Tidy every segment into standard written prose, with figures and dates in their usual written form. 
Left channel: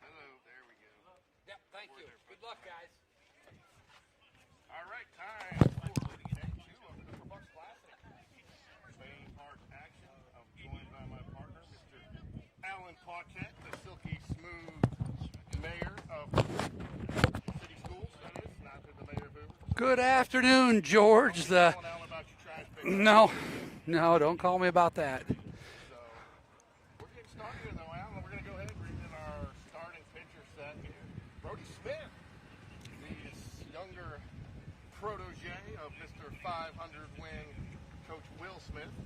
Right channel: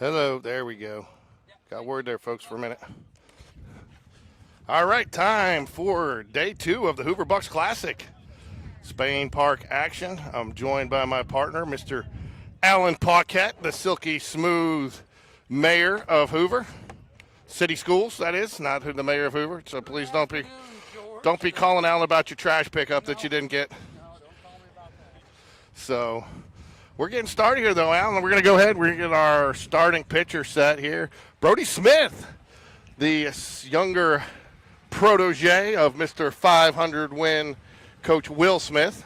Hello, there we go. Got word there, folks, for a minute. All right, time for day 2 of the Hoover Bucks Classic. Spain Park action. I'm joined by my partner, Mr. Alan Paquette, the silky smooth mayor of Hoover. City Schools, that is, not the mayor of Hoover. So Good please afternoon, George. Don't be calling Alan about your trash pickup that you didn't get. No, don't call me about that. So we're getting started here, though, Alan. We're going to go ahead. We're going to get our starting pitcher set here. Brody Smith, the younger protege of Mr. 500-win Coach Will Smith.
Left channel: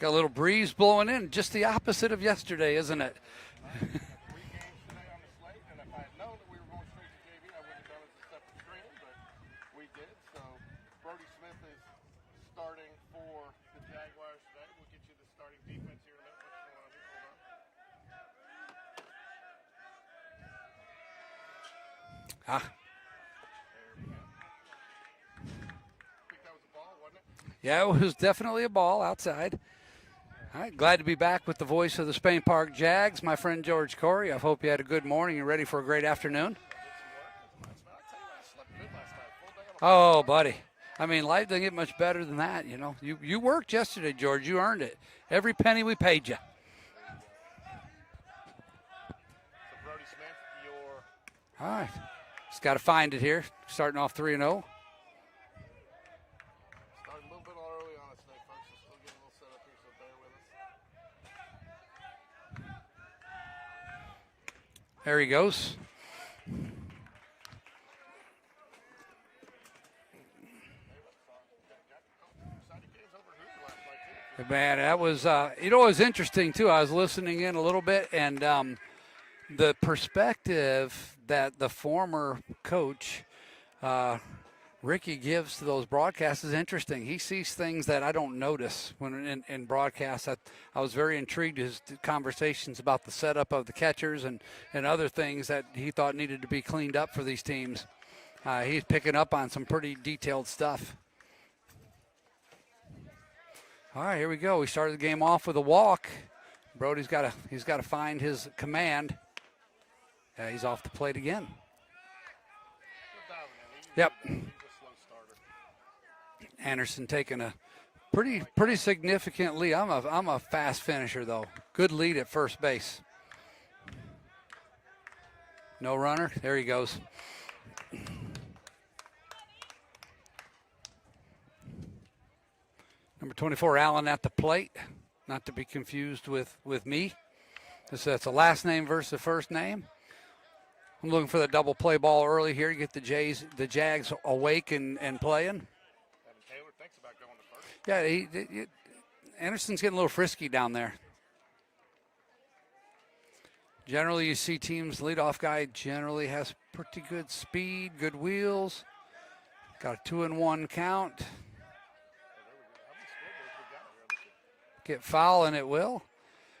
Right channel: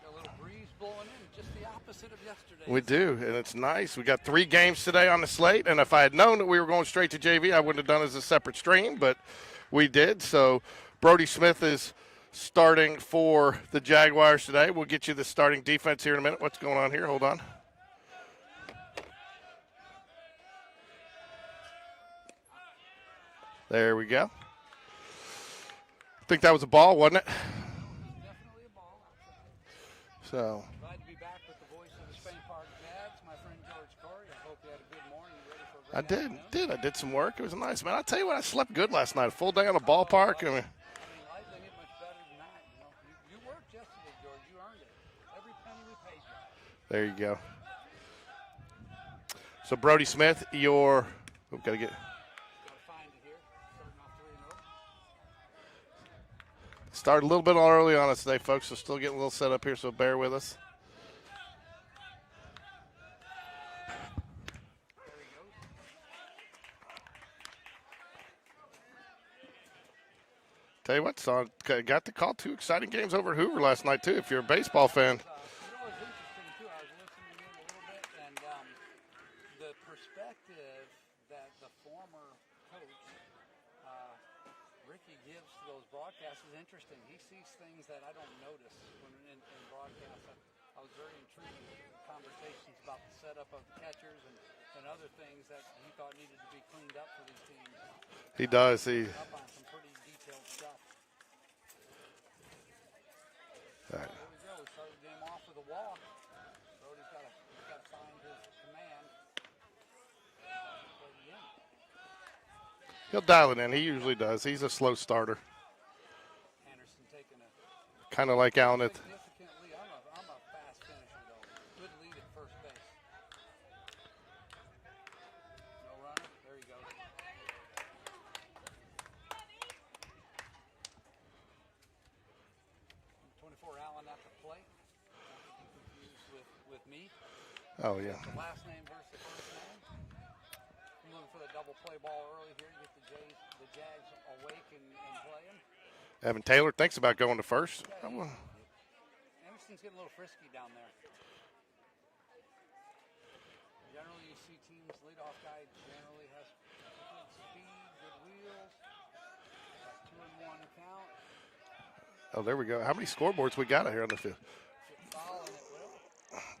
Got a little breeze blowing in, just the opposite of yesterday, isn't it? We do, and it's nice. We got 3 games today on the slate, and if I had known that we were going straight to JV, I wouldn't have done it as a separate stream, but we did. So Brody Smith is starting for the Jaguars today. We'll get you the starting defense here in a minute. What's going on here? Hold on. There we go. I think that was a ball, wasn't it? Yeah, it was definitely a ball outside. So All right, glad to be back with the voice of the Spain Park Jags, my friend George Corey. I hope you had a good morning and ready for a great afternoon. I did some work. It was nice, man. I'll tell you what, I slept good last night. A full day on the Oh, ballpark. buddy. I mean, life doesn't get much better than that, you know. You worked yesterday, George. You earned it. Every penny we paid you. There you go. So, Brody Smith, your Just got to find it here. Starting off 3-0. Started a little bit early on us today, folks, so still getting a little set up here, so bear with us. There he goes. Tell you what, son, got to call 2 exciting games over at Hoover last night, too, if you're a baseball that fan. Was, it was interesting, too. I was listening in a little bit, and the perspective that the former coach, Ricky, gives to those broadcasts is interesting. He sees things that I don't notice when in broadcasts. I was very intrigued his conversations about the setup of the catchers and other things that he thought needed to be cleaned up for these teams. He does. He's picking up on some pretty detailed stuff. All right, here we go. We started the game off with a walk. Brody's got to find his command. He's off the plate again. He'll dial it in. He usually does. He's a slow starter. Anderson taking a Kind of like pretty Allen. significant lead. I'm a fast finisher, though. Good lead at first base. No runner. There he goes. Number 24, Allen at the plate. Not to be confused with me. That's a last name versus a first name. I'm looking for the double play ball early here. You get the Jags awake and playing. Evan Taylor thinks about going to first. Yeah, Anderson's getting a little frisky down there. Generally, you see teams, leadoff guy generally has pretty good speed, good wheels. Got a 2-1 count. Oh, there we go. How many scoreboards we got out here on the field? Get foul, and it will.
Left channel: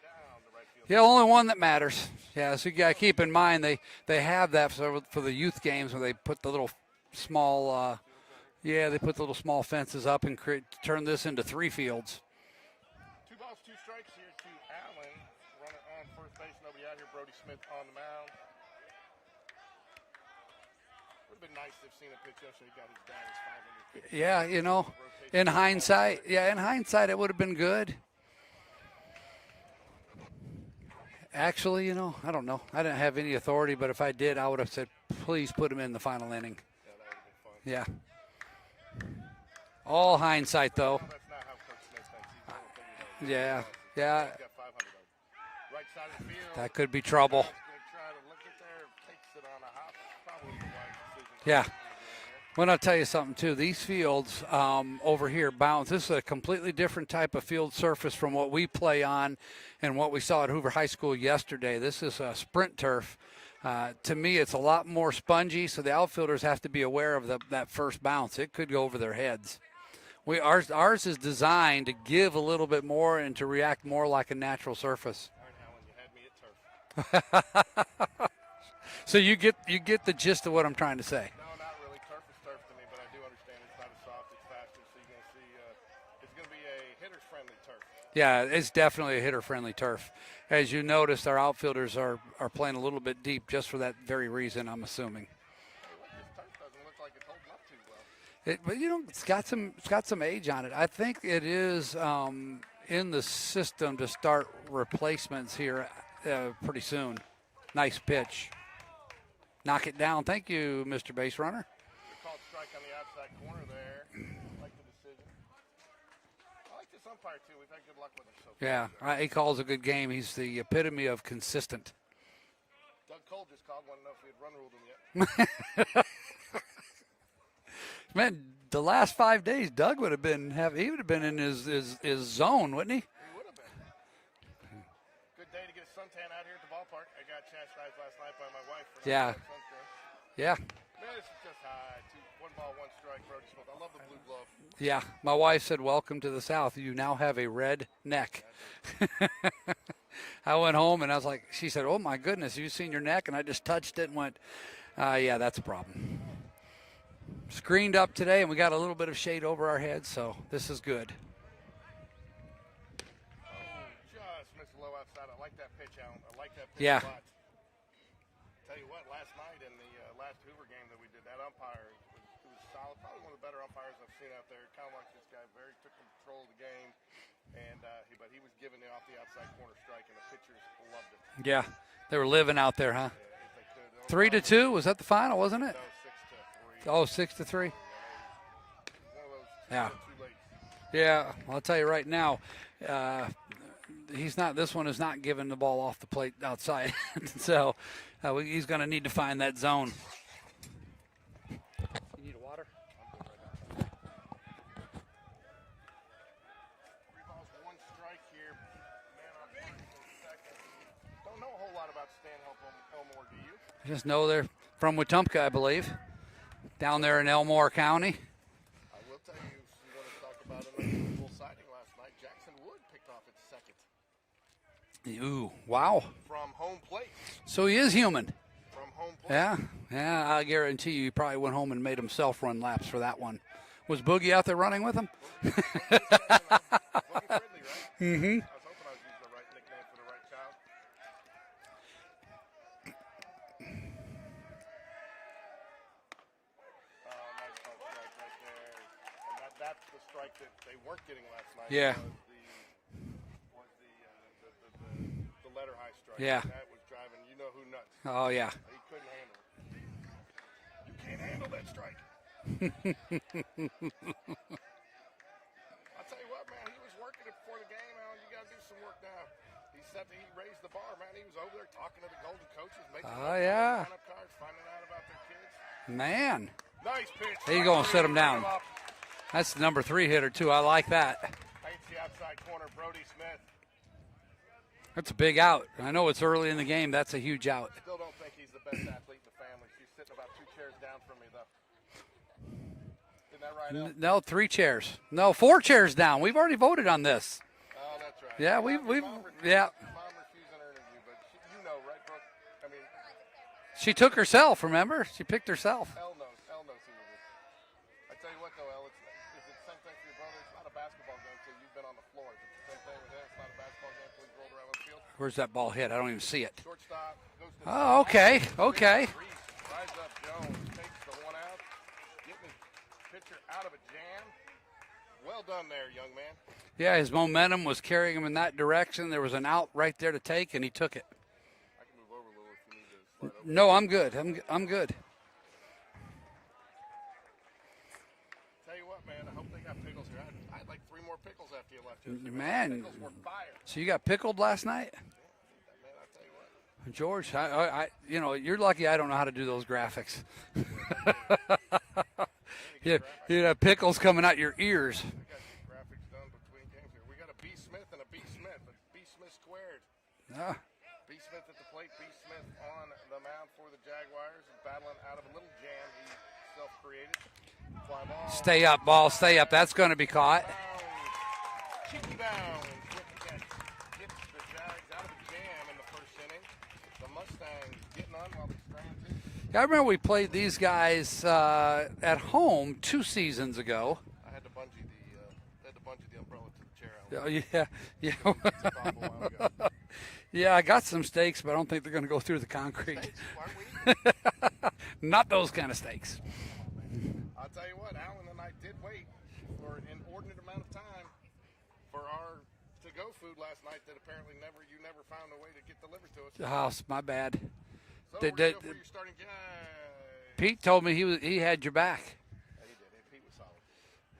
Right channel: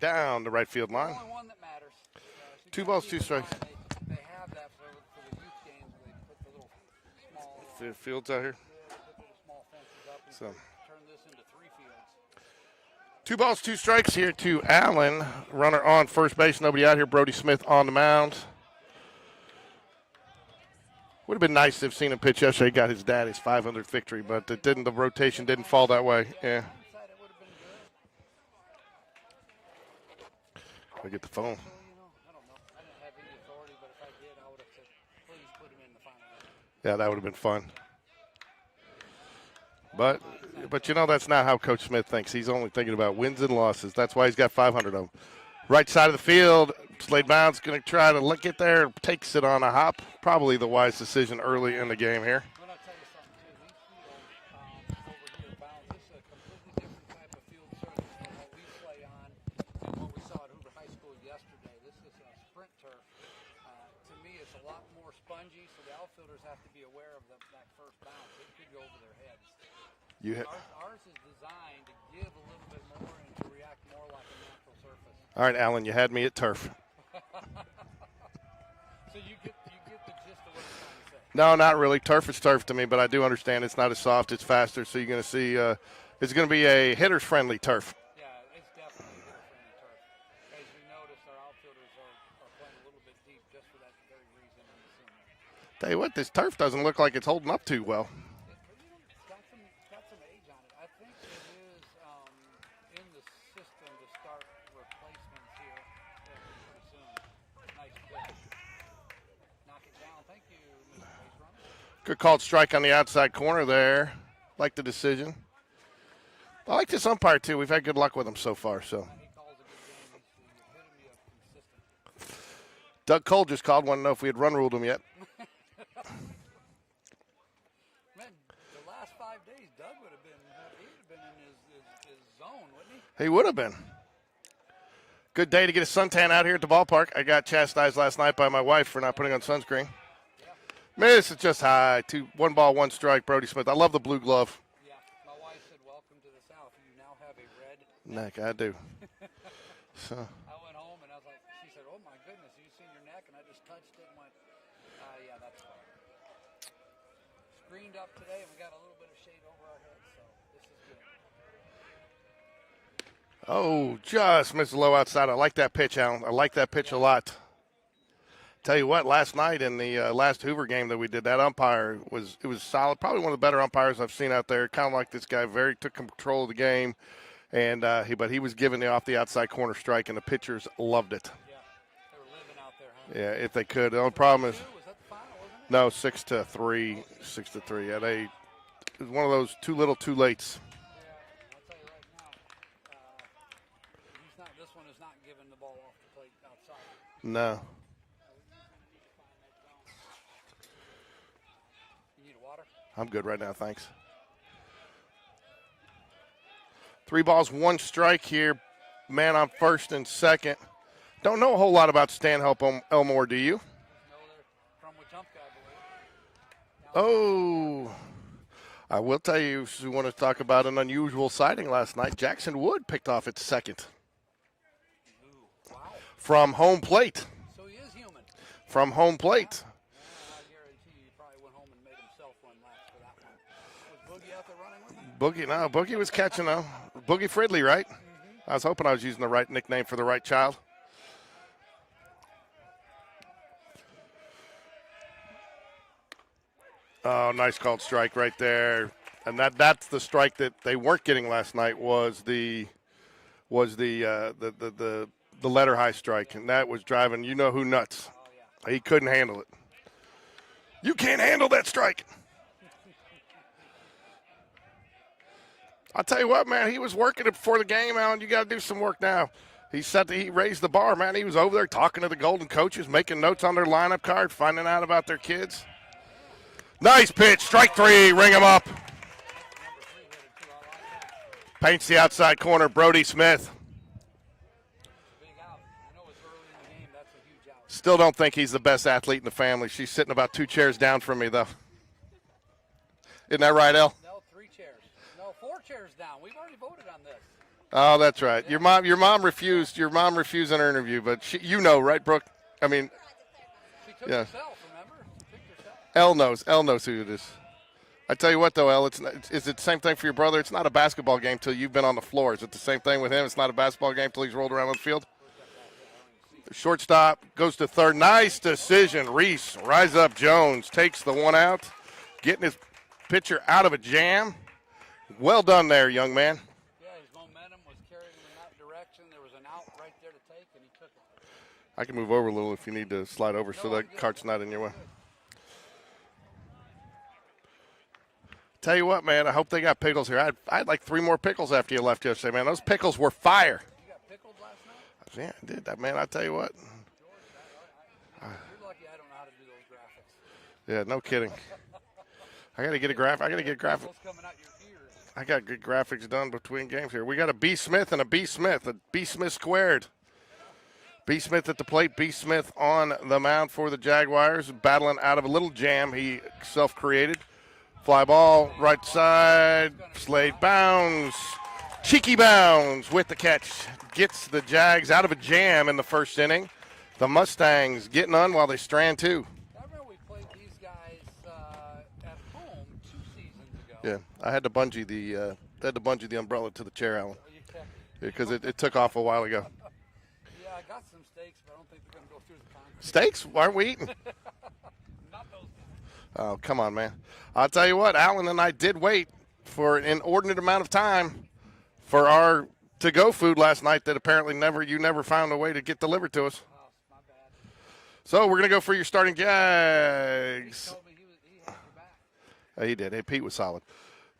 Down the right field The line. only one that matters. Yeah, so you got to keep in strikes. mind they have that for the youth games where they put the little small fields out here. Yeah, they put the little small fences up and turn this into 3 fields. 2 balls, 2 strikes here to Allen. Runner on first base, nobody out here. Brody Smith on the mound. Would have been nice to have seen him pitch yesterday. He got his dad his 500th victory, but the rotation didn't fall that way. Yeah, in hindsight, it would have been good. Get the phone. Actually, I don't know. I didn't have any authority, but if I did, I would have said, please put him in the final inning. Yeah, that would have been fun. Yeah. All hindsight, but though. that's not how Coach Smith thinks. He's only thinking about wins and losses. That's Yeah. why he's got 500 of them. Right side of the field. That could be Slay trouble. Bound's going to try to get there. Takes it on a hop. Probably the wise decision early in the game here. Well, I'll tell you something, too. These fields over here, Bounds, this is a completely different type of field surface from what we play on and what we saw at Hoover High School yesterday. This is a sprint turf. To me, it's a lot more spongy, so the outfielders have to be aware of that first bounce. It could go over their heads. Ours is designed to give a little bit more and to react more like a natural surface. All right, Alan, you had me at turf. So you get the gist of what I'm trying to say. No, not really. Turf is turf to me, but I do understand it's not as soft. It's faster, so you're going to see it's going to be a hitter's-friendly turf. Yeah, it's definitely a hitter-friendly turf. As you noticed, our outfielders are playing a little bit deep just for that very reason, I'm assuming. Tell you what, this turf doesn't look like it's holding up too well. But it's got some age on it. I think it is in the system to start replacements here pretty soon. Nice pitch. Knock it down. Thank you, Mr. Base Runner. Good called strike on the outside corner there. Like the decision. I like this umpire, too. We've had good luck with him so far. Yeah, so he calls a good game. He's the epitome of consistent. Doug Cole just called. Want to know if we had run ruled him yet. Man, the last 5 days, Doug would have been in his zone, wouldn't he? He would have been. Good day to get a suntan out here at the ballpark. I got chastised last night by my wife for not putting on sunscreen. Yeah. Man, this is just high. 1 ball, 1 strike, Brody Smith. I love the blue glove. Yeah. My wife said, welcome to the South. You now have a red neck. I do. So. I went home and I was like, she said, oh my goodness, you seen your neck? And I just touched it and went, yeah, that's a problem. Screened up today, and we got a little bit of shade over our heads, so this is good. Oh, just missed the low outside. I like that pitch, Alan. I like that pitch a lot. Tell you what, last night in the last Hoover game that we did, that umpire was solid. Probably one of the better umpires I've seen out there. Kind of like this guy, took control of the game, and but he was giving off the outside corner strike, and the pitchers loved it. Yeah. They were living out there, huh? Yeah, if they could. 3-2 was that the final, wasn't it? No, 6-3. Oh, 6-3. Yeah, it was one of those little too lates. Yeah, I'll tell you right now, this one is not giving the ball off the plate outside. No. So he's going to need to find that zone. You need a water? I'm good right now, thanks. 3 balls, 1 strike here. Man on first and second. Don't know a whole lot about Stanhope Elmore, do you? Just know they're from Wetumpka, I believe, down there in Elmore County. I will tell you, we want to talk about an unusual sighting last night. Jackson Wood picked off its second. Ooh, wow. From home plate. So he is human. From home plate. Yeah, I guarantee you he probably went home and made himself run laps for that one. Was Boogie out there running with him? Boogie was catching them. Boogie Fridley, right? Mm-hmm. I was hoping I was using the right nickname for the right child. Oh, nice called strike right there, and that's the strike that they weren't getting last night. Was the letter high strike, and that was driving who nuts. Oh yeah, he couldn't handle it. You can't handle that strike. I'll tell you what, man, he was working it before the game, Alan. You got to do some work now. He raised the bar, man. He was over there talking to the Golden coaches, making notes on their lineup card, finding out about their kids. Man. Nice pitch, strike 3, ring him up. That's the number 3 hitter, too. I like that. Paints the outside corner, Brody Smith. That's a big out. I know it's early in the game. That's a huge out. Still don't think he's the best athlete in the family. She's sitting about 2 chairs down from me, though. Isn't that right, El? No, 3 chairs. No, 4 chairs down. We've already voted on this. Oh, that's right. Yeah, your mom refused. Yeah. Your mom refused an interview, but right, Brooke? I mean, she took herself. Remember, she picked herself. El knows who it is. I tell you what, though, El, is it the same thing for your brother? It's not a basketball game till you've been on the floor. Is it the same thing with him? It's not a basketball game till he's rolled around the field. Where's that ball hit? I don't even see it. Shortstop goes to third. Nice decision. Reese, rise up. Jones takes the one out, getting his pitcher out of a jam. Well done there, young man. Yeah, his momentum was carrying him in that direction. There was an out right there to take, and he took it. I can move over a little if you need to slide over. No, so I'm good. I'm good. Tell you what, man, I hope they got pickles here. I had like 3 more pickles after you left yesterday, man. Those pickles were fire. So you got pickled last night? Yeah, I did that, man. I tell you what. George, you're lucky I don't know how to do those graphics. Yeah, no kidding. I got to get a graphic. You got pickles coming out your ears. I got good graphics done between games here. We got a B. Smith and a B. Smith, a B. Smith squared. Yeah. B. Smith at the plate, B. Smith on the mound for the Jaguars, battling out of a little jam he self-created. Fly ball, stay right up, ball, side, stay up. That's going to be caught. Bounds, cheeky bounds with the catch. Gets the Jags out of a jam in the first inning. The Mustangs getting on while they strand 2. I remember we played these guys at home 2 seasons ago. Yeah, I had to bungee the umbrella to the chair, Alan. Oh, yeah. Because it took off a while ago. Yeah, I got some steaks, but I don't think they're going to go through the concrete. Steaks? Why aren't we eating? Not those kind of steaks. Oh, come on, man. I'll tell you what, Alan and I did wait for an inordinate amount of time for our to-go food last night that apparently you never found a way to get delivered to us. Oh, my bad. So we're going to go for your starting Jags. Pete told me he had your back. He did. Hey, Pete was solid.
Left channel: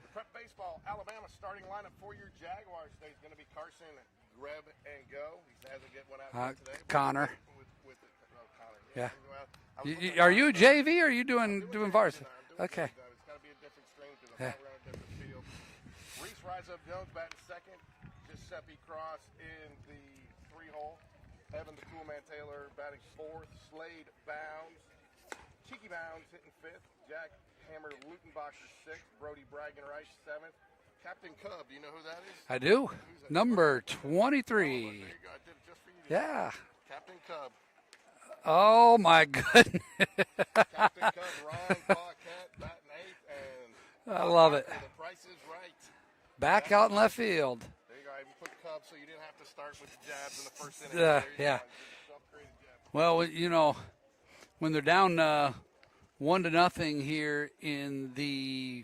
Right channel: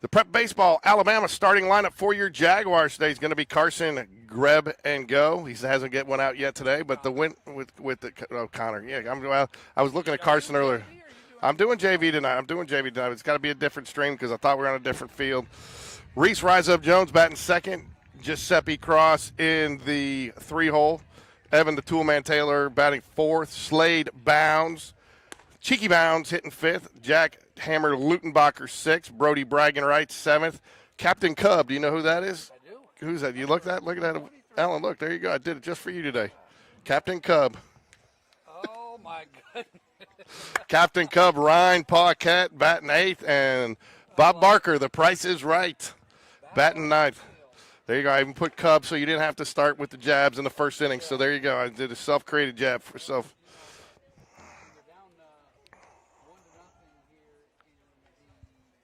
The Prep Baseball Alabama starting lineup for your Jaguars today is going to be Carson, Greb, and Go. He hasn't get one out yet today, but Connor. the win with the Connor. Yeah. I was looking at Are Carson you earlier. JV or are you doing? I'm doing JV bars? tonight. I'm doing Okay. JV tonight. It's got to be a different stream because I thought we were on a different field. Reese Rise Up Jones batting second. Giuseppe Cross in the 3-hole. Evan the Toolman Taylor batting fourth. Slade Bounds. Cheeky Bounds hitting fifth. Jack Hammer Lutenbacher sixth. Brody Bragging Wright seventh. Captain Cub, do you know who that is? I do. Who's that? Number Look at that. 23. Alan, look, there you go. I did it just for you today. Yeah. Captain Cub. Oh, my goodness. Captain Cub, Ryan Paquette batting eighth, and Bob love Barker, the price is right. Back Batting out in ninth. the field. There you go. I even put Cub so you didn't have to start with the jabs in the first inning. So there you go. Yeah. I did a self-created jab. Well, when they're down 1-0 here in the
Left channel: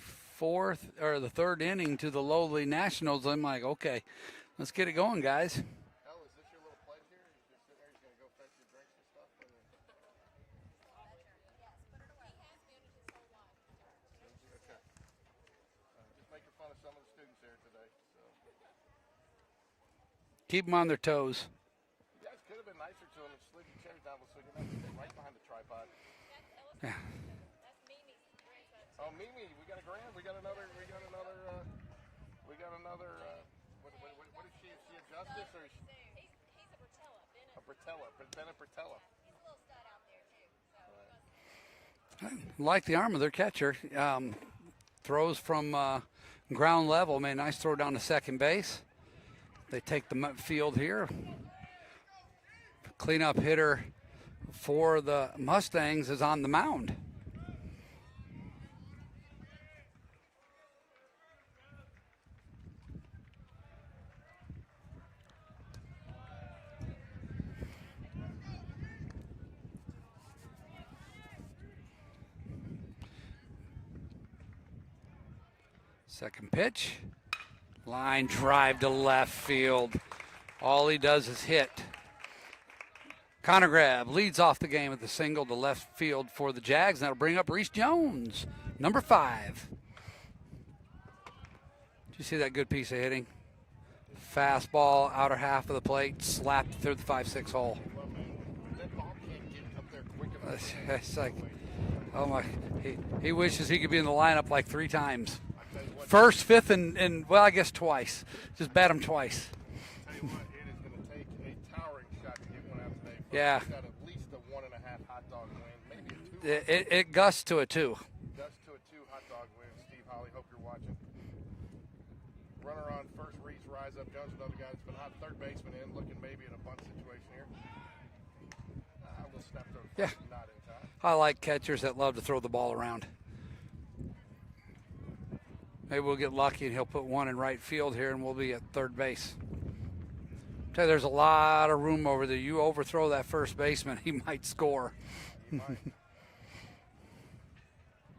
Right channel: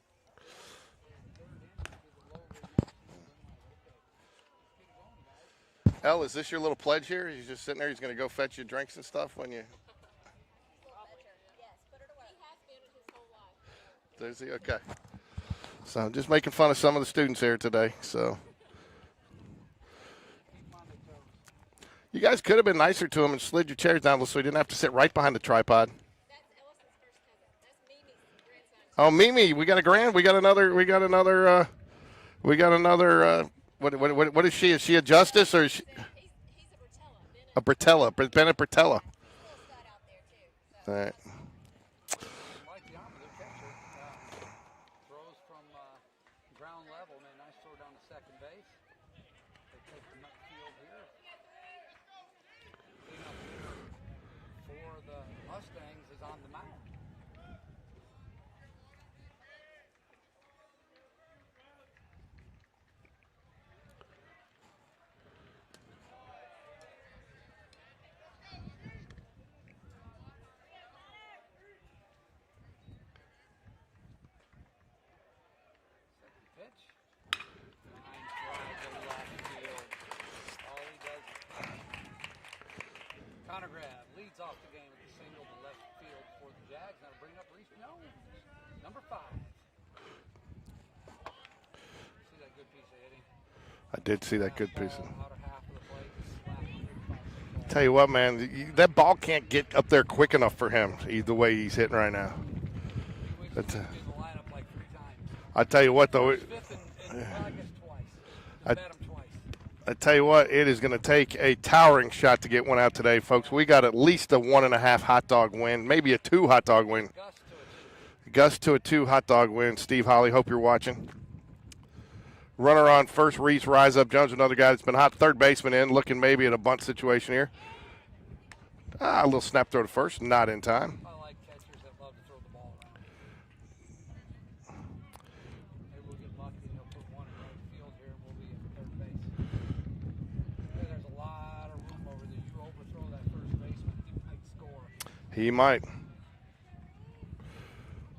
third inning to the lowly Nationals, I'm like, okay, let's get it going, guys. El, is this your little pledge here? He's just sitting there. He's going to go fetch you drinks and stuff when you. There's the okay. So I'm just making fun of some of the students here today. So Keep them on their toes. you guys could have been nicer to him and slid your chairs down so he didn't have to sit right behind the tripod. Yeah. Oh, Mimi, we got a grand. We got another. What is she? Is she a justice or is she a Bertella? Bennett Bertella. All right. Like the arm of their catcher. Throws from ground level. Made a nice throw down to second base. They take the field here. Cleanup hitter for the Mustangs is on the mound. Second pitch. Line drive to left field. All he does is hit. Connor Grab leads off the game with the single to left field for the Jags. And that'll bring up Reese Jones, number 5. Did you see that good piece of hitting? I did see that good Fastball, outer half of the plate, slapped through the 5-6 hole. Tell you what, man, that ball can't get up there quick enough for him. That's He's like- the way he's hitting right Oh now. my, he wishes he could be in the lineup like 3 times. I tell you what, though, First, fifth, and well, I guess twice. Just bat him twice. I tell you what, it is going to take a towering shot to get one out today, folks. Yeah. We got at least a 1.5 hot dog win, maybe a 2 hot dog win. It gusts to a 2. Gust to a 2 hot dog win. Steve Holly, hope you're watching. Runner on first, Reese Rise Up Jones, another guy that's been hot. Third baseman in, looking maybe at a bunt situation here. A little snap throw to first, not in time. I like catchers that love to throw the ball around. Maybe we'll get lucky and he'll put one in right field here and we'll be at third base. Tell you, there's a lot of room over there. You overthrow that first baseman, he might score. He might.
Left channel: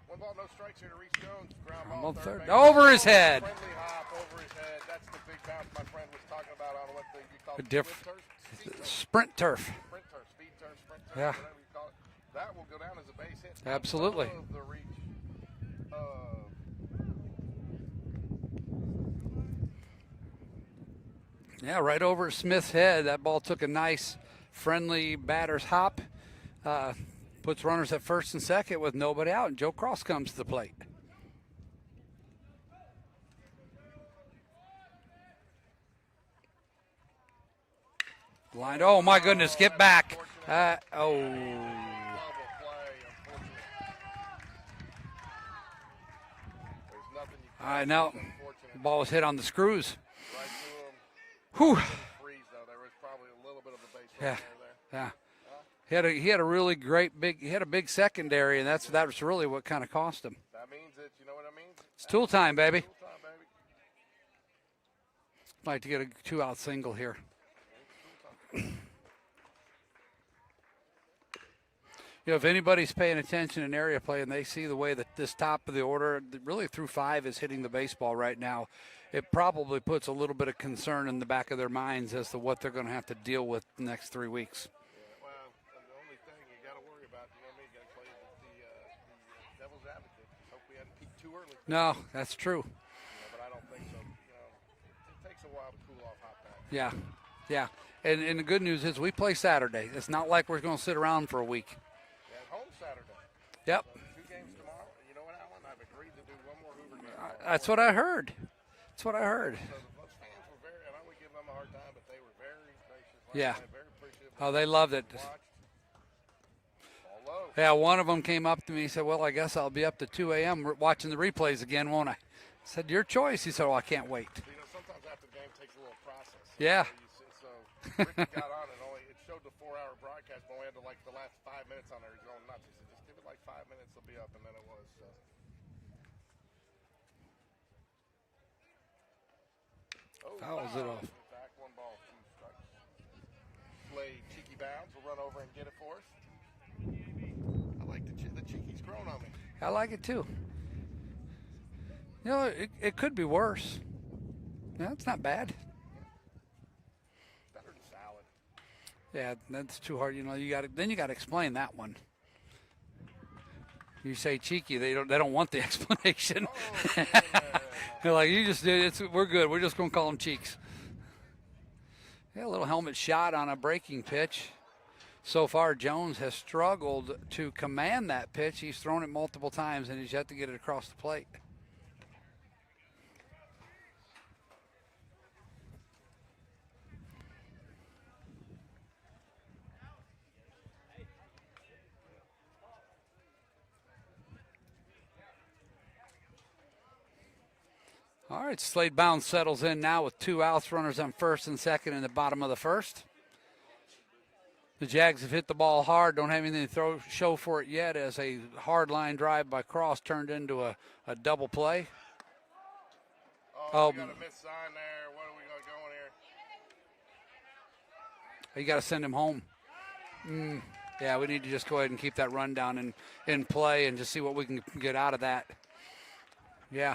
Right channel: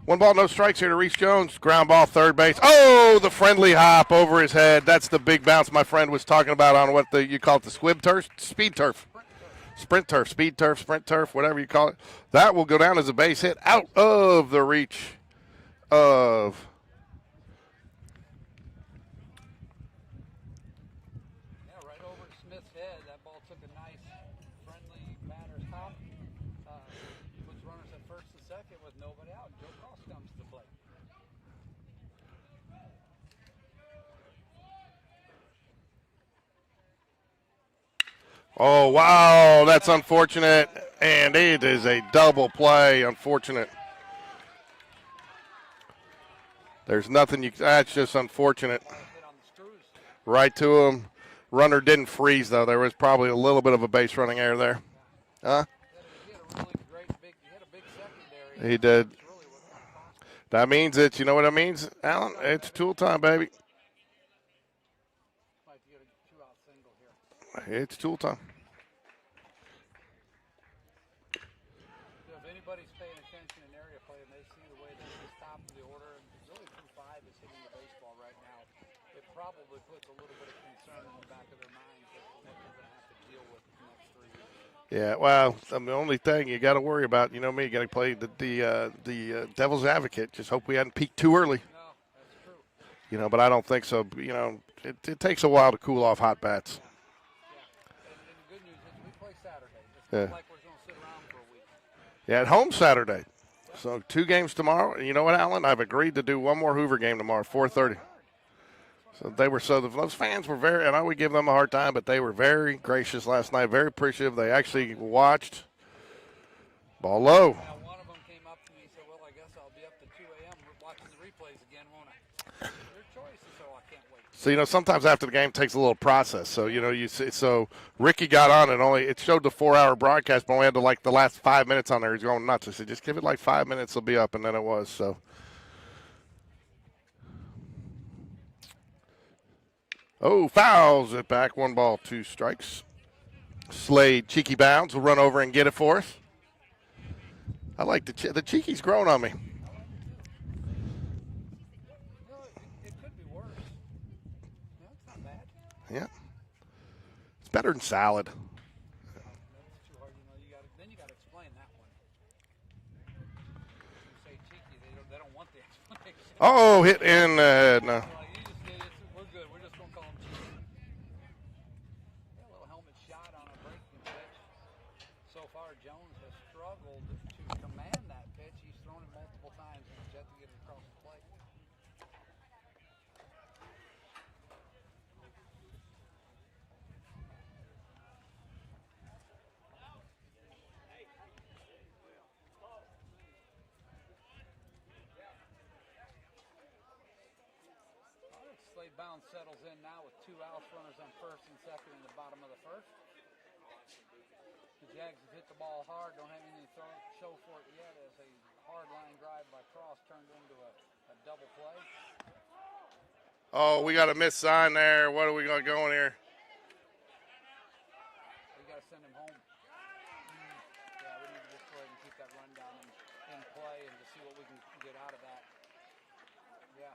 1 ball, no strikes here to Reese Jones. Ground ball, third base. Over his Oh, head. the friendly hop over his head. That's the big bounce my friend was talking about on what you call it, the squib turf, speed turf. Sprint turf. Sprint turf, speed turf, sprint turf, Yeah. whatever you call it. That will go down as a base hit out Absolutely. of the reach of. Yeah, right over Smith's head. That ball took a nice, friendly batter's hop. Puts runners at first and second with nobody out, and Joe Cross comes to the plate. Oh, Oh, my wow, goodness, get that's back. unfortunate. And it is a double play, unfortunate. There's nothing that's No. just unfortunate. Ball was hit on the screws. Right to him. Runner didn't freeze, though. There was probably a little bit of a base running error there. Yeah. Huh? He had a really great he had a big secondary. And He did. That's really what kind of cost him. That means it. You know what that means? It's tool time, baby. Tool time, baby. Like to get a 2-out single here. It's tool time. if anybody's paying attention in area play and they see the way that this top of the order, really through 5, is hitting the baseball right now, it probably puts a little bit of concern in the back of their minds as to what they're going to have to deal with the next 3 weeks. Yeah, well, the only thing you got to worry about, you know me, you got to play the devil's advocate. Just hope we hadn't peaked too early. No, that's true. But I don't think so. It takes a while to cool off hot bats. Yeah, yeah. And the good news is we play Saturday. It's not like we're going to sit around for a week. Yeah, at home Saturday. Yep. So 2 games tomorrow. And you know what, Alan? I've agreed to do one more Hoover game tomorrow. That's what I heard. That's what I heard. They were those fans were very. And I would give them a hard time, but they were very gracious last night. Very appreciative. They actually watched. Ball low. Yeah, one of them came up to me and said, "Well, I guess I'll be up to 2 a.m. watching the replays again, won't I?" I said, "Your choice." He said, "Oh, I can't wait." So sometimes after the game it takes a little process. So so Ricky got on and it showed the 4-hour broadcast, but only had the last 5 minutes on there. He's going nuts. I said, "Just give it like 5 minutes, it'll be up," and then it was. So. Oh, fouls it back. 1 ball, 2 strikes. Slade, cheeky bounds, will run over and get it for us. I like the cheeky's growing on me. I like it too. It could be worse. No, it's not bad. Yeah. It's better than salad. Yeah, that's too hard. You got to explain that one. You say cheeky, they don't want the explanation. Oh, hit in the head. No. They're like, you just did it. We're good. We're just going to call them cheeks. Yeah, a little helmet shot on a breaking pitch. So far, Jones has struggled to command that pitch. He's thrown it multiple times, and he's yet to get it across the plate. All right, Slade Bounds settles in now with 2 outs, runners on first and second in the bottom of the first. The Jags have hit the ball hard, don't have anything to show for it yet, as a hard line drive by Cross turned into a double play. Oh, we got a missed sign there. What are we going to go in here? You got to send him home. Yeah, we need to just go ahead and keep that rundown in play and just see what we can get out of that. Yeah.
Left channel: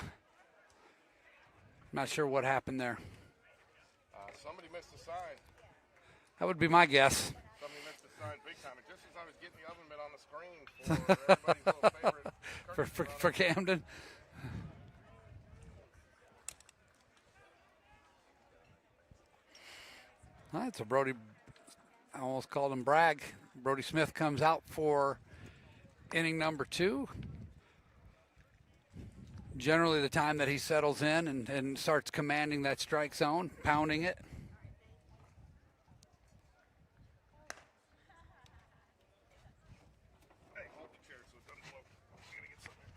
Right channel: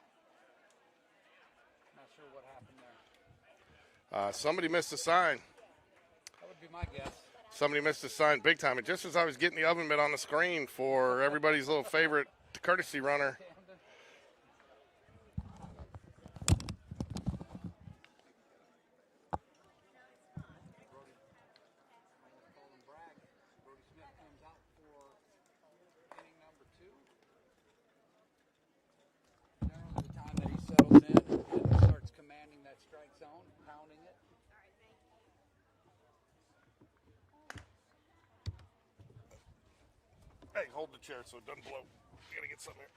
Not sure what happened there. Somebody missed a sign. That would be my guess. Somebody missed a sign big time. And just as I was getting the oven mitt on the screen for everybody's little favorite courtesy runner. For Camden. All right, so Brody, I almost called him Bragg. Brody Smith comes out for inning number 2. Generally the time that he settles in and starts commanding that strike zone, pounding it. Hey, hold the chair so it doesn't blow. I gotta get something here.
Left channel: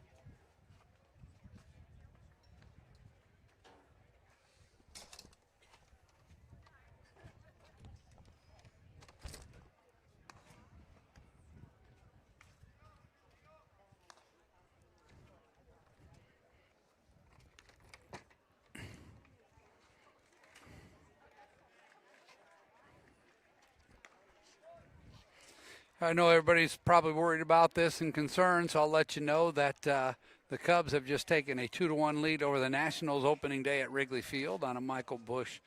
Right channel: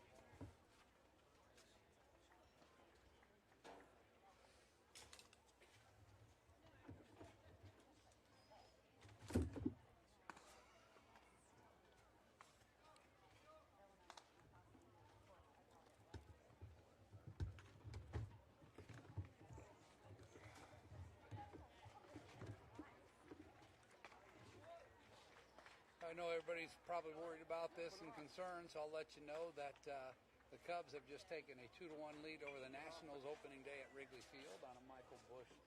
I know everybody's probably worried about this and concerned, so I'll let you know that the Cubs have just taken a 2-1 lead over the Nationals opening day at Wrigley Field on a Michael Busch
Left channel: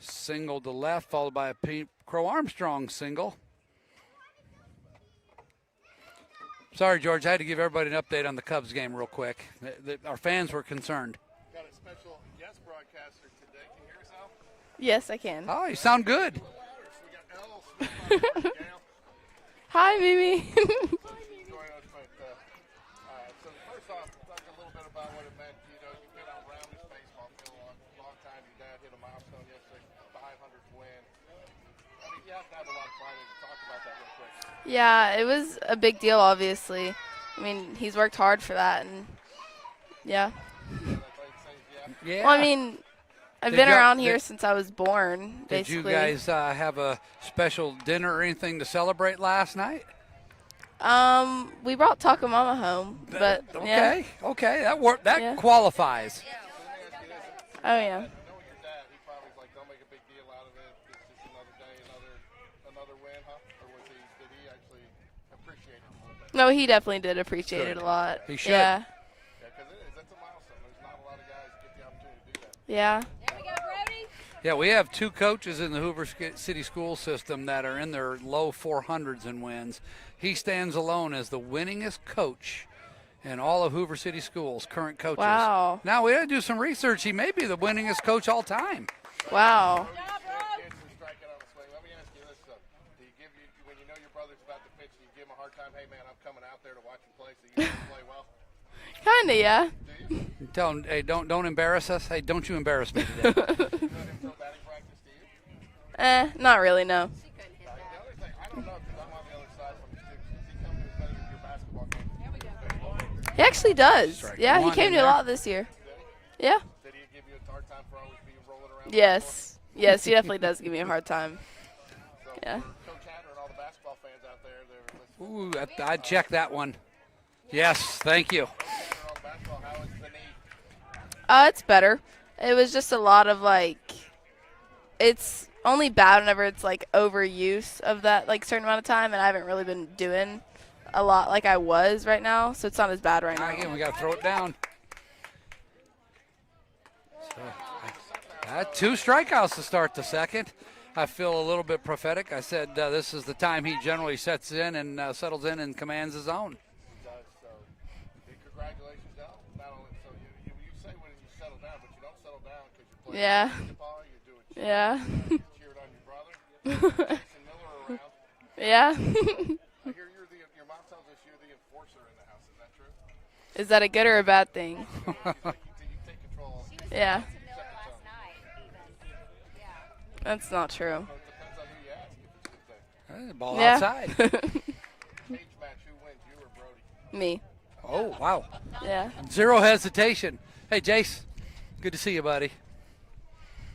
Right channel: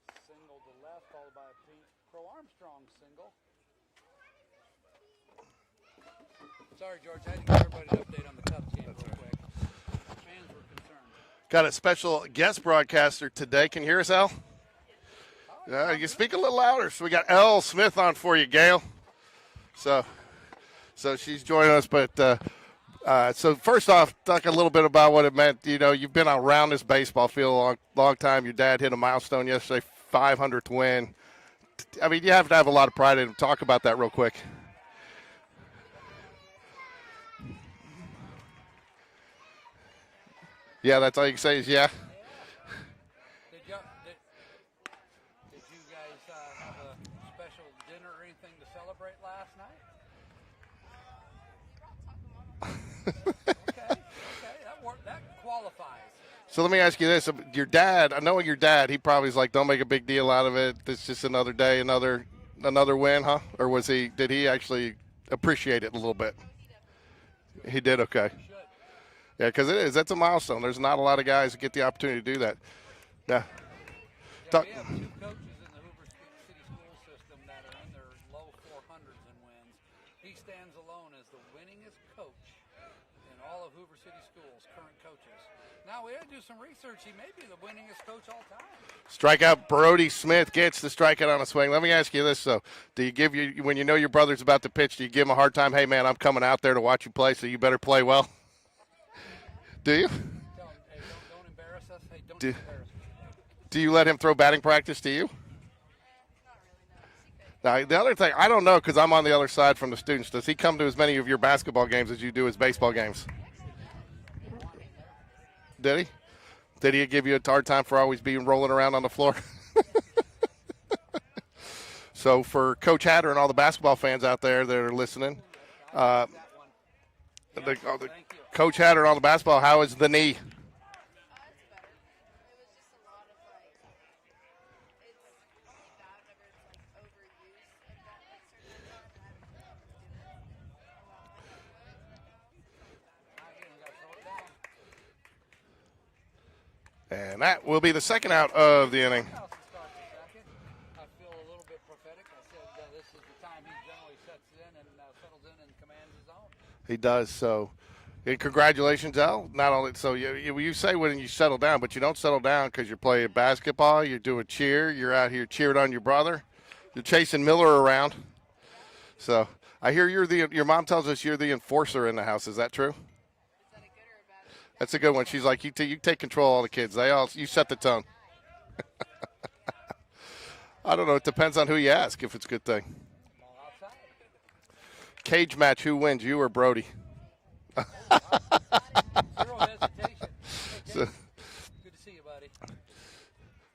single to left, followed by a Pete Crow Armstrong single. Sorry, George, I had to give everybody an update on the Cubs game real quick. Our fans were concerned. Got a special guest broadcaster today. Can you hear us, Al? Yes, I can. Oh, you sound you good. Speak a little louder. So we got Elle Smith on for you, Gail. Hi, Mimi. So she's joining us, but so first off, talk a little bit about what it meant. You've been around this baseball field a long time. Your dad hit a milestone yesterday, 500th win. I mean, you have to have a lot of pride in it. Talk about that real quick. Yeah, it was a big deal, obviously. I mean, he's worked hard for that, and yeah. Yeah, that's all you can say is yeah. Yeah. Well, I mean, I've been around here since I was born, basically. Did you guys have a special dinner or anything to celebrate last night? We brought Taco Mama home, but okay, that qualifies. So let me ask you this: your dad, knowing your dad, he probably is like, "Don't make a big deal out of it. It's just another day, another win, huh?" Or did he actually appreciate it a little bit. No, he definitely did appreciate it. He a did, lot. okay. He should. Yeah. Yeah, because it is. That's a milestone. There's not a lot of guys that get the opportunity to do that. Yeah. Yeah. Yeah, we have 2 coaches in the Hoover City school system that are in their low 400s in wins. He stands alone as the winningest coach in all of Hoover City schools, current coaches. Wow. Now, we got to do some research. He may be the winningest coach all time. Strikeout, Wow. Brody Smith gets the strikeout on a swing. Let me ask you this, though. Do you give when you know your brother's about to pitch, do you give him a hard time? Hey, man, I'm coming out there to watch you play, so you better play well? Kinda, yeah. Do you? Tell him, hey, don't embarrass us. Hey, don't you embarrass me today. Do you let him throw batting practice to you? Not really, no. Now, the other thing, I don't know because I'm on the other side from the students. Does he come to as many of your basketball games as you do his baseball games? He actually does. Strike Yeah, he one came in to a there. lot this year. Did he? Yeah. Did he give you a hard time for always being rolling around on Yes. the floor? Yes, he definitely does give me a hard time. So for Coach Hatter and all the basketball fans out there that are listening, Ooh, I checked that one. Yes, thank you. Coach Hatter and all the basketball, how is the knee? It's better. It was just a lot of it's only bad whenever it's overuse of that certain amount of time, and I haven't really been doing a lot like I was right now, so it's not as bad right now. Again, we got to throw it down. And that will be the second out 2 of the inning. strikeouts to start the second. I feel a little bit prophetic. I said this is the time he generally sets in and settles in and commands his own. He does. So, congratulations, Al. Not only so you say when you settle down, but you don't settle down because you're playing Yeah. basketball. You're doing cheer. Yeah. You're out here cheering on your brother. You're chasing Miller around. Yeah. So I hear your mom tells us you're the enforcer in the house. Is that true? Is that a good or a bad thing? That's a good one. She's like, you take control of all the kids. Yeah. You set the tone. That's not true. I don't know. It depends on who you ask if it's a good thing. Ball Yeah. outside. Cage match. Who wins? You or Brody? Me. Oh, wow. Yeah. Zero hesitation. Hey, Jace, good to see you, buddy.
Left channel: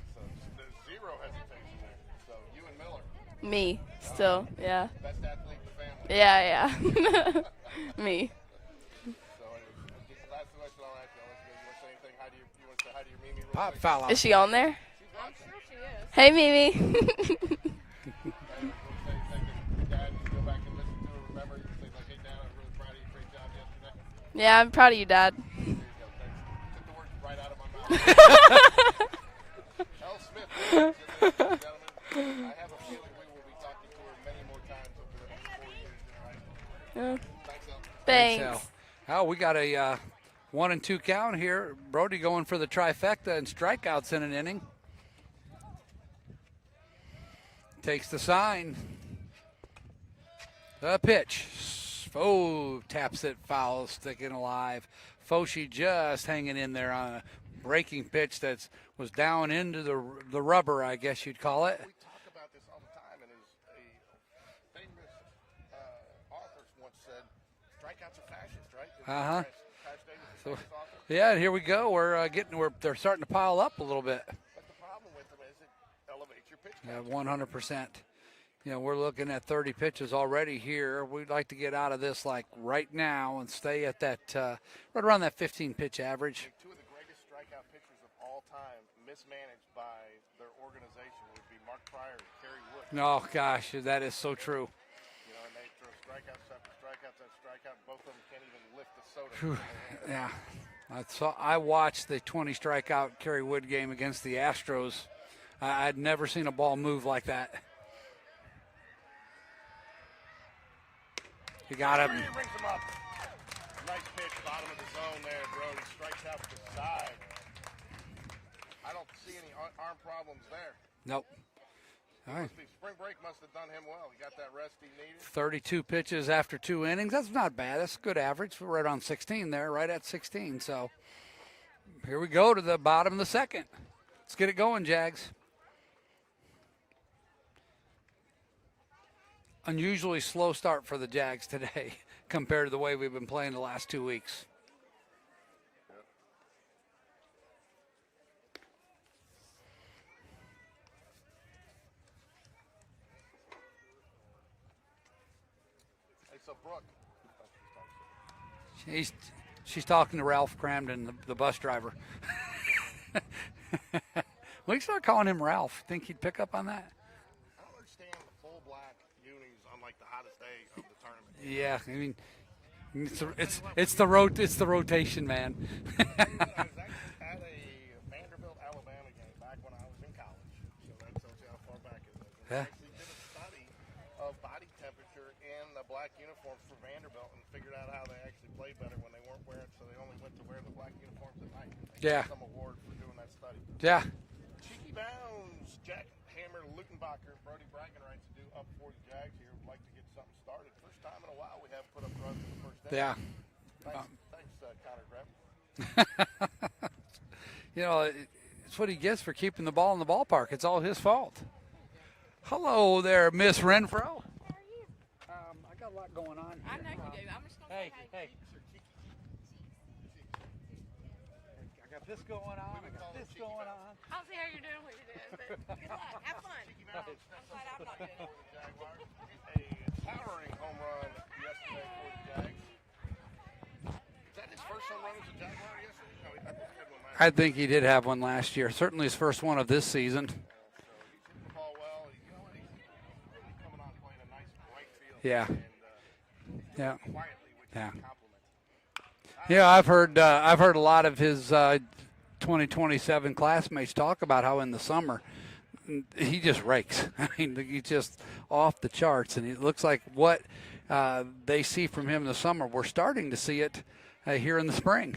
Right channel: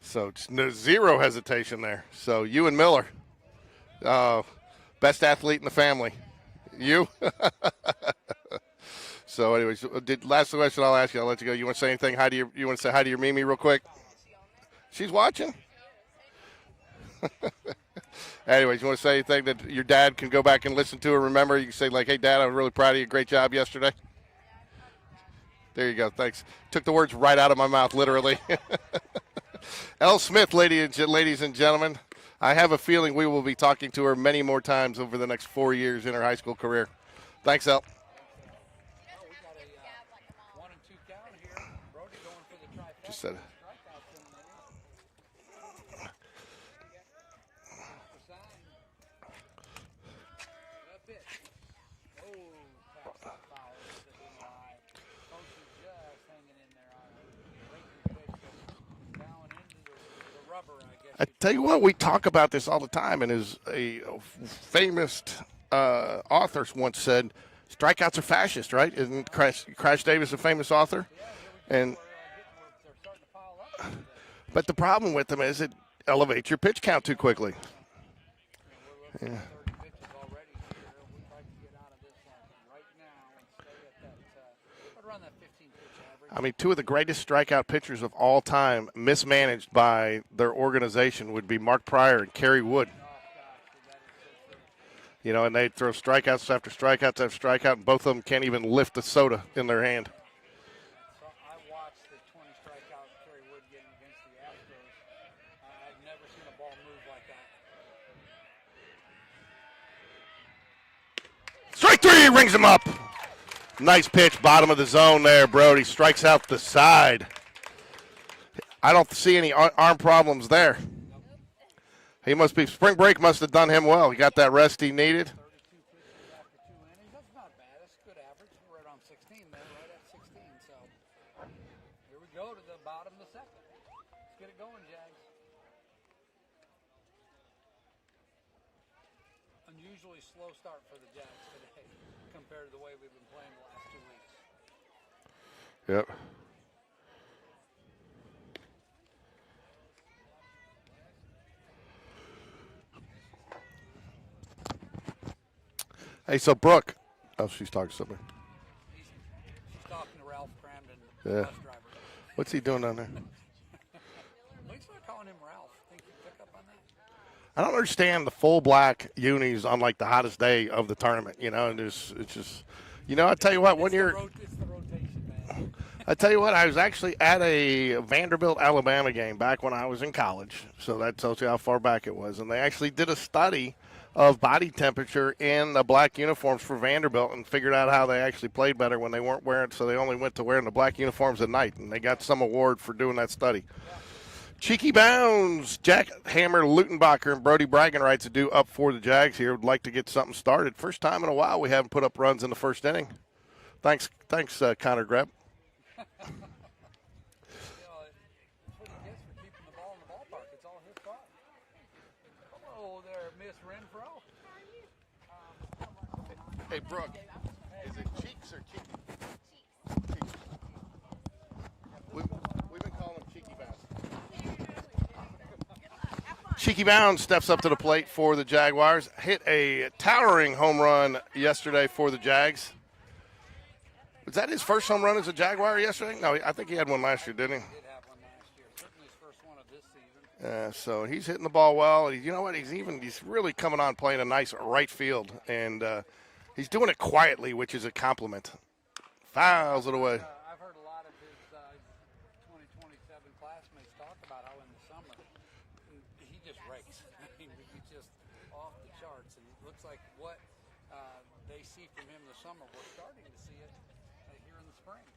So zero hesitation there. So you and Miller, Me. Oh. Still. Yeah. best athlete in the family. Yeah, yeah. You? Me. So, anyways, last question I'll ask you. I'll let you go. You want to say anything? You want to say hi to your Mimi real quick? Foul out. Is she on there? She's watching. Hey, Mimi. Anyways, you want to say anything that your dad can go back and listen to or remember? You can say hey, Dad, I'm really proud of you. Great job yesterday. Yeah, I'm proud of you, Dad. There you go. Thanks. Took the words right out of my mouth, literally. Elle Smith, ladies and gentlemen. I have a feeling we will be talking to her many more times over the next 4 years in her high school career. Thanks, Elle. Thanks. Oh, we got a 1-2 count here. Brody going for the trifecta and strikeouts in an inning. Takes the sign. The pitch. Oh, taps it foul, sticking alive. Foshi just hanging in there on a breaking pitch that was down into the rubber, I guess you'd Tell you call what, it. we talk about this all the time, and as a famous author once said, strikeouts are fascist, right? Isn't Crash Davis a famous author? Yeah, and here we go. And- They're starting to pile up a little bit. But the problem with them is it elevates your pitch count too quickly. 100%. You know, we're looking at 30 pitches already here. We'd like to get out of this right now and stay at that right around that 15 pitch average. I mean, two of the greatest strikeout pitchers of all time, mismanaged by their organization, would be Mark Pryor and Kerry Wood. Oh gosh, that is so true. You know, and they throw strikeouts after strikeouts after strikeout, and both of them can't even lift the soda in their hand. Yeah, I watched the 20 strikeout Kerry Wood game against the Astros. I'd never seen a ball move like that. Strike three, rings him up. Nice pitch, bottom of the zone there, Brody. Strikes out the side. I don't see any arm problems there. Nope. Spring break must have done him well. He got that rest he needed. 32 pitches after 2 innings. That's not bad. That's a good average. We're right on 16 there, right at 16. So here we go to the bottom of the second. Let's get it going, Jags. Unusually slow start for the Jags today compared to the way we've been playing the last 2 weeks. Yep. Hey, so Brooke. Oh, she's talking to something. She's talking to Ralph Cramden, the Yeah. bus driver. What's he doing down there? We can start calling him Ralph. Think he'd pick up on that? I don't understand the full black unis on like the hottest day of the tournament. You know, Yeah, it's just. You know, I tell you what, when it's the rotation, man. I tell you what, I was actually at a Vanderbilt, Alabama game back when I was in college. So that tells you how far back it was. And they actually did a study of body temperature in the black uniforms for Vanderbilt and figured out how they actually played better when they weren't wearing. So they only went to wearing the black uniforms at night, and they got some award for doing that study. Yeah. Cheeky Bounds, Jack Hammer, Lutenbacher, and Brody Bragging-Rights are due up for the Jags here. Would like to get something started. First time in a while we haven't put up runs in the first inning. Yeah. Thanks, Connor Greb. You know, it's what he gets for keeping the ball in the ballpark. It's all his fault. Hello there, Miss Renfro. I got a lot going on. Hey, Brooke. Hey. Cheeks or cheeky? This going on. We've been calling it Cheeky Bounds. Cheeky Bounds steps up to the plate for the Jaguars. Hit a towering home run yesterday for the Jags. Was that his first home run as a Jaguar yesterday? No, I think he had one last year. I think he did have one last year. Certainly his first one of this season. So he's hitting the ball well. You know what? He's really coming on playing a nice right field. Yeah. And he's doing it quietly, which is a compliment. I've heard a lot of his 2027 classmates talk about how in the summer he just rakes. I mean, he's just off the charts, and it looks like what they see from him in the summer, we're starting to see it here in the spring.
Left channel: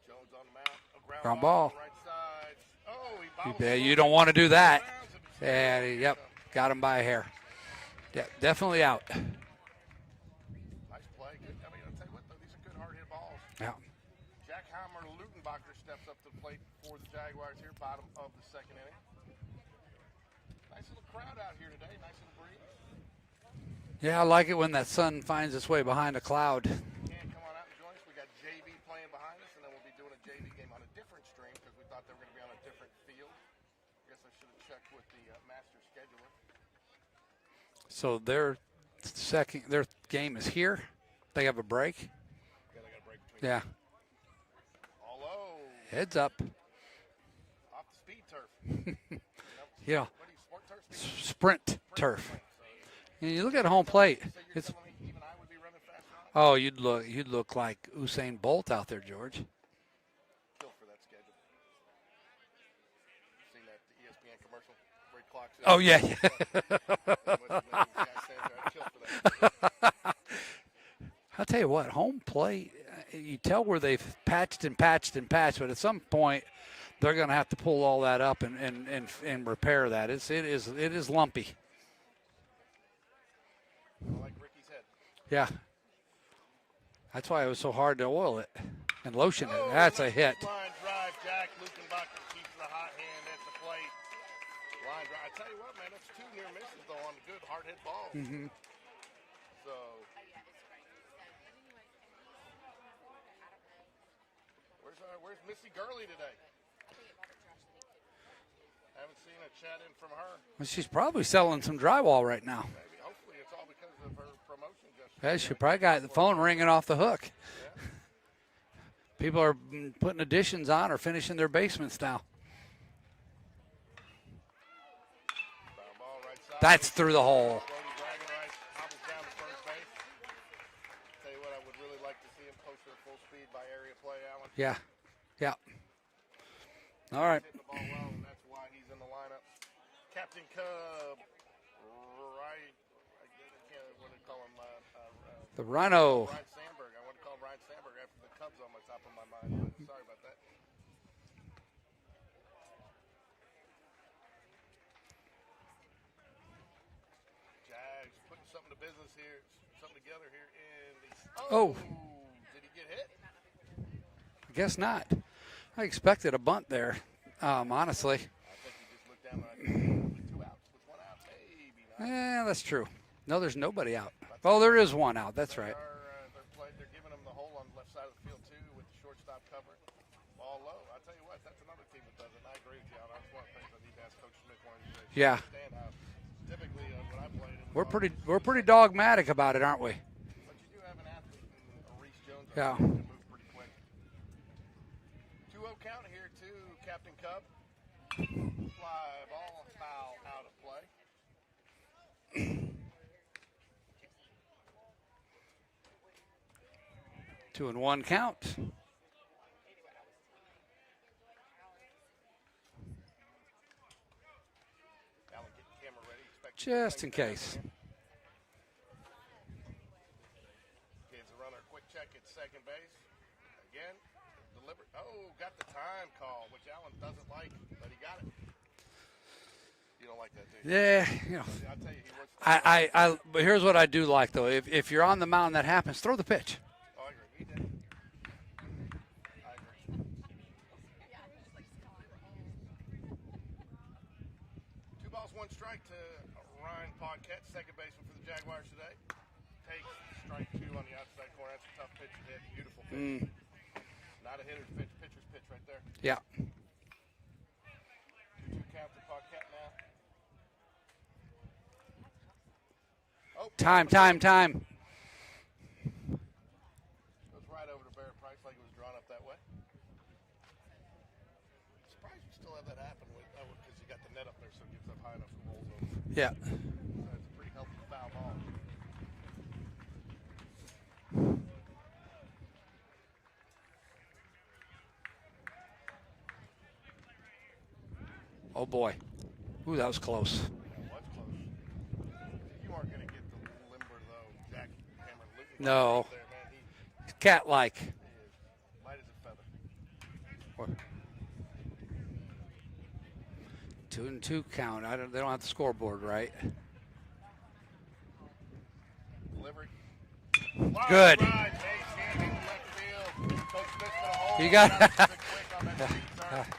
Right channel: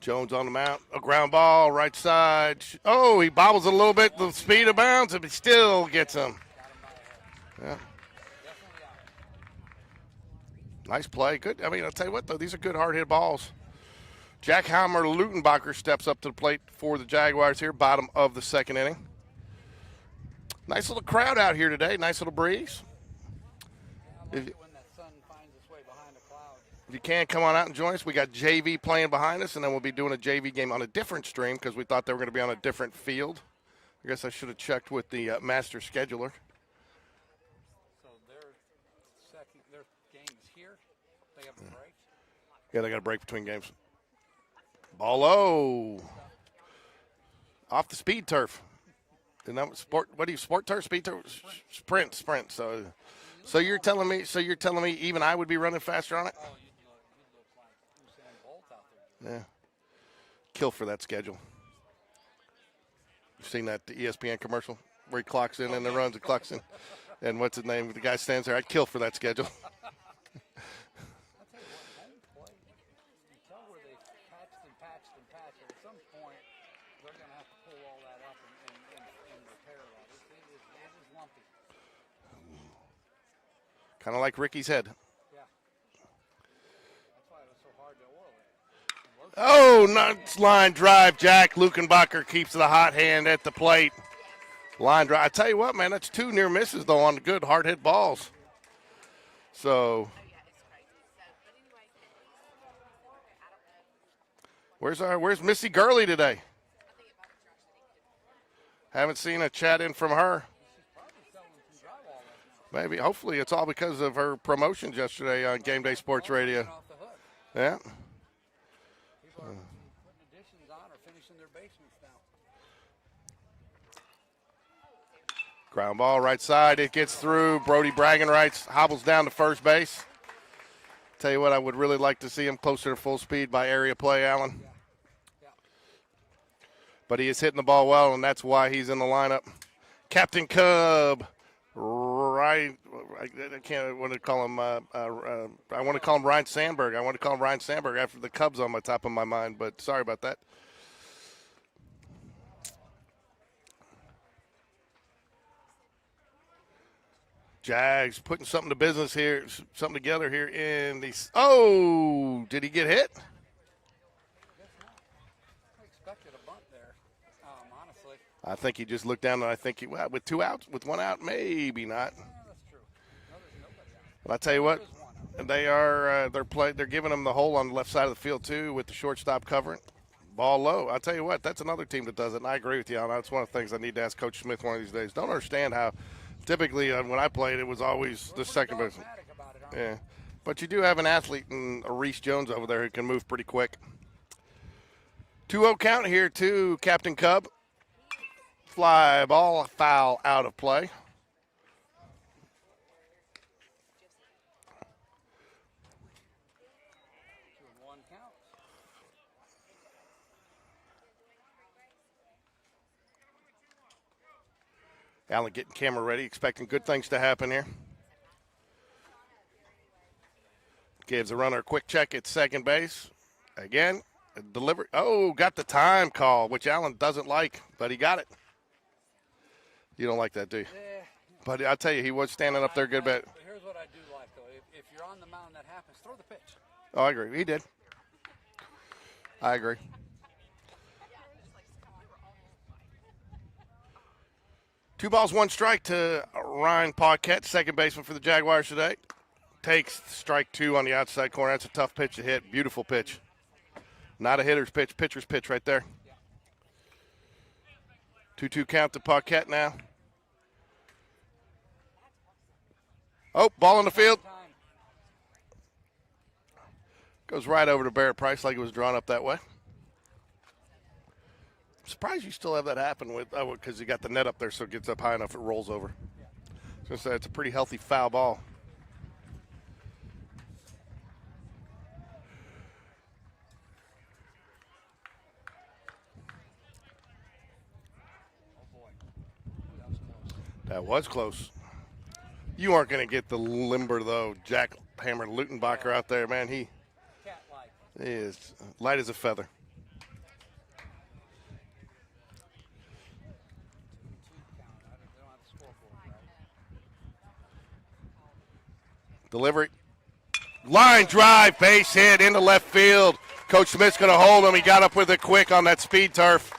Jones on the mount, a ground ball, right side. Oh, he bobbles a little bit. Want to do speed that. Of bounds, but he still gets him. Got him by a hair. Yeah, definitely out. Nice play. Good. I mean, I'll tell you what, though, these are good hard-hit balls. Yeah. Jack Hammer Lutenbacher steps up to the plate for the Jaguars here, bottom of the second inning. Nice little crowd out here today. Nice little breeze. Yeah, I like it when that sun finds its way behind a cloud. If you can, come on out and join us. We got JV playing behind us, and then we'll be doing a JV game on a different stream because we thought they were going to be on a different field. I guess I should have checked with the master scheduler. So their game is here. They have a break. Yeah, they got a break between games. Ball low. Heads up. Off the speed turf. And that was sport, What do you, sport turf, speed turf? Sprint. So you look so at you're home telling plate. me, so you're telling me even I would be running faster on it? Oh, you'd look like Usain Bolt out there, George. Yeah. Kill for that schedule. You've seen that ESPN commercial where he clocks in? Oh, yeah. Clocks in. And what's his name? The guy stands there. I'd kill for that schedule. I'll tell you what, home plate, you tell where they've patched, but at some point they're going to have to pull all that up and repair that. It is lumpy. Kind of like Ricky's head. Yeah. That's why it was so hard to oil it and lotion. Oh, nice line drive. Jack Lukenbacher keeps the hot hand at the plate. Line drive. I tell you what, man, that's two near misses, though, on good hard hit balls. Mm-hmm. So where's Missy Gurley today? Haven't seen a chat in from her. Well, she's probably selling some drywall right now. Maybe. Hopefully it's all because of her promotions yesterday on GameDay Sports Radio. The phone ringing off the hook. Yeah. People are putting additions on or finishing their basements now. Ground ball right side. That's it gets through. Brody Bragging-Rights hobbles down to first base. Tell you what, I would really like to see him closer to full speed by area play, Alan. Yeah. But he is hitting the ball well, and that's why he's in the lineup. Captain Cub, I can't want to call him. I want to call him Ryan Sandberg. I want to call him Ryan Sandberg after the Cubs on my top of my mind, but sorry about that. Jags putting something to business here, something together here in the. Oh, did he get hit? I guess not. I expected a bunt there, honestly. I think he just looked down, and I think with two outs, with one out, maybe not. Yeah, that's true. No, there's nobody out. There is one out. That's they're giving him the hole on the left side of the field too, with the shortstop covering. Ball low. I'll tell you what, that's another team that does it, and I agree with you, Alan. That's one of the things I need to ask Coach Smith one of these days. Don't understand how typically when I played, it was always we're the pretty second dogmatic about it, aren't we? But you do have an athlete in Reese Jones over there who can move pretty quick. 2-0 count here to Captain Cub. Fly ball, foul out of play. Two and one count. Allen getting camera ready, expecting good Just things in to case. happen here. Gives the runner a quick check at second base. Again, delivery. Oh, got the time call, which Allen doesn't like, but he got it. You don't like that, do you? Yeah. But I'll tell you, he was standing up there a good bit. But here's what I do like, though. If you're on the mound and that happens, throw the pitch. Oh, I agree. He did. I agree. Two balls, one strike to Ryan Paquette, second baseman for the Jaguars today. Takes strike two on the outside corner. That's a tough pitch to hit. Beautiful pitch. Not a hitter's pitch, pitcher's pitch right there. Yeah. 2-2 count to Paquette now. Oh, ball in the field. Time. Goes right over to Barrett Price like it was drawn up that way. I'm surprised you still have that happen with because you got the net up there so it gets up high enough it rolls over. Yeah. So it's a pretty healthy foul ball. Oh, boy. Ooh, that was close. That was close. You aren't going to get the limber, though. Jack Hammer Lutenbacher No. out there, man. He Cat-like. is light as a feather. 2-2 count. They don't have the scoreboard, right? Delivery. Line Good. drive, base hit into left field. Coach Smith's going to hold him. He got up with it quick on that speed turf.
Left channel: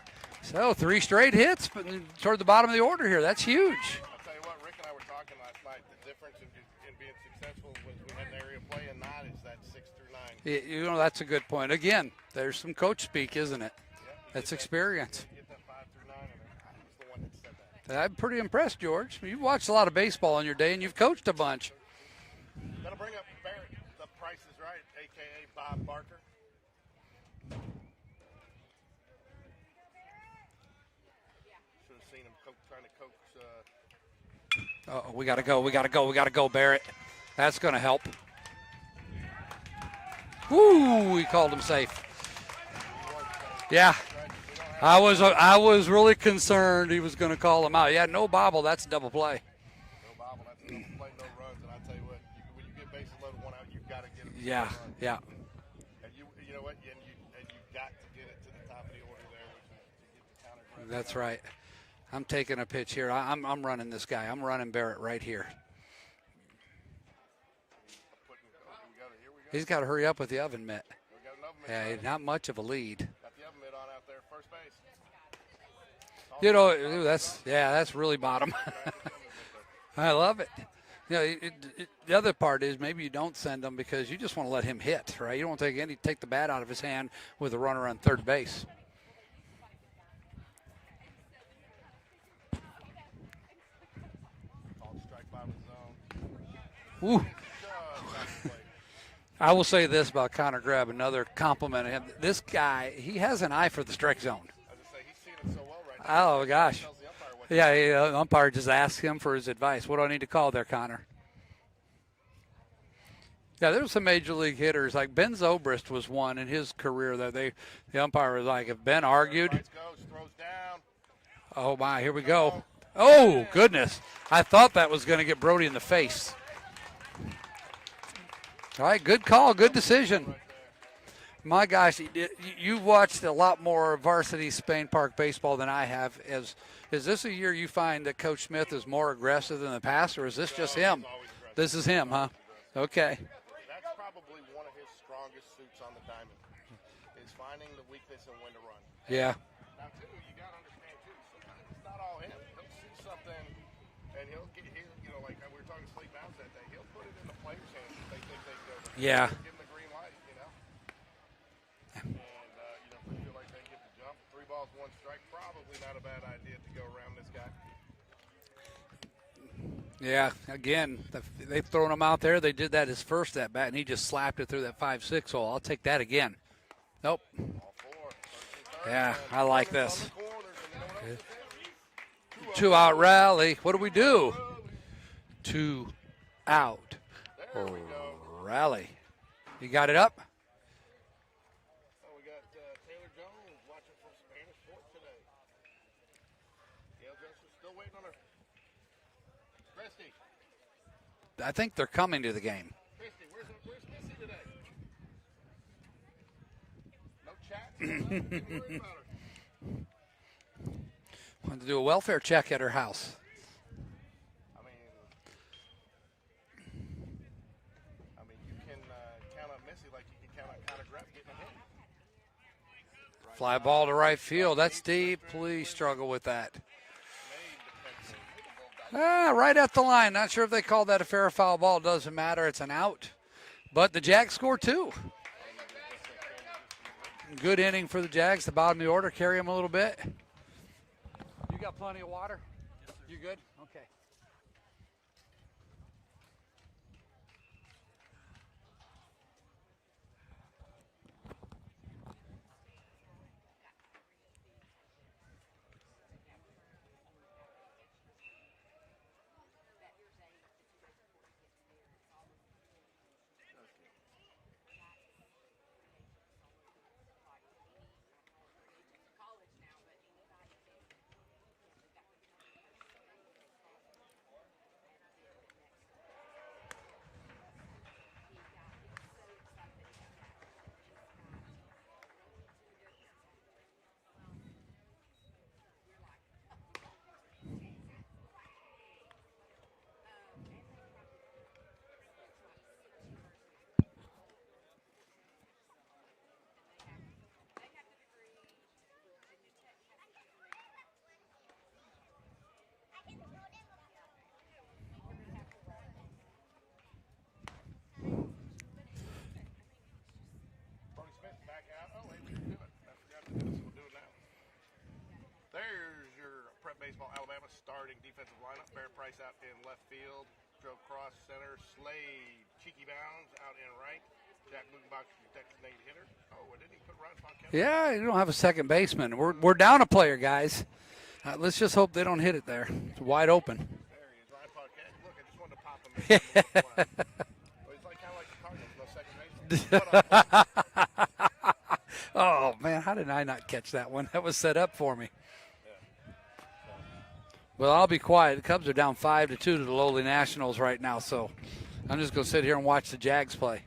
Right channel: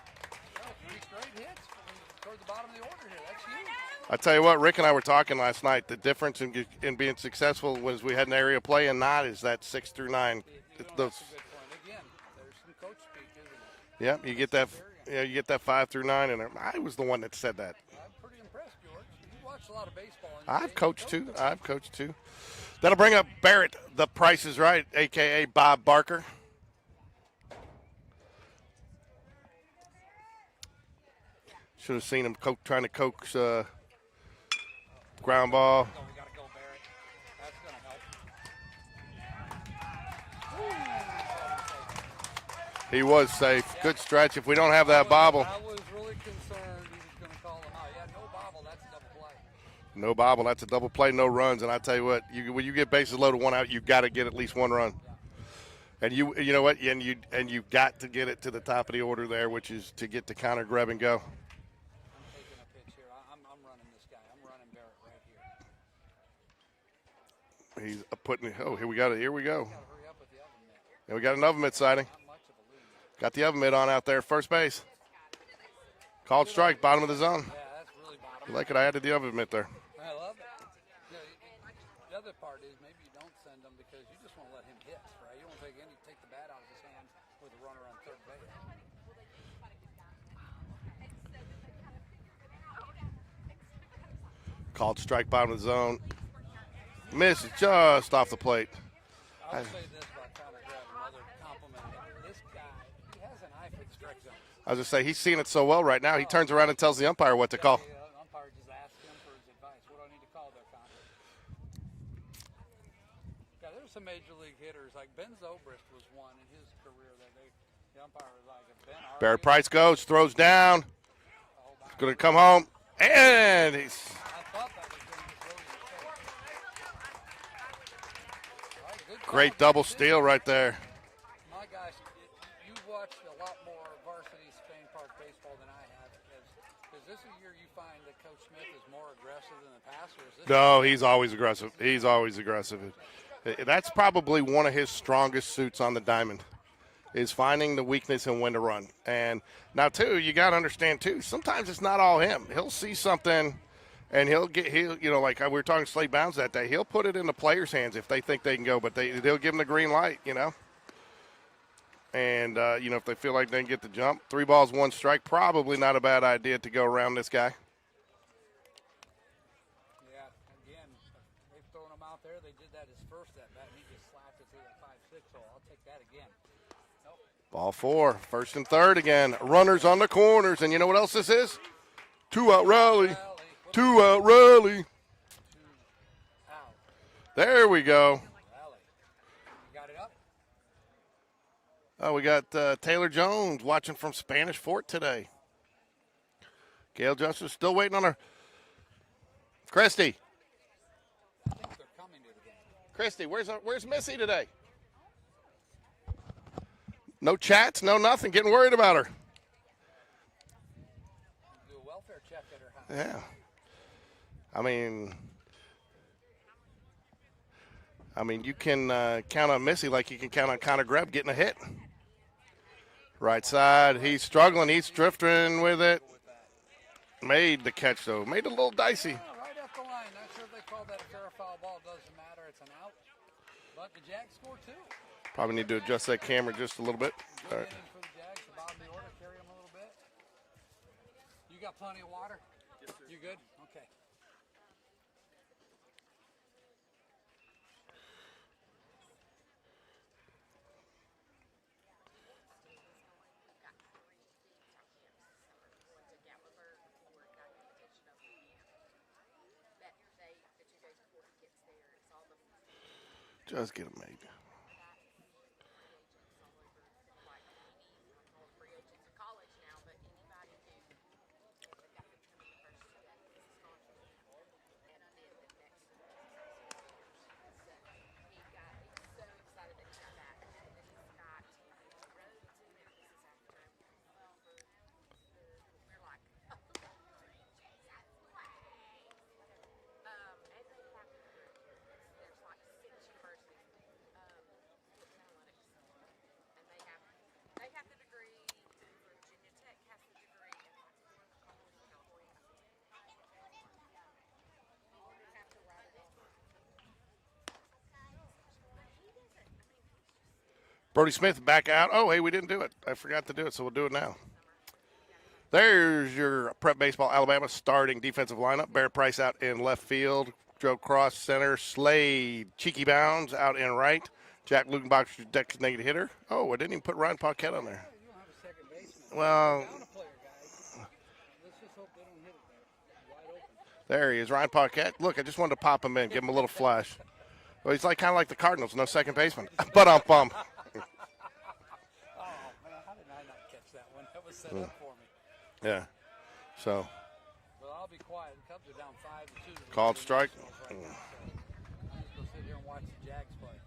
So 3 straight hits, but toward the bottom of the order here. That's huge. I tell you what, Rick and I were talking last night. The difference in being successful was we had an area play and not is that 6 through 9. That's a good point. Again, there's some coach speak, isn't it? Yeah, you That's get that experience. Yeah, you get that 5 through 9, and I was the one that said that. I'm pretty impressed, George. You've watched a lot of baseball in your day, and you've coached a bunch. I coached too. That'll bring up Barrett. The Price is Right, a.k.a. Bob Barker. Should have seen him trying to coax. We gotta go. We gotta go, Barrett. That's gonna help. Ooh, he called him safe. He was safe. Yeah. Good stretch. If we don't have that bobble. I was really concerned he was gonna call him out. Yeah, no bobble. That's a double play. No bobble. That's a double play, no runs. And I tell you what, when you get bases loaded, one out, you've got to get at least one run. Yeah. And you know what? And you got to get it to the top of the order there, which is to get to counter, grab, and go. That's right. I'm taking a pitch here. I'm running this guy. I'm running Barrett right here. He's putting. Oh, here we got it. Here we go. He's got to hurry up with the oven mitt. And we got an oven mitt sighting. Not much of a lead. Got the oven mitt on out there, first base. Called You know, strike, bottom of the zone. Yeah, that's really bottom. Look at I added the oven mitt there. I love it. You know, the other part is maybe you don't send him because you just want to let him hit, right? You don't take the bat out of his hand with a runner on third base. Called strike, bottom of the zone. Ooh. Misses just off the plate. I will say this about Connor Grebb, another compliment. This guy, he has an eye for the strike zone. I was just say he's seeing it so well right now. He Oh, turns around and gosh. tells the umpire what to call. Yeah, the umpire just asks him for his advice. What do I need to call there, Connor? Yeah, there's some major league hitters. Like Ben Zobrist was one in his career that the umpire was like, if Ben argued. Barrett Price goes, throws down. Oh, my, Could here we come go. home. Oh, And goodness. I thought that was going to get Brody in the face. All right, good call, Great good double decision. steal right there. My gosh, you watched a lot more varsity Spain Park baseball than I have. Is this a year you find that Coach Smith is more aggressive than the past, or is this No, just him? he's always aggressive. This is he's him, always huh? aggressive. Okay. That's probably one of his strongest suits on the diamond, is finding the weakness and when to run. And now, too, you got to understand, too, sometimes it's not all him. He'll see something, and he'll like we were talking to Slade Bounds that day, he'll put it in the players' hands if they think they can go, but they'll give him the green light, And, if they feel like they can get the jump, 3 balls, 1 strike, probably not a bad idea to go around this guy. Yeah, again, they've thrown him out there. They did that his first at bat, and he just slapped it through that 5-6 hole. I'll take that again. Nope. Ball 4, 1st and 3rd Yeah, again. I like Runners this. on the corners, and you know what else this is? Two-out Two-out rally. rally. What do we Two-out do? rally. 2 out. There we go. Rally. You got it up? Oh, we got Taylor Jones watching from Spanish Fort today. Gail Justice still waiting on her. Christy. I think they're coming to the game. Christy, where's Missy today? No chats, no nothing. Getting worried about her. Want to do a welfare check at her house. Yeah. I mean, you can count on Missy like you can count on Connor Greb getting a hit. Right Fly side, ball to right he's field. struggling. That's He's deep. drifting We with it. struggle with that. Made the catch, though. Made it a little dicey. Right at the line. Not sure if they called that a fair or foul ball. Doesn't matter. It's an out. But the Jags score 2. Probably need to adjust that camera just a little bit. Good inning for the Jags. The bottom of the order. Carry them a little bit. You got plenty of water? Yes, sir. You good? Okay. Just get it made. Brody Smith back out. Oh, hey, we didn't do it. I forgot to do it, so we'll do it now. There's your Prep Baseball Alabama starting defensive lineup. Barrett Price out in left field. Joe Cross center. Slade Cheeky Bounds out in right. Jack Lukenbach, designated hitter. Oh, I didn't even put Ryan Paquette on. Yeah, you don't have a second baseman. Well, We're down a player, guys. Let's just hope they don't hit it there. It's wide open. There he is, Ryan Paquette. Look, I just wanted to pop him in, give him a little flash. Well, he's kind of like the Cardinals, no second baseman. But off bump. Oh, man, how did I not catch that one? That was set up for me. Yeah. So. Well, I'll be quiet. The Cubs are down 5-2 to the lowly strike. Nationals right now, so I'm just going to sit here and watch the Jags play.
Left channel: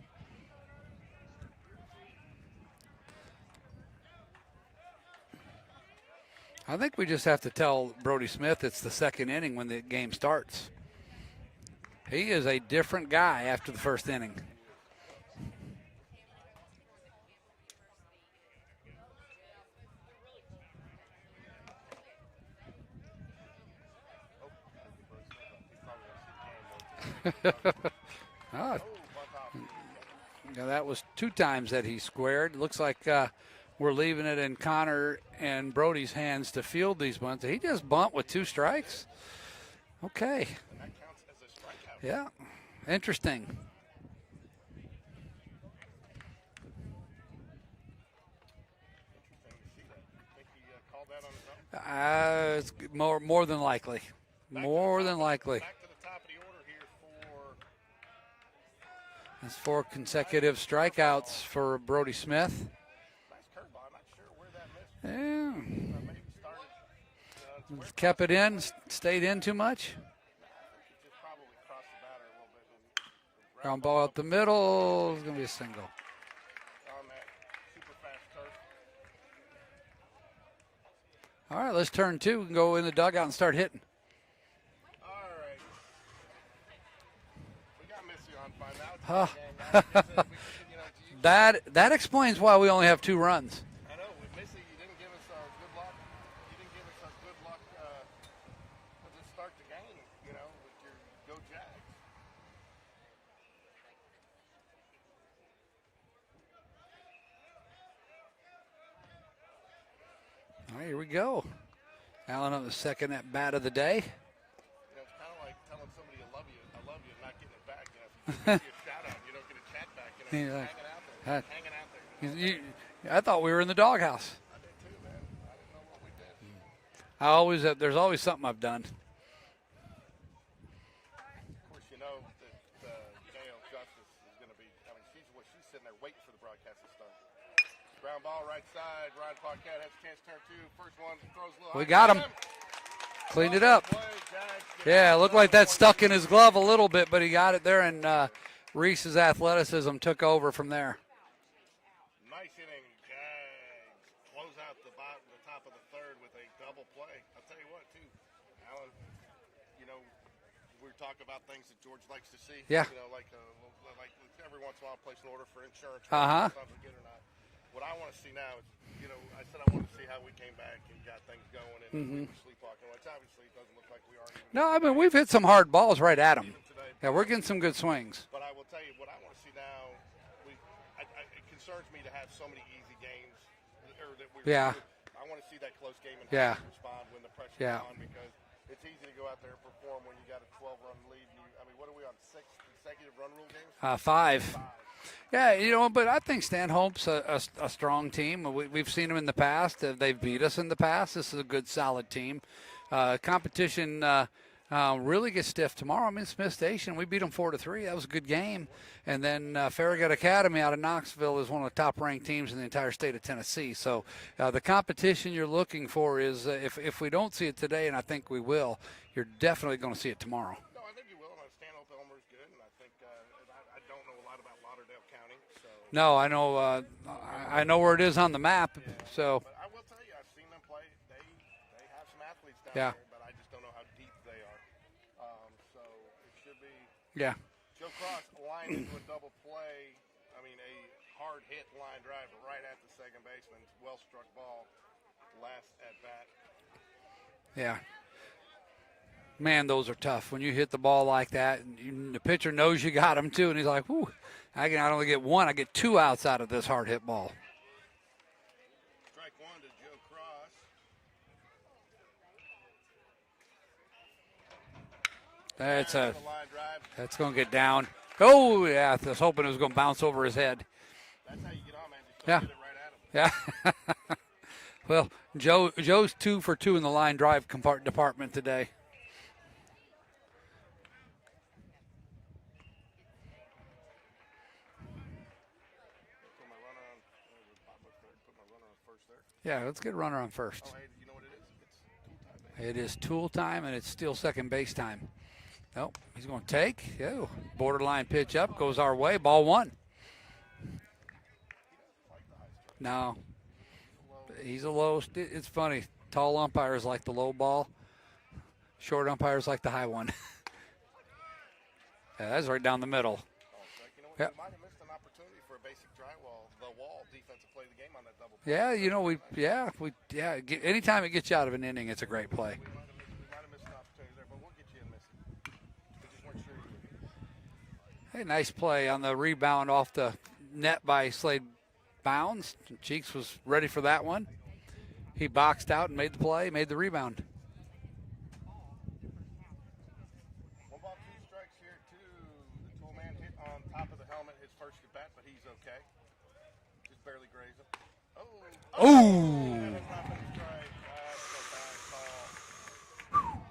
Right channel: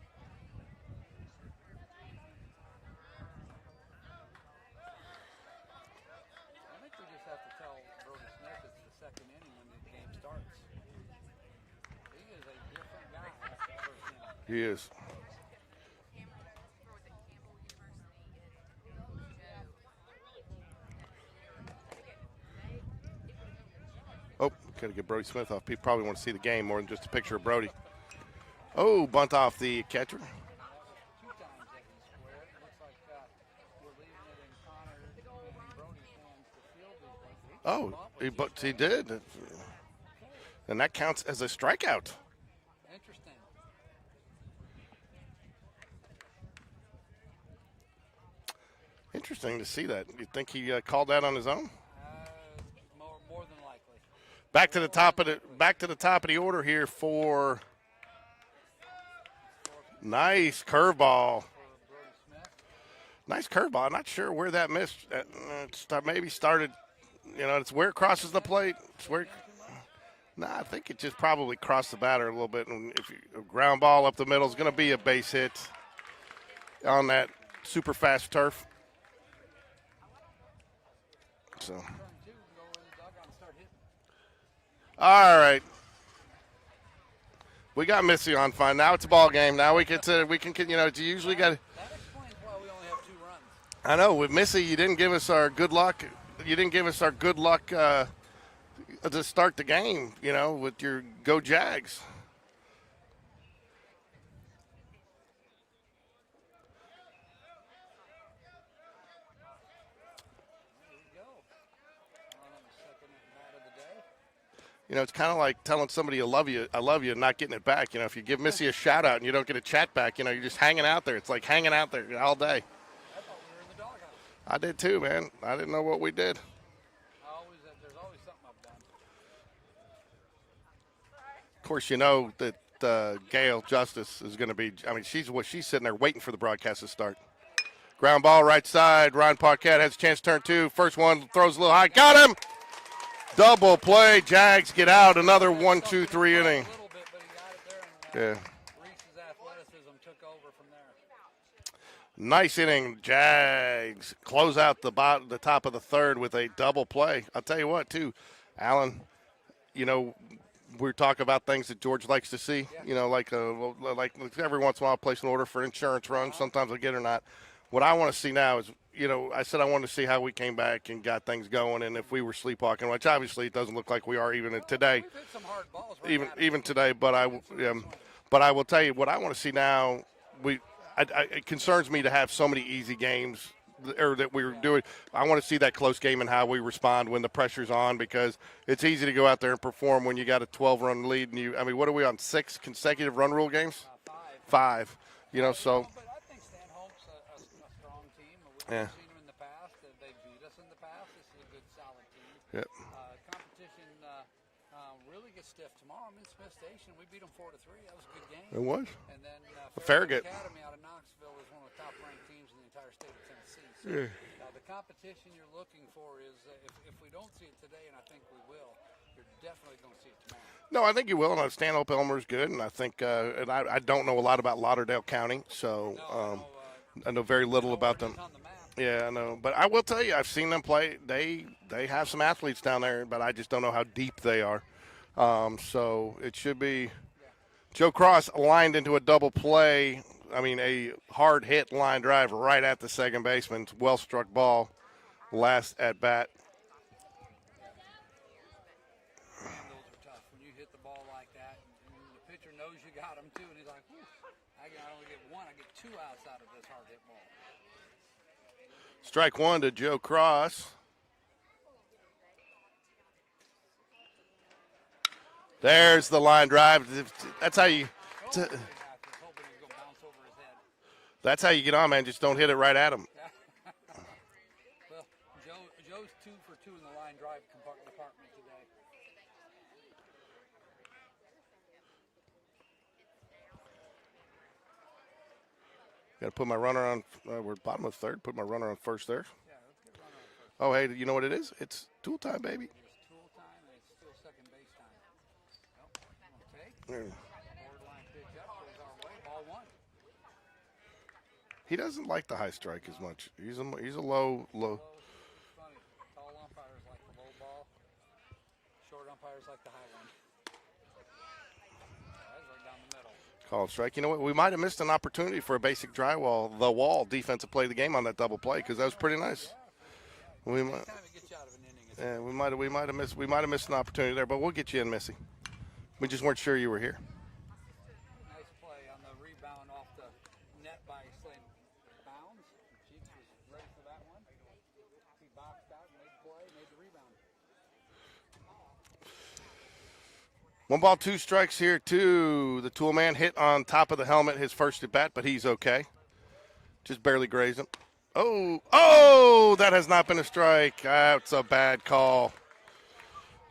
I think we just have to tell Brody Smith it's the second inning when the game starts. He is a different guy after the first inning. He is. Oh, got to get Brody Smith off. People probably want to see the game more than just a picture of Brody. Oh, bunt off the catcher. Yeah, that was 2 times that he squared. Looks like we're leaving it in Connor and Brody's hands to field these bunts. He just bunt with 2 strikes. He did. Okay. And that counts as a strikeout. Yeah. Interesting. Interesting to see that. You think he called that on his own? It's more than likely. Back to the top of the order here for. That's 4 consecutive Nice strikeouts curveball for Brody Smith. Nice curveball. I'm not sure where that missed. Yeah. Maybe started. It's where it crosses the plate. Stayed in too much. No, I think it just probably crossed the batter a little bit. And if a ground ball up the middle is going to be a base hit on that super fast turf. All right, let's turn 2 and go in the dugout and start hitting. All right. We got Missy on fine. Now it's a ball game. Now we can it's usually that explains why we only have 2 runs. I know. With Missy, you didn't give us our good luck. You didn't give us our good luck to start the game, with your Go Jags. All right, here we go. Allen on the second at bat of the day. It's kind of like telling somebody I love you, and not getting it back. If you give Missy a shout out and you don't get a chat back, you're just hanging out there. It's like hanging out there all day. I thought we were in the doghouse. I did too, man. I didn't know what we did. There's always something I've done. Of course, you know that Gail Justice is going to be. I mean, she's sitting there waiting for the broadcast to start. Ground ball right side. Ryan Paquette has a chance to turn two. First one throws a little high. Got him. Double play. Jags get out. It looked Another like that 1, stuck 2, in his 3 glove inning. a little bit, but he got it there, and Reese's athleticism took over from there. Nice inning. Jags close out the top of the third with a double play. I'll tell you what, too, Alan, you know, we talk about things that George likes to see. Yeah. You know, like every once in a while I'll place an order for insurance runs. Sometimes I get it or not. What I want to see now is, you know, I said I wanted to see how we came back and got things going and if we were sleepwalking, which obviously it doesn't look like we are even today. I mean, we've hit some hard balls right at him. Even today. But we're getting some good swings. But I will tell you, what I want to see now, it concerns me to have so many easy games that we were doing. I want to see that close game and how we respond when the pressure's on, because it's easy to go out there and perform when you got a 12-run lead. And what are we on, 6 consecutive run rule games? 5. 5. Yeah, but I think Stanhope's a strong team. We've seen them in the past. They've beat us in the past. This is a good, solid team. Competition really gets stiff tomorrow. I'm in Smith Station. We beat them 4-3. That was a good game. It was. And then Farragut Academy out of Knoxville is one of the top-ranked teams in the entire state of Tennessee. So the competition you're looking for is if we don't see it today, and I think we will, you're definitely going to see it tomorrow. No, I think you will. And Stanhope Elmore is good, and I think and I don't know a lot about Lauderdale County, so I know very little. I know where it is on the map. Yeah, I know. So. But I will tell you, I've seen them play. They have some athletes down there, but I just don't know how deep they are. So it should be. Yeah. Joe Cross lined into a double play. I mean, a hard hit line drive right at the second baseman. Well struck ball. Last at bat. Yeah. Man, those are tough. When you hit the ball like that, and the pitcher knows you got him too, and he's like, "Whoo, I can not only get 1, I get 2 outs out of this hard hit ball." Strike 1 to Joe Cross. There's the line drive. That's going to get down. I was hoping it was going to bounce over his head. That's how you get on, man. Just don't hit it right at him. Yeah. Well, Joe's 2 for 2 in the line drive department today. Got to put my runner on. We're bottom of third. Put my runner on first there. Yeah, let's get a runner on first. Oh, hey, you know what it is? It's tool time, baby. It is tool time, and it's still second base time. Oh, he's going to take. Go. Borderline pitch up. Goes our way. Ball 1. He doesn't like the high strike. No. He's a low. A low. It's funny. Tall umpires like the low ball. Short umpires like the high one. That's right down the middle. Called strike. You know what? We might have missed an opportunity for a basic wall defensive play of the game on that double play, because that's pretty nice. Anytime it gets you out of an inning, it's a great play. We might have missed an opportunity there, but we'll get you in, Missy. We just weren't sure you were here. Hey, nice play on the rebound off the net by Slade Bounds. Cheeks was ready for that one. He boxed out and made the play, made the rebound. 1 ball, 2 strikes here, too. The tool man hit on top of the helmet his first at bat, but he's okay. Just barely grazed him. Oh, that has not been a strike. That's a bad call.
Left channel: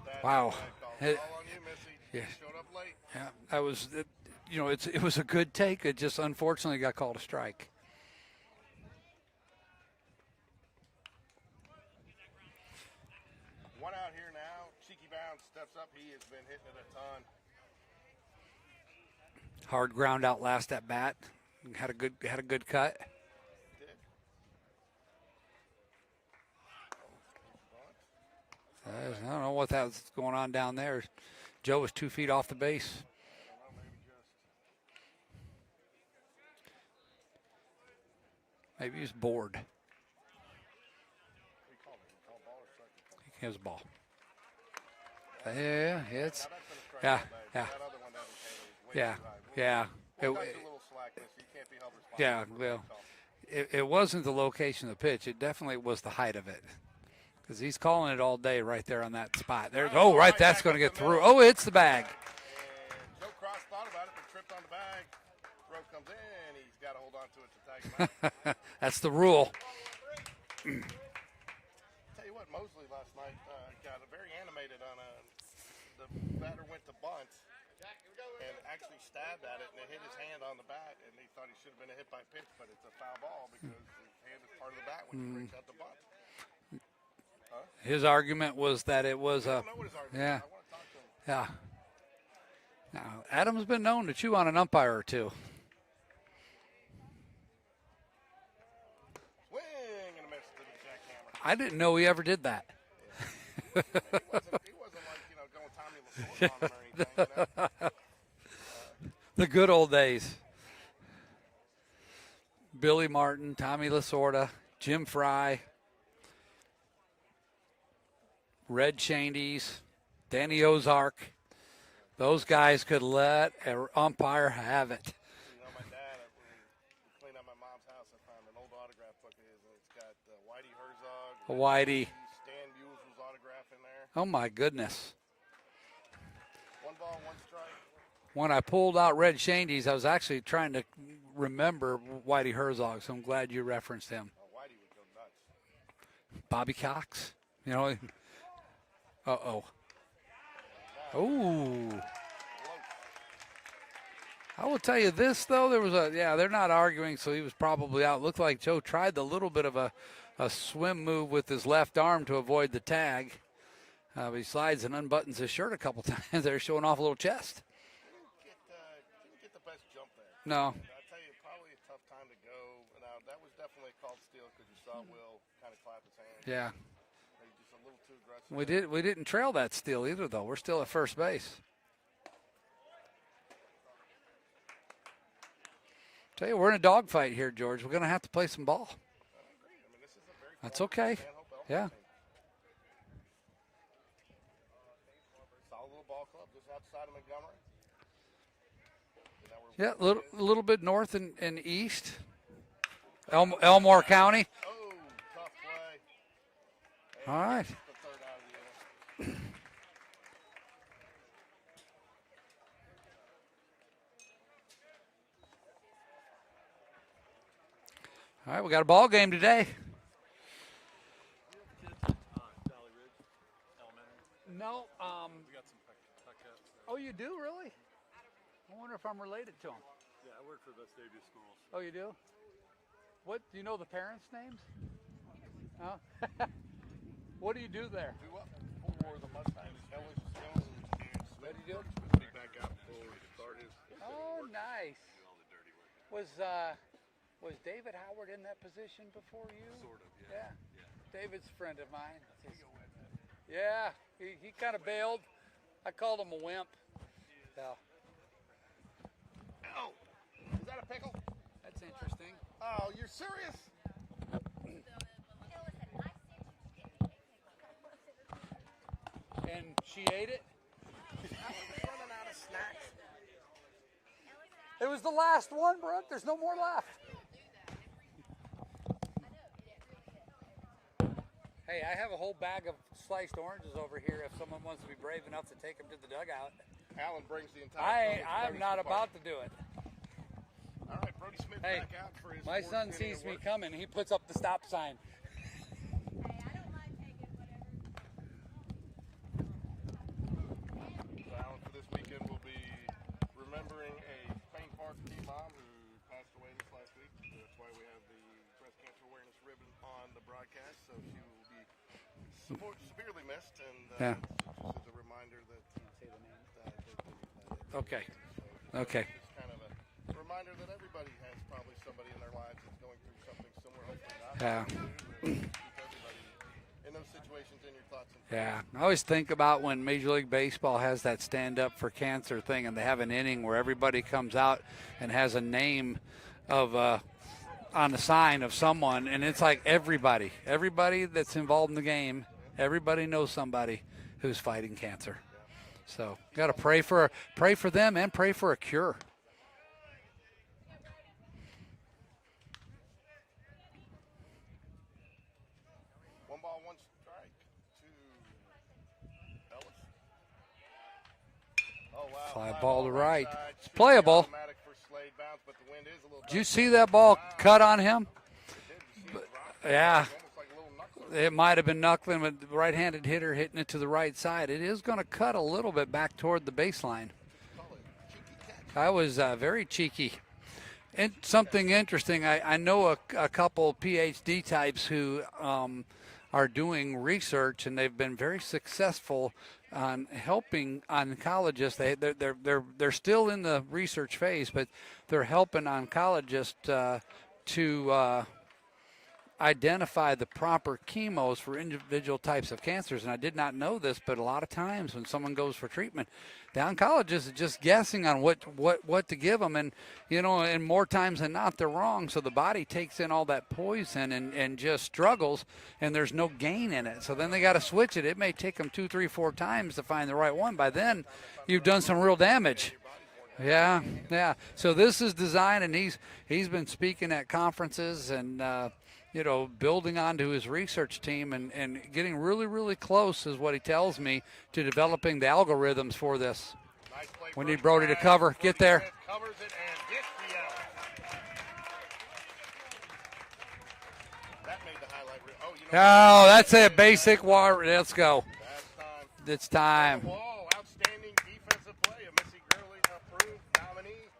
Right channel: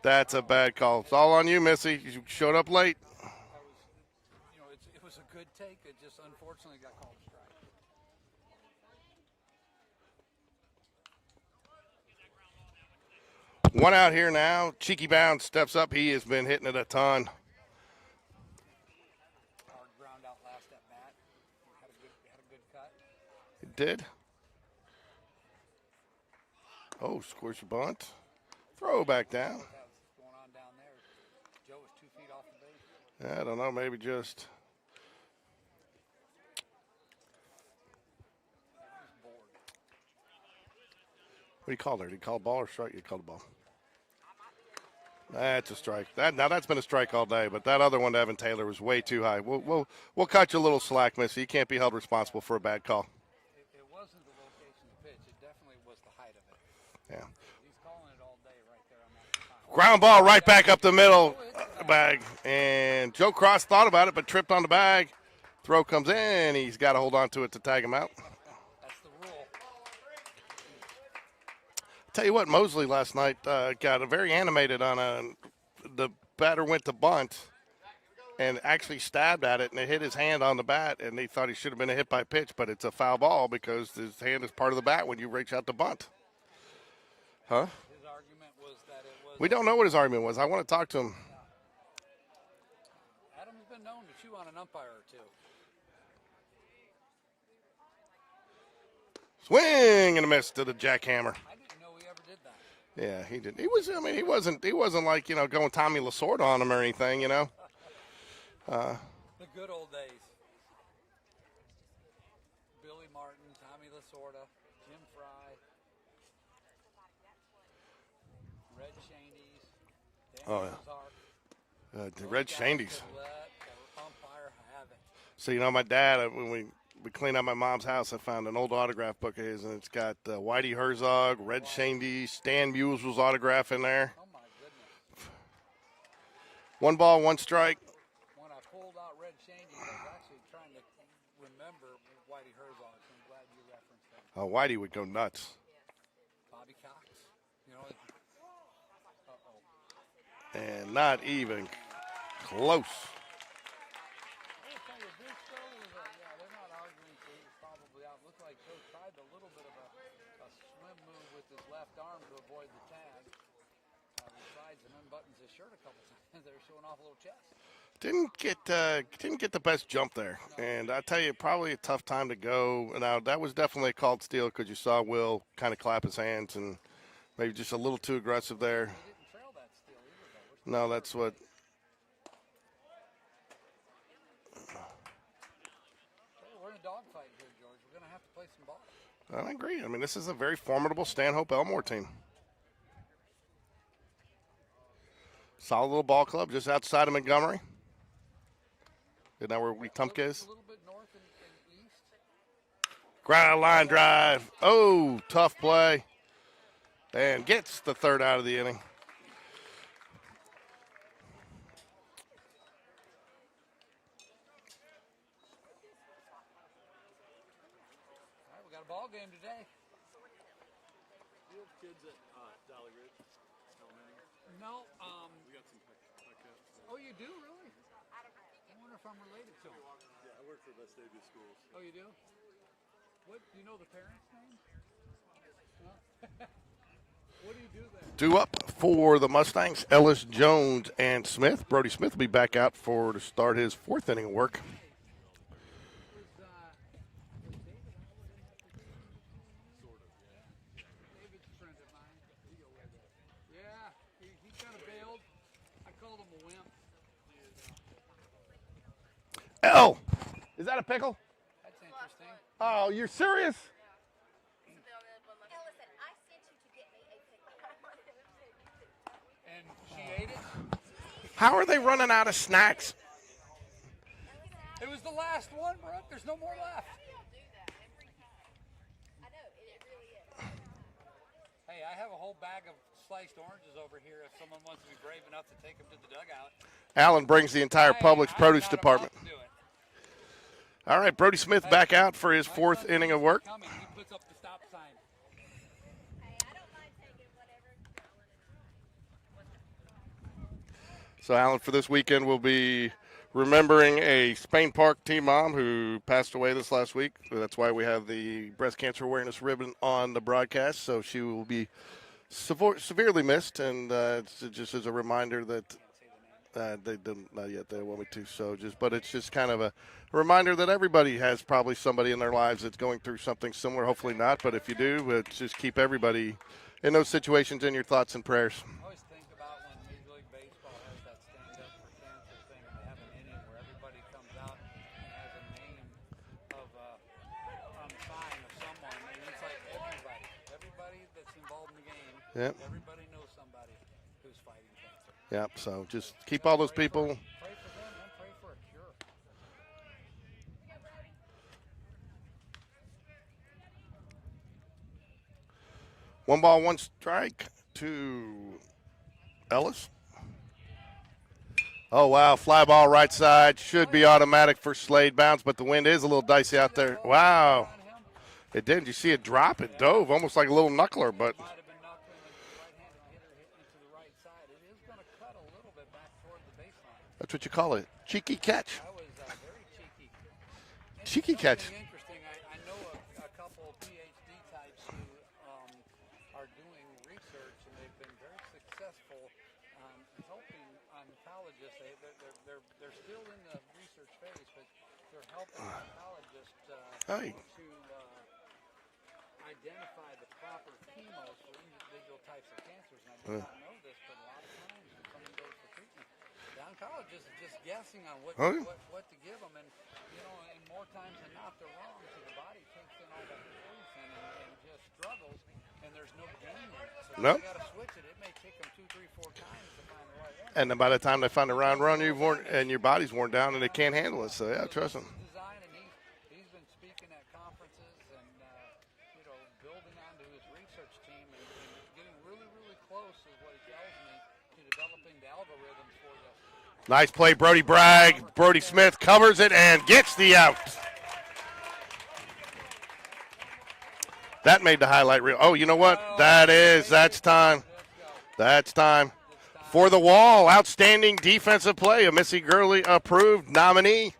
That's a bad call. It's all on you, Missy. You showed up late. Yeah, it was a good take. It just unfortunately got called a strike. One out here now. Cheeky Bounds steps up. He has been hitting it a ton. Hard ground out last at bat. Had a good cut. It did. Oh, scores your bunt. Throw back down. I don't know what that's going on down there. Joe was 2 feet off the base. I don't know. Maybe he was bored. What do you call there? Did he call ball or strike? You called ball. It was a ball. That's a strike. That's been a strike all day, but that other one to Evan Taylor was way too high. We'll cut you a little slack, Missy. You can't be held responsible for a bad call. It wasn't the location of the pitch. It definitely was the height of it. Yeah. Because he's calling it all day right there on that spot. Ground ball right back up the middle. Oh, it's the bag. And Joe Cross thought about it, but tripped on the bag. Throw comes in. He's got to hold on to it to tag him out. That's the rule. Tell you what, Mosley last night got very animated on the batter went to bunt and actually stabbed at it, and it hit his hand on the bat, and he thought he should have been a hit by pitch, but it's a foul ball because his hand is part of the bat when you reach out to bunt. Huh? His argument was that it was. We don't know what his argument was. I want to talk to him. Yeah. Now, Adam's been known to chew on an umpire or two. Swing and a miss to the jackhammer. I didn't know he ever did that. Yeah, he did. He was. I mean, he wasn't like going Tommy Lasorda on him or anything. The good old days. Billy Martin, Tommy Lasorda, Jim Fry, Red Shandies, Danny Ozark. Those Red guys Shandies. could let an umpire have it. So my dad, when we cleaned out my mom's house, I found an old autograph book of his, and it's got Whitey Herzog, Red Shandy, Stan Musial's autograph in there. Oh, my goodness. 1 ball, 1 strike. When I pulled out Red Shandies, I was actually trying to remember Whitey Herzog, so I'm glad you referenced him. Oh, Whitey would go nuts. Bobby Cox, Uh-oh. And not even close. I will tell you this, though. There was they're not arguing, so he was probably out. Looked like Joe tried a little bit of a swim move with his left arm to avoid the tag. He slides and unbuttons his shirt a couple times. They're showing off a little chest. Didn't get the best jump there. No. And I tell you, probably a tough time to go. Now, that was definitely a called steal because you saw Will kind of clap his hands and maybe just a little too aggressive there. We didn't trail that steal either, though. We're still at first base. Tell you, we're in a dogfight here, George. We're going to have to play some ball. I agree. I mean, this is a very formidable Stanhope Elmore team. Solid little ball club just outside of Montgomery. Isn't that where Tunk is? A little bit north and east. Ground line Elmore drive. County. Oh, tough play. And gets the third out of the inning. All right, we got a ball game today. You have kids at Valley Ridge Elementary? No. We got some cats. Oh, you do, really? I wonder if I'm related to them. Yeah, I work for the Stavia schools. Oh, you do? What, do you know the parents' names? No? What do you do there? Due up for the Mustangs, Ellis, Jones, and Smith. Brody Smith will be back out to start his 4th inning of work. Nice. Was David Howard in that position before you? Sort of, yeah. David's a friend of mine. Yeah, he kind of bailed. I called him a wimp. So, L. Is that a pickle? that's interesting. Oh, you're serious? And she ate it? How are they running out of snacks? It was the last one, Brooke. There's no more left. Hey, I have a whole bag of sliced oranges over here if someone wants to be brave enough to take them to the dugout. Allen brings the entire Publix I'm produce not department. about to do it. All right, Brody Smith back out for his My 4th son inning sees of me work. coming, he puts up the stop sign. So, Allen, for this weekend, we'll be remembering a Spain Park team mom who passed away this last week. That's why we have the breast cancer awareness ribbon on the broadcast. So she will be severely missed, and it's just as a reminder that they didn't not yet. They wanted to. So but it's just kind of a reminder that everybody has probably somebody in their lives that's going through something similar. Hopefully not, but if you do, just keep everybody in those situations in your thoughts and prayers. Yeah. I always think about when Major League Baseball has that stand up for cancer thing, and they have an inning where everybody comes out and has a name of on the sign of someone, and it's like everybody that's involved in the game, everybody knows somebody who's fighting cancer. Yep. So just keep gotta all those people. pray for them and pray for a cure. One ball, one strike to Ellis. Oh, wow. Fly ball right right. side. Should be Playable. automatic for Slade bounce, but the wind is a little Did you dicey see out that there. ball Wow. cut on him? It did. You see it drop? It Yeah. dove almost like a little knuckler. It But might have been knuckling with the right-handed hitter hitting it to the right side. It is going to cut a little bit back toward the baseline. that's what you call it. Cheeky catch. I was very cheeky. And Cheeky something catch. interesting, I know a couple PhD types who are doing research, and they've been very successful on helping oncologists. They're still in the research phase, but they're helping oncologists to identify the proper chemos for individual types of cancers. And I did not know this, but a lot of times when someone goes for treatment, the oncologist is just guessing on what to give them, and and more times than not they're wrong. So the body takes in all that poison and just struggles, and there's no gain in it. So then they got to switch it. It may take them 2, 3, 4 times to find the right one. And by the time they find the you've right done some run, real damage, and your body's worn down, and they can't handle it. So this is designed, and he's been speaking at conferences and building onto his research team and getting really, really close, is what he tells me, to developing the algorithms for this. Nice play, Brody Brody to Bragg. cover. Brody Get there. Smith covers it and gets the out. That made the highlight reel. Oh, you know what? That's it. That's Basic time. water. Let's go. That's time. It's time. For the wall, outstanding defensive play, a Missy Gurley approved nominee.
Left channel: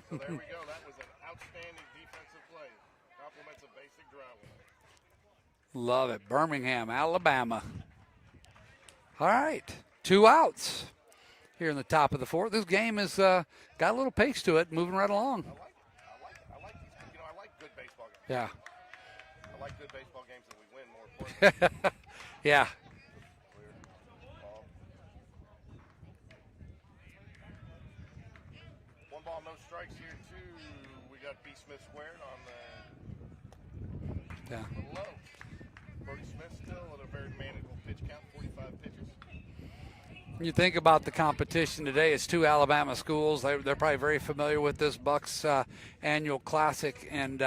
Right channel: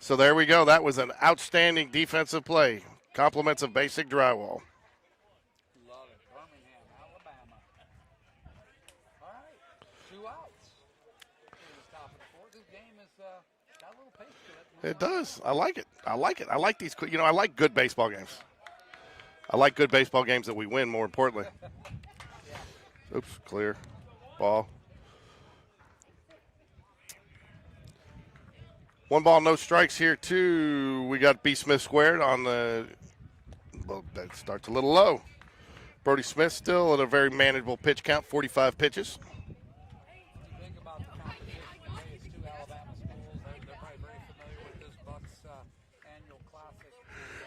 So there we go. That was an outstanding defensive play. Compliments of basic drywall. Love it. Birmingham, Alabama. All right. 2 outs here in the top of the 4th. This game has got a little pace to it, moving right along. I like it. I like it. I like these. I like good baseball games. Yeah. I like good baseball games that we win, more importantly. Yeah. Oops, clear. Ball. 1 ball, no strikes here, too. We got B. Smith squared on the. Well, that starts a little low. Brody Smith still at a very manageable pitch count, 45 pitches. When you think about the competition today, it's 2 Alabama schools. They're probably very familiar with this Bucks annual classic, and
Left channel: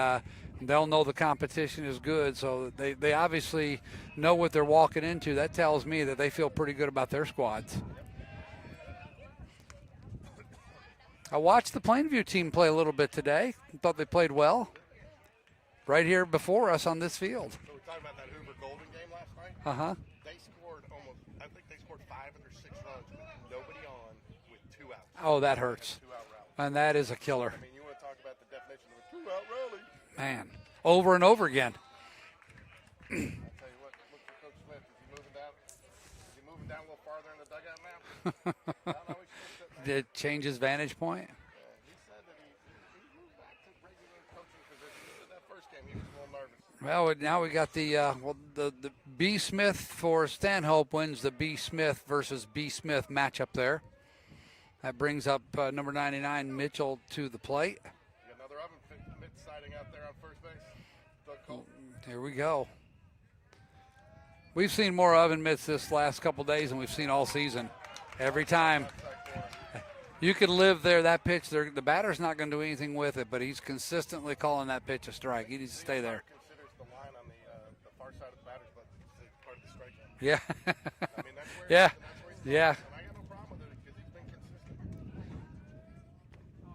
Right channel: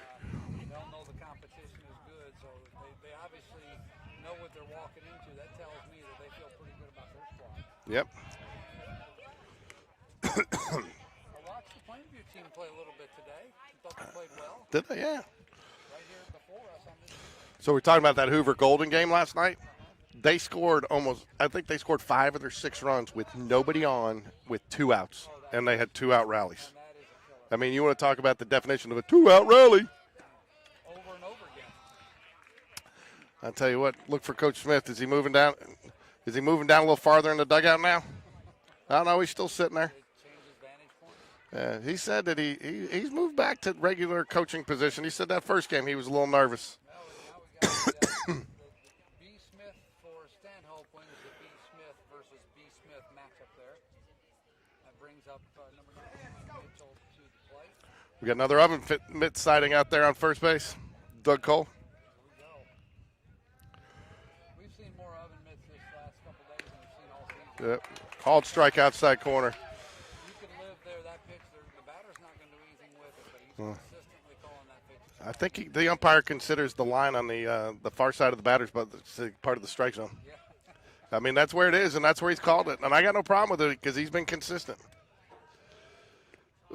they'll know the competition is good. So they obviously know what they're walking into. That tells me that they feel pretty good about their squads. Yep. I watched the Plainview team play a little bit today. Thought they played well. Did they? Yeah. Right here before us on this field. So we're talking about that Hoover Golden game last night. Uh-huh. They scored I think they scored 5 of their 6 runs with nobody on, with 2 outs. Oh, that And hurts. they had 2-out rallies. And that is a killer. I mean, you want to talk about the definition of a 2-out rally. Man, over and over again. I'll tell you what, look for Coach Smith. Is he moving down? Is he moving down a little farther in the dugout now? I don't know. He's still sitting there. Did it change his vantage point? He said that he's moved back to regular coaching position. He said that first game he was a little nervous. Well, now we got the B. Smith for Stanhope wins the B. Smith versus B. Smith matchup there. That brings up number 99, Mitchell, to the plate. We got another oven mitt sighting out there on first base. Doug Cole. Here we go. We've seen more oven mitts this last couple days than we've seen all season. Yep. Every All strike time. outside corner. You can live there. That pitch, the batter's not going to do anything with it, but he's consistently calling that pitch a strike. I think the umpire considers the line on the far side of the batters, but it's part of the strike zone. Yeah. I mean, that's where it is, and that's where he's called Yeah. it. And I got no problem with it because he's been consistent.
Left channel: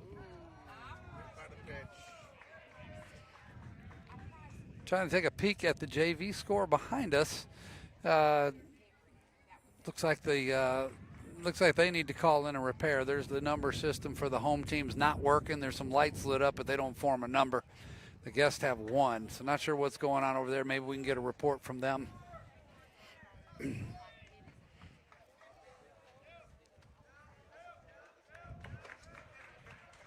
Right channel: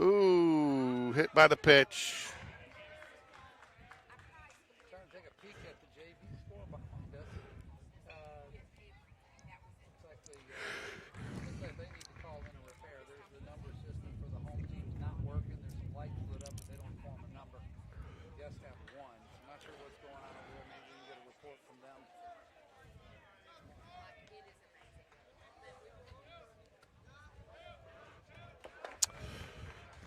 Ooh, hit by the pitch. Trying to take a peek at the JV score behind us. Looks like they need to call in a repair. There's the number system for the home team's not working. There's some lights lit up, but they don't form a number. The guests have 1, so not sure what's going on over there. Maybe we can get a report from them.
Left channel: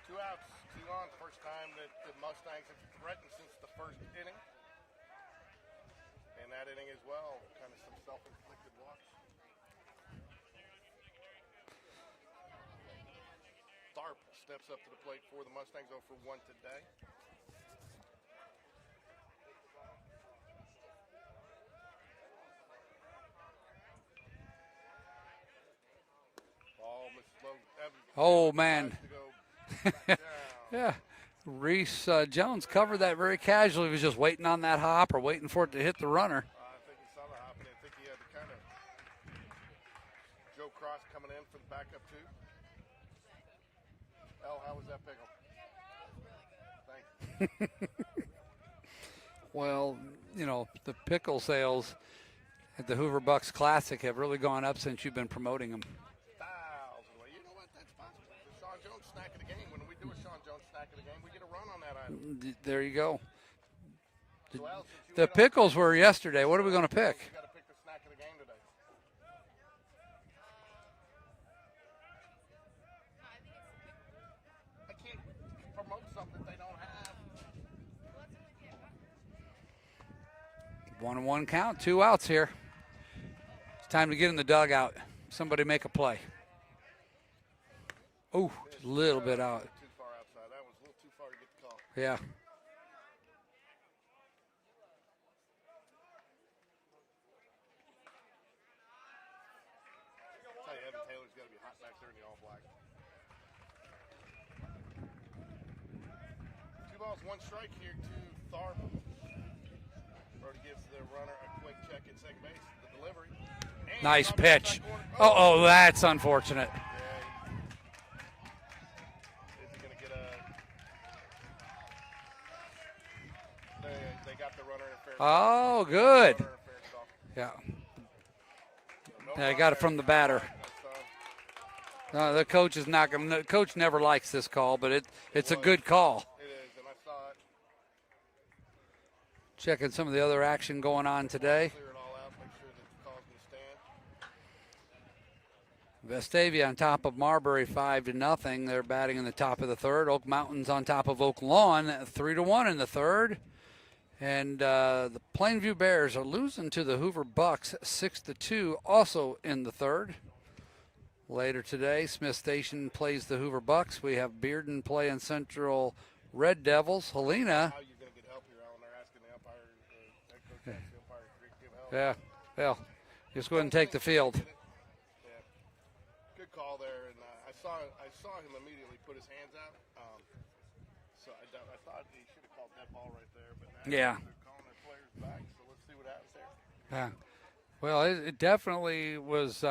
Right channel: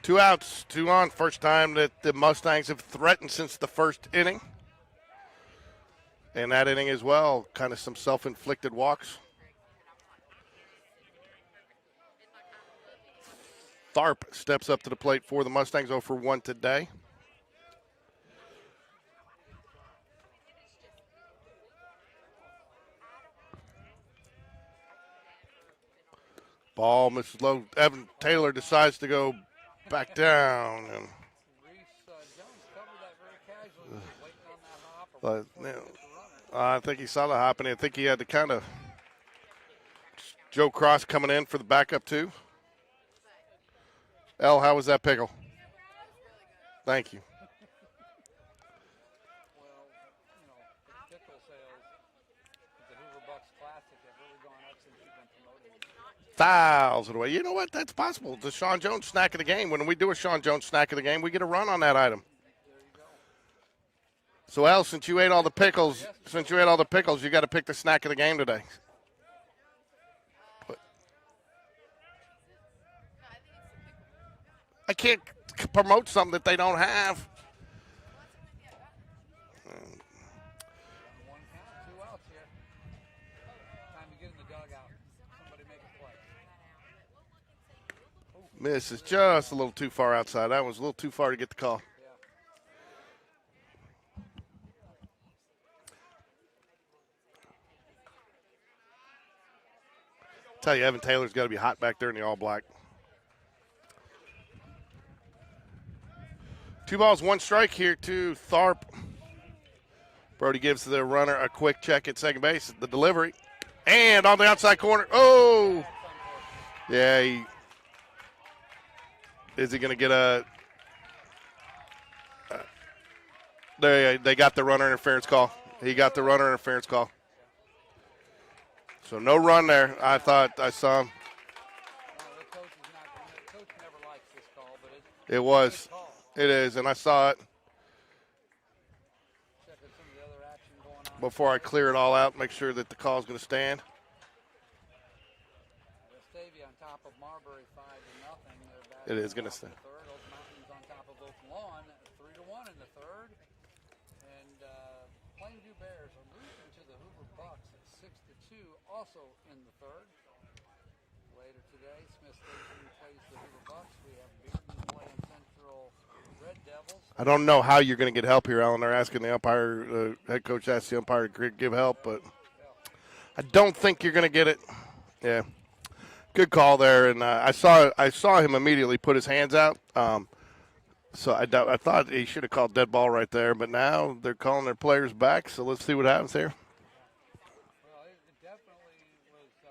2 outs, 2 on. First time that the Mustangs have threatened since the first inning. And that inning as well, kind of some self-inflicted walks. Tharp steps up to the plate for the Mustangs, 0 for 1 today. Ball misses low. Evan Taylor man. decides to go back down. Yeah. Reese Jones covered that very casually. He was just waiting on that hop or waiting for it to hit the runner. I think he saw the hop, and I think he had to kind of Joe Cross coming in for the backup too. Elle, how was that pickle? Thank you. Well, you know, the pickle sales at the Hoover Bucks Classic have really gone up since you've been promoting them. Fouls it away. You know what? That's possible. The Sean Jones snack of the game. When we do a Sean Jones snack of the game, we get a run on that item. There you go. So, Elle, since you The ate all the pickles pickles, were yesterday. since What you are ate we all the gonna pick? pickles, you got to pick the snack of the game today. I can't promote something that they don't have. 1-1 count, 2 outs here. It's time to get in the dugout. Somebody make a play. Oh, This is just a little too far outside. That was a little too far to get the call. Yeah. Tell you, Evan Taylor's got to be hot back there in the all black. 2 balls, 1 strike here to Tharp. Brody gives the runner a quick check at second base. The delivery. And Nice on the pitch. outside corner. Oh, that's unfortunate. Yeah. Is he going to get a they got the runner interference call. Oh, he got the good. runner interference call. Yeah. So no They run got it there. from the I batter. thought I saw him. The coach is not going. The coach never likes this call, but it's was. a good call. It is, and I saw it Checking some of the other action going on before today. I clear it all out, make sure that the call's going to stand. Vestavia on top of Marbury 5-0. They're batting It in the is gonna top of the third. Oak Mountain's on top of Oak Lawn 3-1 in the third. And the Plainview Bears are losing to the Hoover Bucks 6-2, also in the third. Later today, Smith Station plays the Hoover Bucks. We have Bearden playing Central Red Devils. I don't know Helena- how you're going to get help here, Alan. They're asking the umpire, head coach asked the umpire to give help, Yeah. but Well, I he's don't going to take think the you're going to field. get it. Yeah, good call there, and I saw him immediately put his hands out. So I thought he should have called dead ball right there, but now Yeah. they're calling their players back. So let's see what happens here. Yeah. Well, it definitely was.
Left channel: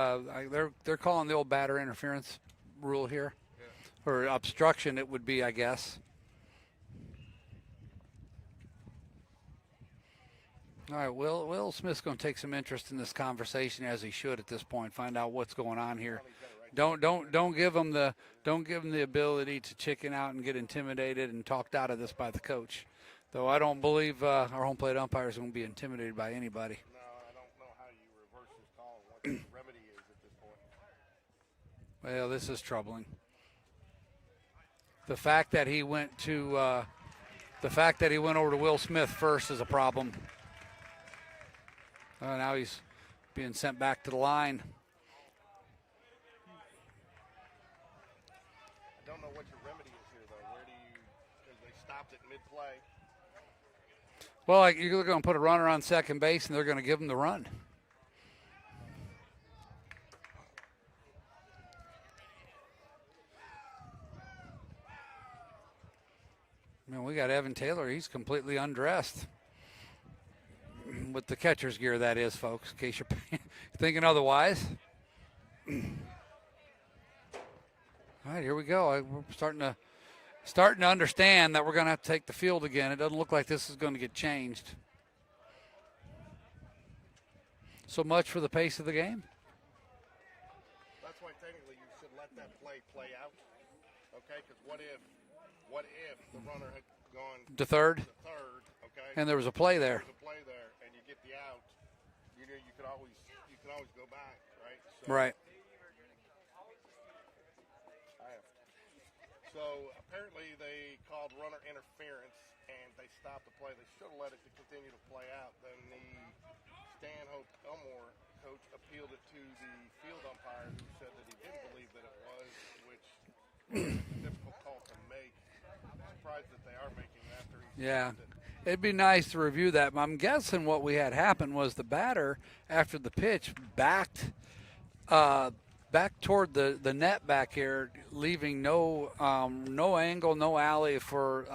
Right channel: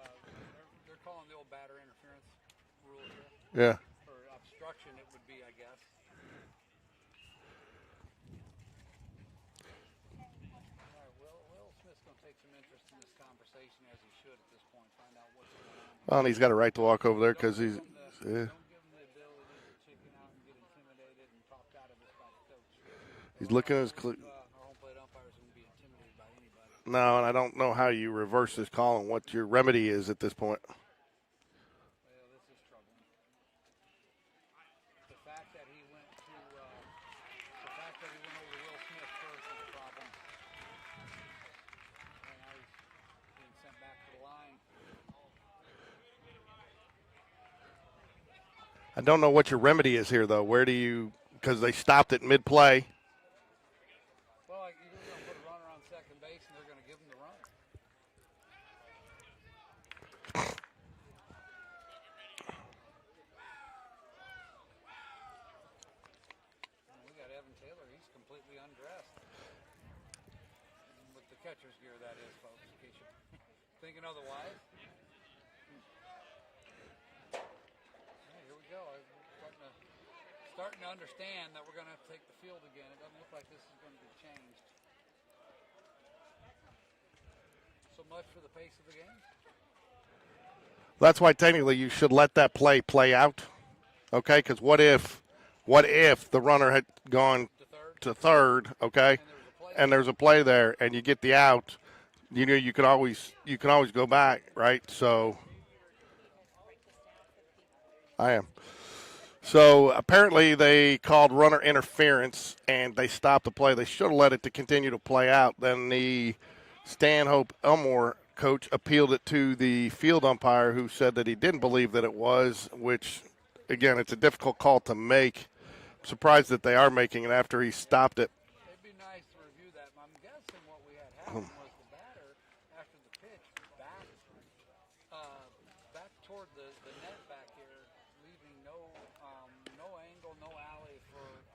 They're calling the old batter interference rule here, Yeah. or obstruction. It would be, I guess. All right, Will Smith's going to take some interest in this conversation, as he should at this point. Find out what's going on here. Well, and he's got a right to walk over there. Don't 'cause give he's- him the yeah. don't give him the ability to chicken out and get intimidated and talked out of this by the coach. Though He's I looking don't at his believe our home plate umpire is going to be intimidated by anybody. No, and I don't know how you reverse this call and what your remedy is at this point. Well, this is troubling. The fact that he went over to Will Smith first is a problem. Now he's being sent back to the line. I don't know what your remedy is here, though. Where do you – because they stopped it mid-play. Well, you're going to put a runner on second base, and they're going to give him the run. We got Evan Taylor. He's completely undressed. With the catcher's gear, that is, folks, in case you're thinking otherwise. All right, here we go. We're starting to understand that we're going to have to take the field again. It doesn't look like this is going to get changed. So much for the pace of the game. That's why technically you should let that play out, okay? Because what if the runner had gone To third. to third, okay? And there was a play And there. there's a play there, and you get the out. You know, you can always go back, right? So Right. I am. So apparently they called runner interference and they stopped the play. They should have let it to continue to play out. Then the Stanhope Elmore coach appealed it to the field umpire, who said that he didn't believe that it was, which again, it's a difficult call to make. Surprised that they are making it after he stopped it. It'd be nice to review that. I'm guessing what we had happen was the batter, after the pitch, backed back toward the net back here, leaving no angle, no alley for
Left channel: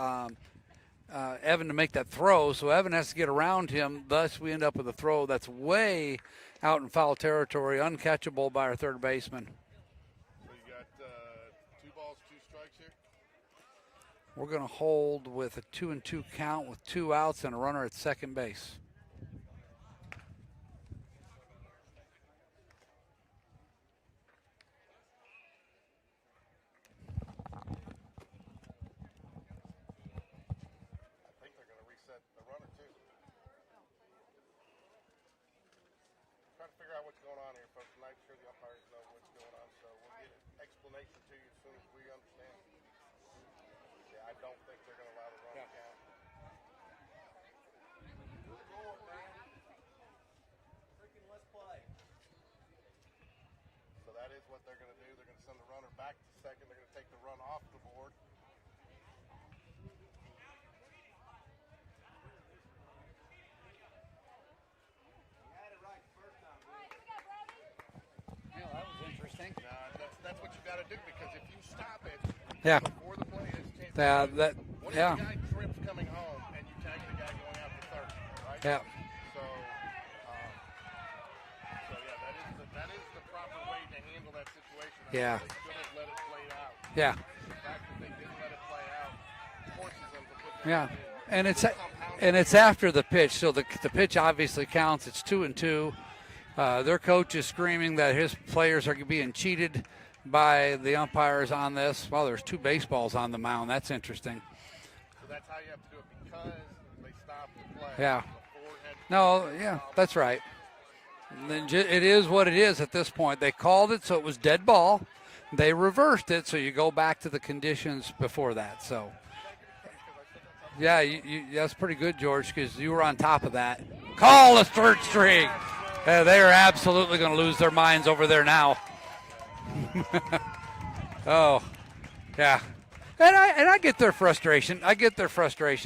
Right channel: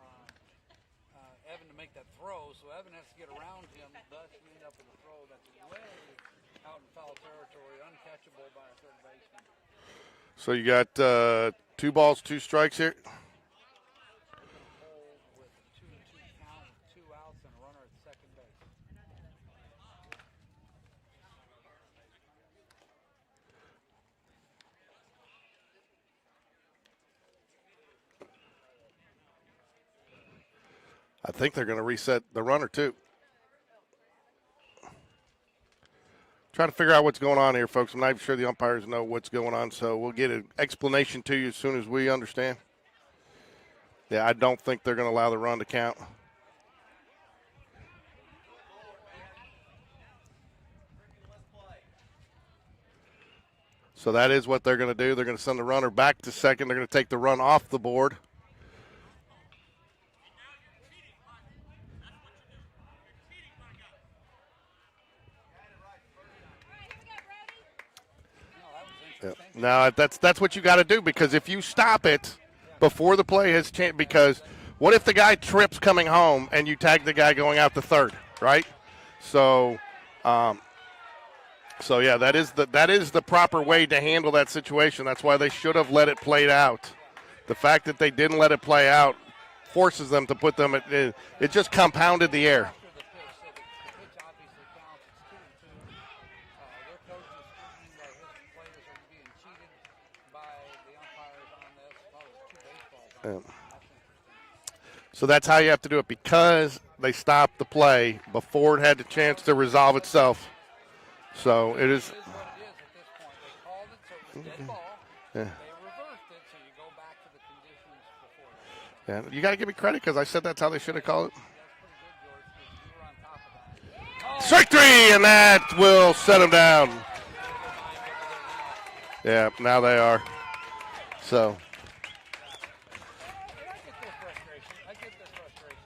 Evan to make that throw. So Evan has to get around him. Thus, we end up with a throw that's way out in foul territory, uncatchable by our third baseman. So you got 2 balls, 2 strikes here. We're going to hold with a 2-2 count with 2 outs and a runner at second base. I think they're going to reset the runner, too. Trying to figure out what's going on here, folks. I'm not even sure the umpires know what's going on, so we'll get an explanation to you as soon as we understand. Yeah, I don't think they're going to allow the run to count. So that is what they're going to do. They're going to send the runner back to second. They're going to take the run off the board. Yeah. Now that's what you got to do, because if you stop it before the play has changed, because what if the guy trips coming home and you tag the guy going out to third, right? Yeah. So, yeah, that is the proper way to handle that situation. That's why they should have let it play out. Yeah. The fact that they didn't let it play out forces them to put them. It just compounded the air. And it's after the pitch, so the pitch obviously counts. It's 2-2. Their coach is screaming that his players are being cheated by the umpires on this. Well, there's 2 baseballs on the mound. That's interesting. So that's how you have to do it, because they stopped the play before it had the chance to resolve itself. Right. So it is what it is at this point. They called it, so it was dead ball. Yeah. They reversed it, so you go back to the conditions before that. So you got to give me credit, because I said that's how they should have called it. That's pretty good, George, because you were on top of that. Call strike 3, and that will settle down. They're absolutely going to lose their minds over there now. Yeah, now they are. So. Yeah. And I get their frustration.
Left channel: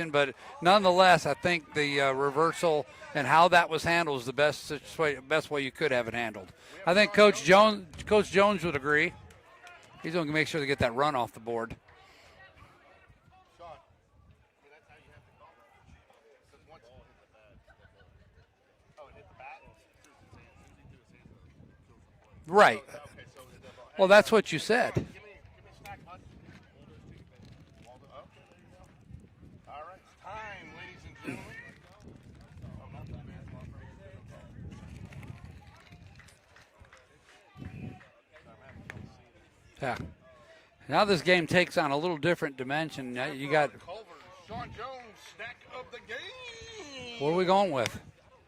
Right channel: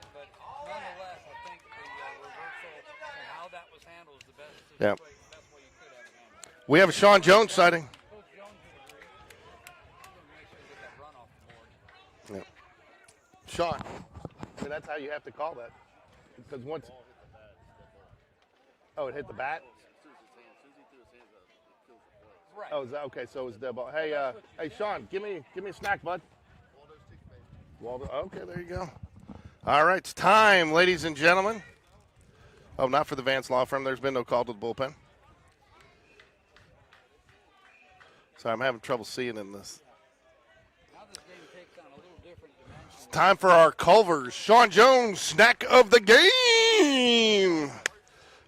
But nonetheless, I think the reversal and how that was handled is the best way you could have it handled. We have Sean Jones sighting. Coach Jones would agree. He's going to make sure to get that run off the board. Yeah. Sean, I mean, that's how you have to call that. Because once. Oh, it hit the bat? Right. Oh, okay, so it was dead ball. Hey, well, that's what you said. Sean, give me a snack, bud. Waldo. Okay, there you go. All right, it's time, ladies and gentlemen. Oh, not for the Vance Law Firm. There's been no call to the bullpen. Sorry, I'm having trouble seeing in this. Yeah. Now this game takes on a little different dimension. It's time for our Culvers. Sean Jones, snack of the game. What are we going with?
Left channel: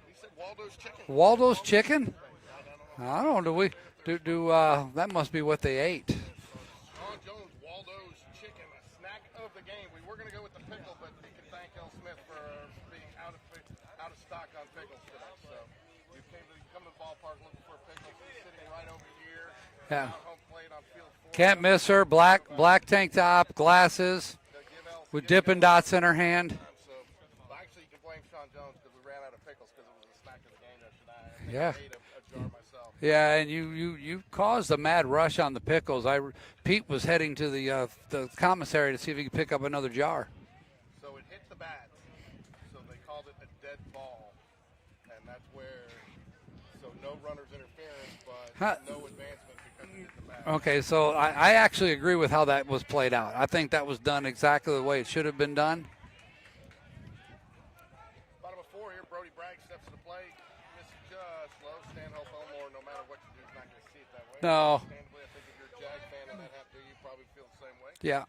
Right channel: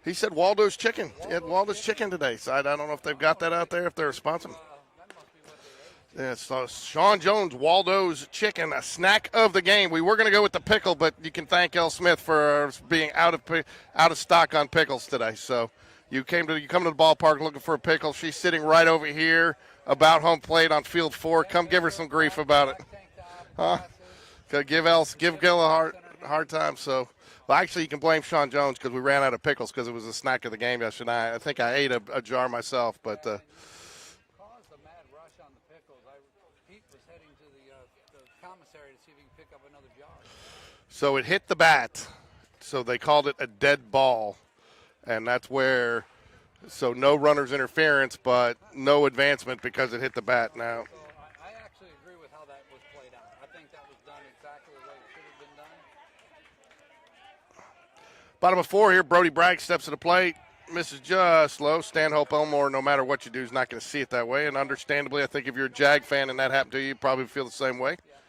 He said Waldo's Chicken. Waldo's Chicken today. So I don't know if they've got that out there, if they're responsible. That must be what they ate. Yeah, so Sean Jones, Waldo's Chicken, a snack of the game. We were going to go with the pickle, but you can thank El Smith for being out of stock on pickles today. So you come to the ballpark looking for a pickle. She's sitting right over here. About home plate on field 4. Can't Come miss give her some black, brief about black tank top, glasses. Give Gil dots in her hard hand. time. So, well, actually, you can blame Sean Jones because we ran out of pickles because it was a snack of the game yesterday. I think I ate a jar myself. But, and you caused a mad rush on the pickles. Pete was heading to the commissary to see if he could pick up another jar. So it hit the bat. So they called it a dead ball, and that's where. So no runner's interference, but no advancement because it hit the bat. Okay, so I actually agree with how that was played out. I think that was done exactly the way it should have been done. Bottom of 4 here, Brody Bragg steps to the plate. Misses just low. Stanhope Elmore, no matter what you do, is not going to see it that way. No. And understandably, I think if you're a Jag fan and that happened to you, you probably feel the same way. Yeah.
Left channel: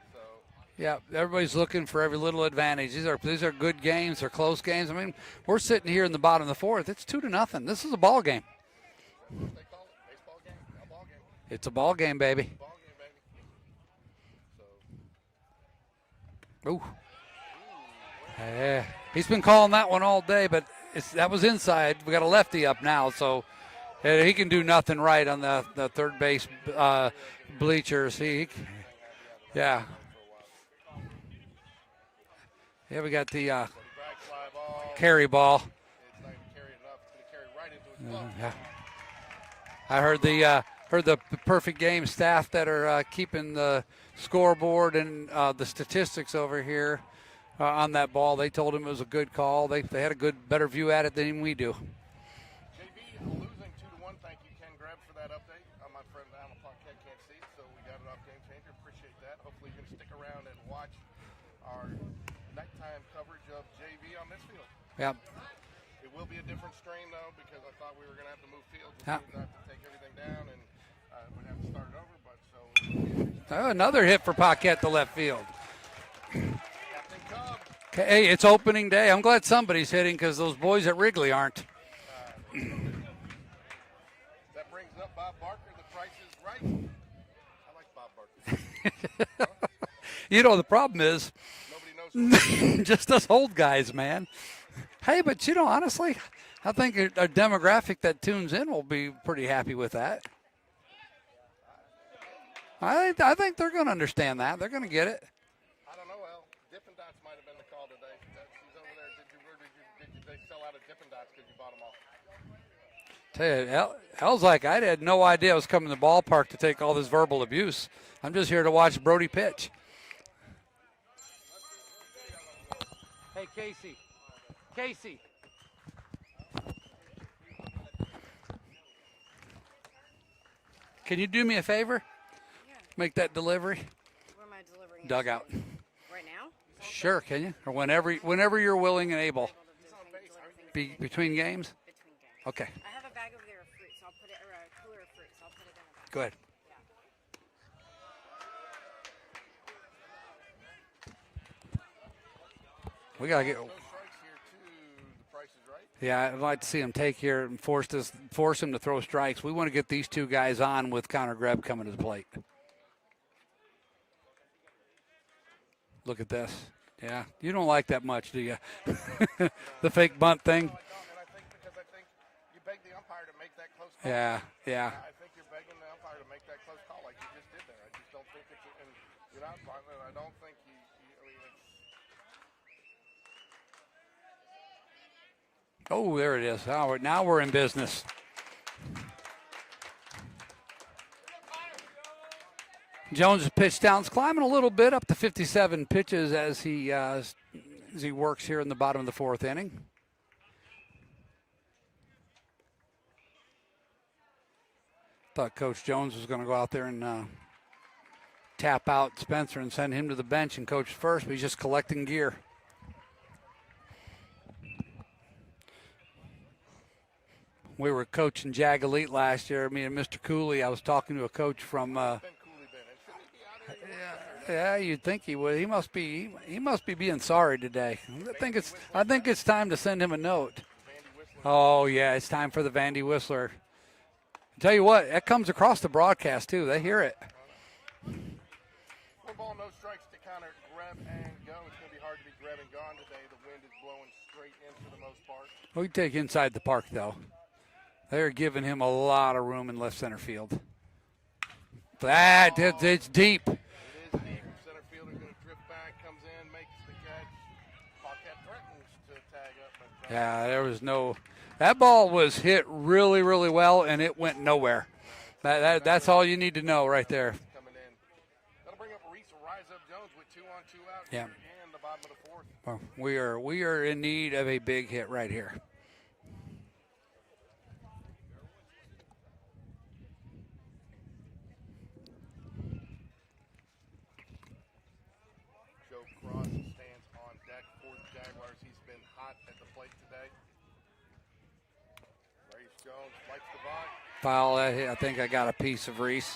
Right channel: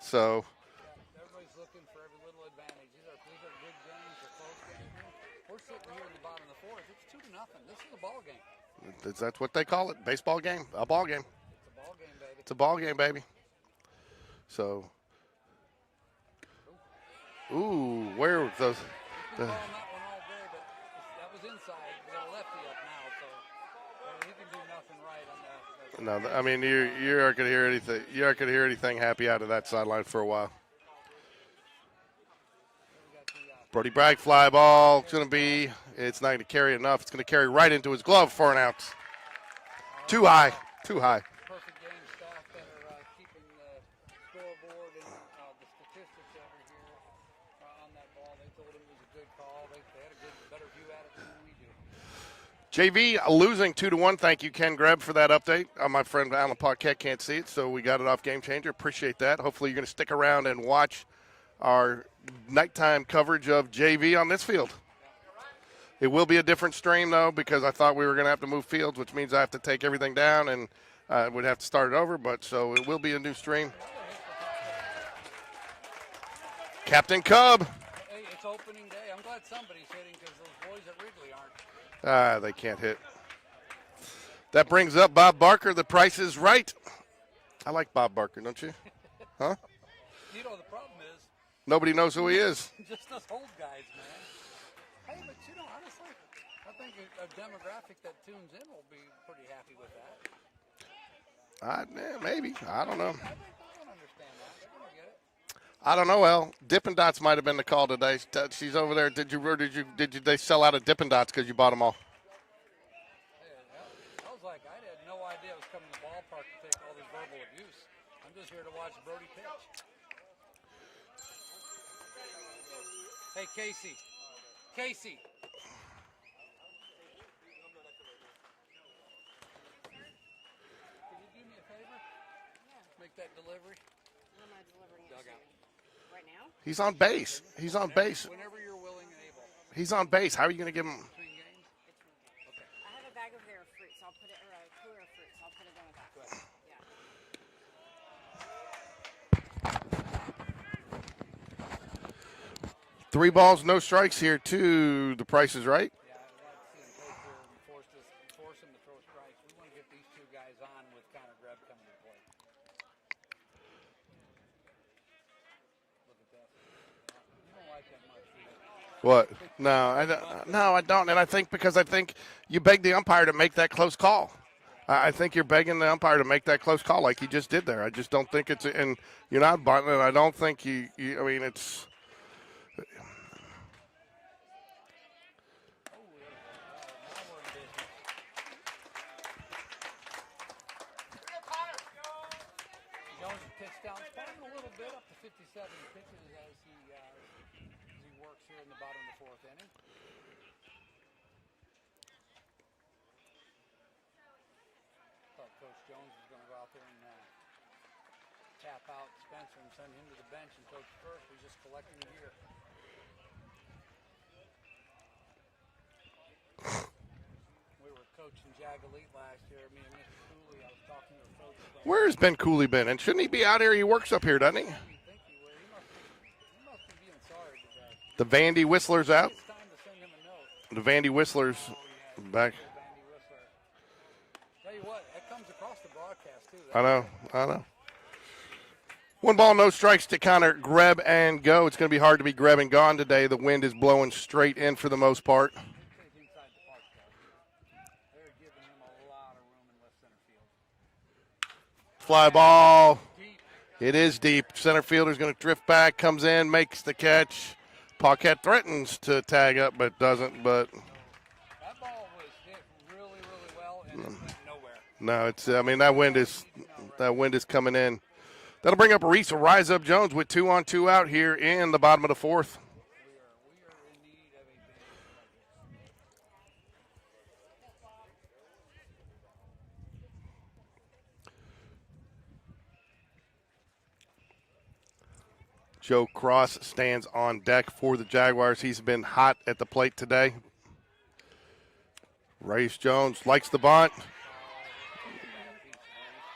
So. Yeah, everybody's looking for every little advantage. These are good games. They're close games. I mean, we're sitting here in the bottom of the 4th. It's 2-0. This is a ball game. That's what they call it, baseball game, a ball game. It's a ball game, baby. It's a ball game, baby. So. Ooh, where was those? He's been calling that one all day, but that was inside. We got a lefty up now, so he can do nothing right on the third base. I mean, you aren't going to hear bleachers. Anything. You aren't going to hear anything happy out of that sideline for a while. Yeah, we got the Brody Bragg fly ball. Carry ball. It's not going to carry enough. It's going to carry right into his glove for an out. I heard the perfect game staff that are keeping the scoreboard and the statistics over here on that ball. They told him it was a good call. They had a better view at it than we do. JV losing 2-1. Thank you, Ken Greb, for that update. My friend Alan Paquette can't see it, so we got it off Game Changer. Appreciate that. Hopefully you're going to stick around and watch our nighttime coverage of JV on this field. Yep. It will be a different stream, though, because I thought we were going to have to move fields, which means I have to take everything down and would have to start it over. But so it will be a new stream. Oh, another hit for Paquette to left field. Captain Cub. Hey, it's opening day. I'm glad somebody's hitting because those boys at Wrigley aren't. They can't hit. That brings up Bob Barker. The Price is Right. I like Bob Barker, don't you? Huh? You know, the problem is Nobody knows who he is. just us old guys, man. Hey, but you know, honestly, I think a demographic that tunes in will be pretty happy with that. Maybe. I don't know. I think they're going to understand that. They're going to get it. I don't know, El. Dippin' Dots might have been the call today. She's over there. Did they sell out of Dippin' Dots because you bought them all? Tell you, El's like, I had no idea I was coming to the ballpark to take all this verbal abuse. I'm just here to watch Brody pitch. Hey, Casey. Can you do me a favor? Make that delivery. Where am I delivering? Dugout. Right now? He's on Sure, base. can you? He's on whenever, base. whenever you're willing and able. He's on base. How are you going to give him? Between games? Between games. Okay, I have a bag over there of fruit, so I'll put it, or a cooler of fruit, so I'll put it in. go ahead. Yeah. Three We gotta balls, get- no strikes here to The Price is Right. Yeah, I'd like to see him take here and force him to throw strikes. We want to get these two guys on with Connor Greb coming to the plate. Look at this. Yeah, you don't like that much, do you? What? No. The fake I don't- bunt thing? No, I don't. And I think you beg the umpire to make that close call. Yeah. I think you're begging the umpire to make that close call like he just did there. I just don't think it's – and you're not bunting, and I don't think it's – Oh, there it is. Now we're in business. Jones' pitch down's climbing a little bit up to 57 pitches as he works here in the bottom of the fourth inning. Thought Coach Jones was going to go out there and tap out Spencer and send him to the bench and coach first, but he's just collecting gear. We were coaching Jag Elite last year. Me and Mr. Cooley. I was talking to a coach from. Where's Ben Cooley been? And shouldn't he be out here? He works up here, doesn't Yeah, he? you'd think he would. He must be being sorry today. The I think Vandy it's- Whistler's I think out? it's time to send him a note. The Vandy Whistlers. Oh yeah, it's time back. for the Vandy Whistler. Tell you what, that comes across the broadcast too. They I know, hear it. I know. 1 ball, no strikes to Connor Greb and go. It's going to be hard to be Greb and gone today. The wind is blowing straight in for the most part. We take inside the park though. They're giving him a lot of room in left center field. Fly ball. It's deep. It is deep. Center fielder's going to drift back, comes in, makes the catch. Paquette threatens to tag up, but doesn't. Yeah, but there was no. That ball was hit really, really well, and it went nowhere. no, it's. That that wind all is, you need to know right that there. wind is coming in. That'll bring up Reese Rise Up Jones with 2 on 2 out here in the bottom of the fourth. Well, we are in need of a big hit right here. Joe Cross stands on deck for the Jaguars. He's been hot at the plate today. Reese Jones likes the bunt. Foul. I think I got a piece of Reese.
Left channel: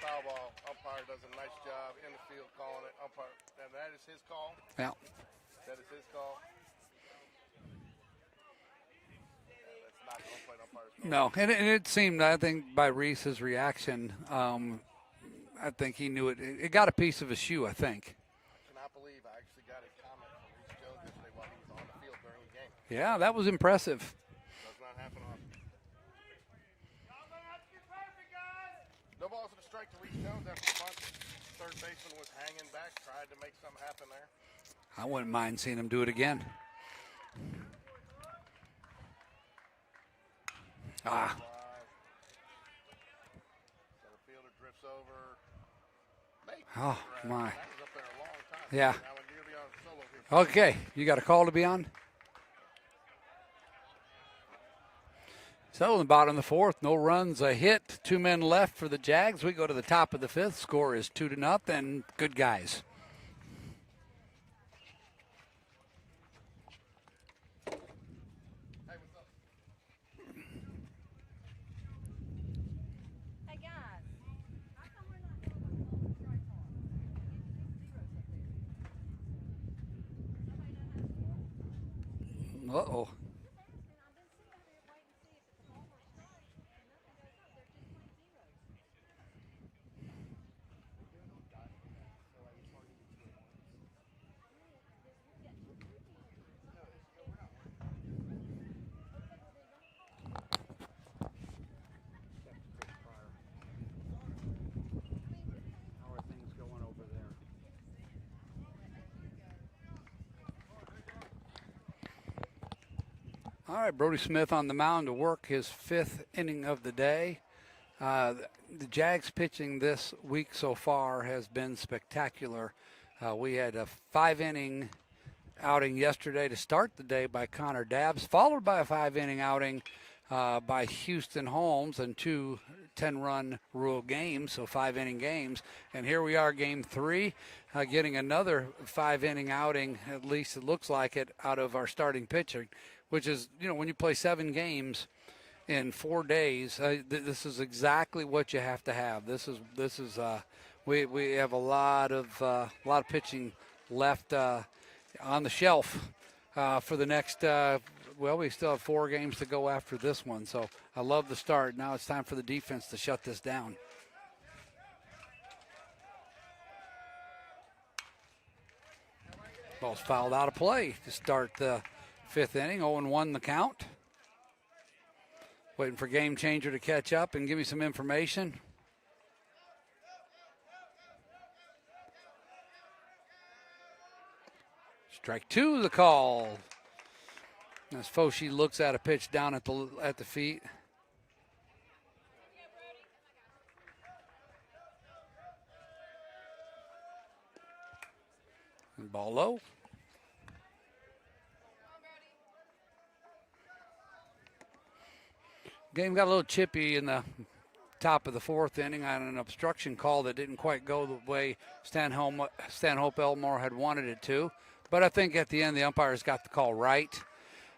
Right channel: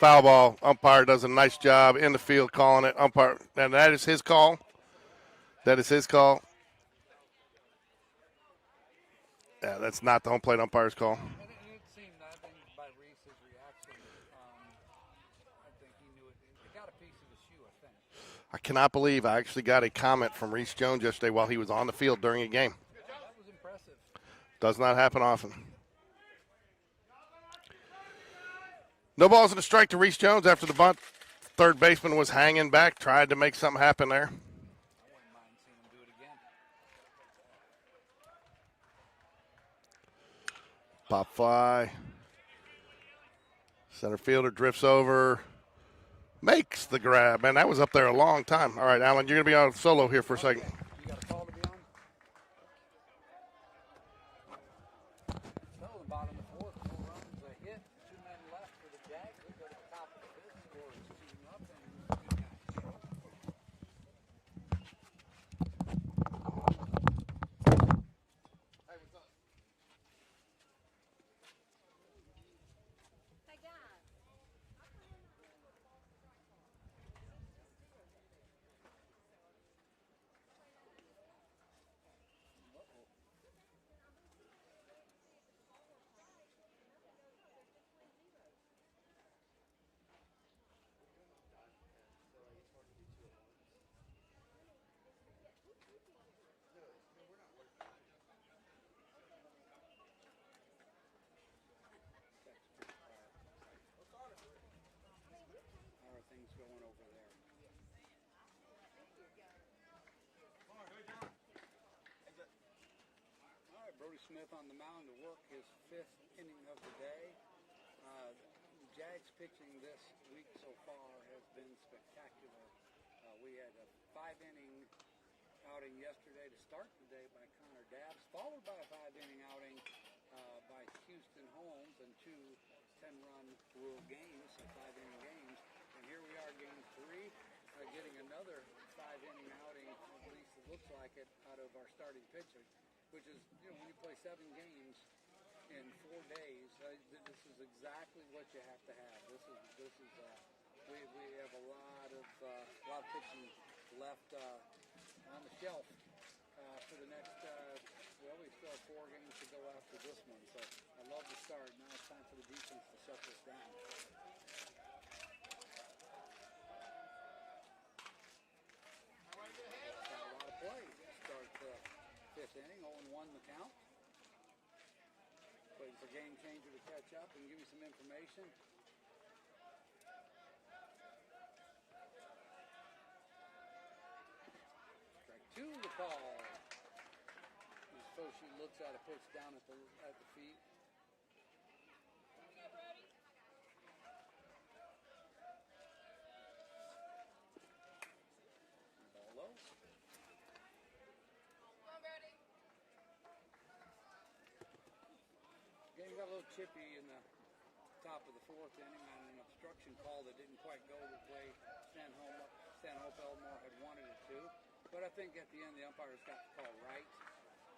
Foul ball. Umpire does a nice job in the field calling it. Umpire, and that is his call. Yeah. That is his call. Yeah, that's not the home plate umpire's call. No, and it seemed, I think, by Reese's reaction, I think he knew it. It got a piece of his shoe, I think. I cannot believe I actually got a comment from Reese Jones yesterday while he was on the field during a game. Yeah, that was impressive. Does not happen often. No balls and a strike to Reese Jones after the bunt. Third baseman was hanging back, tried to make something happen there. I wouldn't mind seeing him do it again. Pop fly. Center fielder drifts over. Makes the grab. Man, that was up there a long time. Yeah. All right, Alan, you're going to be on solo here for a second. Okay, you got a call to be on? So in the bottom of the fourth, no runs, a hit, 2 men left for the Jags. We go to the top of the fifth. Score is 2-0. Good guys. Uh-oh. How are things going over there? All right, Brody Smith on the mound to work his 5th inning of the day. The Jags pitching this week so far has been spectacular. We had a 5-inning outing yesterday to start the day by Connor Dabbs, followed by a 5-inning outing by Houston Holmes and 2 10-run rule games, so 5-inning games. And here we are, game 3, getting another 5-inning outing, at least it looks like it, out of our starting pitcher, which is, when you play 7 games in 4 days, this is exactly what you have to have. This is we have a lot of pitching left on the shelf for the next. We still have 4 games to go after this one. So I love the start. Now it's time for the defense to shut this down. Ball's fouled out of play to start the 5th inning. 0-1 the count. Waiting for Game Changer to catch up and give me some information. Strike 2 the call. As Foshi looks at a pitch down at the feet. And ball low. Game got a little chippy in the top of the 4th inning on an obstruction call that didn't quite go the way Stanhope Elmore had wanted it to. But I think at the end the umpires got the call right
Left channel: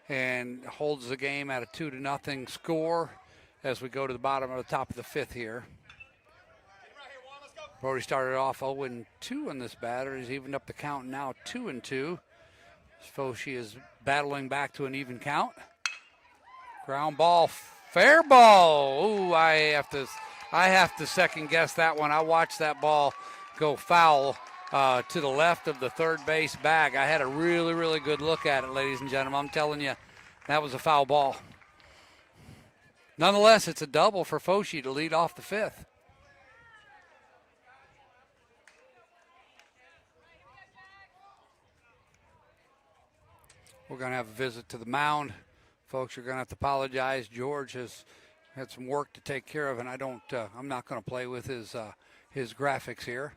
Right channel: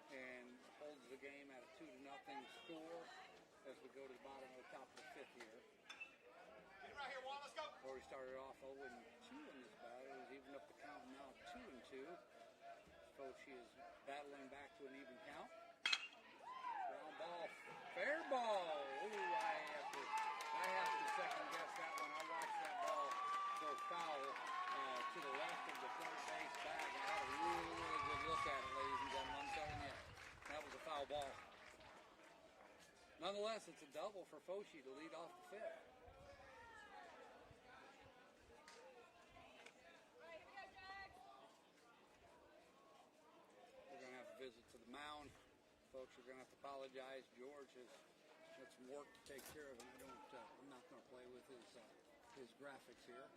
and holds the game at a 2-0 score as we go to the bottom of the top of the 5th here. Brody started off 0-2 in this batter. He's evened up the count now 2-2. Foshi is battling back to an even count. Ground ball, fair ball. Ooh, I have to second guess that one. I watched that ball go foul to the left of the third base bag. I had a really, really good look at it, ladies and gentlemen. I'm telling you, that was a foul ball. Nonetheless, it's a double for Foshi to lead off the 5th. We're going to have a visit to the mound. Folks, you're going to have to apologize. George has had some work to take care of, and I'm not going to play with his graphics here.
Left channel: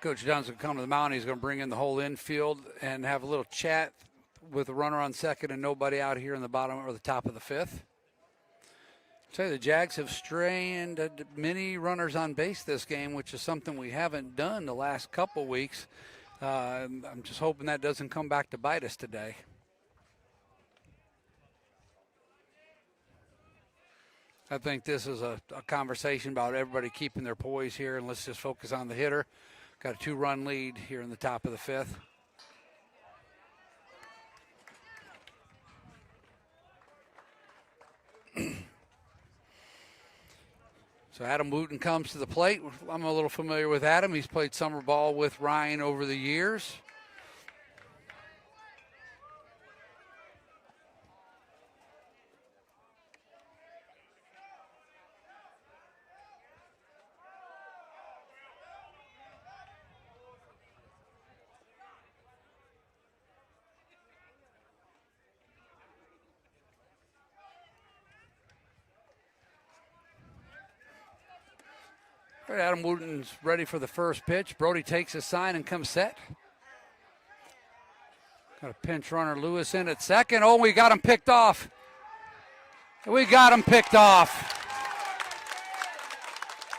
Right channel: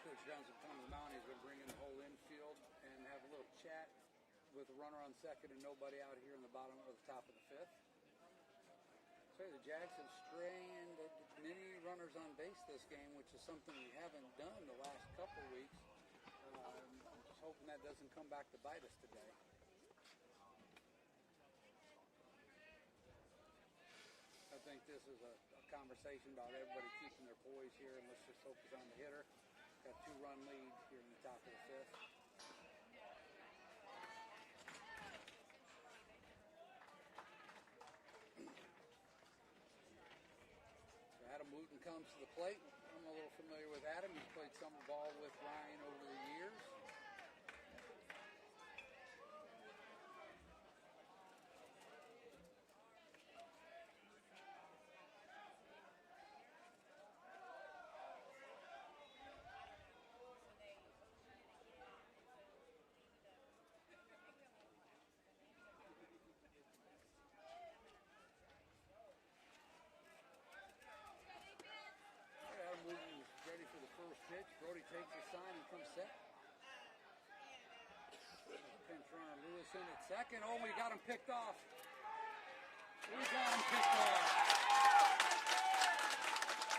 Coach Dunn's going to come to the mound. He's going to bring in the whole infield and have a little chat with a runner on second and nobody out here in the bottom or the top of the 5th. Say the Jags have strained many runners on base this game, which is something we haven't done the last couple weeks. I'm just hoping that doesn't come back to bite us today. I think this is a conversation about everybody keeping their poise here, and let's just focus on the hitter. Got a 2-run lead here in the top of the 5th. So Adam Wooten comes to the plate. I'm a little familiar with Adam. He's played summer ball with Ryan over the years. Adam Wooten's ready for the first pitch. Brody takes his sign and comes set. Got a pinch runner, Lewis in at second. Oh, we got him picked off. We got him picked off.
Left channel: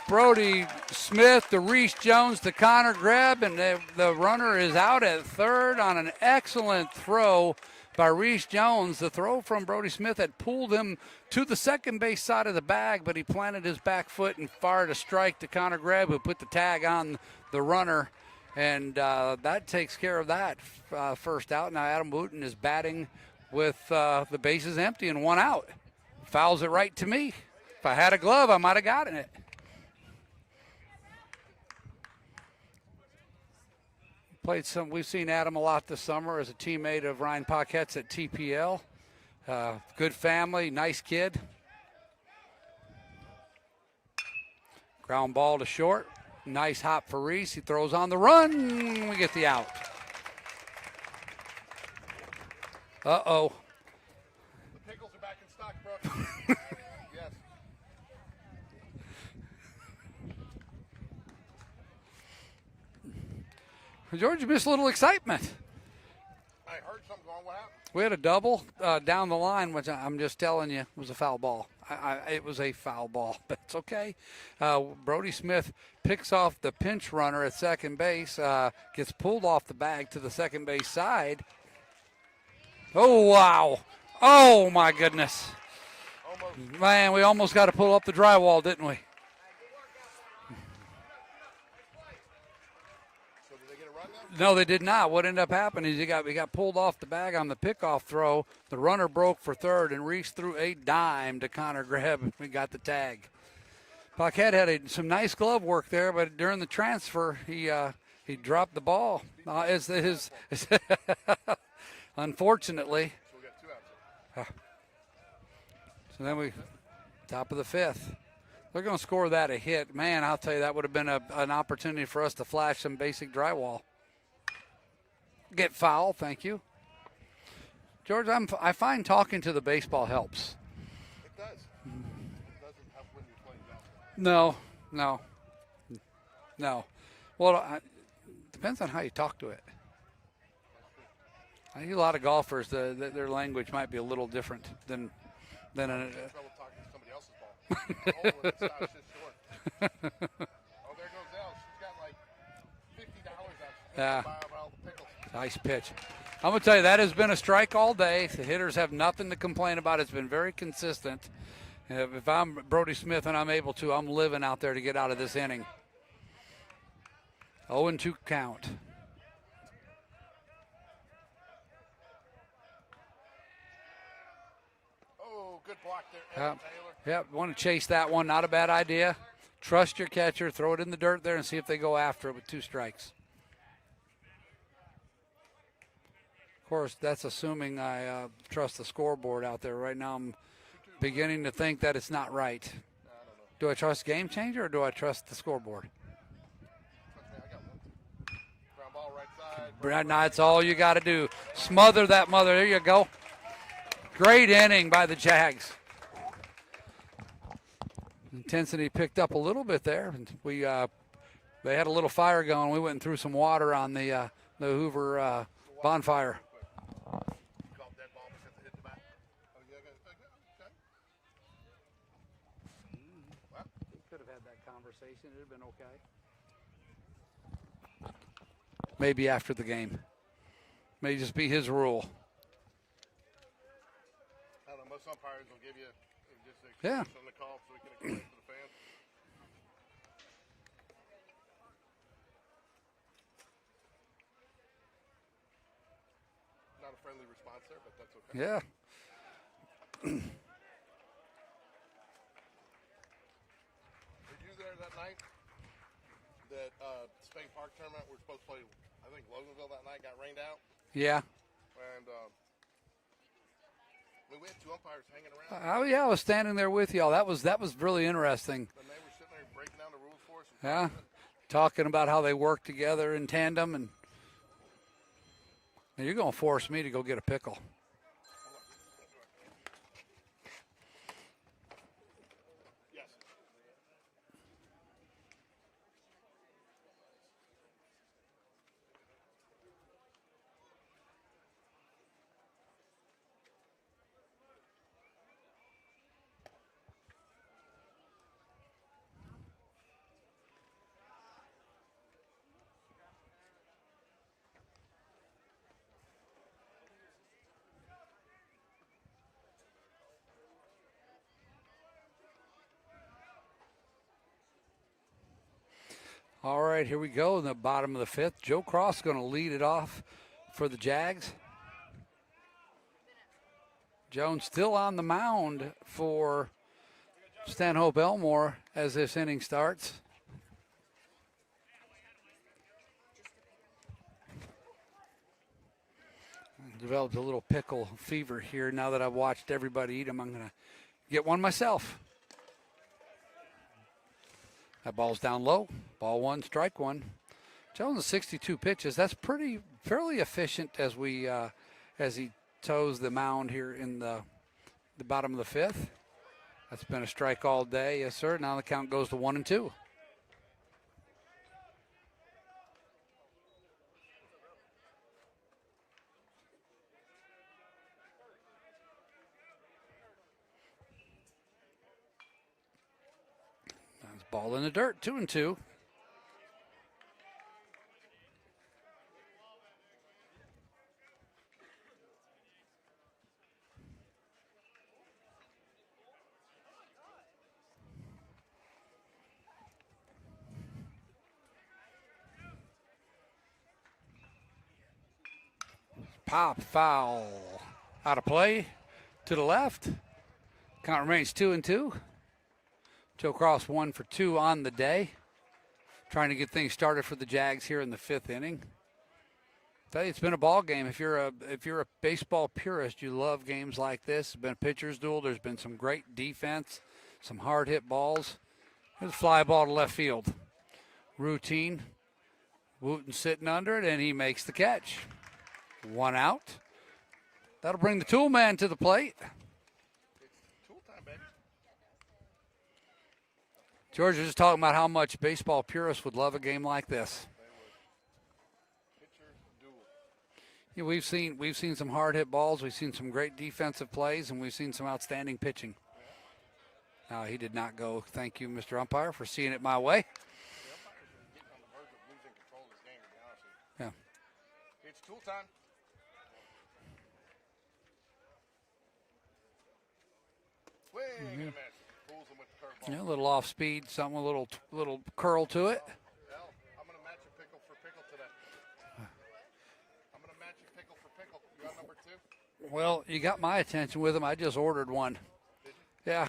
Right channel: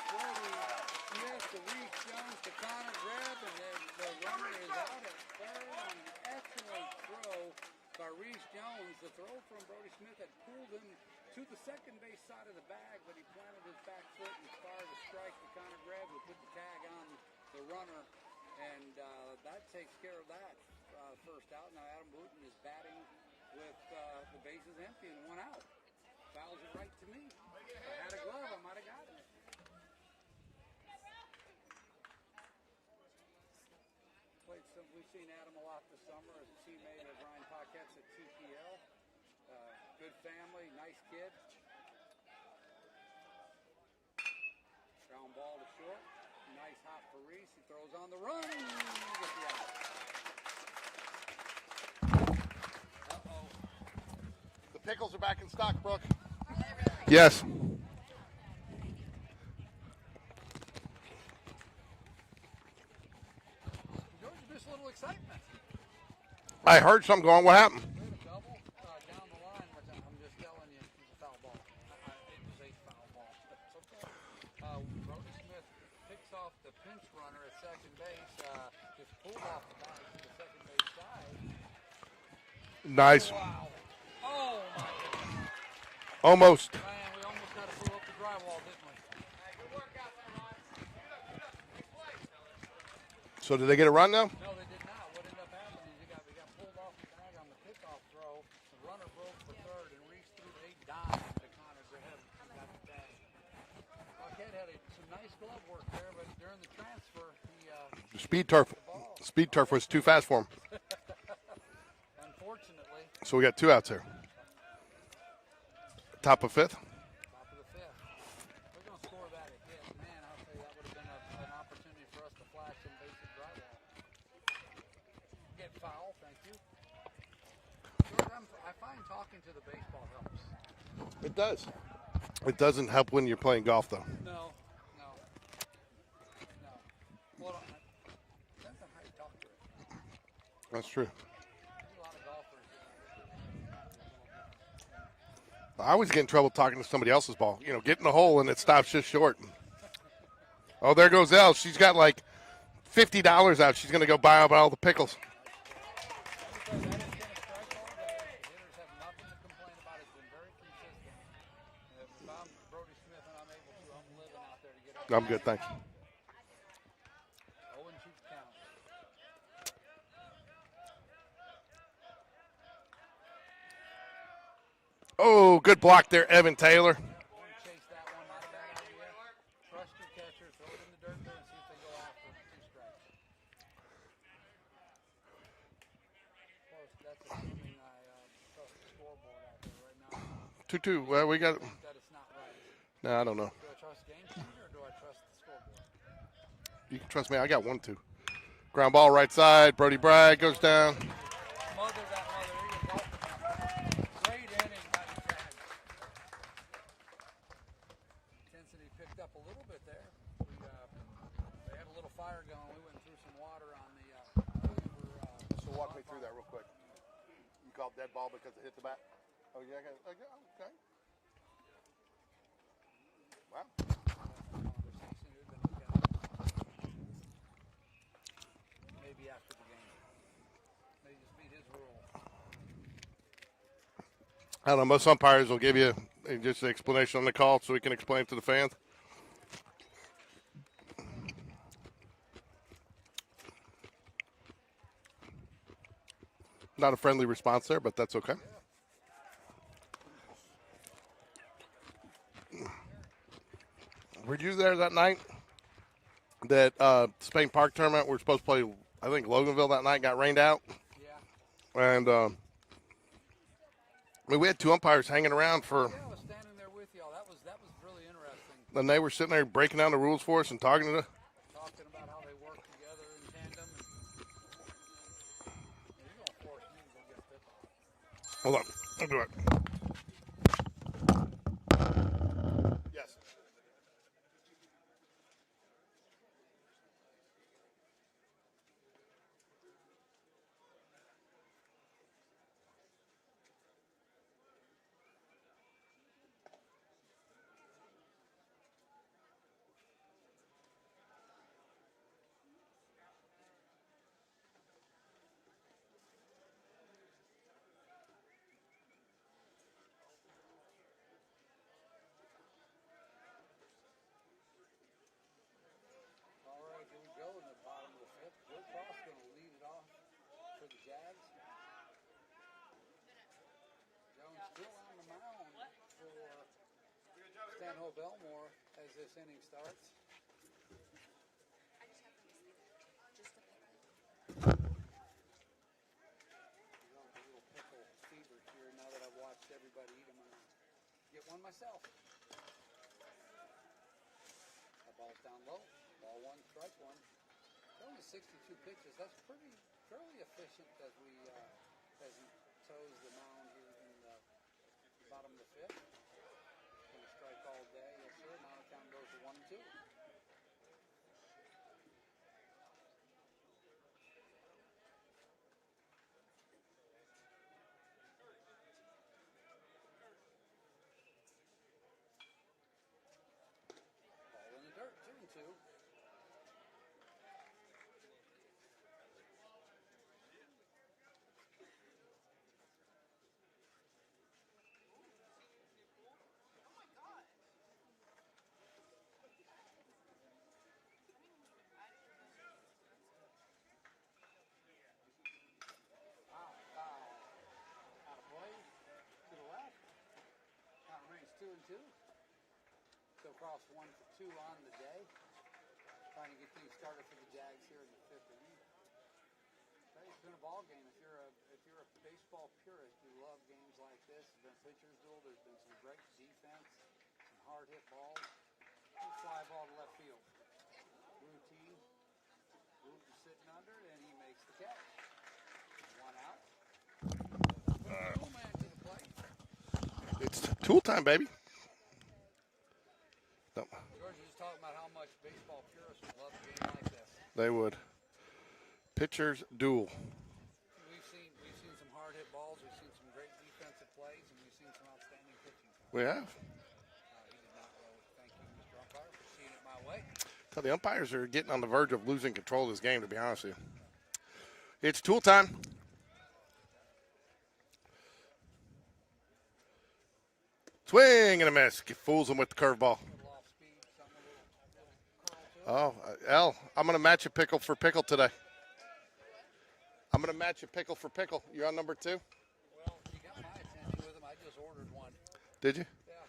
Brody Smith to Reese Jones to Connor Greb, and the runner is out at third on an excellent throw by Reese Jones. The throw from Brody Smith had pulled him to the second base side of the bag, but he planted his back foot and fired a strike to Connor Greb, who put the tag on the runner, and that takes care of that first out. Now Adam Wooten is batting with the bases empty and one out. Fouls it right to me. If I had a glove, I might have gotten it. We've seen Adam a lot this summer as a teammate of Ryan Paquette's at TPL. Good family, nice kid. Ground ball to short. Nice hop for Reese. He throws on the run. We get the out. Uh-oh. The pickles are back in stock, Brooke. Yes. George, you missed a little excitement. I heard something going. What happened? We had a double down the line, which I'm just telling you was a foul ball. It was a foul ball, but it's okay. Brody Smith picks off the pinch runner at second base, gets pulled off the bag to the second base side. Nice. Oh, wow. Oh, my goodness. Almost. Man, we almost got to pull up the drywall, didn't we? So did they get a run now? No, they did not. What ended up happening is we got pulled off the bag on the pickoff throw. The runner broke for third, and Reese threw a dime to Connor Greb, and we got the tag. Paquette had some nice glove work there, but during the transfer, he dropped the ball. Speed turf was too fast for him. Unfortunately. So we got two outs here. So Top of fifth? Top of the fifth. They're going to score that a hit. Man, I'll tell you, that would have been an opportunity for us to flash some basic drywall. Get foul, thank you. George, I find talking to the baseball helps. It does. It doesn't help when you're playing golf, though. No. Well, depends on how you talk to it. That's true. I hear a lot of golfers, their language might be a little different than I always get in trouble talking to somebody else's ball. You know, get in the hole and it stops just short. Oh, there goes Elle. She's got like $50 out. She's going to go buy up all the pickles. Nice pitch. I'm going to tell you, that has been a strike all day. The hitters have nothing to complain about. It's been very consistent. If I'm Brody Smith and I'm able to, I'm living out there to get out of this inning. 0-2 count. Oh, good block there, Evan Taylor. Yep, want to chase that one. Not a bad idea. Trust your catcher. Throw it in the dirt there and see if they go after it with 2 strikes. Of course, that's assuming I trust the scoreboard out there. Right now I'm 2-2. beginning to think that it's not right. No, I don't know. Do I trust Game Changer or do I trust the scoreboard? You can trust me. I got 1-2. Ground ball right side. Brody Bragg. That's all you got to do. Smother that mother. There you go. Great inning by the Jags. Intensity picked up a little bit there. They had a little fire going. We went and threw some water on the Hoover bonfire. You called dead ball because it hit the bat? Oh, yeah, okay. Well, Could have had that conversation. It would have been okay. Maybe after the game. May just be his rule. I don't know. Most umpires will give you just an explanation on the call so we can explain it to the fans. Not a friendly response there, but that's okay. Yeah. Were you there that night? That Spain Park tournament we're supposed to play, I think Loganville that night got rained out. Yeah. And I mean, we had 2 umpires hanging around for. Oh yeah, I was standing there with y'all. That was really interesting. And they were sitting there breaking down the rules for us and talking about how they work together in tandem. And you're going to force me to go get a pickle. Hold on, I'll do it. Yes. All right, here we go in the bottom of the fifth. Joe Cross going to lead it off for the Jags. Jones still on the mound for Stanhope Elmore as this inning starts. Developed a little pickle fever here. Now that I've watched everybody eat them, I'm going to get one myself. That ball's down low. Ball one, strike one. Jones 62 pitches. That's fairly efficient as he toes the mound here in the bottom of the fifth. That's been a strike all day, yes sir. Now the count goes to 1-2. That's ball in the dirt, 2-2. Pop, foul, out of play, to the left. Count remains 2-2. Joe Cross 1 for 2 on the day. Trying to get things started for the Jags here in the fifth inning. Tell you, it's been a ball game. If you're a baseball purist, you love games like this. It's been a pitcher's duel. There's been some great defense, some hard hit balls. There's a fly ball to left field. Routine. Wooten sitting under it, and he makes the catch. 1 out. That'll bring the tool man to the plate. It's tool time, baby. No, George was just talking about how much baseball purists would love a game like this. they would. Pitchers duel. Yeah, we've seen some hard hit balls. We've seen some great defensive plays, and we've seen some outstanding pitching. We have. No, he did not go. Thank you, Mr. Umpire, for seeing it my way. Well, the umpires are getting on the verge of losing control of this game, to be honest with you. Yeah. It's tool time. Swing and a miss. Fools them with the curveball. Yeah, a little off speed, something, a little curl to it. Oh, L, I'm going to match a pickle for pickle today. I'm going to match a pickle for pickle. You're on number 2? Well, you got my attention with him. I just ordered one. Did you? Yeah.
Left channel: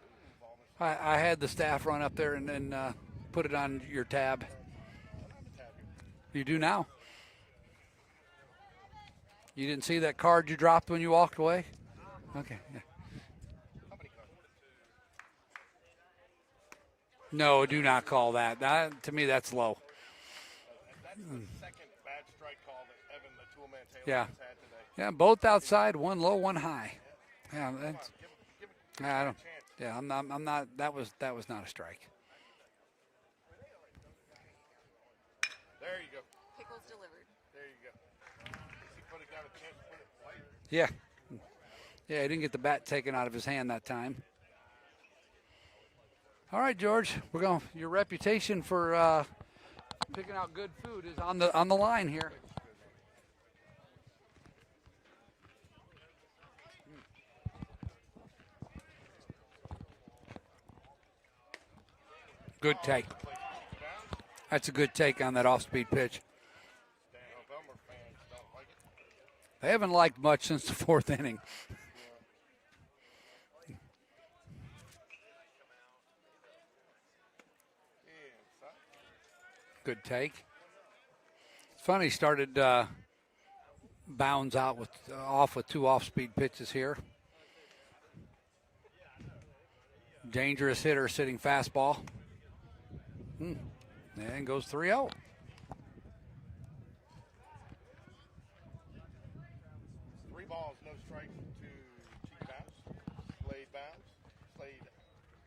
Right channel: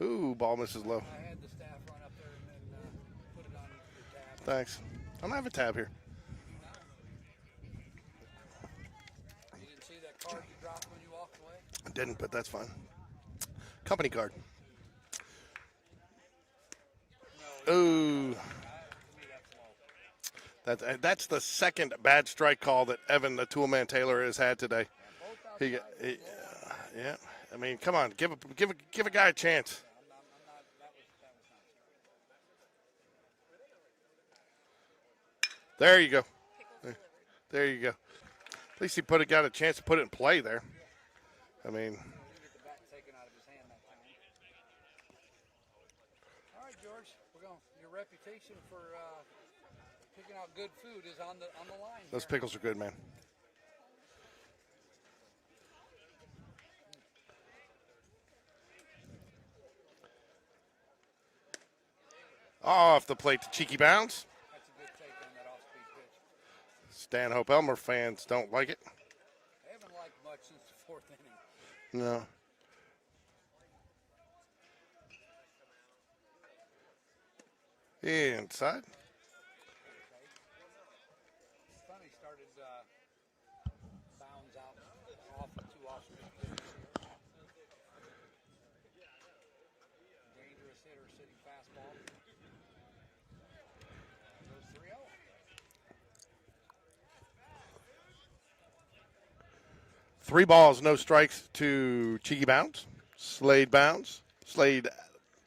Ooh, ball misses low. I had the staff run up there and put it on your tab. Thanks. I don't have a tab here. You do now. You didn't see that card you dropped when you walked away? I didn't, but that's fine. Company card. No, do not call that. To me, that's low. That's the second bad strike call that Evan, the toolman Taylor, has had today. Yeah, both outside, one low, one high. Yeah. Yeah, I mean, come on, give a guy a chance. Yeah, I'm not. That was not a strike. There you go. There you go. At least he got a chance to put it in play there. Yeah. I mean. Yeah, he didn't get the bat taken out of his hand that time. All right, George, your reputation for picking out good food is on the line here. Those pickles are good, man. Good Off take. the plate to cheeky bounce. That's a good take on that off-speed pitch. Stanhope Elmore fans don't like it. They haven't liked much since the fourth inning. No. Inside. Good take. It's funny, he started bounds out off with 2 off-speed pitches here. Dangerous hitter sitting fastball. And goes 3-0. Three balls, no strikes to cheeky bounce. Slade bounce. Slade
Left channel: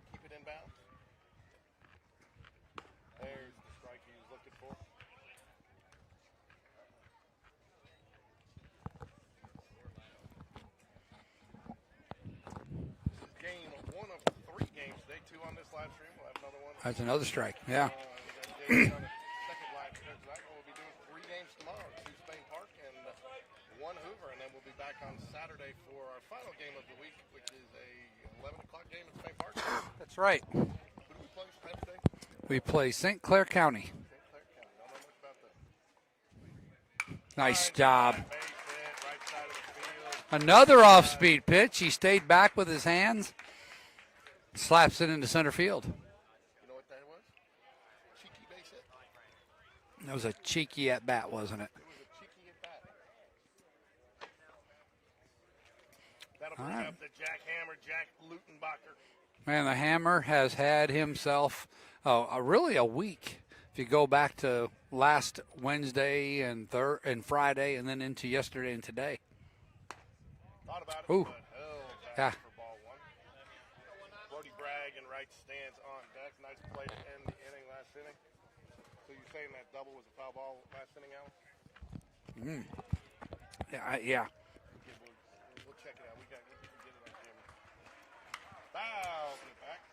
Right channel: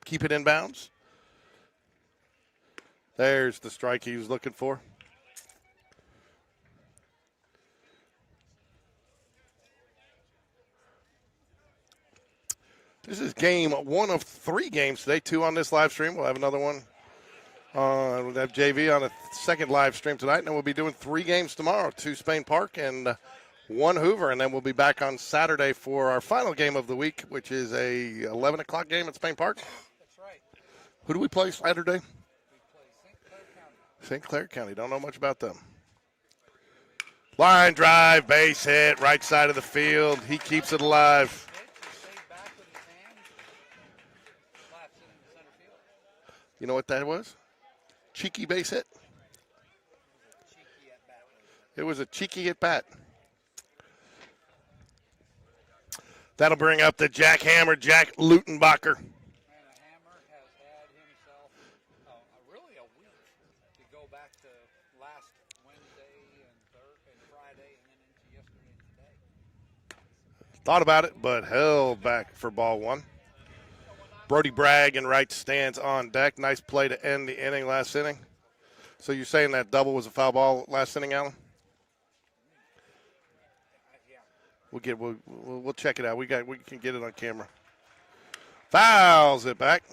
keep it in bounds. There's the strike he was looking for. This is game 1 of 3 games today. 2 on this live stream. We'll have another one. That's another strike. Yeah. We'll have JV on a second live stream tonight, and then we'll be doing 3 games tomorrow. 2 Spain Park and 1 Hoover, and then we'll be back on Saturday for our final game of the week, which is a 11 o'clock game at Spain Park. That's right. Who do we play Saturday? We play St. Clair County. St. Clair County. Don't know much about them. Line drive, base hit, right side of the field. He Another keeps it alive. off-speed pitch. He stayed back with his hands. Slaps it into center field. You know what that was? Cheeky base hit. That was a cheeky at-bat, wasn't it? It was a cheeky at bat. That'll bring up the jackhammer, Jack Lutenbacher. Man, the Hammer has had himself really a week. If you go back to last Wednesday and Friday and then into yesterday and today. Thought about it, Ooh. but held back Yeah. for ball one. Brody Bragg in right stands on deck. Nice play to end the inning last inning. So you're saying that double was a foul ball last inning, Alan? Yeah. We'll check it out. We can get it on camera. Fouls it back.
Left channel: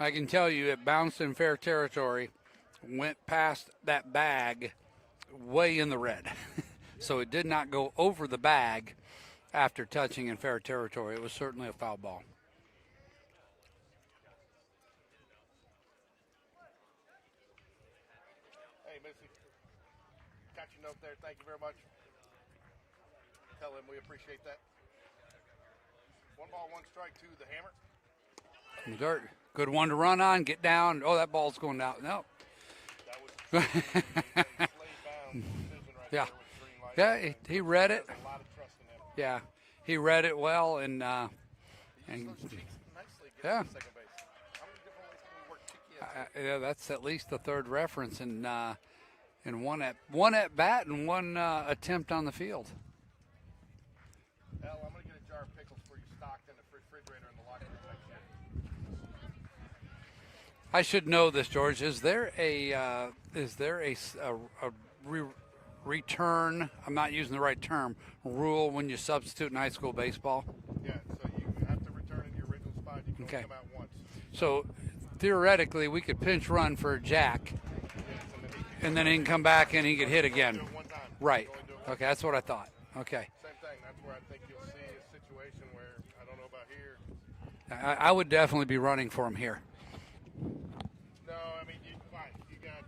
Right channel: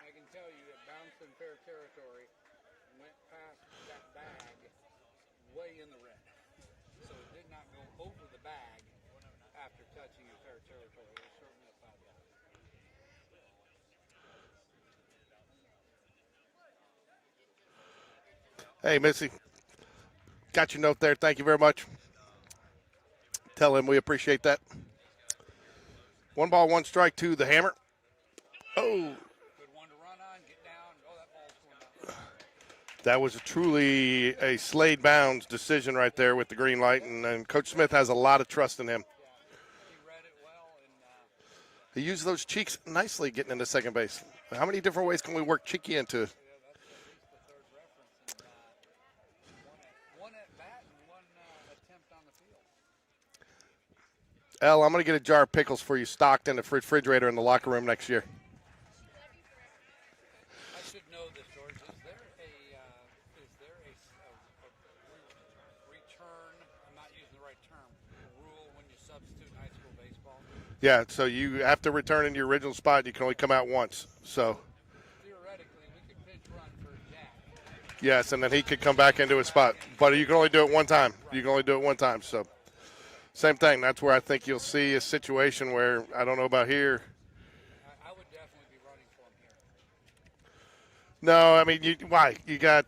I can tell you it bounced in fair territory, went past that bag way in the red. So it did not go over the bag after touching in fair territory. It was certainly a foul ball. Hey, Missy. Got your note there. Thank you very much. Tell him we appreciate that. 1 ball, 1 strike to the Hammer. Oh, Good one to run on, get down. Oh, that ball's going out. No. that was truly a Slade Bounds decision right Yeah. there with the green light. Yeah, and he Coach read Smith it. has a lot of trust in him. Yeah. He read it well, and He used those cheeks nicely getting Yeah. into second base. How many different ways can we work cheeky into? yeah, that's at least the third reference in one at bat and one attempt on the field. El, I'm going to get a jar of pickles for you stocked in the refrigerator in the locker room next year. I should know this, George. Is there a return? I'm not using the right term. Rule when you substitute in high school baseball. Yeah, so you have to return in your original spot. You can only Okay. come out once. So, Theoretically, we could pinch run for Jack. yes, and then he could come And then back he can into come his back spot. and he can But you hit can only again. do it one time. Right. You can only do it one time. That's what I so. thought. Okay. Same thing. That's where I think you'll see a situation where I don't know about here. I would definitely be running for him here. No, I mean, why? You got.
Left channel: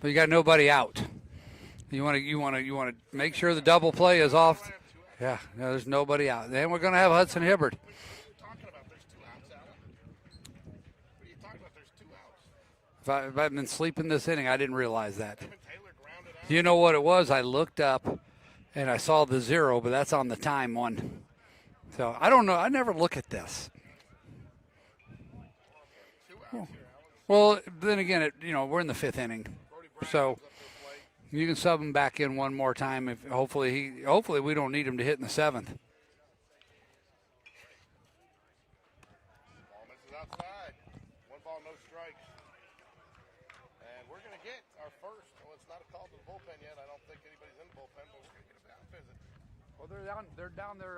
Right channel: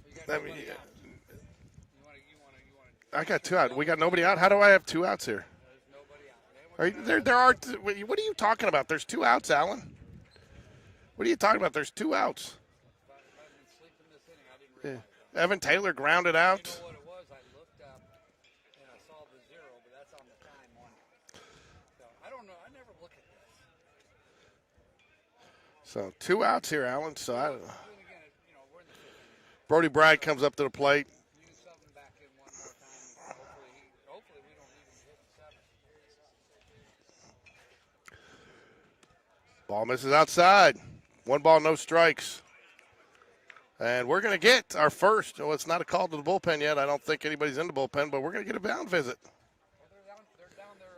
But you got nobody out. You want I to make got sure two the outs. We double got play nobody is out. off. How do I have 2 outs Yeah, here? no, there's nobody out. Then we're Are going to you- have there Hudson are Hibbert. What are you talking about? There's 2 outs, Alan. What are you talking about? There's 2 outs. If I've been sleeping this inning, I didn't realize that. Evan Taylor grounded out. You know what it was? I looked up and I saw the 0, but that's on the time one. So I don't know. I never look at this. So 2 outs here, Alan. So Well, then again, we're in the 5th inning. Brody Bragg so- comes up to the plate. You can sub him back in one more time. If hopefully we don't need him to hit in the 7th. Ball misses outside. 1 ball, no strikes. And we're going to get our first. Well, it's not a call to the bullpen yet. I don't think anybody's in the bullpen, but we're going to get a mound visit. Well, they're down there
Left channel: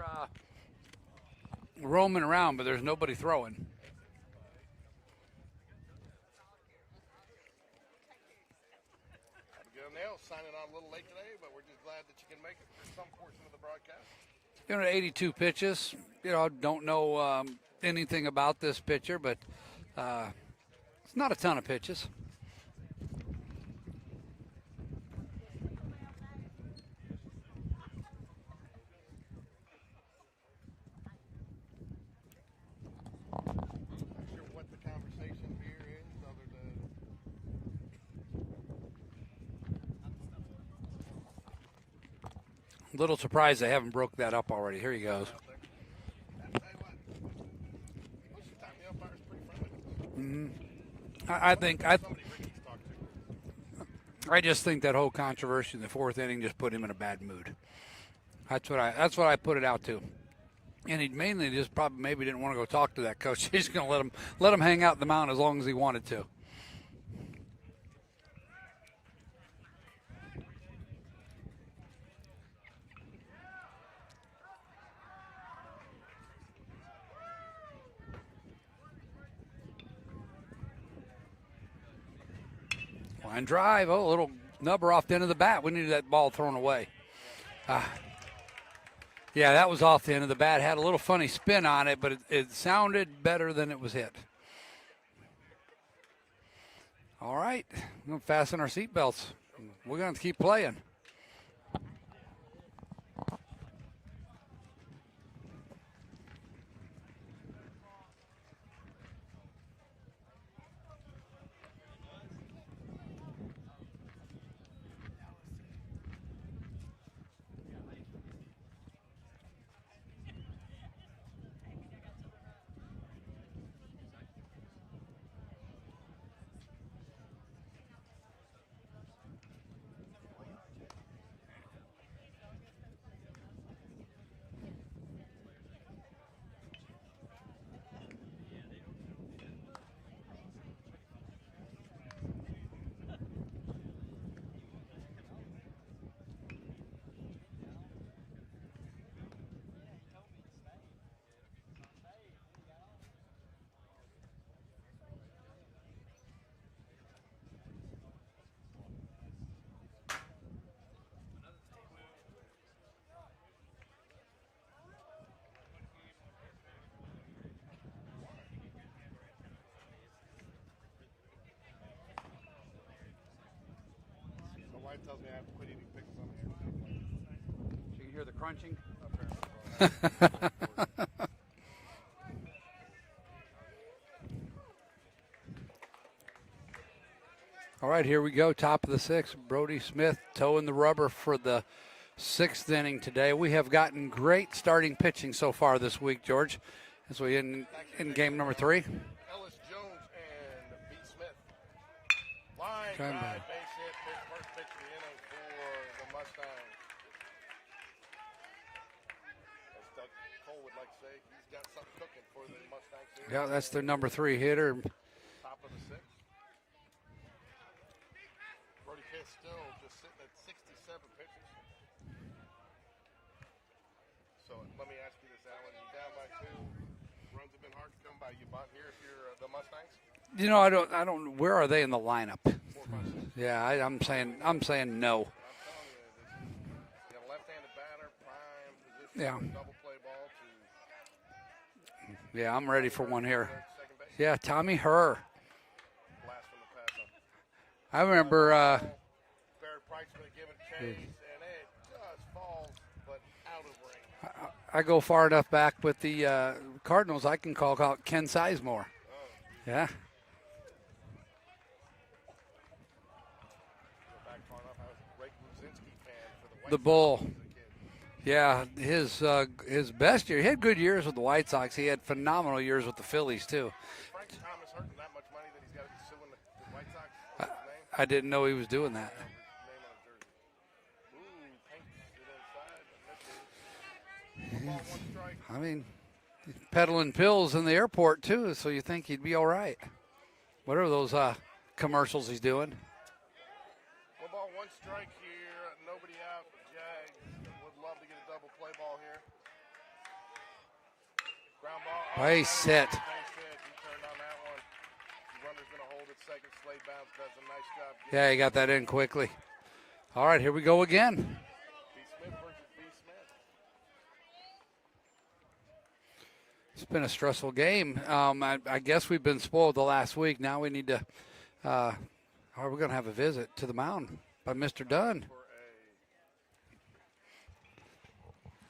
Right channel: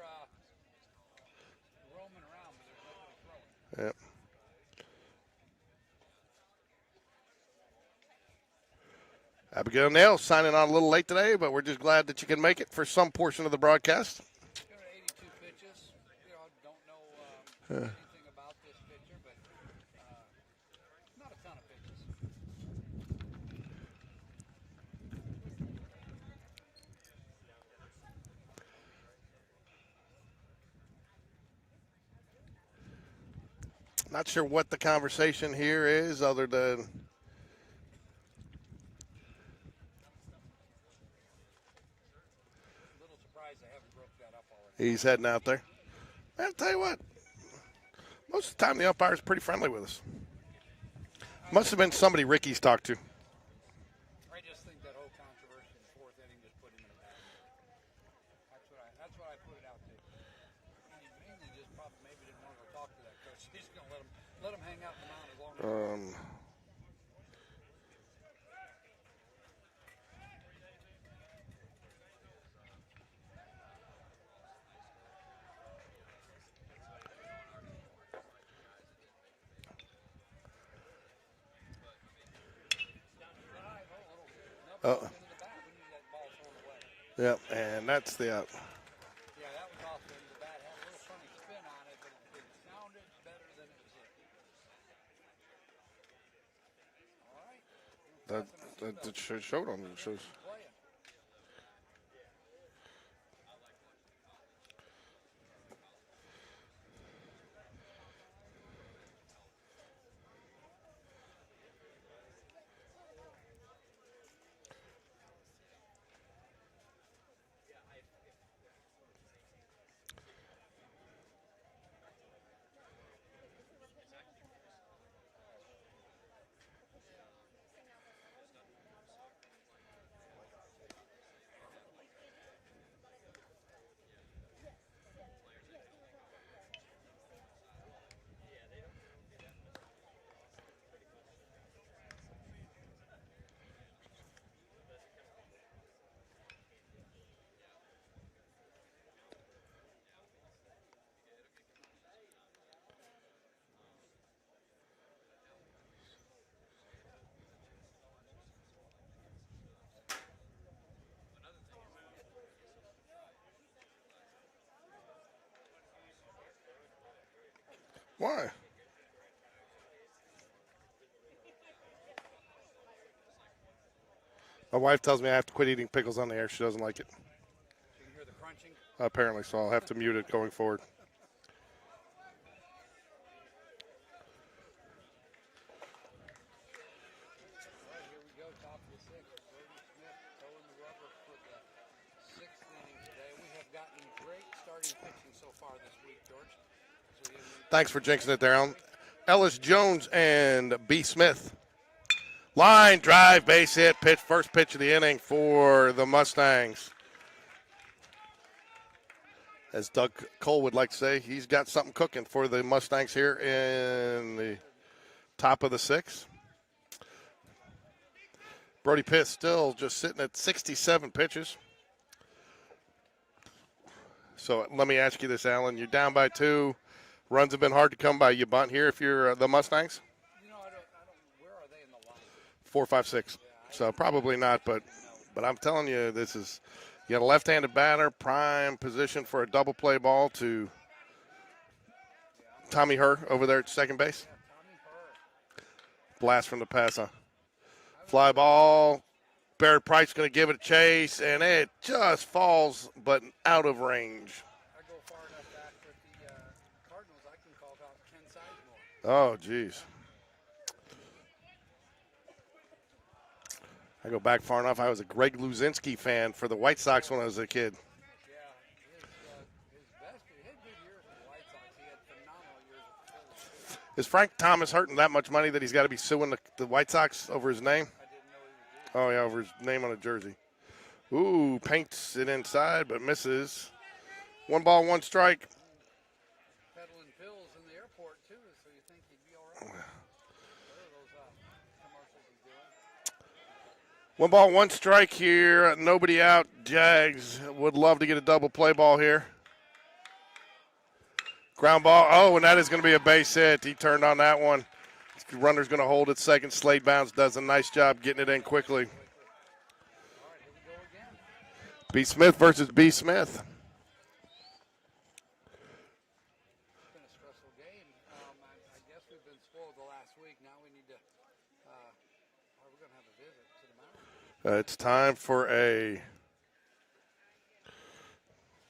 roaming around, but there's nobody throwing. Yep. Abigail Nail signing on a little late today, but we're just glad that you can make it for some portion of the broadcast. 82 pitches. Don't know anything about this pitcher, but it's not a ton of pitches. Not sure what the conversation here is other than A little surprised they haven't broke that up already. Here he's he heading goes. out there. I'll tell you what, most of the time the umpire's pretty friendly with us. I Must think- have been somebody Ricky's talked to. I just think that whole controversy in the 4th inning just put him in a bad mood. That's what I put it out to. And he mainly just probably maybe didn't want to go talk to that coach. He's going to let him hang out the mound as long as he wanted to. Line drive. Oh, a little nubber off the end of the bat. We needed that ball thrown away. Yep, and that's the out. Yeah, that was off the end of the bat. Had a little funny spin on it, but it sounded better than it was hit. All right. We're going to fasten our seatbelts. It showed on We're going to keep playing. Why? My wife tells me I have to quit eating pickles on the air. She doesn't like it. You can hear the crunching? Apparently, so I'll have to mute it going forward. All right, here we go. Top of the sixth. Brody Smith toeing the rubber for the sixth inning today. We have gotten great starting pitching so far this week, George. As we Thanks for jinxing game it number there, 3. Ellis Jones and B. Smith. Line drive, base hit, pitch, first pitch of the inning for the Mustangs. As Doug Cole would like to say, he's got something cooking for the Mustangs here. Yeah, that's the number 3 hitter. Top of the sixth. Brody Pitt still just sitting at 67 pitches. So let me ask you this, Alan. You're down by 2. Runs have been hard to come by. You bunt here if you're the Mustangs? You know, I don't. Where are they in the lineup? 4, 5, 6. Yeah, I'm probably saying, not. I'm saying no. But I'm telling you, this is you got a left-handed batter, prime position for a double play ball to Yeah, I'm ready Tommy for Hurd one here. over there at second base. Yeah, Tommy Hurd. Blast from the pass, huh? I Fly remember. ball. Barrett Price going to give it a chase, and it just falls, but out of range. I go far enough back with the Cardinals, I can call out Ken Sizemore. Oh, geez. Yeah. I go back far enough. I was a Greg Luzinski fan for the White Sox when I was a kid. Yeah, his best year. He had good years with the White Sox. He had phenomenal years with the Phillies, too. Is Frank Thomas hurting that much money that he's got to be suing the White Sox over his name? I didn't know he was doing that. Oh, yeah, over his name on a jersey. Ooh, paints it inside, but misses. 1 ball, 1 strike. I mean, he's peddling pills in the airport, too, so you think he'd be all right. What are those commercials he's doing? 1 ball, 1 strike here. Nobody out. Jags would love to get a double play ball here. Ground ball. Oh, and that is going to be a base hit. He turned on that one. Runner's going to hold it second. Slade Bounce does a nice job getting it in got quickly. that in quickly. All right, here we go again. B. Smith versus B. Smith. It's been a stressful game. I guess we've been spoiled the last week. Now we need to we're going to have a visit to the mound. It's Mr. time Dunn. for a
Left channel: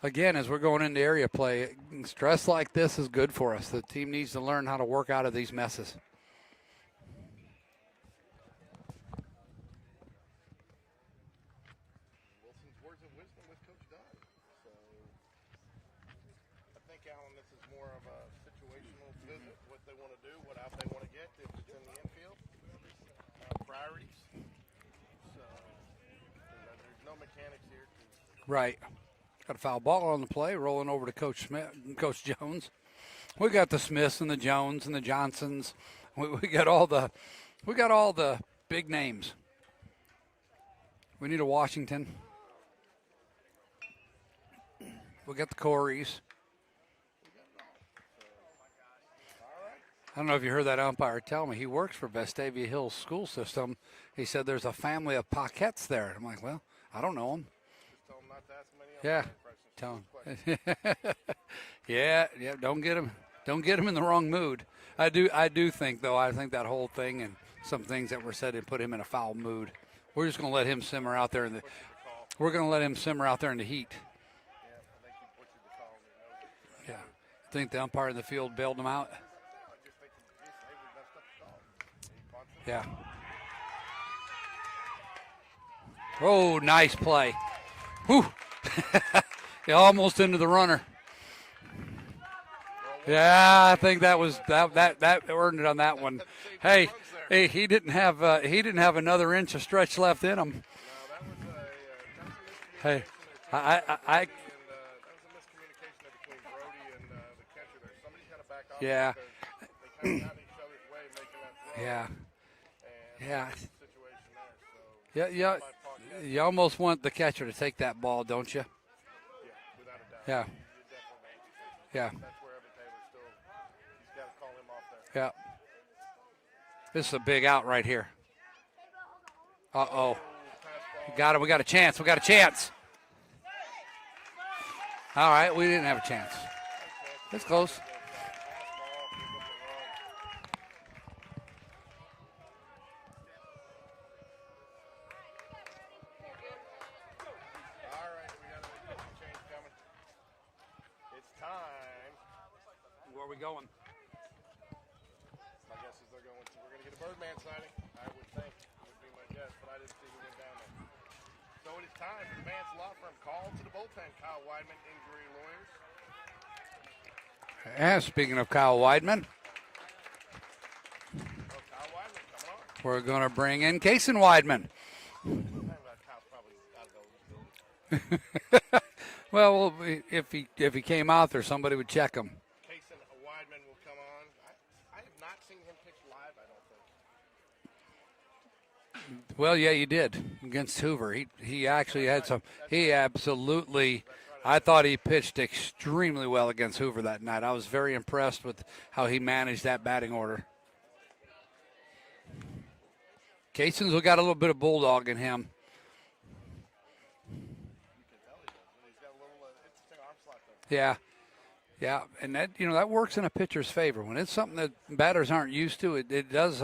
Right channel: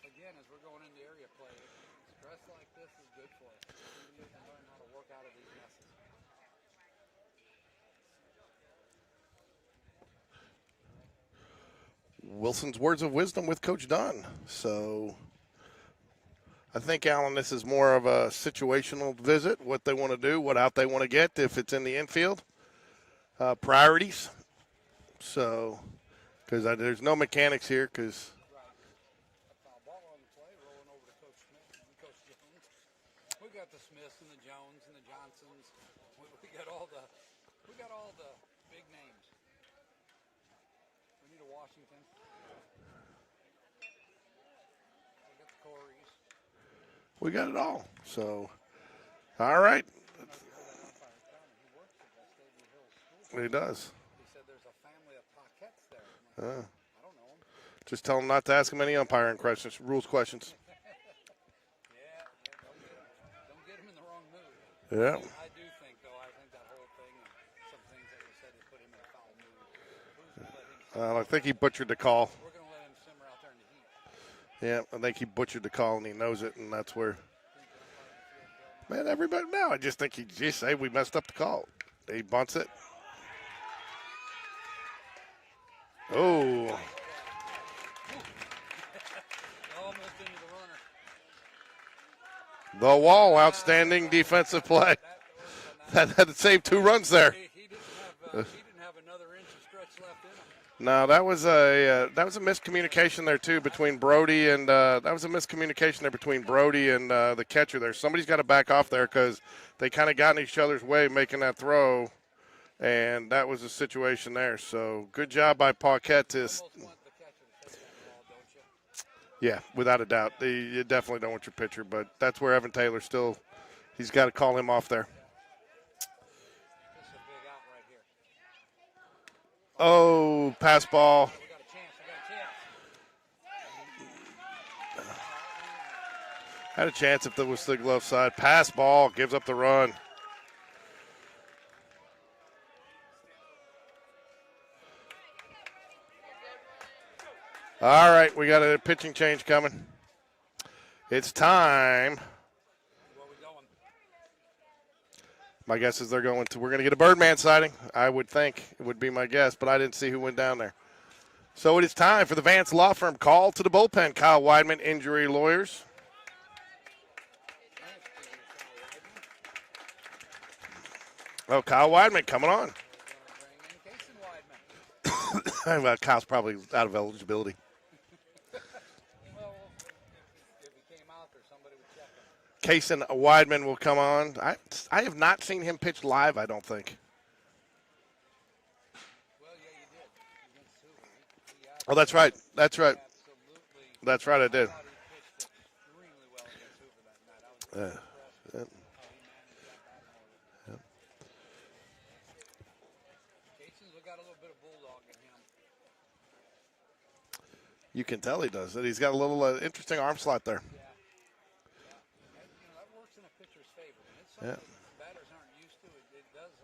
Again, as we're going into area play, stress like this is good for us. The team needs to learn how to work out of these messes. Wilson's words of wisdom with Coach Dunn. So I think, Alan, this is more of a situational visit, what they want to do, what out they want to get if it's in the infield. Priorities. So, because there's no mechanics here because. Right. Got a foul ball on the play, rolling over to Coach Smith, Coach Jones. We got the Smiths and the Jones and the Johnsons. We got all the big names. We need a Washington. We got the Coreys. We got it all. So, all right. I don't know if you heard that umpire tell me. He works for Vestavia Hills School System. He does. He said there's a family of Paquettes there. I'm like, well, I don't know them. Just tell him not to ask him any umpiring questions, rules questions. Yeah, don't get him in the wrong mood. Yeah. I do think though. I think that whole thing, and some things that were said and put him in a foul mood. We're just going to let him simmer I out there. think he butchered the call. We're going to let him simmer out there in the heat. Yeah, I think he butchered the call, and he knows it, and that's where. I think the umpire in the field bailed him out. And everybody, no, I just think he just say we messed up the call. He bunts it. Yeah. Oh, nice play. Whew. Almost into the runner. The wall, outstanding defensive play. That earned it on that one. Had to save 2 runs there. Hey, he didn't have another inch of stretch left in him. No, that was a miscommunication there too between Brody and that was a miscommunication there between Brody and the catcher there. Somebody's got to back off there because they kind of got in each other's way making that throw. And that was the situation there. So good job by Paquette. You almost want the catcher to take that ball, don't you? Yeah, without a doubt. Yeah. You definitely don't want your pitcher, but that's where Evan Taylor still – he's got to call him off there. Yeah. This is a big out right here. Oh, pass ball. Got it. We got a chance. All right, we didn't have a chance. Had a chance if it was the glove side. Pass ball, gives up the run. All right, we got a pitching change coming. It's time. Where are we going? My guess is we're going to get a Birdman sighting. I would think it would be my guess, but I didn't see who went down there. So it is time for the Vance Law Firm call to the bullpen. Kyle Weidman, injury lawyers. And speaking of Kyle Weidman. Oh, Kyle Weidman coming on. We're going to bring in Kaysen Weidman. Well, Kyle's probably out of eligibility. Well, if he came out there, somebody would check him. Kaysen Weidman will come on. I have not seen him pitch live, I don't think. Well, yeah, you did against Hoover. He actually. Oh, that's right. That's right. Absolutely. That's right. I thought he pitched extremely well against Hoover that night. I was very impressed with how he managed that batting order. Kaysen's got a little bit of bulldog in him. You can tell he does. He's got a little interesting arm slot there. Yeah, and that works in a pitcher's favor when it's something that batters aren't used to. It does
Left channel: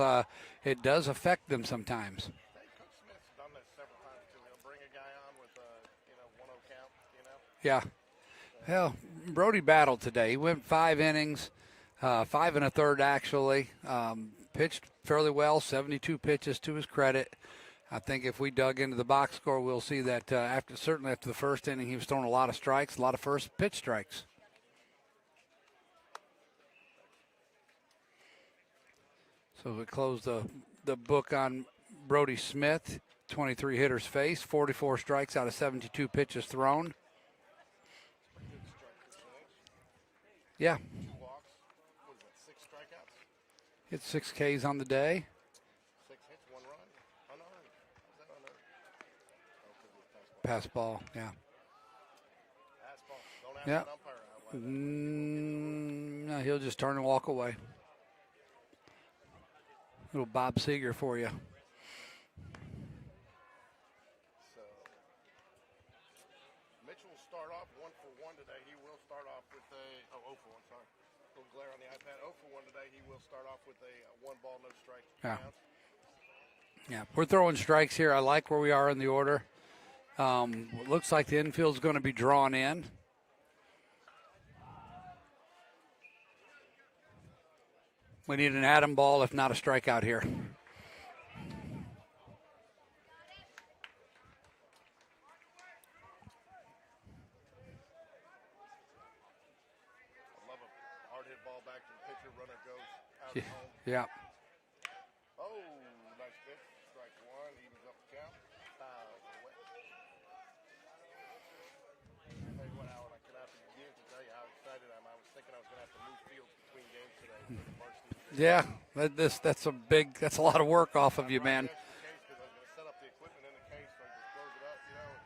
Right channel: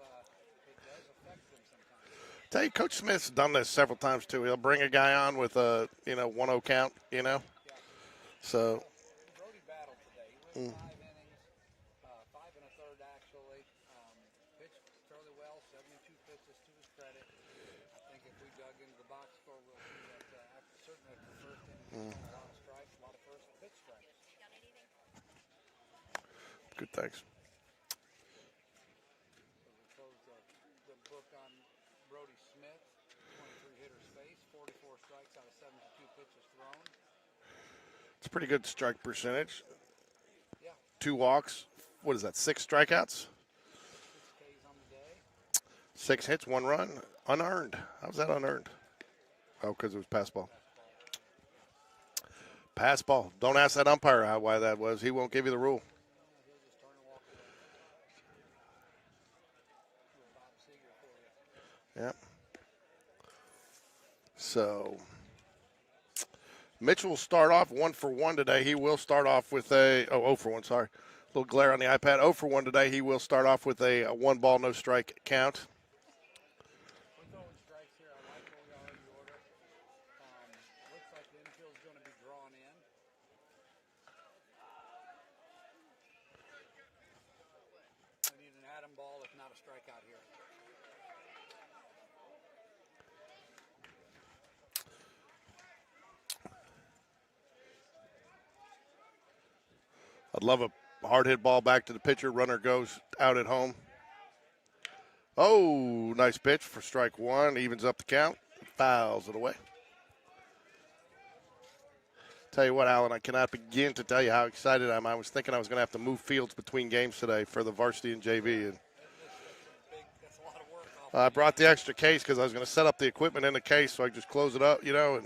affect them sometimes. Tell you, Coach Smith's done this several times too. He'll bring a guy on with a 1-0 count. Yeah. So Brody battled today. He went 5 innings, 5 1/3 actually. Pitched fairly well, 72 pitches to his credit. I think if we dug into the box score, we'll see that certainly after the first inning, he was throwing a lot of strikes, a lot of first pitch strikes. Good, thanks. So we close the book on Brody Smith. 23 hitters faced, 44 strikes out of 72 pitches thrown. It's a pretty good strike percentage. Yeah. 2 walks. What is that, 6 strikeouts? Hit 6 Ks on the day. 6 hits, 1 run. Unearned. How's that unearned? Oh, because it was pass ball. Pass ball, yeah. Pass ball. Don't ask that umpire why that was. He won't give you the rule. No, he'll just turn and walk away. Little Bob Seger for you. Yep. So Mitchell will start off 1 for 1 today. He will start off with 0 for 1, sorry. A little glare on the iPad. 0 for 1 today. He will start off with a 1 ball, no strike count. Yeah, we're throwing strikes here. I like where we are in the order. Looks like the infield's going to be drawn in. We need an atom ball, if not a strikeout here. I'd love a hard hit ball back to the pitcher. Runner goes out at home. Yeah. Oh, nice pitch for strike 1. Evens up the count. Fouls it away. Tell you what, Alan, I cannot begin to tell you how excited I am. I was thinking I was going to have to move fields between games today for the varsity and JV. Yeah, that's a lot of work off of you, I brought man. the extra case because I was going to set up the equipment in the case, so I just close it up, and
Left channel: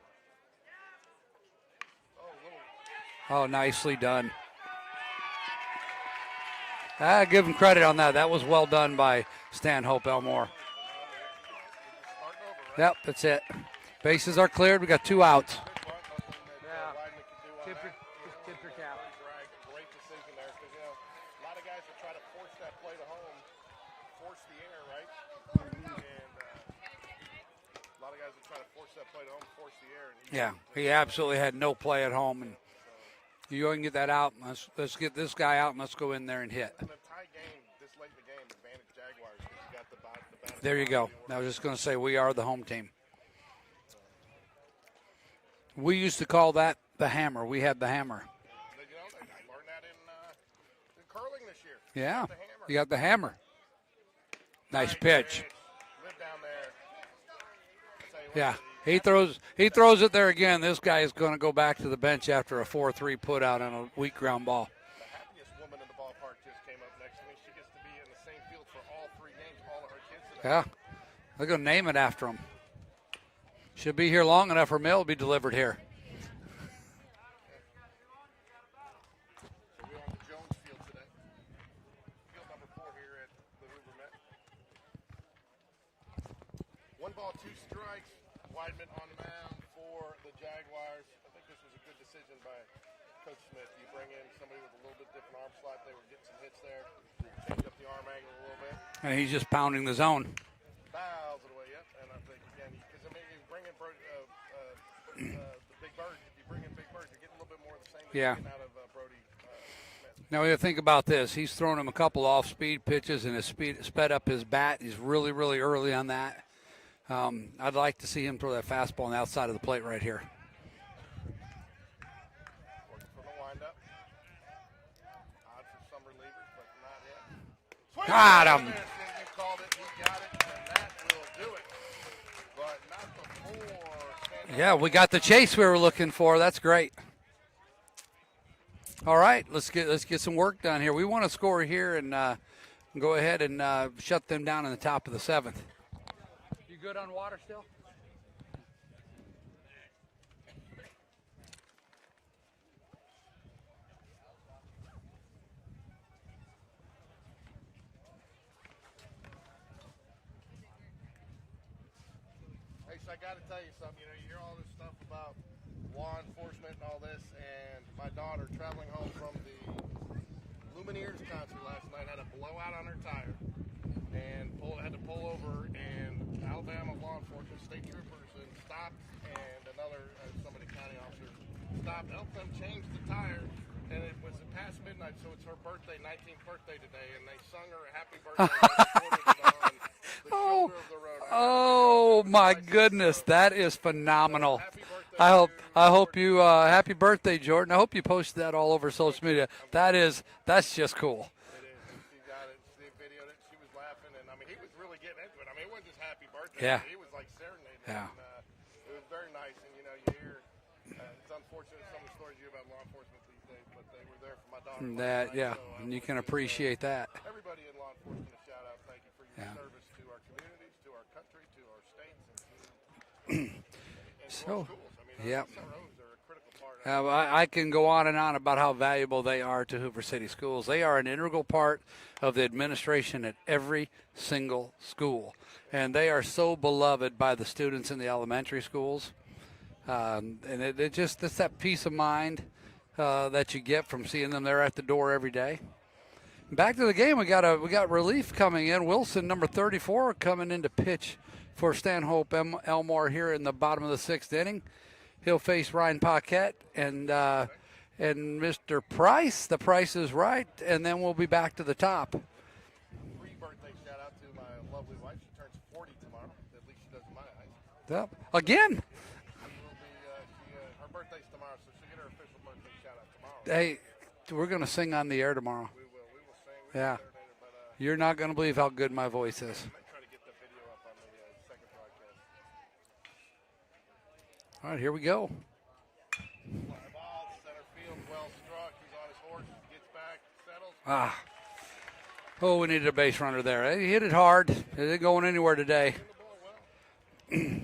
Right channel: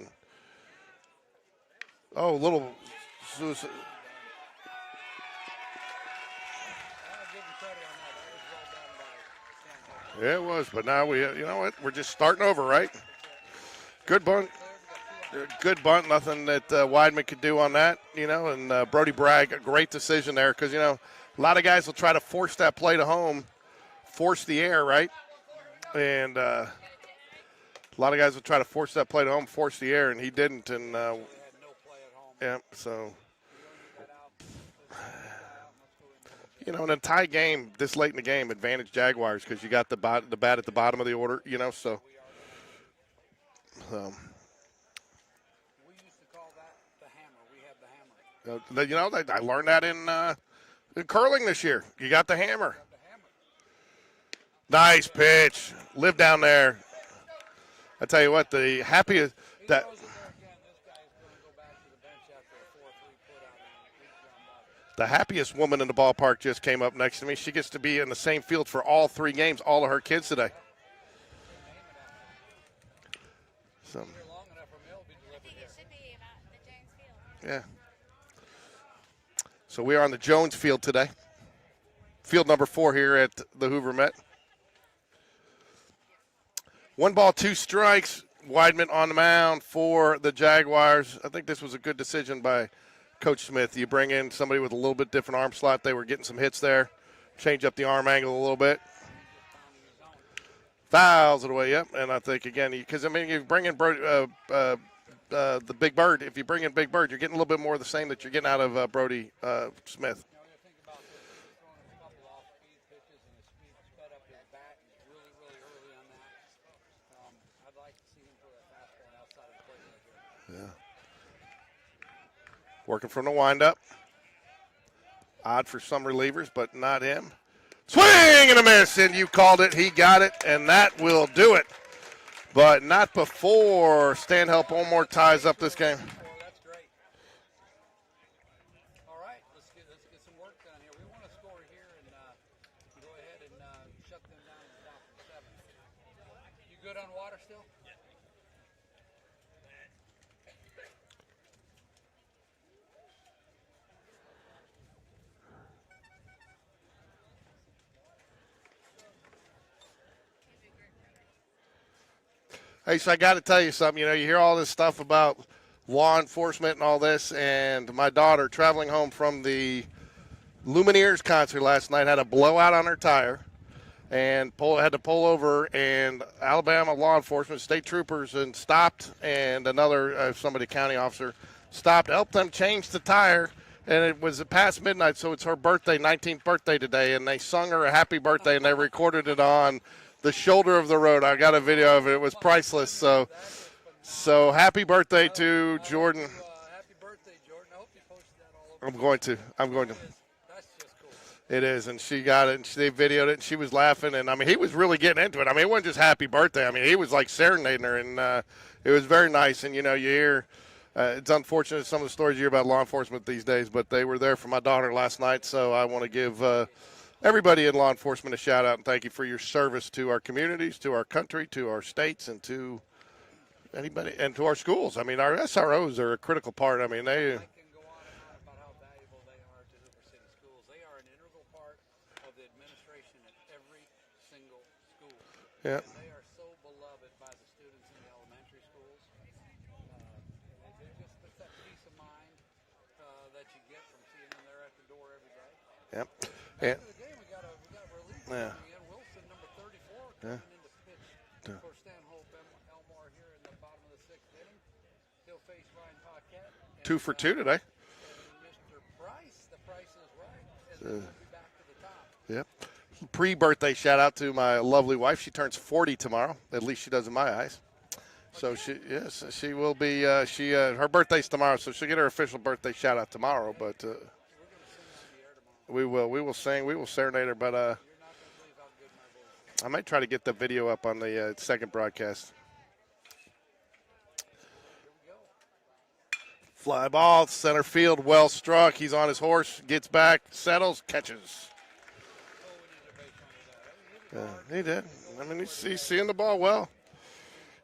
nicely done. Give him credit on that. That was well done by Stanhope Elmore. Yeah, it was, but now we're just starting over, right? Yep, that's it. Bases are cleared. We got 2 outs. Good bunt. Nothing that Weidman could do on that, and Brody Bragg, a great decision there because, a lot of guys will try to force that play to home, force the air, right? and a lot of guys would try to force that play to home, force the air, and he didn't. And, he absolutely had no play at home. Yeah, so. You go and get that out. Let's get this guy out and let's go in there and hit. You know, in a tie game this late in the game, advantage Jaguars because you got the bat at the bottom of the order. I was just going to say we are the home team. So. We used to call that the hammer. We had the hammer. You know, I learned that in curling this year. Yeah. You got the hammer. You got the hammer. Nice pitch. Live down there. I tell you what, Yeah. the happiest. He throws it there again. This guy is going to go back to the bench after a 4-3 put out on a weak ground ball. The happiest woman in the ballpark just came up next to me. She gets to be in the same field for all 3 games, all of her kids today. Yeah. They're going to name it after him. Should be here long enough. Her mail will be delivered here. Yeah. So we are on the Jones field today. Field number 4 here at the Hoover Met. 1 ball, 2 strikes. Weidman on the mound for the Jaguars. I think this was a good decision by Coach Smith. You bring in somebody with a little bit different arm slot. They were getting some hits there. Change up the arm angle a little bit. And he's just pounding the zone. Fouls it away, yep. And I think, again, because, I mean, you bring in the Big Bird. If you bring in Big Bird, you're getting a little bit more of the same that you're getting out of Brody Smith. Now, you think about this. He's thrown him a couple off-speed pitches and has sped up his bat. He's really, really early on that. I'd like to see him throw that fastball on the outside of the plate right here. Yeah. Working from the windup. Odd for some relievers, but not him. Swing and a miss, and you called it. He got it, and that will do it. But not before Stanhope Elmore we got the ties chase up we this were game. looking for. That's great. All right, let's get some work done here. We want to score here and go ahead and shut them down in the top of the 7th. You good on water still? Hey, so I got to tell you something. You know, you hear all this stuff about law enforcement and all this, and my daughter traveling home from the Lumineers concert last night had a blowout on her tire and had to pull over, and Alabama law enforcement, state troopers, and stopped, and another county officer stopped, helped them change the tire. And it was past midnight, so it's her birthday, 19th birthday today, and they sung her a happy birthday, and they recorded it on the shoulder of the road. I got a video of it. It was priceless. Oh, my goodness, so, that is phenomenal. So happy birthday to Jordan. I hope you happy birthday, Jordan. I hope you posted that all over social media. That's just cool. It is, and she got it, and they videoed it, and she was laughing, and I mean, he was really getting into it. I mean, it wasn't just happy birthday. Yeah. I mean, he was like serenading her, and it was very nice. And you know, you hear. It's unfortunate some of the stories you hear about law enforcement these days, but they were there for my daughter last night, so I want to give everybody in law enforcement a shout out and thank you for your service to our communities, to our country, to our states, and to anybody, and to our schools. I mean, our SROs are a critical part. I mean, I can go on and on about how valuable they are to Hoover City Schools. They are an integral part of the administration at every single school, and they are so beloved by the students in the elementary schools. And it's that peace of mind that you get from seeing them there at the door every day. Yep. Back to the game, we got relief coming in. Wilson, number 34, coming in to pitch for Stanhope Elmore here in the bottom of the 6th inning. He'll face Ryan Paquette. And, 2 for 2 today. And Mr. Price, the price is right, and then we'll be back to the top. Yep. Pre-birthday shout out to my lovely wife. She turns 40 tomorrow. At least she does in my eyes. Yep. Again? So yes, she will be. Her birthday's tomorrow, so she'll get her official birthday shout out tomorrow. Hey, but, we're going to sing on the air tomorrow. We will. We will sing. We will serenade her. But you're not going to believe how good my voice is. I might try to get the video up on the second broadcast. All right, here we go. Fly ball, center field, well struck. He's on his horse, gets back, settles, catches. Oh, we needed a base runner there. He hit it hard. He did. It isn't going anywhere today. He's seeing the ball well.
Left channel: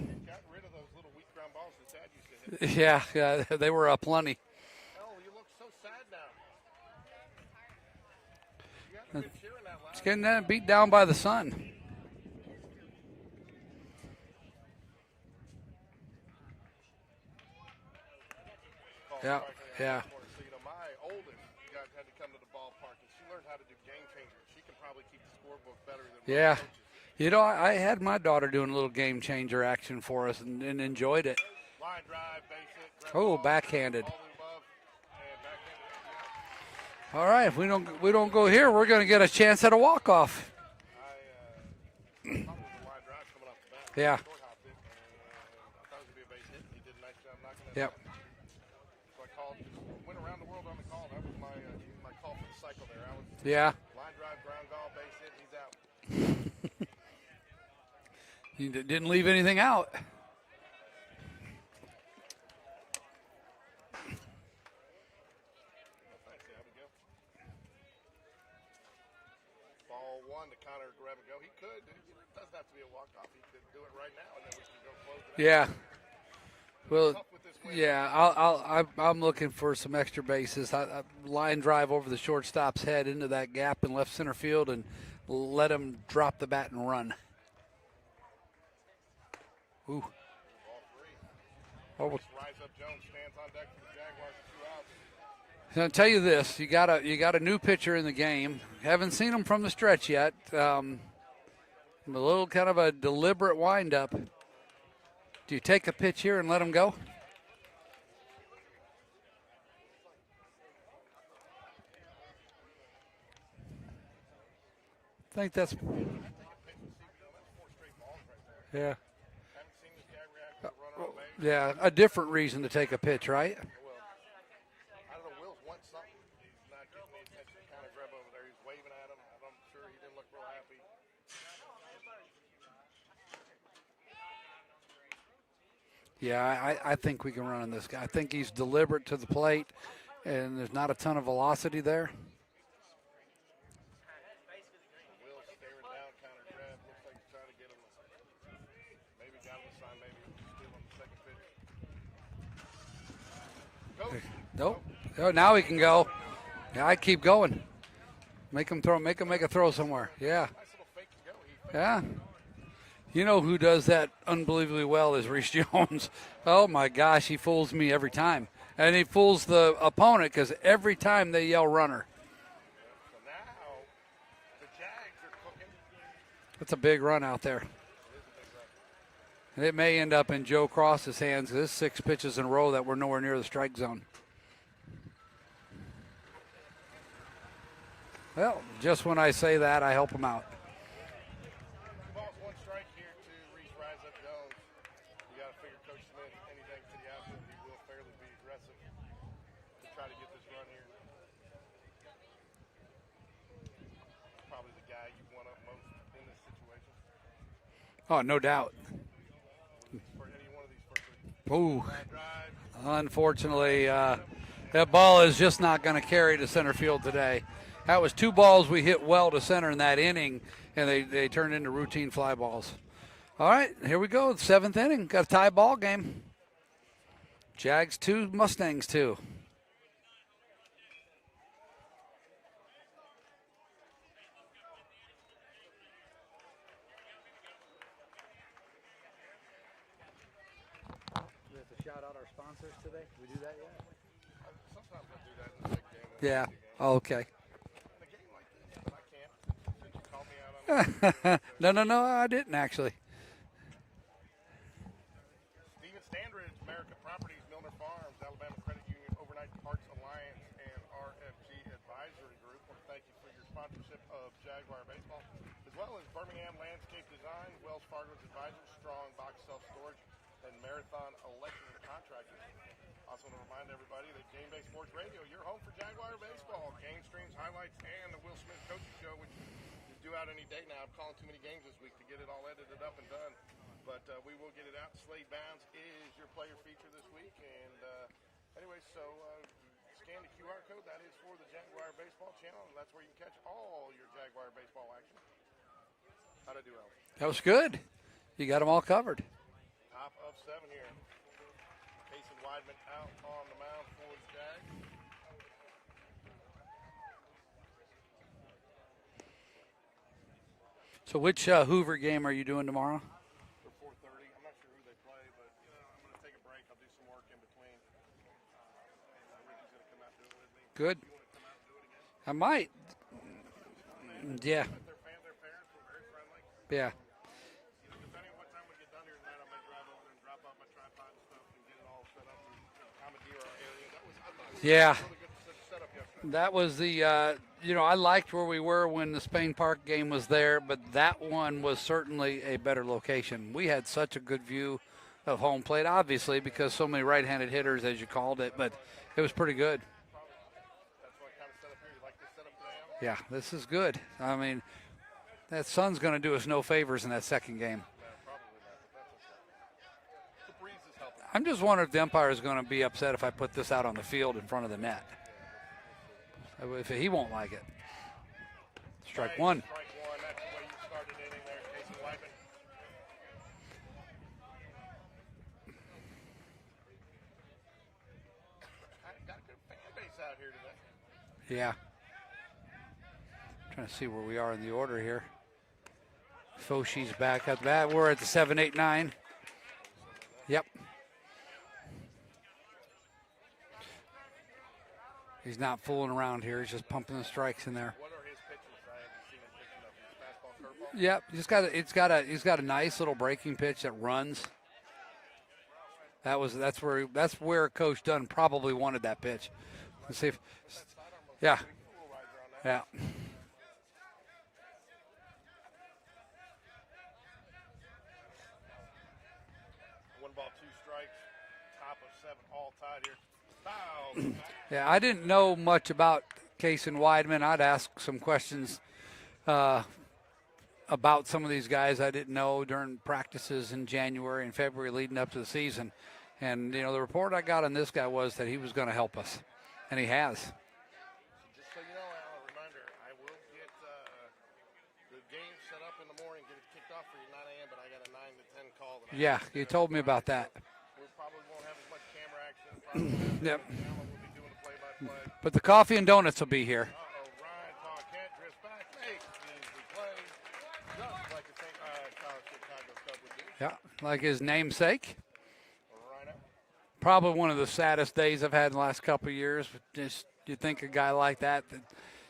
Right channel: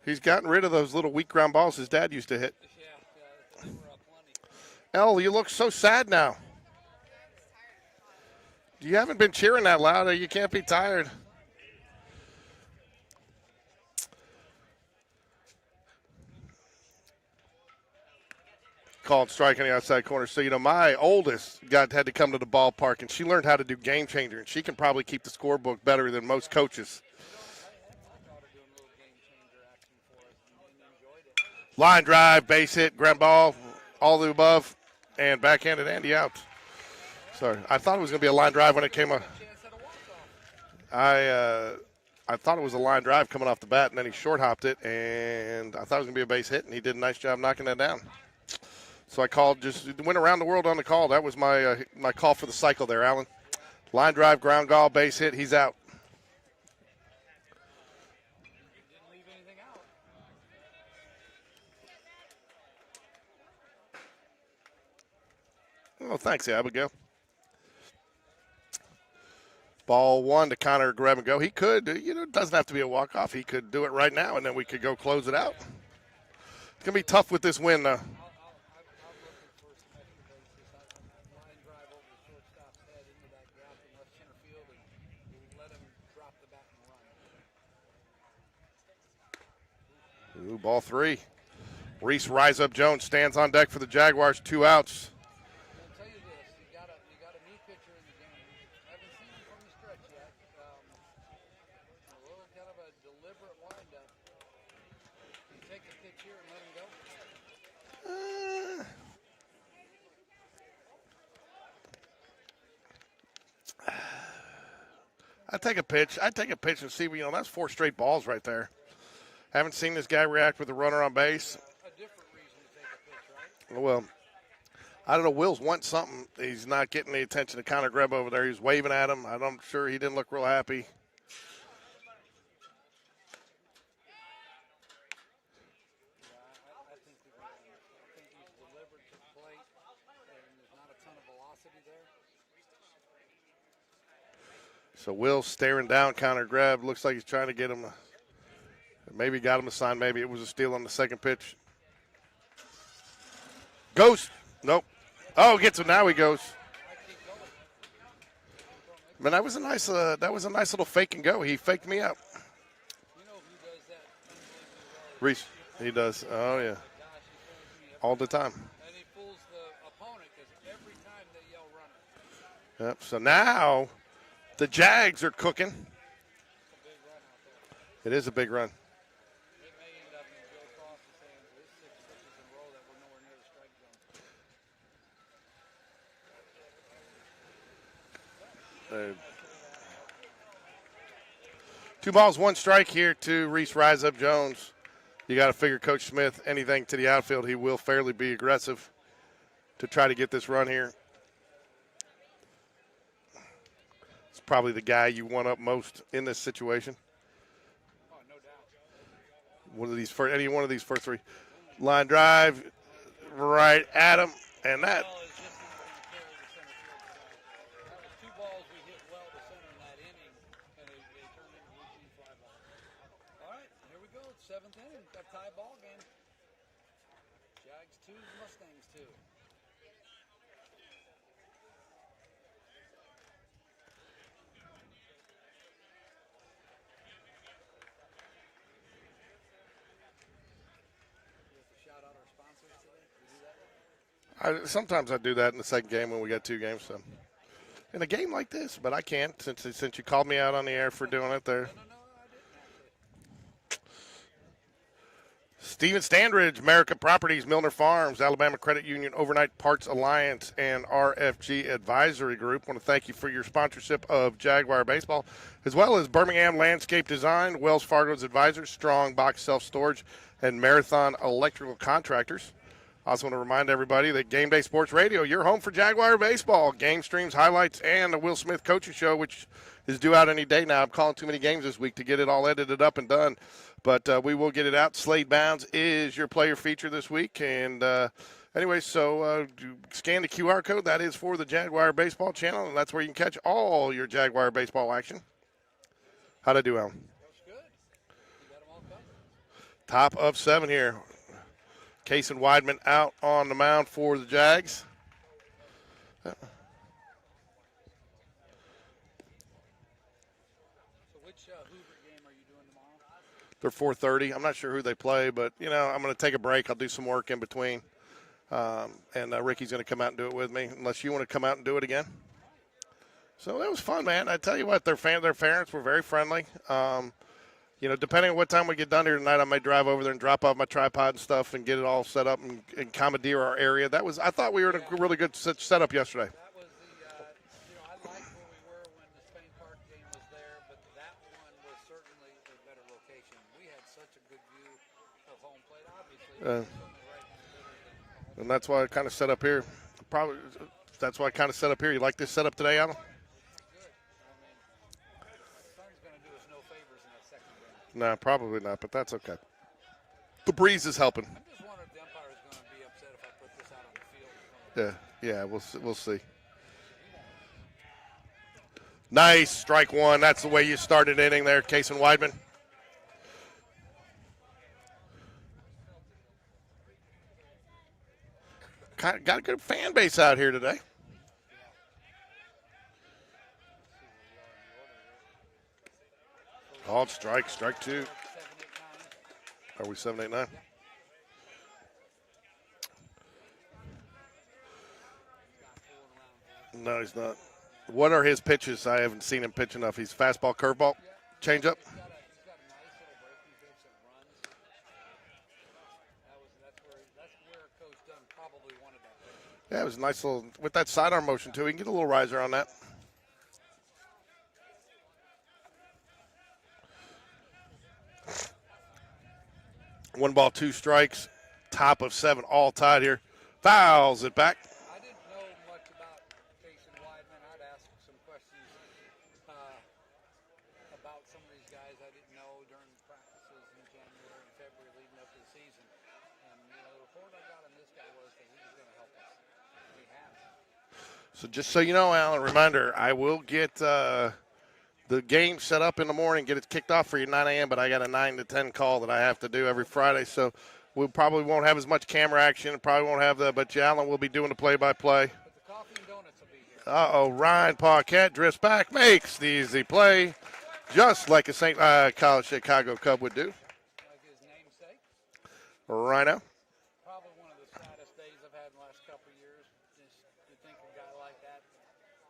He's gotten rid of those little weak ground balls his dad used to hit. Yeah, they were plenty. El, you look so sad now. You haven't been cheering that loud. You can't be down tired. by the sun. called Yeah, strike on the outside yeah. corner. So, my oldest had to come to the ballpark, and she learned how to do game changer, and she can probably keep the scorebook better than most Yeah. coaches. I had my daughter doing a little game changer action for us and enjoyed it. Line drive, base hit, grab Oh, ball, backhanded. all the above, and backhanded Andy out. All right, Sorry. if we I don't, thought it was we gonna be don't a go line here, drive when we're it going to came get up. a chance at a walk-off. I thought it was a line drive coming off the bat, and then Yeah. he short hopped it, and I thought it was going to be a base hit, and he did a nice job knocking that down. So I went around the world on the call. That was my my call for the cycle there, Alan. Yeah. Line drive, ground ball, base hit, he's out. You didn't leave anything out. Oh, thanks, Abigail. Ball one to Connor grab and go. He could, it doesn't have to be a walk-off. He could do it right now, and then we could go close it out. Yeah. It's going to be tough with this win, Yeah, I'm looking for some extra bases. Line drive over the shortstop's head into that gap in left center field and let him drop the bat and run. Ooh. Ooh, ball three. Reese Rise Up Jones stands on deck for the Jaguars, 2 outs. I'll tell you this: you got a new pitcher in the game. Haven't seen him from the stretch yet. A little kind of a deliberate windup. Do you take a pitch here and let him go? I take a pitch. I take a pitch and see. That's 4 straight balls right there. Yeah. Haven't seen this guy react with a runner on base. Yeah, a different reason to take a pitch, right? Well, I don't know. Will's wants something. He's not getting the attention of Connor Greb over there. He's waving at him. I'm sure he didn't look real happy. Yeah, I think we can run on this guy. I think he's deliberate to the plate, and there's not a ton of velocity there. So Will staring down Connor Greb. Looks like he's trying to get him. Maybe got him a sign. Maybe it was a steal on the second pitch. Goes. Nope. Oh, now he gets him. Now he goes. Yeah, I keep going. Make him throw. Make him throw somewhere. That was a nice little fake and go. He faked me out. You know who does that unbelievably well is Reese Jones. He does. Oh yeah. my gosh, he fools me every All the time. And he fools the opponent because every time they yell runner. Yep. So now the Jags are cooking. That's a big run out there. It is a big run. And it may end up in Joe Cross's hands. There's 6 pitches in a row that were nowhere near the strike zone. Well, just when I say that, I help him out. 2 balls, 1 strike here to Reese Rise Up Jones. You got to figure Coach Smith, anything to the outfield, he will fairly be aggressive to try to get this run here. It's probably the guy you want up most in this situation. Oh, no doubt. Any one of these first 3. Ooh. Line drive. Unfortunately, Right at him. And that ball is just not going to carry to center field today. That was 2 balls we hit well to center in that inning, and they turned into routine fly balls. All right, here we go. 7th inning. Got a tie ball game. Jags 2, Mustangs 2. Sometimes I do that in the second game when we got 2 games. Oh, okay. In a game like this, but I can't since you called me out on the air for doing it there. No, I didn't actually. Stephen Standridge, America Properties, Milner Farms, Alabama Credit Union, Overnight Parts Alliance, and RFG Advisory Group. Want to thank you for your sponsorship of Jaguar Baseball, as well as Birmingham Landscape Design, Wells Fargo's Advisors, Strong Box Self-Storage, and Marathon Electrical Contractors. Also want to remind everybody that Game Day Sports Radio, your home for Jaguar Baseball. Game streams, highlights, and the Will Smith Coaching Show, which is due out any day now. I'm calling too many games this week to get it all edited up and done. But we will get it out. Slade Bounds is your player feature this week. And anyway, so scan the QR code. That is for the Jaguar Baseball channel, and that's where you can catch all your Jaguar Baseball action. How'd I do, Alan? That was good. You got them all covered. Top of 7 here. Case and Weidman out on the mound for the Jags. So which Hoover game are you doing tomorrow? They're 4:30. I'm not sure who they play, but, I'm going to take a break. I'll do some work in between. And Ricky's going to come out and do it with me, unless you want to come out and do it again. I might. So that was fun, man. I tell Yeah. you what, their parents were very friendly. Yeah. You know, depending on what time we get done here tonight, I may drive over there and drop off my tripod and stuff and get it all set up and commandeer our area. I thought we were in a really good setup yesterday. That was the, I liked where we were when the Spain Park game was there, but that one was certainly a better location. We had such a good view of home plate, obviously, because so many right-handed hitters, as you called it. And that's why I kind of set up pretty here. Good. Probably that's why I kind of set up here. You like this setup today, Alan? Yeah, this is good. I mean, that sun's going to do us no favors in that second game. No, probably not, but that's okay. The breeze is helping. I'm just wondering if the umpire is going to be upset if I put this out on the field in front of the net. Yeah, we'll see. If he won't like it. Nice, strike one. That's the way you started inning there, Case and Weidman. Got a good fan base out here today. Yeah. Trying to see where we are in the order here. Foshi's back at that. We're at the 7, 8, 9. Are we 7, 8, 9? Yep. He's not fooling around here. He's just pumping the strikes in there. What are his pitches? I haven't seen him pitch enough. He's fastball, curveball. Yep. He's got a nice little breaking pitch that runs. That's where Coach Dunn probably wanted that pitch. Yeah, it was a nice little with that sidearm motion too. He can get a little riser on that. Yeah. One ball, two strikes, top of 7, all tied here. Fouls it back. Yeah, I didn't know much about Case and Weidman. I'd ask some questions about some of these guys I didn't know during practices in January and February leading up to the season. And, the report I got on this guy was that he was going to help us, and he has. So just so you know, Alan, reminder, I will get the game set up in the morning, get it kicked off for you 9 a.m., but I got a 9 to 10 call that I have to do every Friday. So we probably won't have as much camera action, probably won't have that, but Alan will be doing the play-by-play. But the coffee and donuts will be here. Ryan Paquette drifts back, makes the easy play, just like a St. College Chicago Cub would do. Yeah, like his namesake. Rhino. Probably one of the saddest days I've had in the last couple of years. Just you think a guy like that,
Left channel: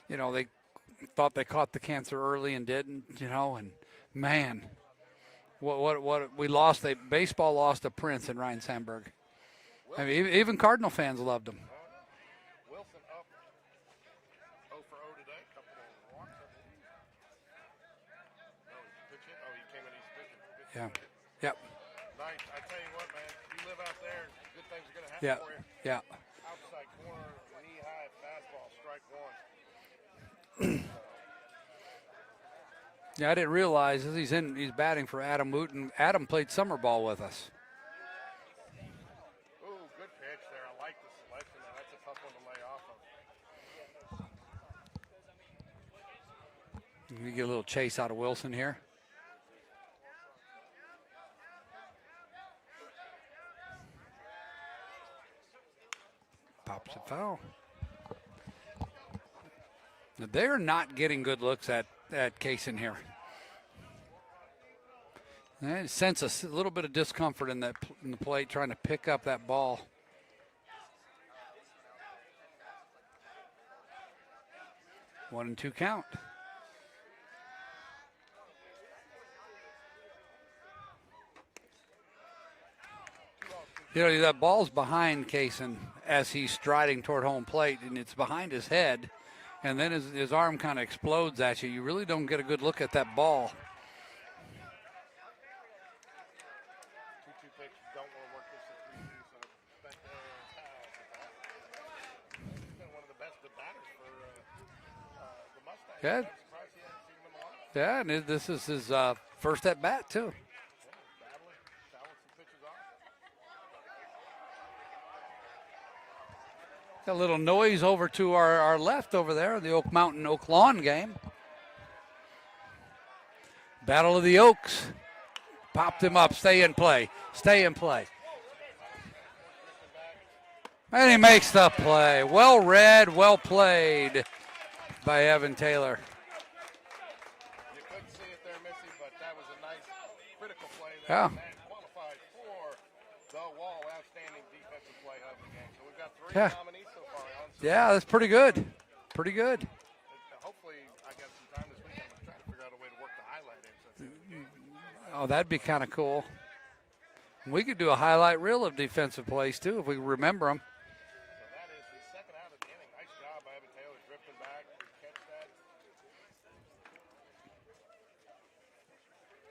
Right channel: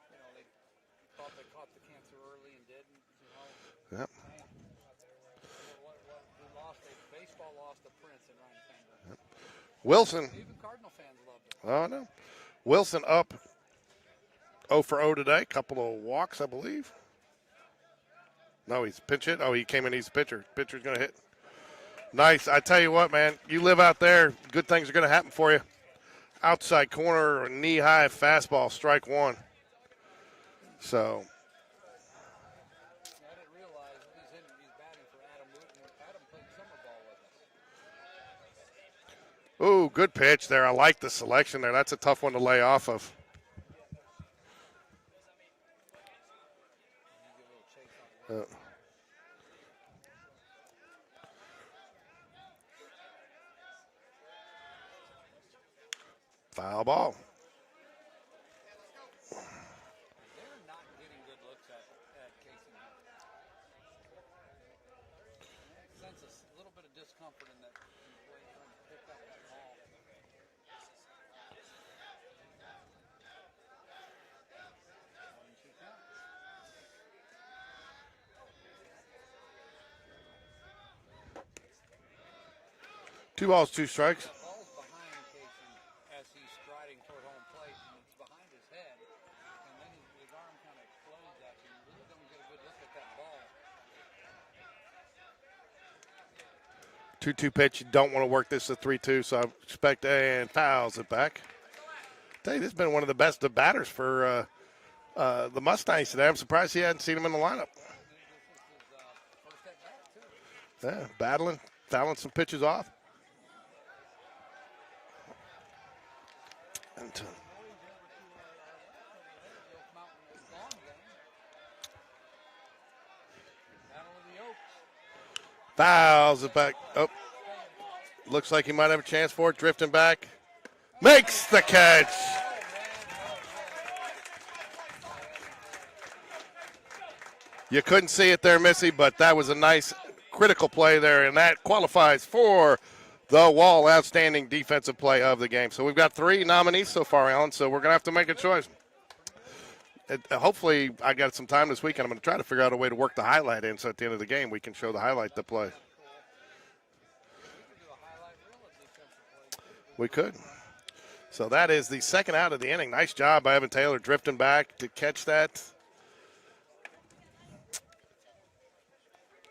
they thought they caught the cancer early and didn't, man, what we lost. Baseball lost a prince in Ryan Sandberg. Wilson. Even Cardinal fans loved him. Oh, no. Wilson up 0 for 0 today. Couple of walks, I believe. No, he's pitch hit. Oh, he came in. He's a pitcher. Pitcher's going to hit. Yep. Nice. I tell you what, man, you live out there, good things are going to happen for you. Yeah. Outside corner, knee-high fastball, strike one. So. Yeah, I didn't realize he's batting for Adam Wooten. Adam played summer ball with us. Ooh, good pitch there. I like the selection there. That's a tough one to lay off of. You get a little chase out of Wilson here. Foul ball. They're not getting good looks at Case in here. I sense a little bit of discomfort in the plate trying to pick up that ball. One and two count. Two balls, two strikes. Yeah, that ball's behind Kaysen as he's striding toward home plate, and it's behind his head. And then his arm kind of explodes at you. You really don't get a good look at that ball. 2-2 pitch. You don't want to work this at 3-2, so I expect and fouls it back. I tell you, this has been one of the best batters for the Mustangs today. I'm surprised he hadn't seen him in the lineup. Yeah, and this is his first at bat, too. Yeah, battling, fouling some pitches off. Got a little noise over to our left over there, the Oak Mountain Oak Lawn game. Battle of the Oaks. Stay in play. Oh. Stay in play. Looks like he might have a chance for it, drifting back. And he makes the play. Well read, well played by Evan Taylor. You couldn't see it there, Missy, but that was a nice critical play there, and that qualifies for the Wall Outstanding Defensive Play of the game. So we've got 3 Yeah. nominees so far, Alan. So we're Yeah, going to have that's to make pretty a good. choice. Pretty good. Hopefully, I got some time this weekend. I'm going to try to figure out a way to work the highlight in, so at the end of the game we can show the Oh, highlight. that'd be play. kind of cool. We could do a highlight reel of defensive plays too if we We could. remember them. So that is the second out of the inning. Nice job by Evan Taylor drifting back to catch that.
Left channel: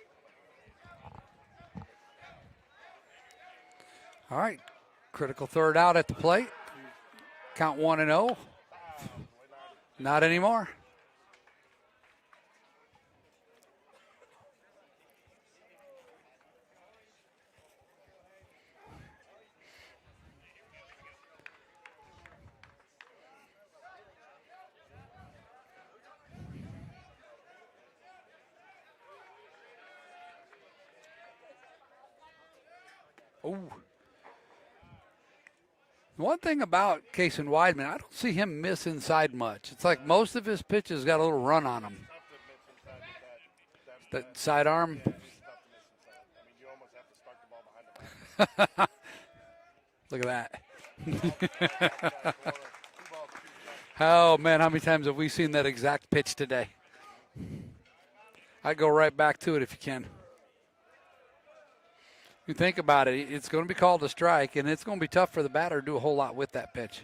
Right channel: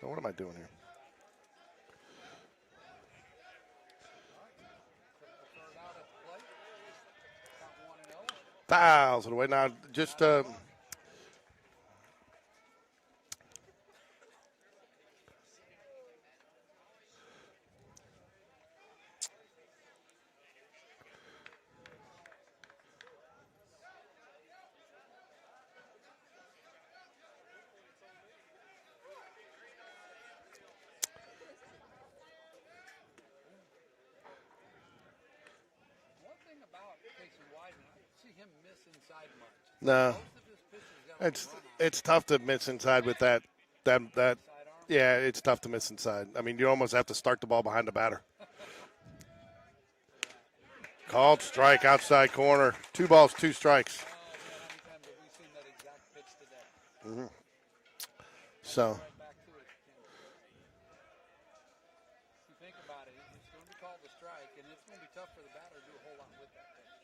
Oh, what am I doing here? All right. Critical third out at the plate. Count 1-0. Fouls it away. Now, just Not anymore. Ooh. One thing about Case and Weidman, I don't see him miss inside much. It's like No. most of his pitches got a little run on them. It's tough to miss inside with that Side arm? Yeah, it's tough to miss inside. I mean, you almost have to start the ball behind the batter. Look at that. Called strike outside corner. 2 balls, 2 strikes. Oh, man, how many times have we seen that exact pitch today? I go right back to it if you can. You think about it, it's going to be called a strike, and it's going to be tough for the batter to do a whole lot with that pitch.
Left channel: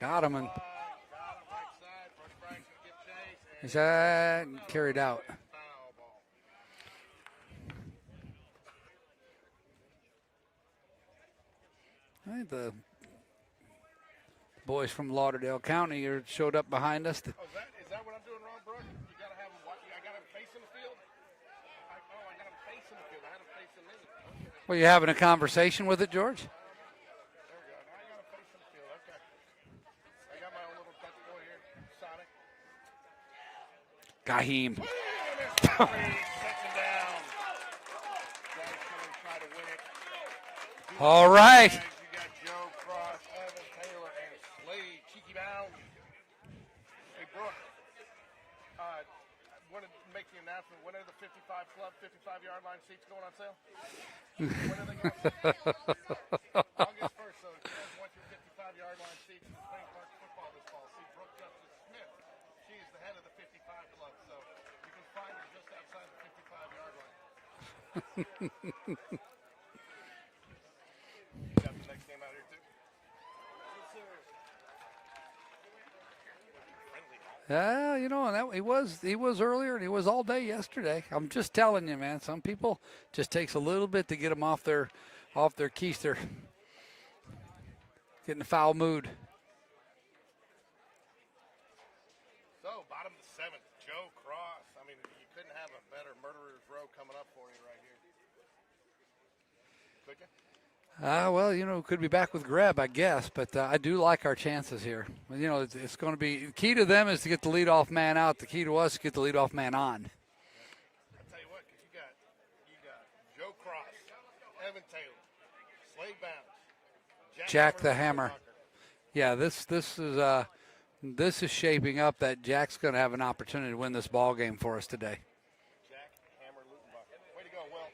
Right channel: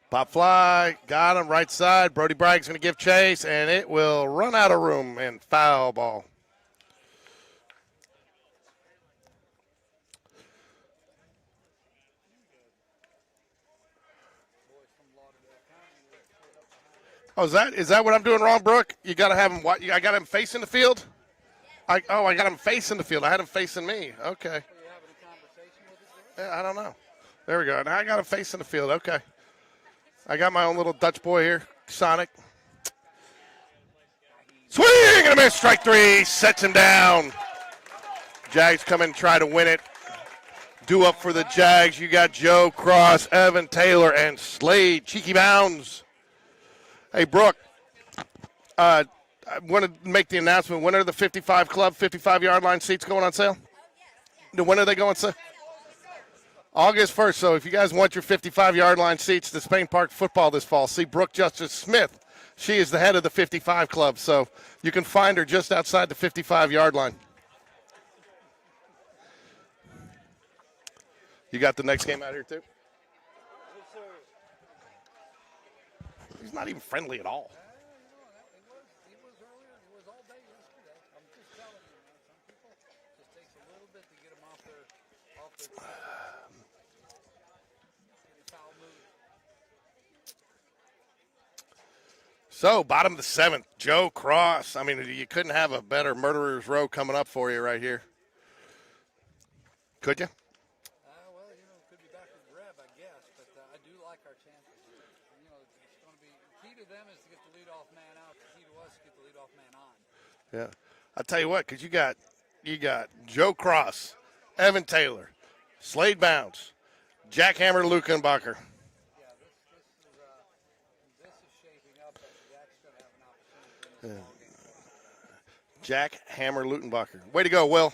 Top fly, got him right side. Brody Bragg's going to give chase, and it will run out of room and foul ball. I think the boys from Lauderdale County showed up behind us. Oh, is that what I'm doing wrong, Brooke? You got to have him. I got him facing the field. I got him facing the field. I had him facing me. Okay. Were you having a conversation with it, George? Yeah, I don't know. There we go. Now I got him facing the field. Okay. I got my own little Dutch boy here, Sonic. Gaheem. Swing and a miss. Strike 3. Sets him down. Jags come in and try to win it. Due up for the Jags. You got Joe Cross, Evan Taylor, and Slade. Cheeky bounds. Hey, Brooke. I want to make the announcement. When are the 55 Club 55-yard line seats going on sale? When are they going on sale? August 1st. So if you guys want your 55-yard line seats to Spain Park football this fall, see Brooke Justice Smith. She is the head of the 55 Club, so you can find her just outside the 55-yard line. You got the next game out here, too? He's not even friendly at all. Yeah, you know, and he was earlier, and he was all day yesterday. I'm just telling you, man. Some people just takes a little bit to get them off their keister, get in a foul mood. So, bottom of the 7th, Joe Cross. I mean, you couldn't have a better murderer's row coming up for you right here. Could you? Well, you know, could be back with Greb, I guess, but I do like our chances here. You know, it's going to be – key to them is to get the leadoff man out. The key to us is to get the leadoff man on. Yeah. I'll tell you what, because you got Joe Cross, Evan Taylor, Slade Bounds, Jack Hammer, Lukenbacher. Yeah, this is shaping up that Jack's going to have an opportunity to win this ball game for us today. Jack Hammer, Lukenbacher. Way to go, Will.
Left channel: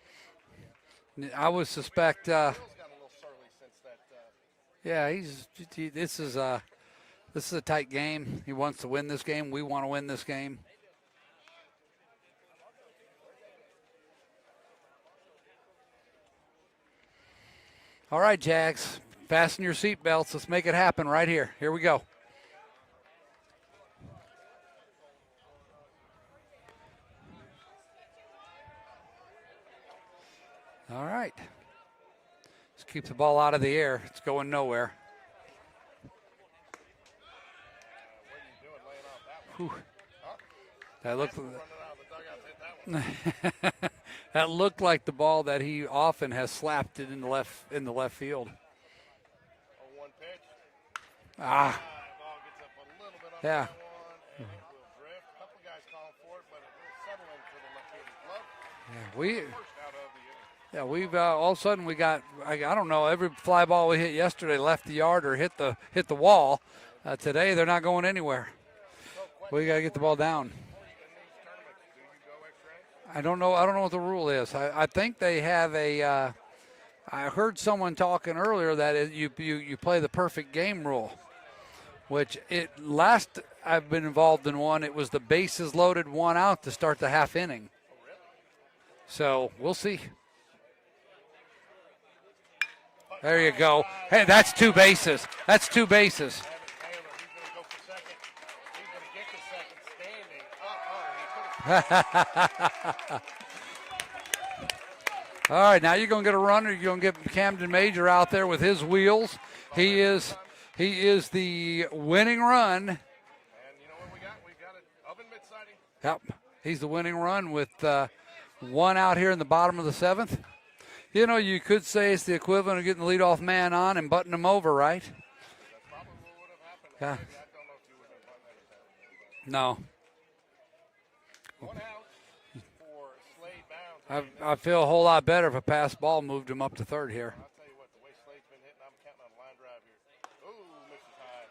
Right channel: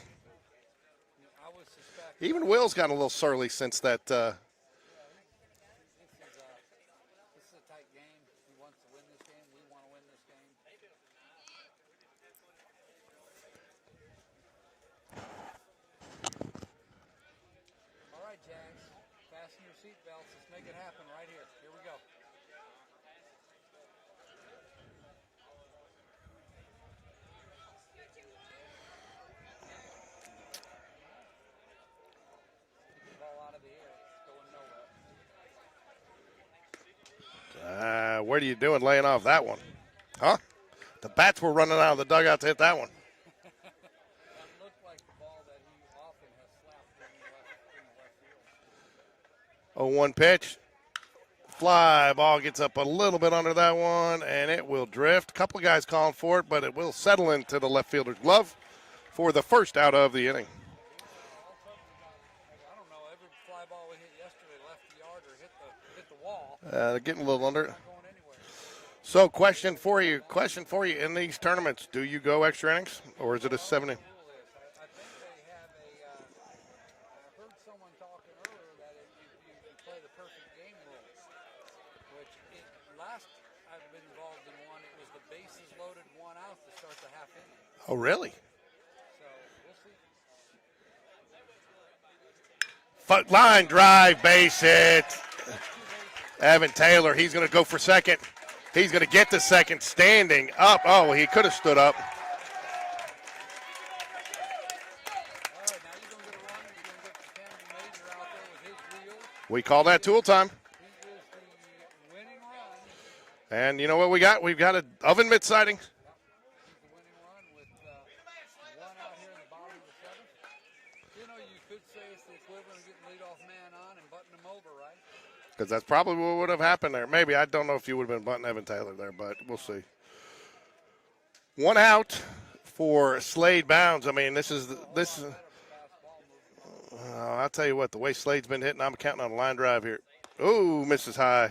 I would suspect. Even Will's gotten a little surly since that. Yeah, this is a tight game. He wants to win this game. We want to win this game. All right, Jags, fasten your seatbelts. Let's make it happen right here. Here we go. All right. Let's keep the ball out of the air. It's going nowhere. What are you doing laying off that one? Huh? The bats were running out of the dugout to hit that one. That looked like the ball that he often has slapped it in the left field. 0-1 pitch. Fly ball gets up a little bit under that one, and it will drift. A couple of guys calling for it, but it will settle into the left fielder's glove for the first out of the inning. Yeah, we've all of a sudden we got I don't know, every fly ball we hit yesterday left the yard or hit the wall. Today They're not going anywhere. So gotta question get for the ball you. down. Question for you. In these tournaments, do you go extra innings? I Or don't is know. it a I don't know 70? what the rule is. I think they have a. I heard someone talking earlier that you play the perfect game rule, which last I've been involved in one, it was the bases loaded, one out to start the half inning. Oh, really? So we'll see. Line There you go. drive, Hey, base that's two hit. bases. That's two bases. Evan Taylor, he's going to go for second. He's going to get to second, standing up. Oh, he could have stood up. All right, now you're going to get a runner. You're going to get Camden Major out there with his wheels. We call that tool time. He is the winning run. And you know what we got? We've got an oven mitt sighting. Yep, he's the winning run with one out here in the bottom of the seventh. You know, you could say it's the equivalent of getting the leadoff man on and butting him over, right? Because that's probably what would have happened there. Maybe. I don't know if you would have been butting Evan Taylor there, but we'll see. One out for Slade Bounds. I mean, I feel a whole lot better if a pass ball moved him up to third here. I'll tell you what, the way Slade's been hitting, I'm counting on a line drive here. Ooh, misses high.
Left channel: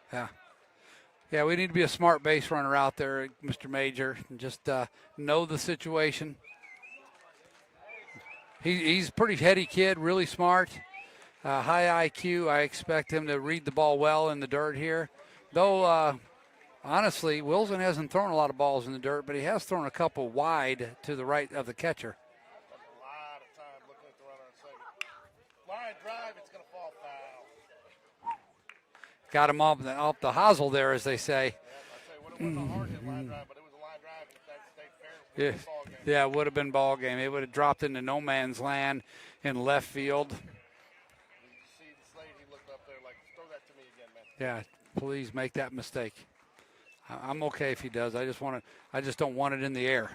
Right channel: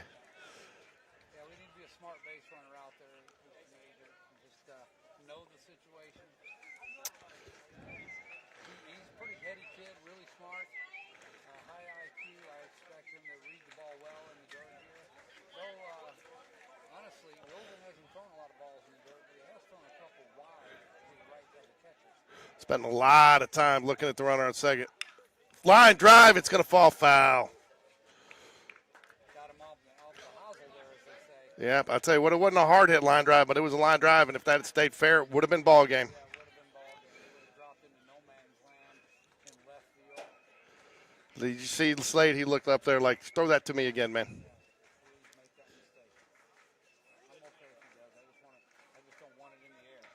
Yeah, we need to be a smart base runner out there, Mr. Major, and just know the situation. He's a pretty heady kid, really smart, high IQ. I expect him to read the ball well in the dirt here. Though, honestly, Wilson hasn't thrown a lot of balls in the dirt, but he has thrown a couple wide to the right of the catcher. Spent a lot of time looking at the runner on second. Line drive, it's going to fall foul. Got him off the hosel there, as they say. Yep, I'll tell you what, it wasn't a hard hit line drive, but it was a line drive, and if that had stayed fair, it would have been ball game. Yeah, it would have been ball game. It would have dropped into no man's land in left field. Did you see Slade? He looked up there like, throw that to me again, man. Yeah, please make that mistake. I'm okay if he does. I just don't want it in the air.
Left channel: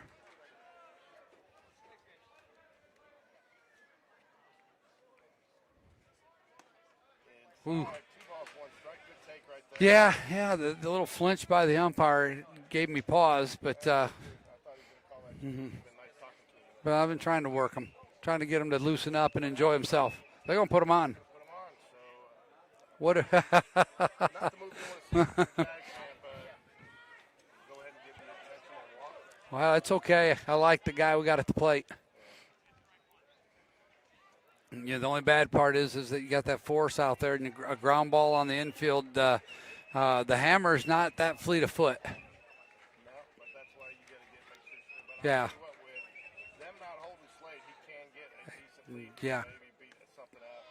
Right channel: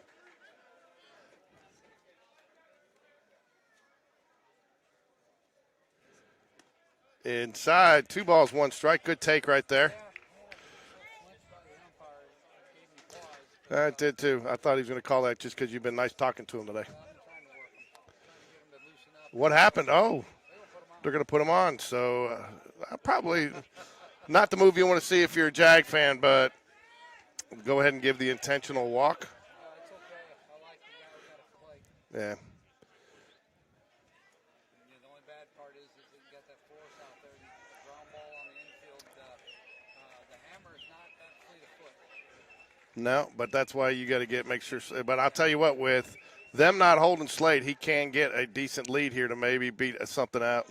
Inside, 2 balls, 1 strike. Good take right there. Yeah. The little flinch by the umpire gave me pause, but I did too. I thought he was going to call that just because you've been nice talking to him today. But I've been trying to work him, trying to get him to loosen up. And what enjoy happened? himself. Oh, they're going to put him on. They're going to put him on. So probably not the move you want to see if you're a Jag fan, but go ahead and give the intentional walk. Well, it's okay. I like the guy we got at the plate. Yeah. Yeah, the only bad part is that you got that force out there and a ground ball on the infield. The hammer's not that fleet of foot. No, but that's why you got to make sure. But I'll tell you what, with them not holding Slade, he can get a decent lead here to maybe beat something out.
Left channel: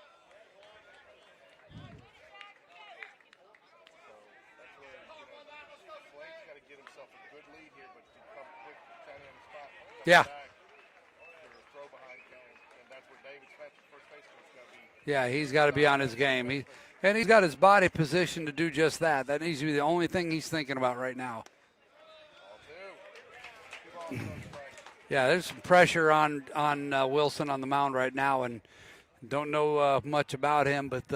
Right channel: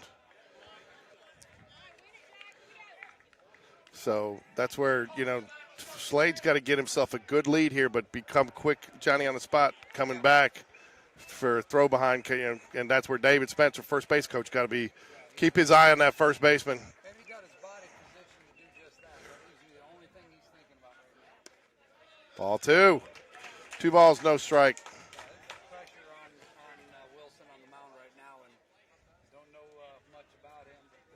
So that's where, Slade's got to get himself a good lead here, but become quick, Johnny on the spot, coming back for throw behind, and that's where David Spencer, first base coach, got to be. Yeah, keep his eye on that first baseman. And he's got his body positioned to do just that. That needs to be the only thing he's thinking about right now. Ball 2. 2 balls, no strike. Yeah, there's some pressure on Wilson on the mound right now, and don't know much about him, but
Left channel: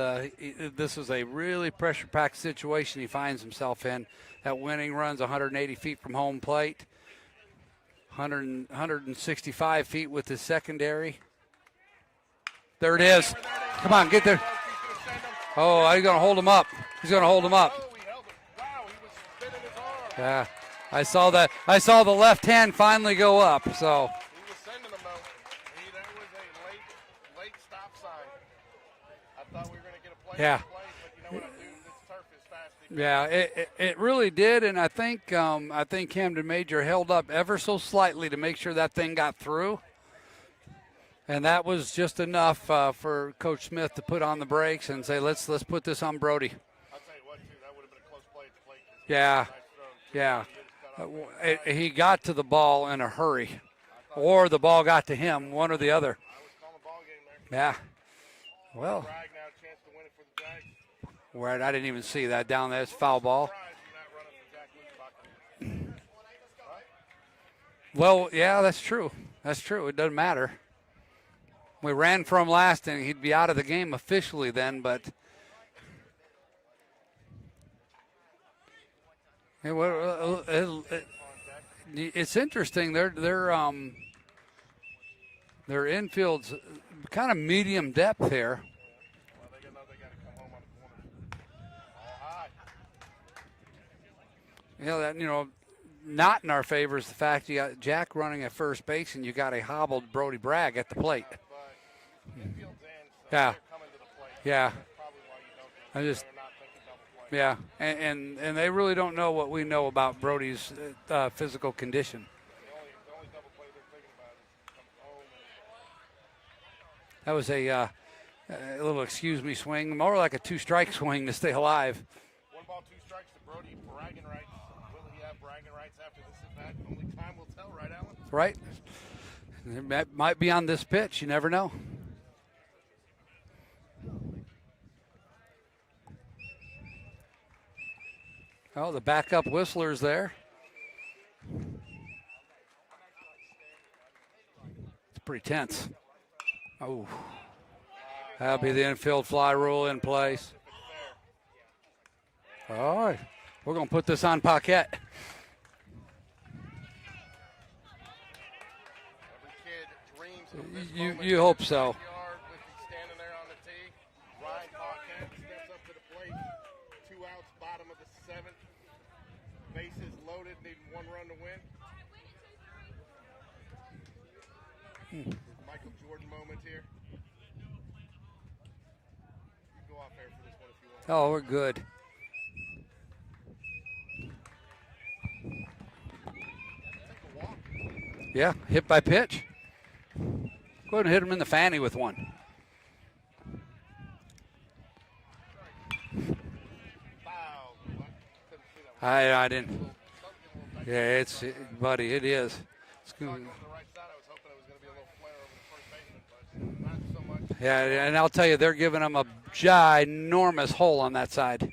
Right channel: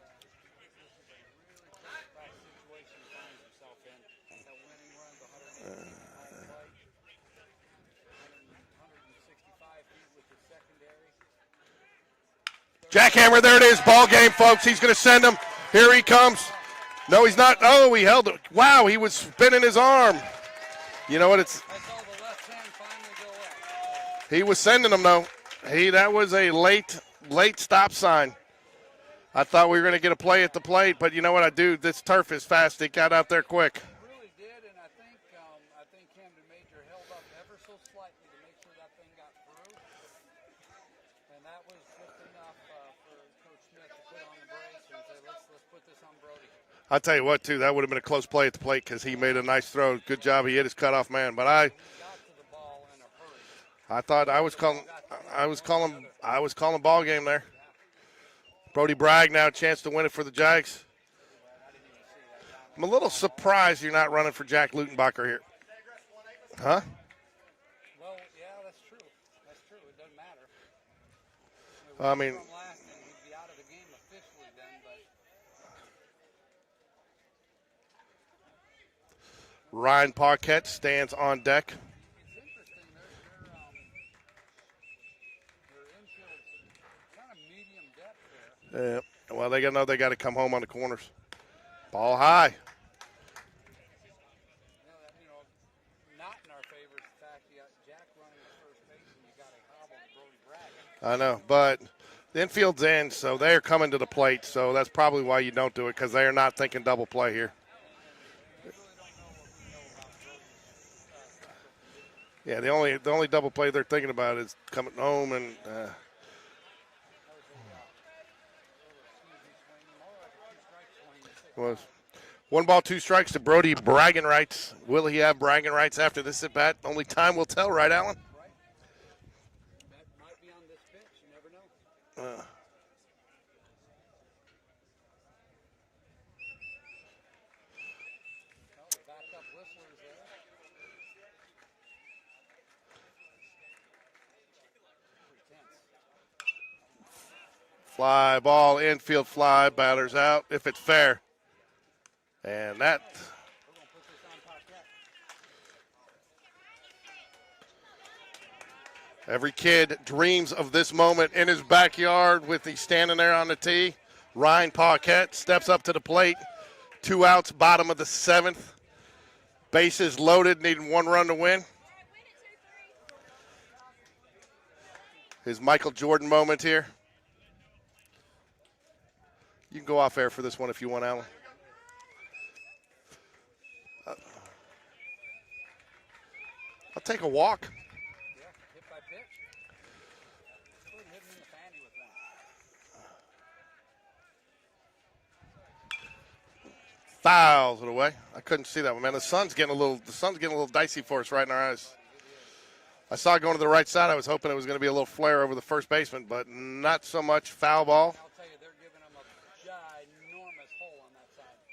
this is a really pressure-packed situation he finds himself in. That winning run's 180 feet from home plate. 165 feet with his secondary. Jackhammer, there it is. Ball game, folks. He's going to send him. Oh, here he comes. Hold him up. No, he's not. Oh, he held it. Wow, he was spinning his arm. Yeah, I saw that. I saw the left hand finally go up. So he was sending them though. That was a late stop sign. I thought we were going to get a play at the plate, but you know what this turf is fast. It got out there quick. It really did, and I think Camden Major held up ever so slightly to make sure that thing got through. And that was just enough for Coach Smith to put on the brakes and say, let's put this on Brody. I'll tell you what, too, that would have been a close play at the plate because he made a nice throw. Good job. He hit his cutoff man. But he got to the ball in a hurry. I thought ball got to him, one or the other. I was calling ball game there. Yeah. Brody Bragg now a chance to win it for the Jags. Right, I didn't even see that down there. I'm a little surprised you're not running for Jack Lutenbacher here. Huh? Well, yeah, that's true. That's true. It doesn't matter. We ran for him last, and he'd be out of the game officially then, but Ryan Paquette stands on deck. It's interesting. Their infield's kind of medium depth here. Well, they got to come home on the corners. Ball high. Not in our favor is the fact you got Jack running at first base and you got a hobbled Brody Bragg at the plate. I know, but the infield's in, so Yeah. they're coming to the plate. Yeah. So that's probably why you don't do it, because they're not thinking double play here. Yeah, and they really don't know what we know about Brody's physical condition. Yeah, the only double play they're thinking about is coming home, and That was a little excuse me swing, more like a two-strike swing to stay alive. 1 ball, 2 strikes to Brody, bragging rights. Will he have bragging rights after this at bat? Only time will tell, right, Alan? Right. It might be on this pitch. You never know. Oh, the backup whistler's there. It's pretty tense. Oh. Fly That'll ball, be the infield fly, rule in batters place. out if it's fair. And that. All right. We're going to put this on Paquette. Every kid dreams of this moment you in hope his so. backyard with the standing there on the tee. Ryan Paquette steps up to the plate. 2 outs, bottom of the 7th. Bases loaded, needing 1 run to win. His Michael Jordan moment here. You can go off air for this one if you want, Alan. Oh, we're good. I'll take a walk. Yeah, hit by pitch. Go ahead and hit him in the fanny with one. Fouls it away. I couldn't see that one, man. I The sun's didn't. getting a little dicey Yeah, for us right in our eyes. buddy, it is. I saw it going to the right side. I was hoping it was going to be a little flare over the first baseman, but not so much. Foul ball. And I'll tell you, they're giving him a ginormous hole on that side.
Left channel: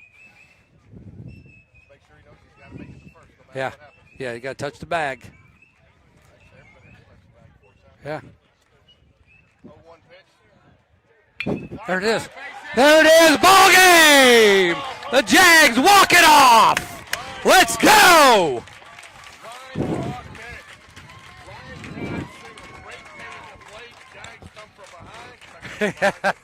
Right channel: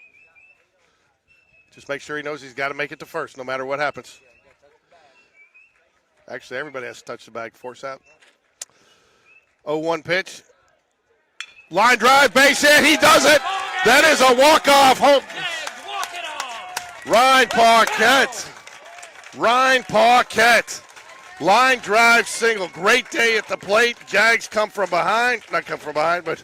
Just make sure he knows he's got to make it to first, no matter Yeah. what happens. Yeah, you got to touch the bag. Actually, everybody has to touch the bag. Force out. Yeah. 0-1 pitch. Line drive, base hit. He There it does is, it. ball game! That is a walk-off home. The Jags walk it off. Ryan Let's Paquette. go. Ryan Paquette. Line drive single. Great day at the plate. Jags come from behind. Not come from behind, but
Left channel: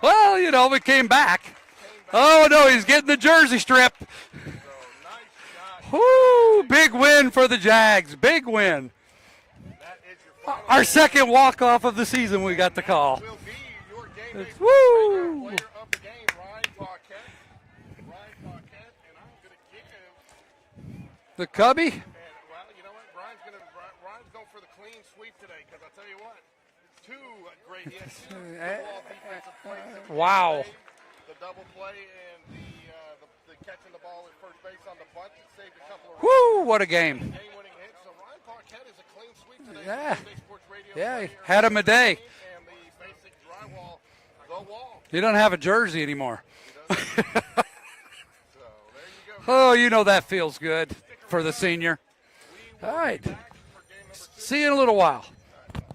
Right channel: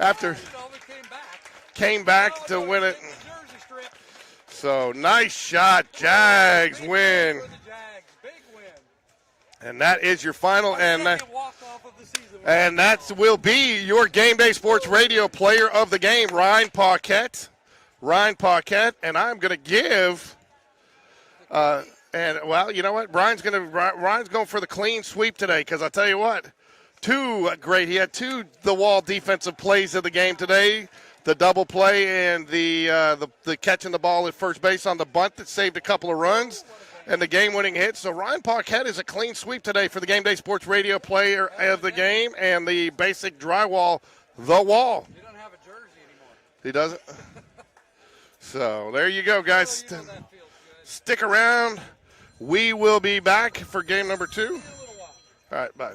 Well, we came back. came back. Oh, to no, win he's it. getting the jersey strip. So nice shot, Woo, Jags. big win for the Jags. Big win. And that is your final. Our and second walk-off of the season. We And got the that call. will be your Game Day Sports Woo! Radio player of the game, Ryan Paquette. Ryan Paquette, and I'm going to give The Cubby. and well, you know what? Ryan's going for the clean sweep today, because I tell you what, he had 2 the wall defensive plays of the game Wow. today. The double play and the catching the ball at first base on the bunt that saved a couple of runs. Woo, what a game. And the game-winning hit. So Ryan Paquette is a clean sweep today for the Yeah. Game Day Sports Radio Yeah, player had him of a the day. game and the basic drywall, the wall. You don't have a jersey anymore. He doesn't. So there you go, guys. Oh, you know that feels good. Stick for around. the senior. We will All be right. back for game number 2. See you in a little while. All right, bye.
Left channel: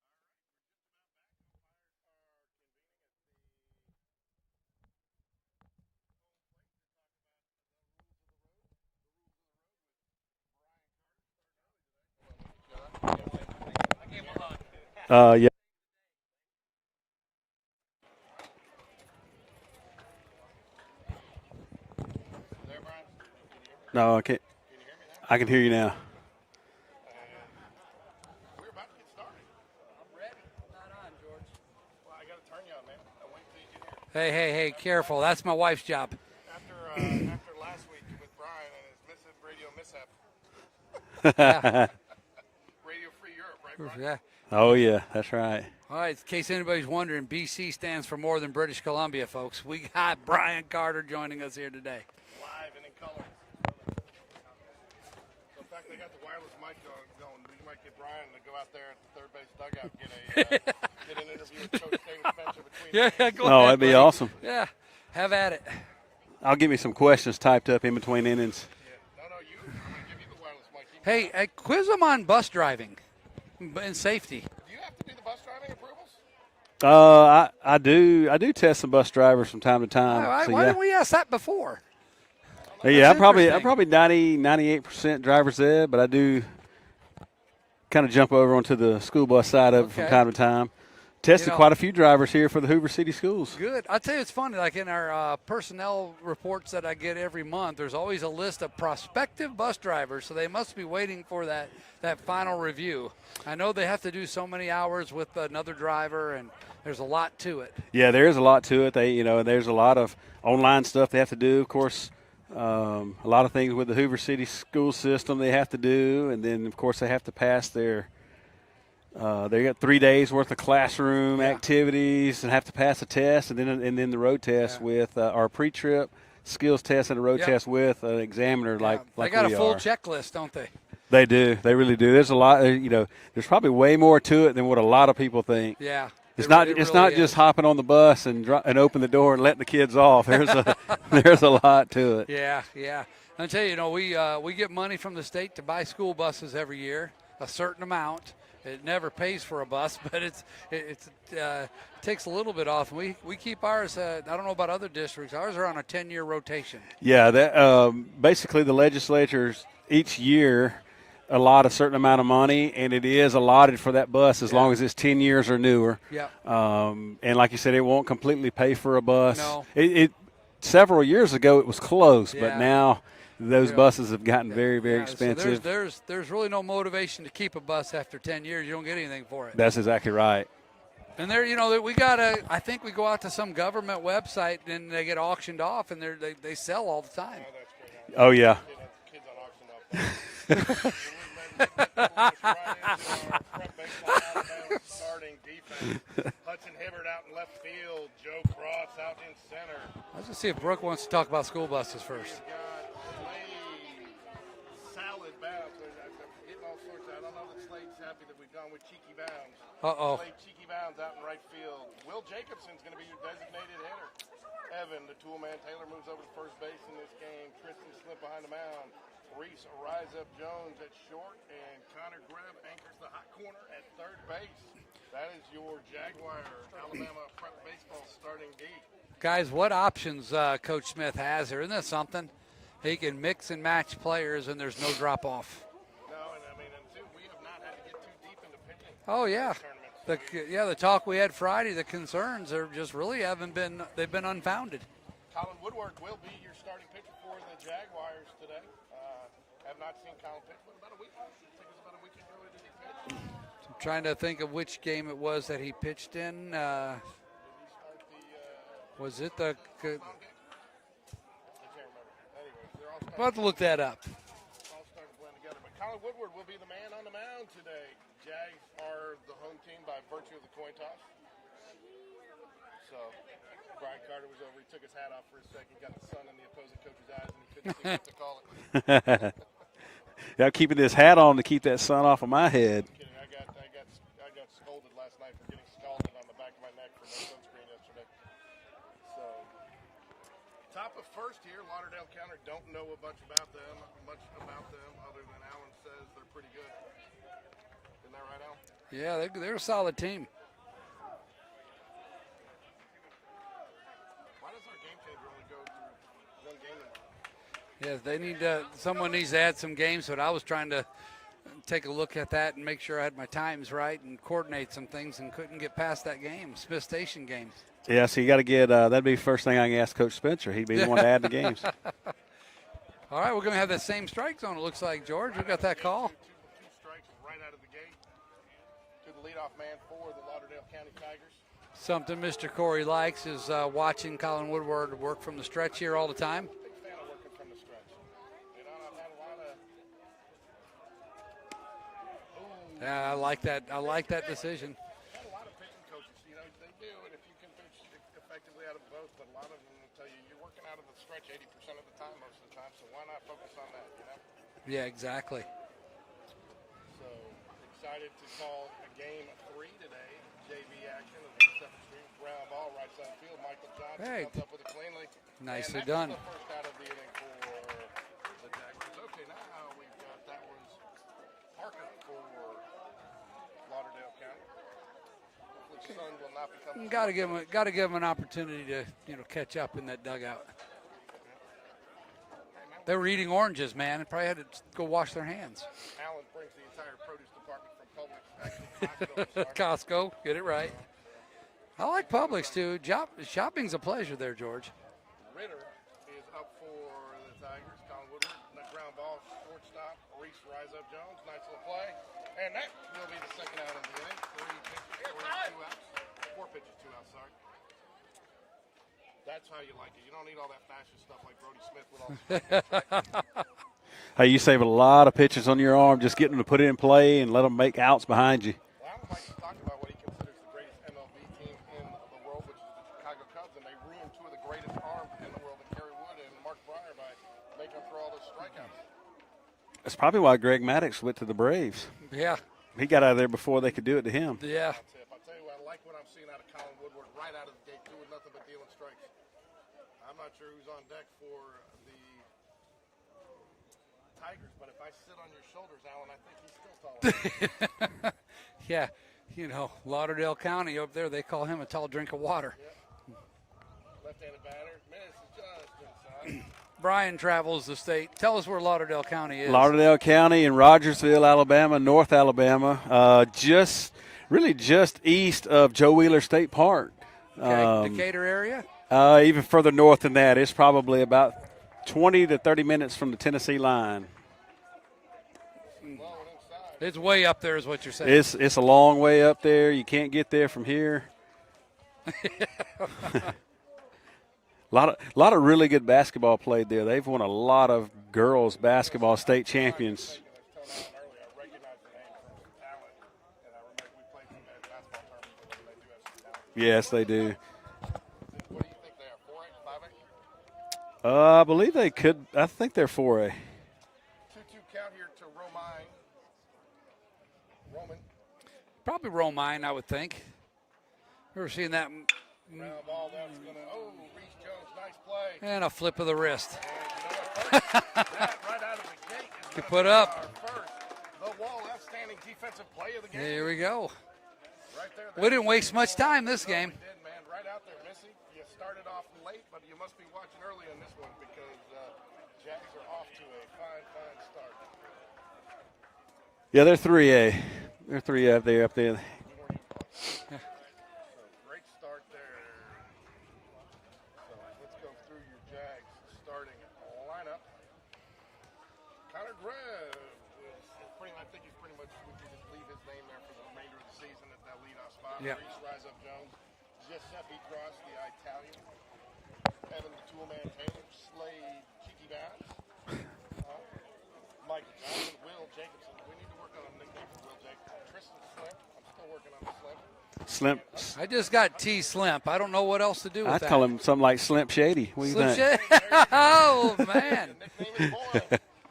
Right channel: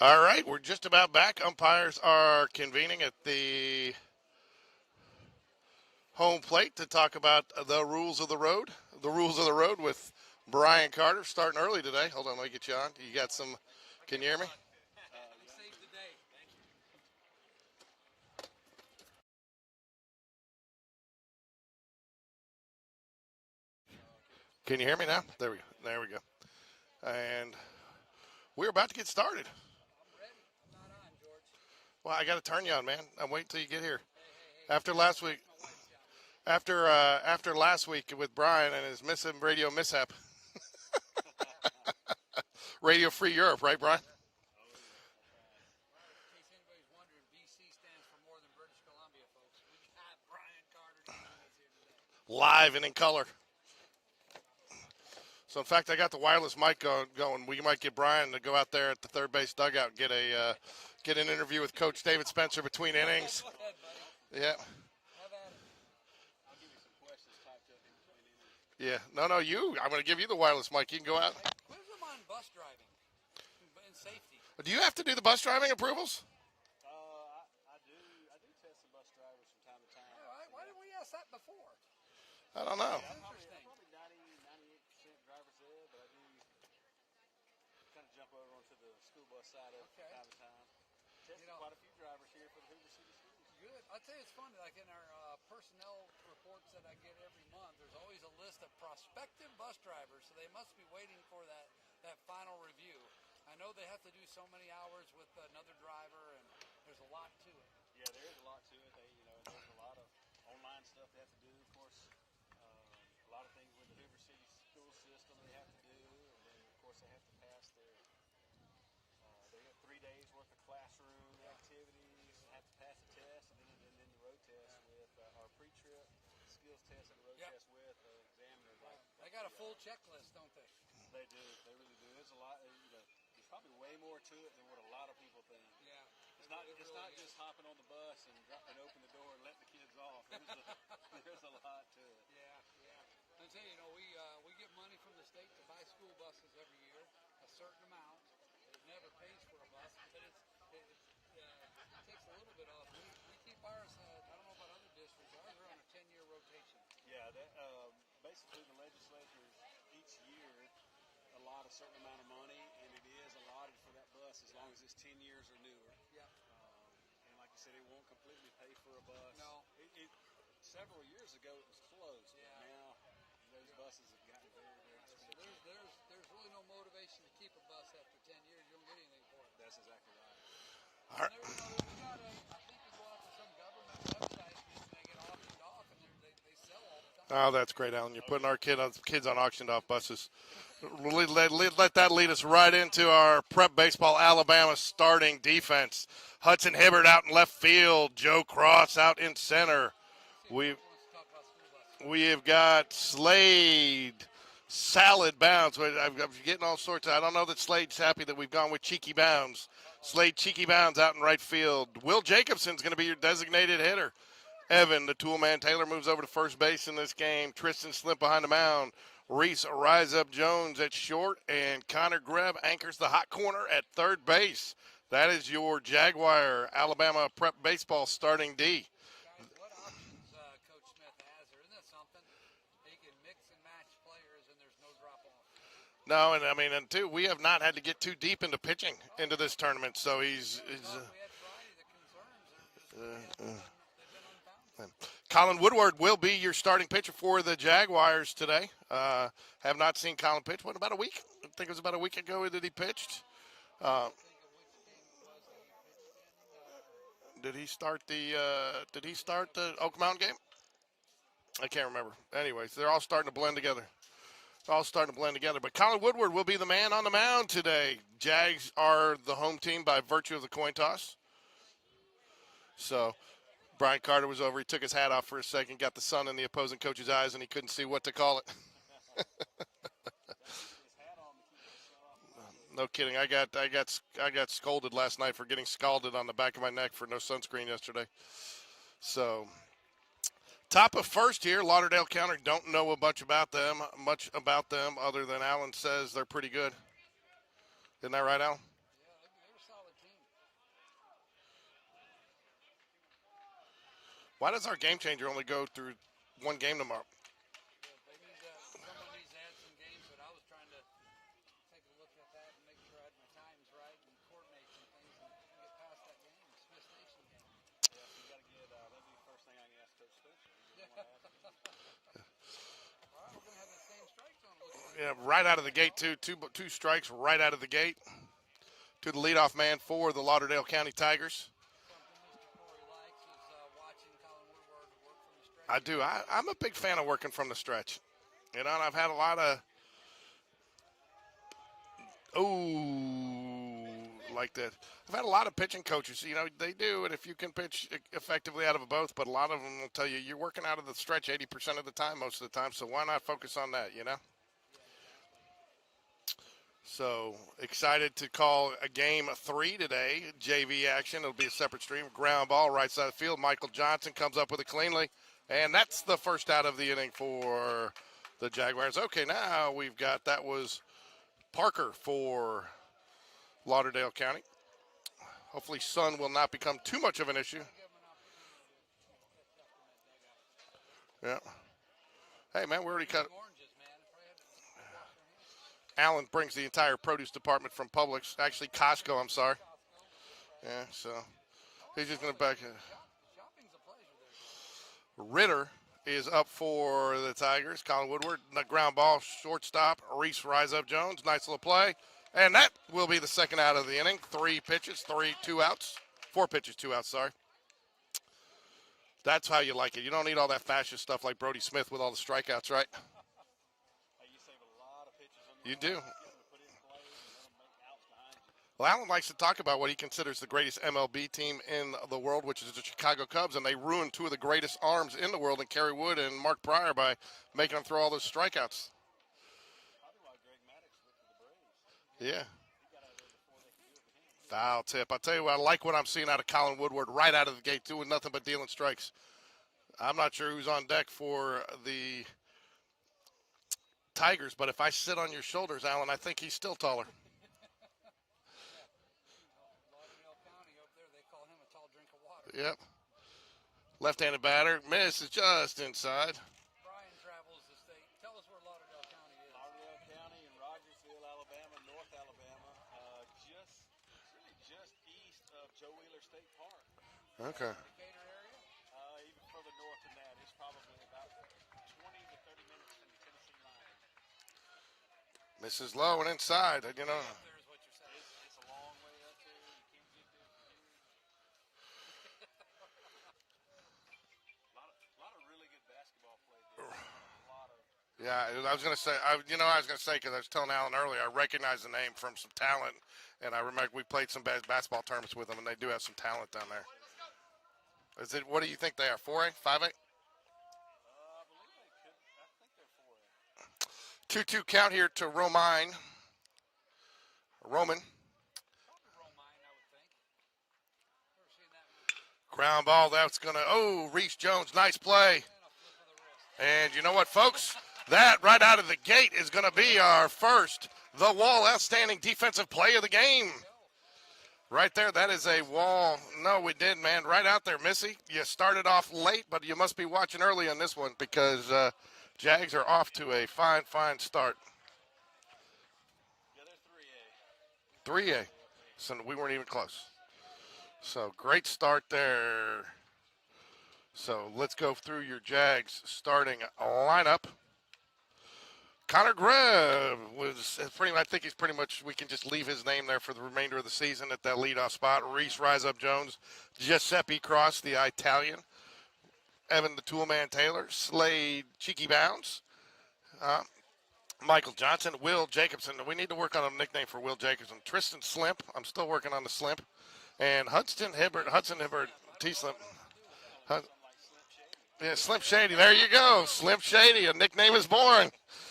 All right, we're just about back. Umpires are convening at the home plate to talk about the rules of the road. The rules of the road with Brian Carter starting early today. Hold on, let me get you on. You got some, can you hear me? Yeah. There, Brian? No, I can't. Can you hear me now? I can hear you now. There we go. And we're about to get started. Well, I got to turn you on, man. I'll wait till you get here. Hey, After careful. last That's my wife's job. After last week with Brian and his radio mishap. Yeah. Radio Free Europe, right, Brian? Yeah. Oh, yeah, that's right. All right, in case anybody's wondering, BC stands for more than British Columbia, folks. We got Brian Carter joining us here today. Live and in color. So, in fact, I got the wireless mic going. We might get Brian to go out there at the third base dugout and get an interview with Coach David Spencer between innings. Oh, that'd be awesome. Yeah, have at it. I'll give me some questions typed up in between innings. Yeah. No, you. I'm going to give you the wireless mic. You can Hey, go out. quiz them on bus driving and safety. Do you have to do the bus driving approvals? I do test some bus drivers from time to time. Why so, didn't we ask that before? I don't know. Yeah, I'm That's probably 98% driver's ed, but I do kind of jump over onto the school bus side of it from Okay. time to time. Tested quite a few drivers here for the Hoover City Schools. Good. I'll tell you, it's funny. Like in our personnel reports that I get every month, there's always a list of prospective bus drivers, so they must be waiting for that final review. I know they have to do so many hours with another driver, and there's a lot to it. Yeah, there is a lot to it. There's a lot of online stuff they have to do. Of course, a lot of things with the Hoover City school system they have to do, and then of course they have to pass their. They got 3 days worth of classroom activities and have to pass a test, and then the road test with our pre-trip skills test and a road test with an examiner like they got we a full are. checklist, don't they? They do. They really do. There's a lot. There's probably way more to it than what a lot of people think. Yeah. It's It not. really It's not is. just hopping on the bus and open the door and letting the kids off. There's a lot to it. Yeah. I'll tell you, we get money from the state to buy school buses every year, a certain amount. It never pays for a bus, but it takes a little bit off. We keep ours. I don't know about other districts. Ours are on a 10-year rotation. Yeah, that basically the legislatures each year allot a certain amount of money, and it is allotted for that bus as long as it's 10 years or newer. Yeah. And like you said, it won't completely pay for a bus. No. It several years ago it was close, but Yeah. now those buses have gotten very, very expensive. So there's really no motivation to keep a bus after 10 years. You don't get anything for it. That's exactly right. And I think we go out to some government website and they get auctioned off, and they sell all the time. Oh, that's great, Alan. Oh, yeah. Kids on auctioned off buses. let that lead us right into our prep baseball Alabama starting defense. Hudson Hibbert out in left field. Joe Cross out in center. Let's just see if Brooke wants to talk about school buses first. We have got Slade, Salad Bounds. I'm getting all sorts of. I don't know that Slade's happy that we've gone with Cheeky Bounds. Slade, Cheeky Bounds out in right field. Will Jacobson's going to be your designated hitter. Evan, the tool man Taylor, moves over to first base in this game. Tristan Slip behind the mound. Reese Rise Up Jones at short. And Connor Greb anchors the hot corner at third base. That is your Jaguar Alabama prep baseball starting D. Guys, what options Coach Smith has here? Isn't that something? He can mix and match players, and there's no drop-off. No, and two, we have not had to get too deep into pitching into this tournament. So the talk we had Friday, the concerns are just really they've been unfounded. Colin Woodward will be your starting pitcher for the Jaguars today. Have not seen Colin pitch. What, about a week? I think it was about a week ago that he pitched. I'm trying to think of which game it was that he pitched in. Did he start the the Oak Mountain game? I can't remember. Anyways, they're all starting I'll to blend look that together. up. All starting to blend together. But Colin Woodward will be the man on the mound today. Jags are the home team by virtue of the coin toss. So Brian Carter was over. He took his hat off for a second, got the sun in the opposing coach's eyes, and he couldn't see what to call it. Yeah, keeping this hat on to keep that sun off of my head. No kidding. I got scolded last night for getting scalded on the back of my neck for no sunscreen yesterday. So, top of first here, Lauderdale County. Don't know much about them other than Alan says they're pretty good. Isn't that right, Alan? Yeah, they're a solid team. Why does our game changer only go through one game tomorrow? Yeah, they need someone needs to add some games, but I was trying to take a look at that and make sure I had my times right and coordinate some things and couldn't get past that game, Smith Station game. Yeah, so you got to get that'd be the first thing I can ask Coach Spencer. He'd be the one to add the games. All right, we're going to have that same strike zone, it looks like, Yeah, George. right We out got of the that gate, call. two strikes right out of the gate to the leadoff man for the Lauderdale County Tigers. Something Mr. Corey likes is watching Colin Woodward work from the stretch here do. all the time. I'm a big fan of working from the stretch. You know, and I've had a lot of. Oh. I like that. I like that decision. I've had a lot of pitching coaches. You know, they do it if you can pitch effectively out of a both, but a lot of them will tell you you're working out of the stretch 80% of the time, most of the time. So why not focus on that? You know. Yeah, exactly. So excited to call a game 3 today. JV action. It'll be a separate stream. Ground ball, right side of the field. Michael Johnson comes up with it cleanly. Nicely And that's done. the first out of the inning for the Jaguars. Okay, now we've got, that was Parker for Lauderdale County. Hopefully sun will not become too much of an issue. Got to give them an opportunity to catch up in that dugout. Yeah. Hey, man, They're eating oranges, man. They probably had to go wash their hands. Alan brings the entire produce department from Publix. Actually, Costco, I'm sorry. Costco, get it right. Yeah, so I like he's in the Publix, back. too. Shopping's a pleasure there, George. Ritter is up for the Tigers. Colin Woodward, the ground ball, shortstop. Reese Rise Up Jones, nice little play. And that will be the second out of the inning. 3 pitches, 2 outs. 4 pitches, 2 outs, sorry. That's how you like it. You don't need all that fascist stuff like Brody Smith with all the strikeouts, right? Hey, you save a lot of pitches on your arm just getting them to put it in play and let them make outs behind you. Well, Alan likes to talk about what he considers the greatest MLB team in the world, which is the Chicago Cubs, and they ruined 2 of the greatest arms in the world in Kerry Wood and Mark Pryor by making them throw all those strikeouts. That's probably why Greg Maddox went to the Braves. Yeah. He got out of there before they could do it to him. Yeah. I'll tell you what, I like what I'm seeing out of Colin Woodward right out of the gate, doing nothing but dealing strikes. I'm not sure who's on deck for the Tigers, but if I sit on your shoulders, Alan, I think he's still taller. Yeah. Lauderdale County over there, they call him a tall drink of water. Yep. Left-handed batter, misses just inside. Brian travels the state. Tell us where Lauderdale County is. Lauderdale County in Rogersville, Alabama, North Alabama, just east of Joe Wheeler State Park. Okay. Decatur area? Even further north than that. It's probably about 20 to 30 minutes from the Tennessee line. This is low and inside. It's way up there is what you're saying. It's a long way up there. You can't get there from here. A lot of really good basketball played there. They've won a lot of girls basketball state champions. I was going to say, because I was telling Alan earlier, I recognize the name from some talent, and I remember we played some basketball tournaments with them, and they do have some talent there. Yes, they do. What do you think they are, 4A, 5A? I believe they could. I think they're 4A. 2-2 count here to Roman. Probably Romine, I would think. Ever seen that? Ground ball, that's going to, Reese Jones, nice play. And a flip of the wrist. And you know what, folks? That right out of the gate is going to be our first, the Wall outstanding defensive play of the game. There we go. Right there. We didn't waste much time this game. No, we didn't, man. Right out there, Missy. You started off late, but you must be watching early on this one because Jags are off to a fine start. Yeah, they're 3A. They're 3A. They're up there. So we weren't even close. So great start there. So let's go through your Jags starting lineup. Connor Greb I think he's pretty much, we can just leave his name there for the remainder of the season at that leadoff spot. Yep. Reese Rise Up Jones, Giuseppe Cross, the Italian, Evan the Toolman Taylor, Slade Cheeky Bounds, Michael Johnson, Will Jacobson. We need to work on a nickname for Will Jacobson. Tristan Slimp. I'm still working on the Slimp. Slimp. And Hudson I just Hibbert, got T-Slimp. I don't know what else to do with I'd that. call him something like Slimp Shady. What do you Slim think? Shady. There you go. Slim Shady. A nickname is born.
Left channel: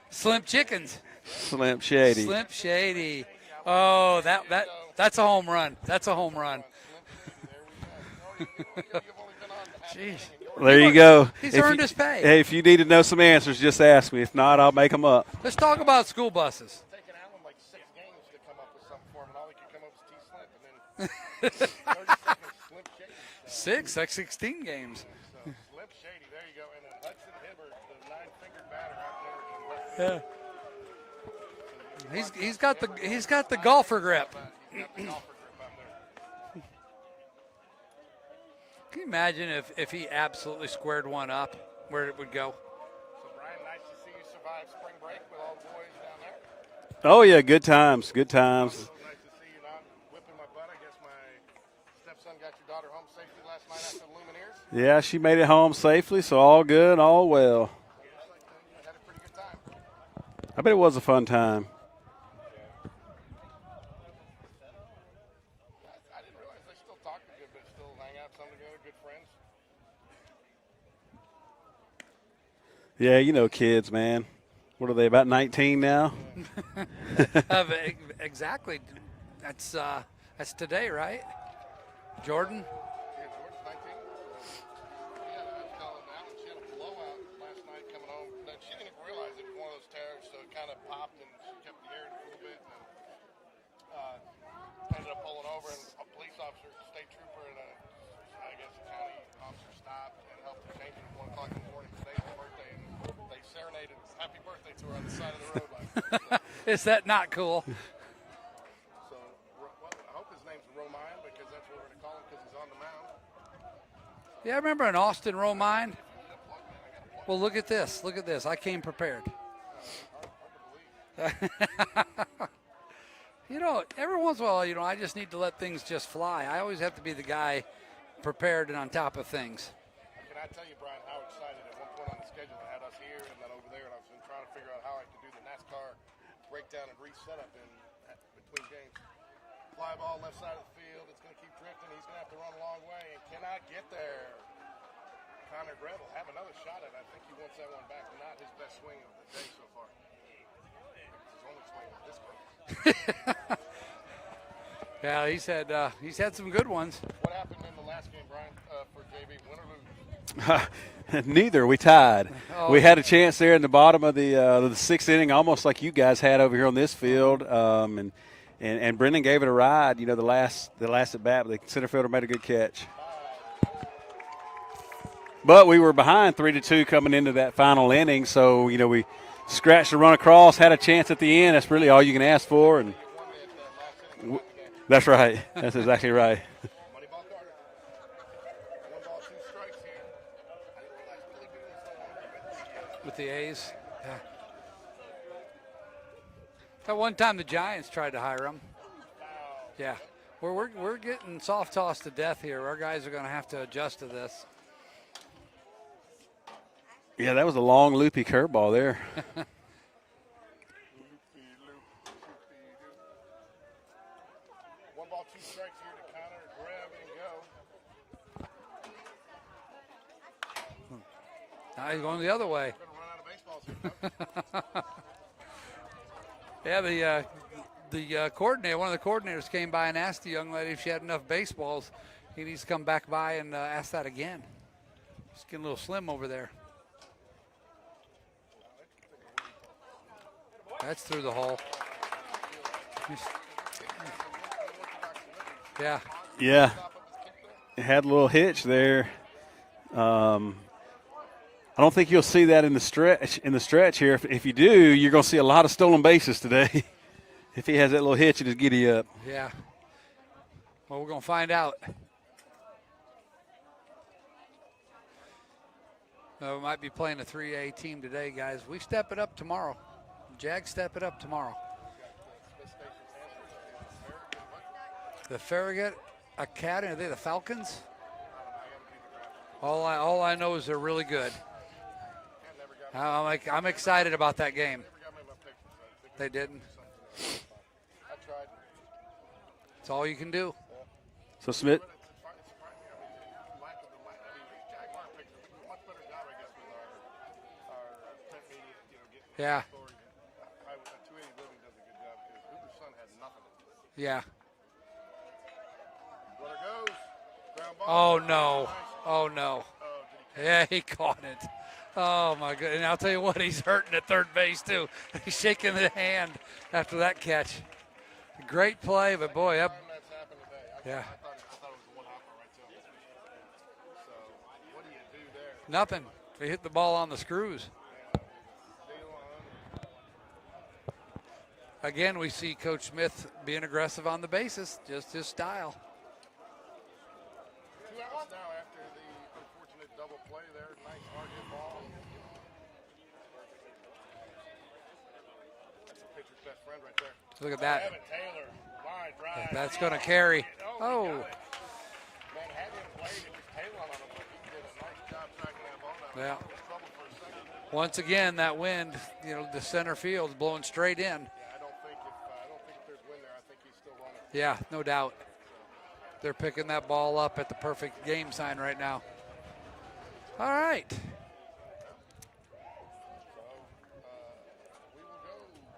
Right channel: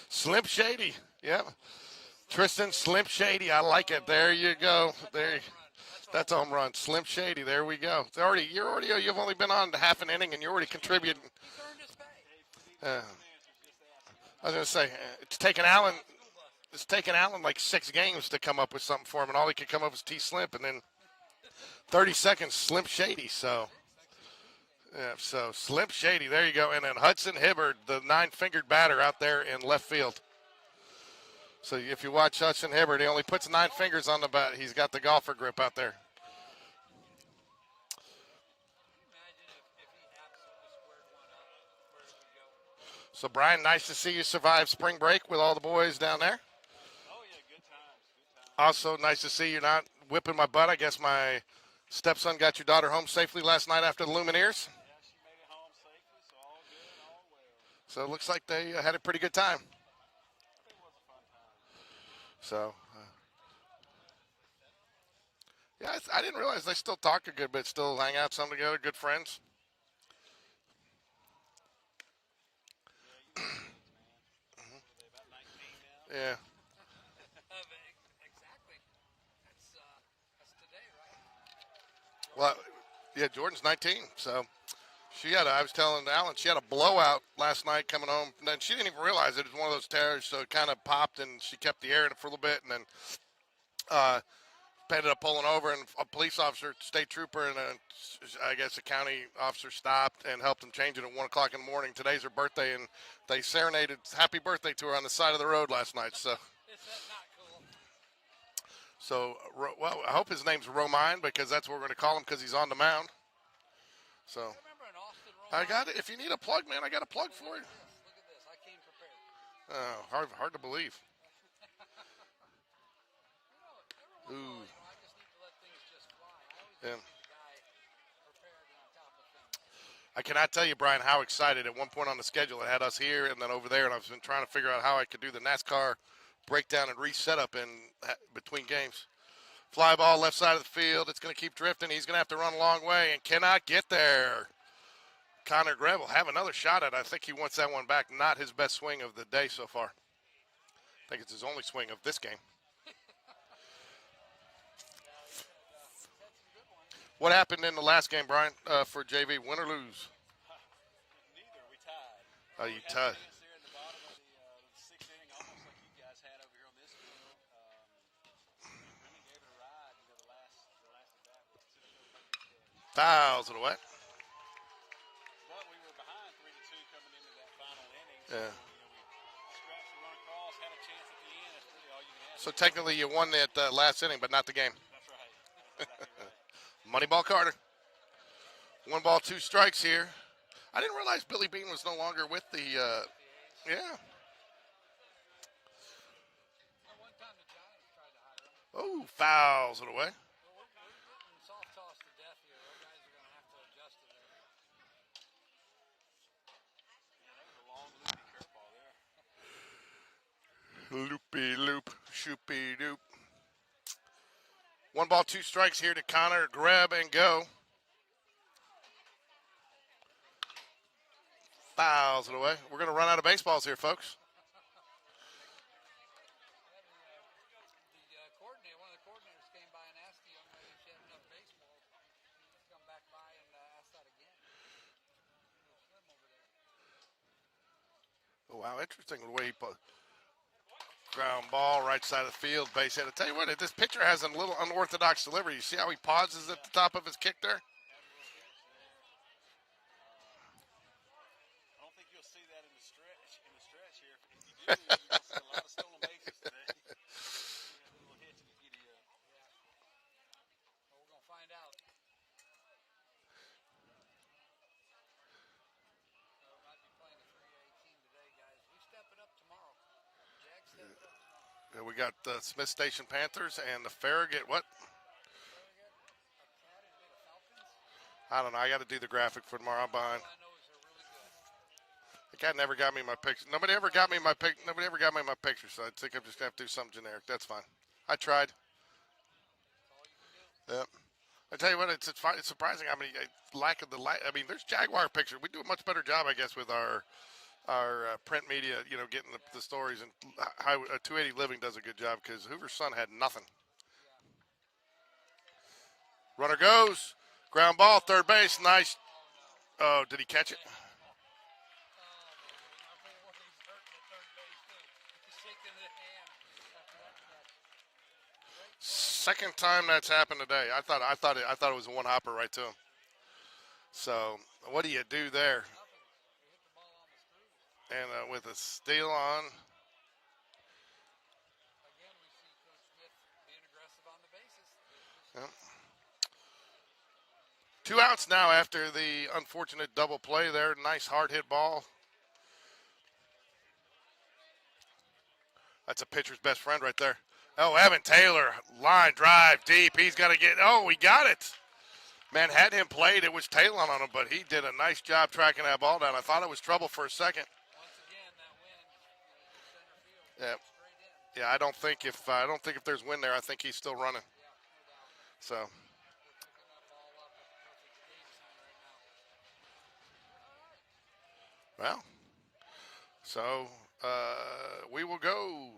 Slim Shady. Chickens. Yep. Slim Shady. Tristan Slim Shady. Shady. I like Oh, it. There you go. That's a There- home run. That's a That's home run. Slim Shady. There we go. You've only been on half an inning, and you're already. There you go. He's If earned you- his pay. Hey, if you need to know some answers, just ask me. If not, I'll make them up. It's Let's taken talk Alan, about school buses. It's taken Alan like 6 games to come up with something for him, and all he could come up was T Slimp, and then 30 seconds Slim Shady. So 16 games. yeah, so Slim Shady. There you go. And then Hudson Hibbard, the 9-fingered batter out there in left field. So if you watch he's Hudson got the- Hibbard, he only he's got puts the 9 golfer fingers on the grip. bat. He's got the golfer grip out there. Can you imagine if he absolutely squared one up, where it would go? So Brian, nice to see you survive spring break with all the boys down there. Oh, yeah, good times, good times. Also, nice to see you're not whipping my butt. I guess my stepson got your daughter home safely last night after the Lumineers. Yeah, she made it home safely, so all good, all well. So it looks like they had a pretty good time. I bet it was a fun time. So, yeah, I didn't realize they still talk a good bit, still hang out some together, good friends. Yeah, you know kids, man. What are they, about 19 now? Yeah. Exactly. That's today, right? Jordan? Yeah, Jordan's 19, so I was telling Alan, she had a blowout last night coming home, and then she didn't even realize it. It was one of those tears, so it kind of popped, and she kept the air in it for a little bit, and then ended up pulling over, and a police officer, state trooper, and I guess a county officer stopped and helped them change it at 1 o'clock in the morning. Today's her birthday, and they serenaded happy birthday to her on the side of the road last night. So, Is that not cool? so well, I hope his name's Romine, because that's what we're going to call him, because he's on the mound. So Yeah, I remember in Austin, I got Romine. it. If you need a plug, man, I got a plug. Well, for look you. at this. Look at this. I came prepared. Hard to believe. You know, every once in a while, I just need to let things just fly. I always have to be the guy prepared and on top of things. I cannot tell you, Brian, how excited at one point on the schedule it had us here and then over there, and I've been trying to figure out how I could do the NASCAR breakdown and reset up in between games. Fly ball left side of the field. It's going to keep drifting. He's going to have to run a long way and cannot get there. Connor Greb will have another shot at it. I think he wants that one back. Not his best swing of the day so far. I think it's his only swing of this game. Yeah, he's had some good ones. What happened in the last game, Brian, for JV? Win or lose? Neither. We tied. Oh, We had a okay. chance there in the bottom of the 6th inning, almost like you guys had over here on this field. And Brendan gave it a ride. The last at bat, but the center fielder made a good catch. Fouls it away. But we were behind 3-2 coming into that final inning, so we scratched the run across, had a chance at the end. That's really all you can ask So for. technically, you won that last inning, but not the game. That's right. That's exactly right. Moneyball Carter. 1 ball, 2 strikes here. I didn't realize Billy Bean was no longer with the. A's. Yeah. At one time, the Giants tried to hire him. Oh, fouls Yeah. away. We're getting soft tossed to death here. Our guys are going to have to adjust to this. Yeah, that was a long, loopy curveball there. Loopy loop, shoopy doop. 1 ball, 2 strikes here to Connor. Grab and go. Fouls the other away. way. We're going to run out of baseballs here, folks. Yeah, the coordinator, one of the coordinators came by and asked the young lady if she had enough baseballs. He needs to come back by and ask that again. It's getting a little slim over there. Oh, wow, interesting the way he put. That's through the Ground hole. ball, right side of the field, base hit. I tell you what, this pitcher has a little unorthodox delivery. You see how Yeah. he pauses Yeah. at the top of his kick there? It had a little hitch there. I don't think you'll see that in the stretch here. If you do, you're going to see a lot of stolen bases today. If he has that little hitch in his giddy up. Yeah. Well, we're going to find out. We might be playing a 3A team today, guys. We step it up tomorrow. Jags step it up tomorrow. And we got the Smith Station Panthers and the Farragut, what? The Farragut Academy, are they the Falcons? I don't know. I got to do the graphic for tomorrow. All I know is they're really good. The cat never got me I'm my picture. I'm Nobody ever excited got me about my that pic- game. Nobody ever got me my picture, so I think I'm They just going to didn't? do something generic. That's fine. I tried. That's all you can do. Yep. So I tell you Smith, what, it's surprising how many lack of the I mean, there's Jaguar pictures. We do a much better job, I guess, with our our print media, getting the, Yeah. the stories. And 280 Living does a good job because Hoover's son had nothing. Yeah. Runner goes. Ground ball, third base. Nice. Oh, no. Oh, did he catch Yeah, it? he caught it. Oh, my goodness. And I'll tell you what, he's hurting at third base, too. He's shaking the hand after that catch. Great play, but Second boy. time that's happened today. I Yeah. thought it was a one hopper right to him. So what do you do there? Nothing. They hit the ball on the screws. And with a steal on. Again, we see Coach Smith being aggressive on the bases, just his style. 2 outs now after the unfortunate double play there. Nice hard hit ball. That's a pitcher's best friend right there. Look at Oh, that. Evan Taylor, line drive That's deep. gonna He's carry. going to get. Oh, we Oh. got it. Man, had him played, it was Taylor on him, but he did a nice job tracking that ball down. I Yeah. thought it was trouble for a second. Once again, that wind, the center field's blowing straight in. Yeah, I don't think if there's wind there, I think he's still running. Yeah, no doubt. So They're picking that ball up at the perfect game sign right now. All right. well, so we will go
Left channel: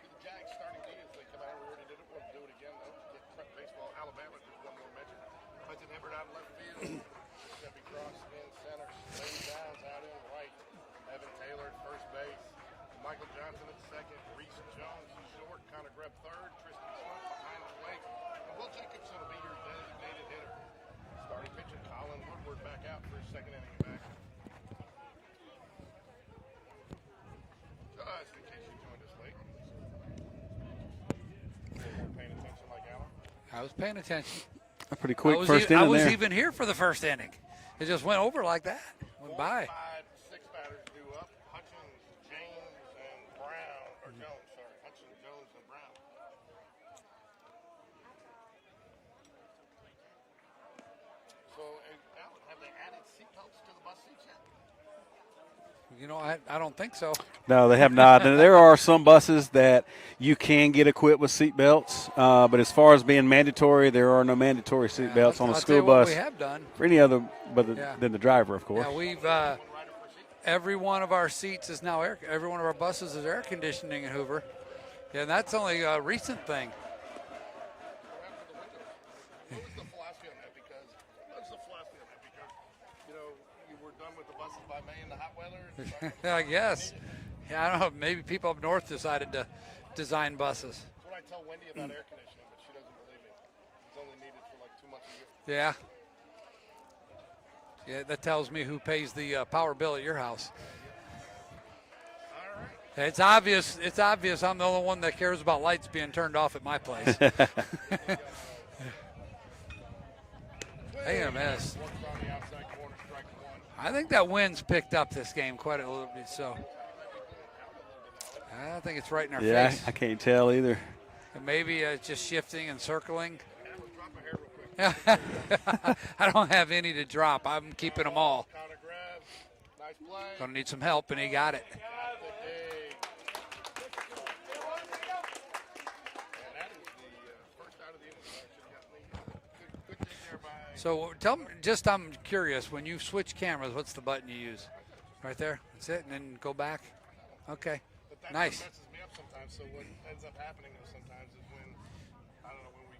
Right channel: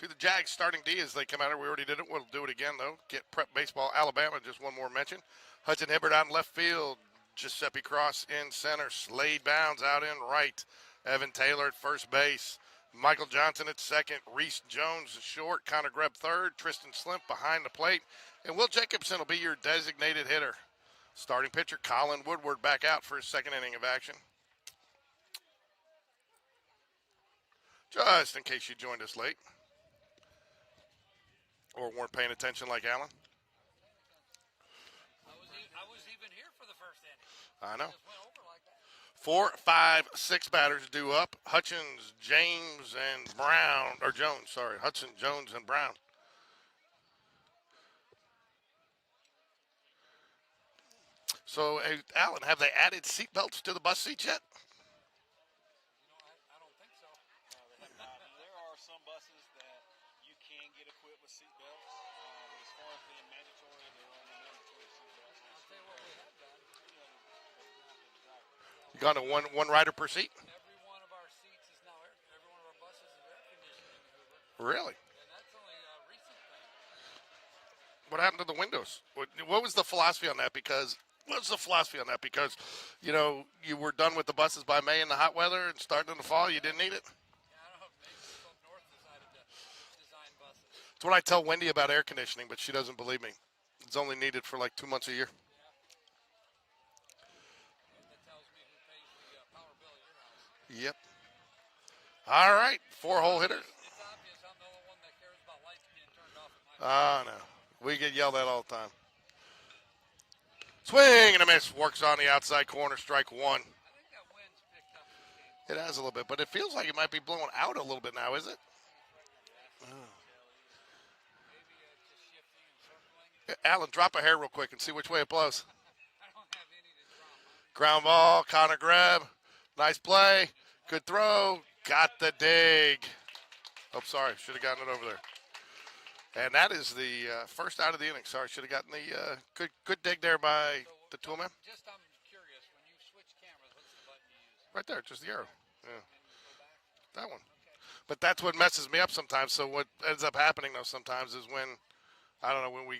to the Jags starting D as they come out here. We already did it. We'll do it again, though. Get Prep Baseball Alabama, just one more mention. Hudson Hibbert out in left field. Giuseppe Cross in center. Slade Bounds out in right. Evan Taylor at first base. Michael Johnson at second. Reese Jones short. Connor Greb third. Tristan Slimp behind the plate. And Will Jacobson will be your designated hitter. Starting pitcher Colin Woodward back out for his second inning of action. Just in case you joined us late or weren't paying attention like Alan. I was paying attention. A pretty quick I was, first I inning was there. even here for the first inning. I know. It just went over like that. 4, Bye. 5, 6 batters due up. Hutchins, James, and Brown. Or Jones, sorry. Hudson, Jones, and Brown. So, hey, Alan, have they added seatbelts to the bus seats yet? I don't think so. No, they have not. And there are some buses that you can get equipped with seat belts, but as far as being mandatory, there are no mandatory seat belts on a I'll school tell you what bus we have done. for any other Yeah. than the driver, of course. Yeah, we've, Done one rider per seat? every one of our seats is now every one of our buses is air conditioning in Hoover. Really? Yeah, and that's only a recent thing. What happened to the windows? What was the philosophy on that? Because you were done with the buses by May in the hot weather and starting in the fall. You didn't need it. Yeah, I don't know. Maybe people up north decided to design buses. That's what I tell Wendy about air conditioning, but she doesn't believe me. It's only needed for like 2 months a year. Yeah. Yeah, that tells me who pays the power bill at your house. Yep. All right. It's 4-0 obvious. It's obvious. I'm the only one that cares about lights being turned off at my place. We get yelled at all the time. Swing and a miss. Works on the outside corner. Strike one. I think that wind's picked up this game quite It has a little bit, but so. it feels like it might be blowing out a little bit now, is it? I think it's right in our Yeah, face. I can't tell either. And maybe it's just shifting and circling. Alan, drop a hair real quick and see which way it blows. I don't have any to drop. I'm Ground keeping ball. them all. Connor Grab. Nice play. Gonna need some help, Good and he got it. Got the dig. Oh, sorry. Should have gotten it over there. And that is the first out of the inning. Sorry, should have gotten the good dig there by So the tell me, toolman. just I'm curious, when you switch cameras, what's the button you use? Right there, just Right arrow. there? That's it? And then go back? That one. Okay. But that's what Nice. messes me up sometimes. So what ends up happening though sometimes is when, I don't know, when we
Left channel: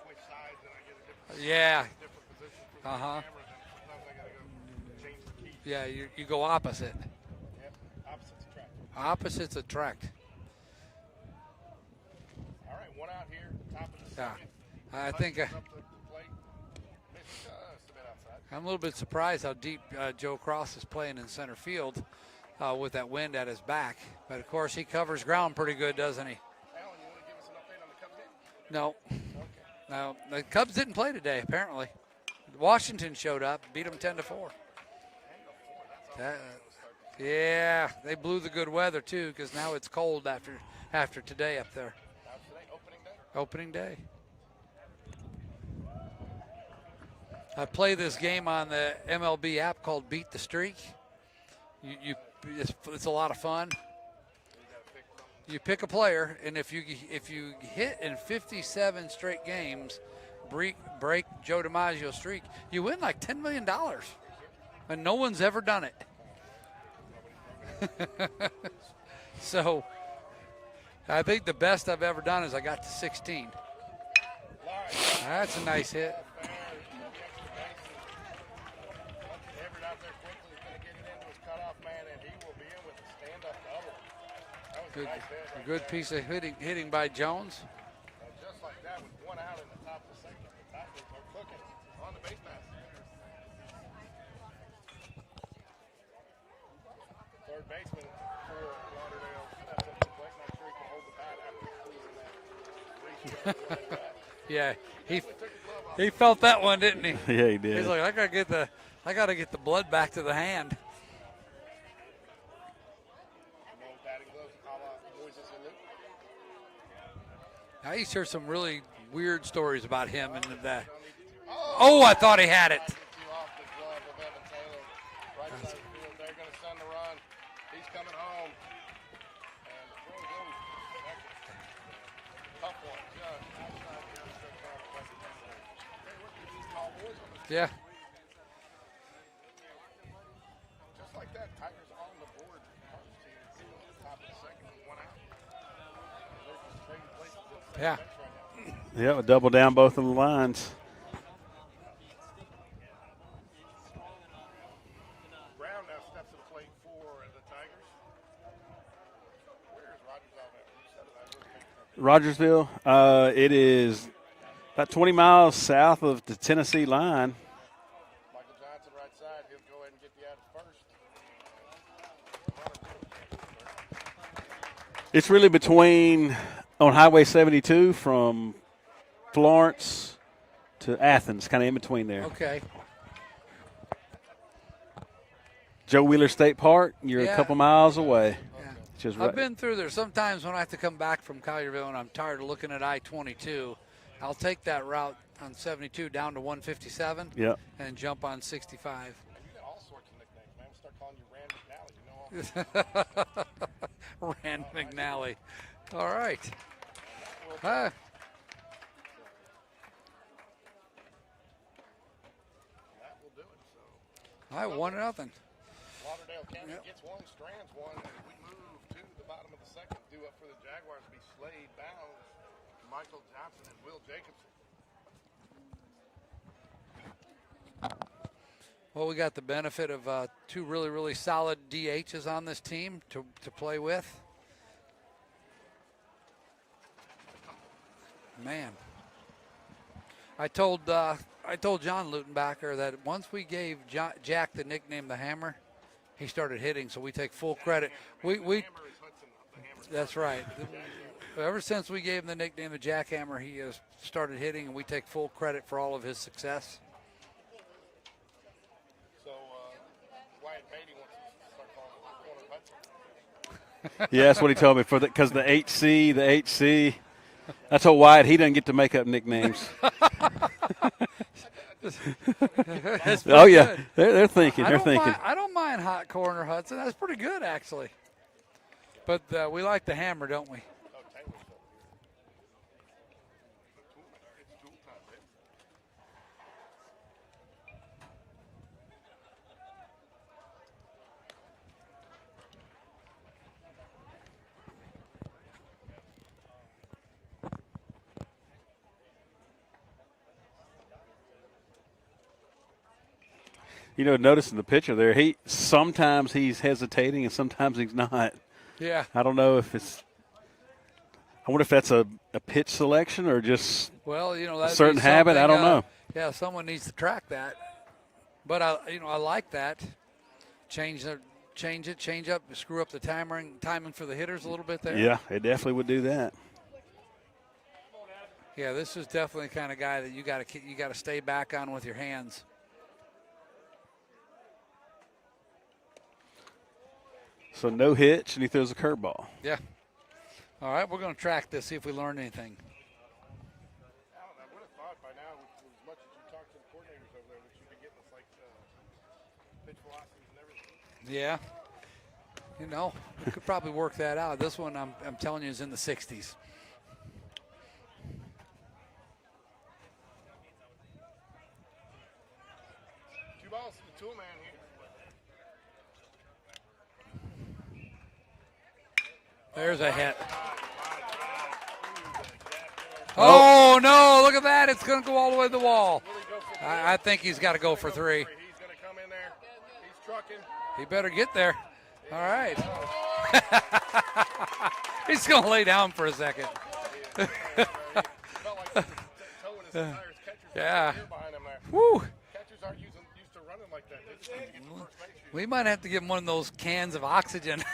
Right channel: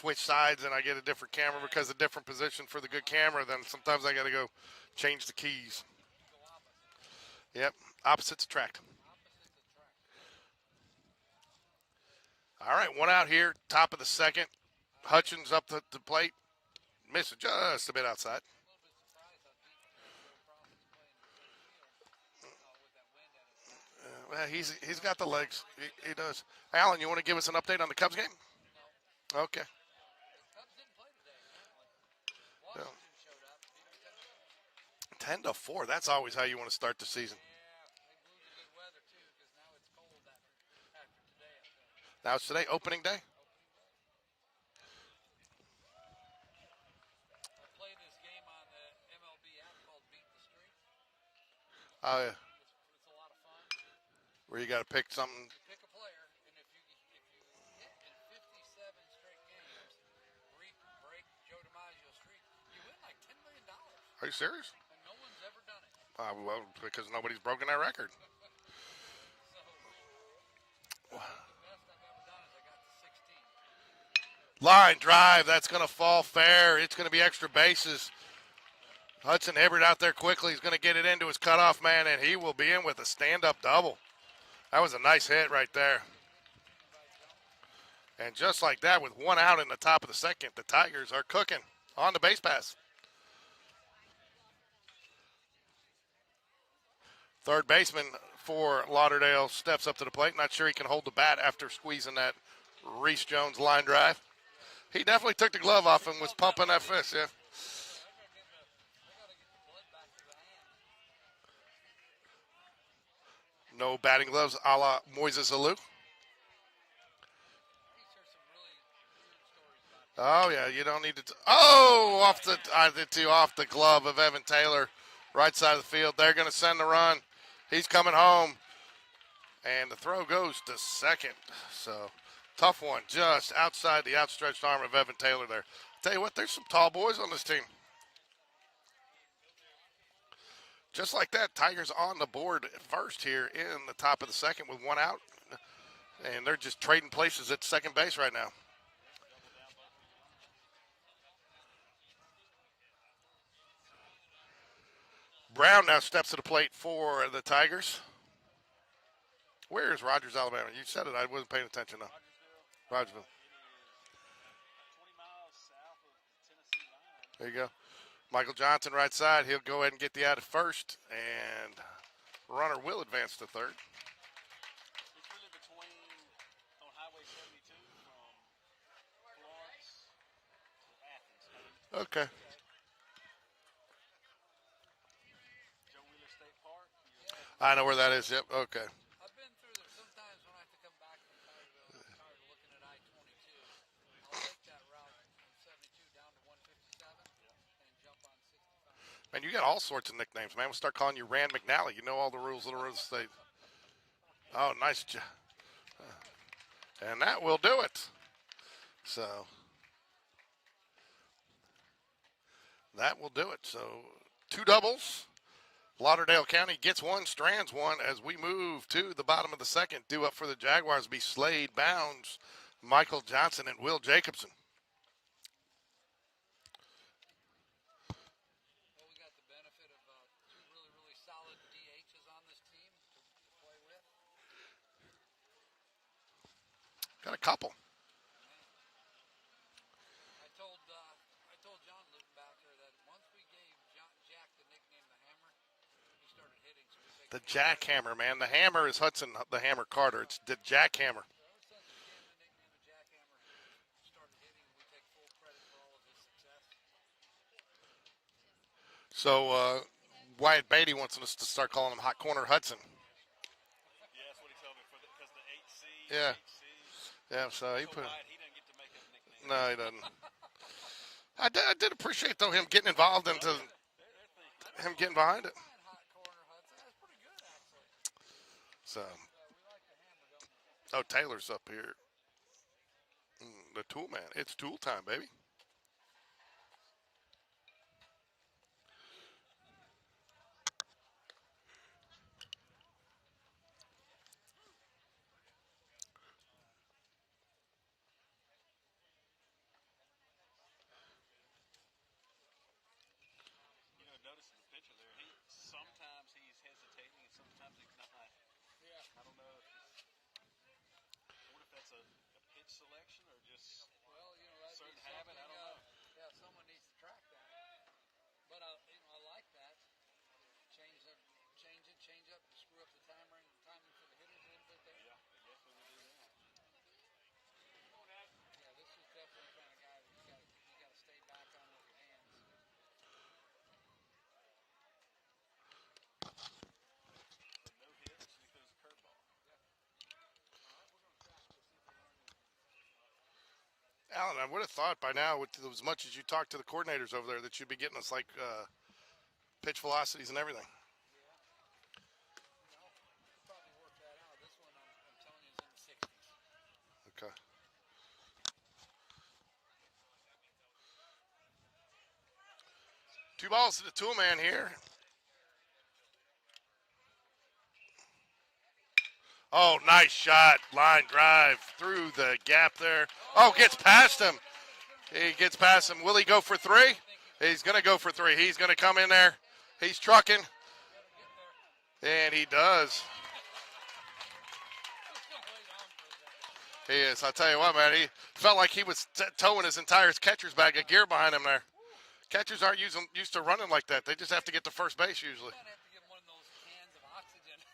switch sides and I get a different camera Yeah. because a different position for the good Uh-huh. camera, then sometimes I got to go change the keys. Yeah, you go opposite. Yep. Opposites attract. Opposites attract. All right, one out here, top of the second. I Hutchins think up the plate. Misses just a bit outside. I'm a little bit surprised how deep Joe Cross is playing in center field with that wind at his back. But Yeah, of course, he he's got covers the ground legs. pretty good, doesn't he? does. Alan, you want to give us an update on the Cubs game? No, Okay. no. The Cubs didn't play today, apparently. Washington showed up, beat them 10-4. 10-4. That's always how you want to start the season. Yeah, they blew the good weather too, because now it's cold after today up there. Now it's today, opening day. Opening day. I play this game on the MLB app called Beat the Streak. It's a lot of fun. Where you got to pick something. You pick a player, and if you hit in 57 straight games, break Joe DiMaggio's streak, you win like $10 million. Are you serious? And no one's ever done it. Well, because nobody's broken that record. So I think the best I've ever done is I got to 16. Line drive. That's That's a going nice to hit. fall fair. It's going to be extra bases. Hudson Hibbert out there quickly. He's going to get it into his cutoff man, and he will be in with a stand-up double. That was a nice hit right Good there. piece of hitting by Jones. And just like that, with one out in the top of the second, the Tigers are cooking on the base pass. Third baseman for Lauderdale steps up to the plate. Not sure he can hold the bat after squeezing that Reese Jones line drive. Yeah, He definitely took the glove off he him. felt that bumping one, didn't fist, he? yeah. Yeah, he did. he's like, I gotta get the blood back to the hand. No batting gloves a la Moises Alou. I used to hear some really weird stories about him. Oh, in yeah, that. you don't need to. Oh, I thought off he had it. I did too, off the glove of Evan Taylor, right side of the field. They're going to send the run. He's coming home. And the throw goes to second. So, tough one, just outside the outstretched arm of Evan Taylor there. Tell you what, there's some tall boys on this team. Yeah. Just like that, Tigers on the board first here in the top of the second with one out. And they're just trading places at second Yeah. base right now. Yeah, a double down both of the lines. Brown now steps to the plate for the Tigers. Where is Rogers, Alabama? You said it. I wasn't paying attention. Rogersville, it is about 20 miles south of the Tennessee line. There you go. Michael Johnson, right side. He'll go ahead and get the out at first, and runner will advance to third. It's really between on Highway 72 from Florence to Athens, kind of in between there. Okay. Joe Wheeler State Park, you're Yeah. a couple I know miles where that away. is, yep, okay. Just I've right. been through there. Sometimes when I have to come back from Collierville and I'm tired of looking at I-22, I'll take that route on 72 down to 157 Yep. and jump on 65. And you got all sorts of nicknames, man. We'll start calling you Rand McNally. You know all the rules of the state. Rand Oh, nice McNally. All right. And that will do Ah. it. So that will do it. So two All right, doubles. 1-0. Lauderdale County gets one, Strands one as we move to the bottom of the second. Due up for the Jaguars be Slade Bounds, Michael Johnson, and Will Jacobson. Well, we got the benefit of two really, really solid DHs on this team to play with. Got a couple. Man, I told John Lutenbacher that once we gave Jack the nickname the Hammer, he started hitting. So we take The full Jack credit. Hammer, man. We- the Hammer is Hudson, the Hammer That's Carter. right. The Jack Hammer. Ever since we gave him the nickname the Jackhammer, he has started hitting, and we take full credit for all of his success. So Wyatt Beatty wants us to start calling him Hot Corner Hudson. Yeah, that's what he told me because the HC, the Yeah. HC. Yeah, so That's what Wyatt. He doesn't get to make up nicknames. No, he doesn't. I did appreciate though him getting involved. in Oh it. yeah, they're thinking. I They're don't thinking. mind, I don't mind Hot Corner Hudson. That's pretty good, actually. So, But we like the Hammer, don't we? oh, Taylor's up here. The tool man. It's tool time, baby. You know, noticing the picture there, sometimes he's hesitating and sometimes he's not. Yeah. I don't know if it's. I wonder if that's a pitch selection or just Well, you know, a that'd be certain habit. I something, don't know. Yeah, someone needs to track that. But I like that. Change up, screw up the timing for the hitters a little bit there. Yeah, it definitely would do that. Yeah, this is definitely the kind of guy that you got to stay back on with your hands. So no hitch, and he throws a curveball. Yeah. All right, we're going to track this, see if we learn anything. Alan, I would have thought by now, with as much as you talk to the coordinators over there, that you'd be getting us like pitch velocities and everything. Yeah. You know, we could probably work that out. This one, I'm telling you, is in the 60s. Okay. balls to the tool man here. Oh, There's a nice hit. shot. Line drive through the gap there. Oh, Gets past no, him. look at that. It's going to go all He the way to gets the past wall. him. Will he go for three? I think he's got to go gonna for three. He's going to come in there. He's trucking, He better get there. and All he right. does. He's going to lay down for a second. He is. I'll tell you what, man. He felt like he was towing his entire catcher's bag Yeah. of gear behind him there. Woo. Catchers aren't used to running like that. They just have to get to first base usually. We might have to give him one of those cans of oxygen.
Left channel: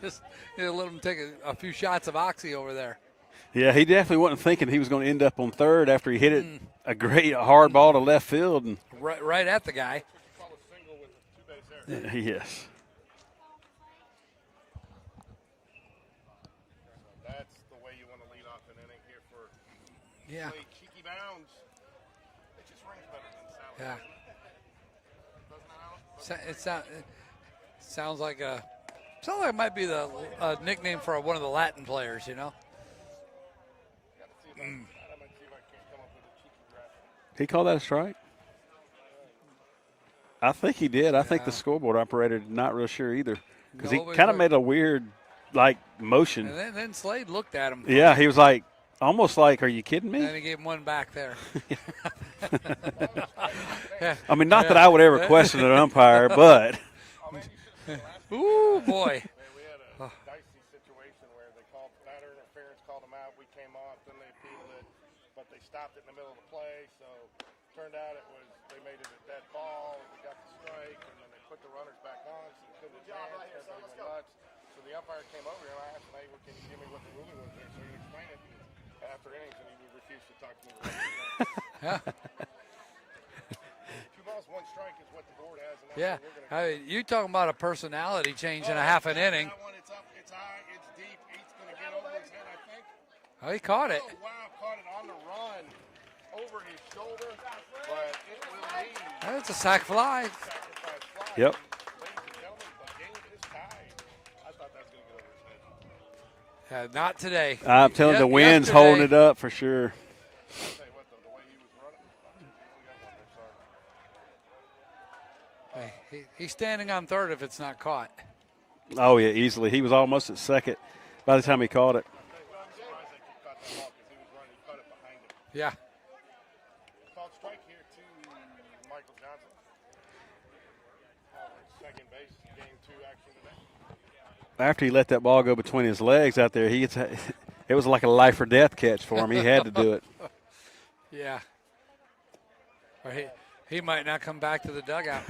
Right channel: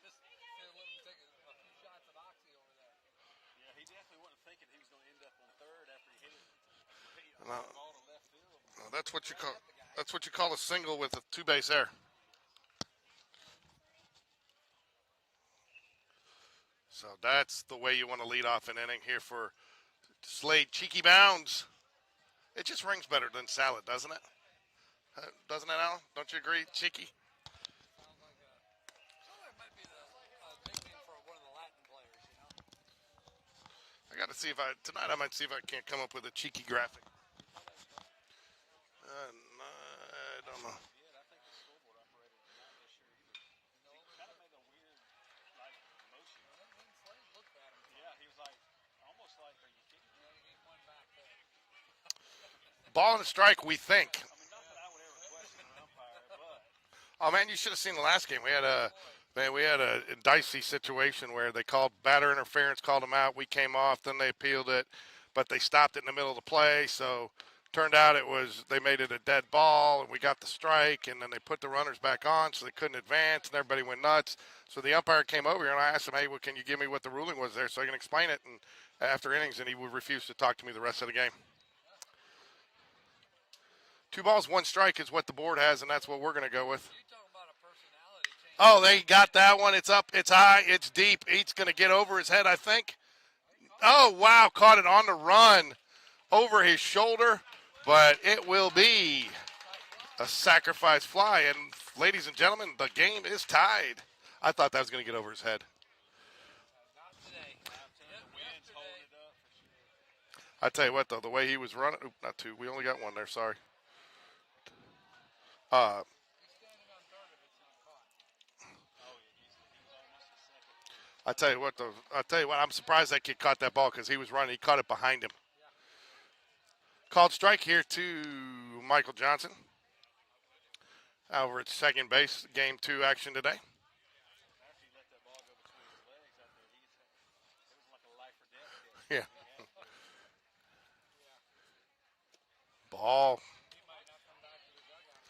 Just let him take a few shots of oxy over there. Yeah, he definitely wasn't thinking he was going to end up on third after he hit it a great hard ball to left field. And That's Right at the guy. That's what you call a single with a two-base error. yes. So that's the way you want to lead off an inning here for Yeah. Slade. Cheeky bounds. It just rings better than salad, Yeah. doesn't it? Doesn't it, Alan? Don't you It agree? sound- Cheeky. Sounds like it might be the nickname for one of the Latin players, you know? I got to see if tonight I might see if I can't come up with a cheeky graphic. He called that a strike? I think he did. I think the scoreboard operator not real sure either because No, he but kind of he's made a weird, motion. And then Slade looked at him. Yeah, he was like, almost like, are you kidding me? And he gave him one back there. Ball and strike, we think. I mean, not that I would ever question an umpire, but Oh man, you should have seen the last game. Ooh, boy. We had a dicey situation where they called batter interference, called him out. We came off, then they appealed it, but they stopped it in the middle of the play. So turned out they made it a dead ball, and we got the strike, and then they put the runners back on, so they couldn't advance, and everybody went nuts. So the umpire came over here, and I asked him, hey, well, can you give me what the ruling was there so I can explain it? And after innings, and he would refuse to talk to me the rest of the game. Yeah. 2 balls, 1 strike is what the board has, and that's what we're going to go with. You talking about a personality change Oh, in they half an got inning. that one. It's up, it's high, it's deep. He's going to get over his head, I think. Oh, he caught Oh, wow, caught it on the run over his shoulder, but it will be it. It's a sac fly. a sacrifice fly. Yep. And, ladies and gentlemen, the game is tied. I thought that was going to get over his head. Not today. I'm telling you, the wind's holding it up for sure. I tell you what, though, the way he was running, not 2, we only got 1 there, sorry. He's standing on third if it's not caught. Oh, yeah, easily. He was almost at second by the time he caught it. I'll tell you what, I'm surprised that kid caught that ball because he was running. He caught it behind him. Yeah. Called strike here to Michael Johnson. Over at second base, game 2 action today. After he let that ball go between his legs out there, it was like a life or death catch for him. He had to do it. Yeah. Ball. He might not come back to the dugout.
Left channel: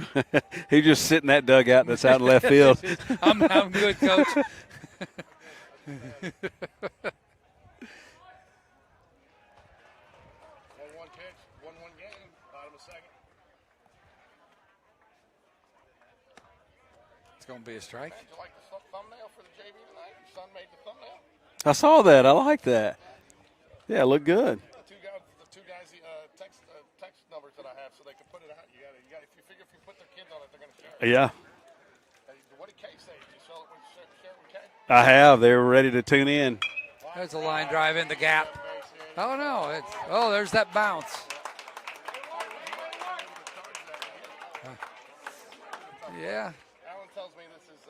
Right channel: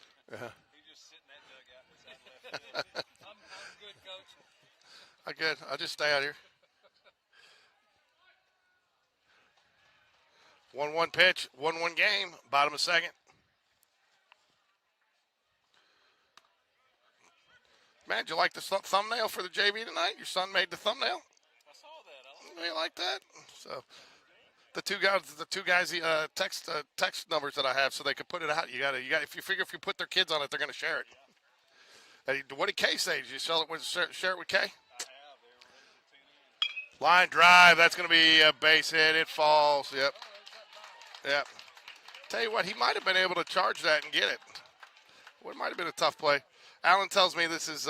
He just sit in that dugout that's out in left field. I'm good, Coach. I'm good. I'll just stay out here. 1-1 pitch, 1-1 game, bottom of second. It's going to be a strike. Man, did you like the thumbnail for the JV tonight? Your son made the thumbnail. I saw that. I like You that. like that? So Yeah, it looked good. the two guys, text numbers that I have, so they could put it out. You got. If you put their kids on it, they're gonna share it. Yeah, Hey, what did Kay say? Did you share it with Kay? I have. They were ready to tune in. Line a drive. line That's drive gonna in the be gap. a base hit. It Oh, falls. no. Yep. Oh, there's that bounce. Yeah. Tell you what, he might have been able to charge that and get it. Well, it might have been a tough play. Yeah. Alan tells me this is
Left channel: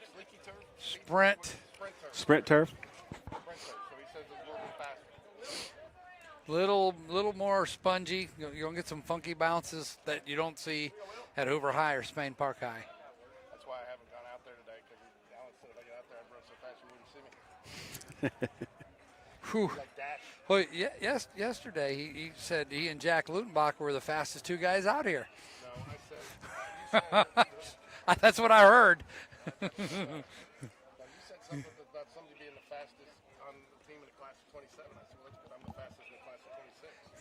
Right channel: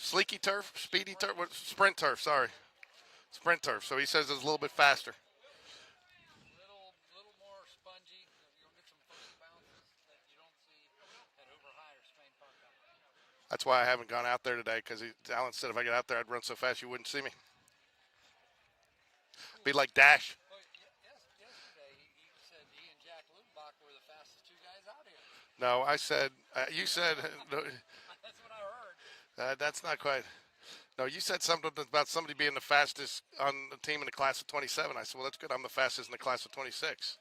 sleeky turf, speedy Sprint. turf, sprint turf. Sprint Sorry. turf. Sprint turf. So he says it's a little bit faster. Little more spongy. You're going to get some funky bounces that you don't see at Hoover High or Spain Park High. That's why I haven't gone out there today, because Alan said if I get out there, I'd run so fast you wouldn't see me. Whew. Be like Dash. Well, yesterday he said he and Jack Lutenbach were the fastest 2 guys out here. No, I said, you said, That's what I heard. that's not quite. No, you said something about somebody being the fastest on the team in the class of 27. I said, well, that's good. I'm the fastest in the class of 26.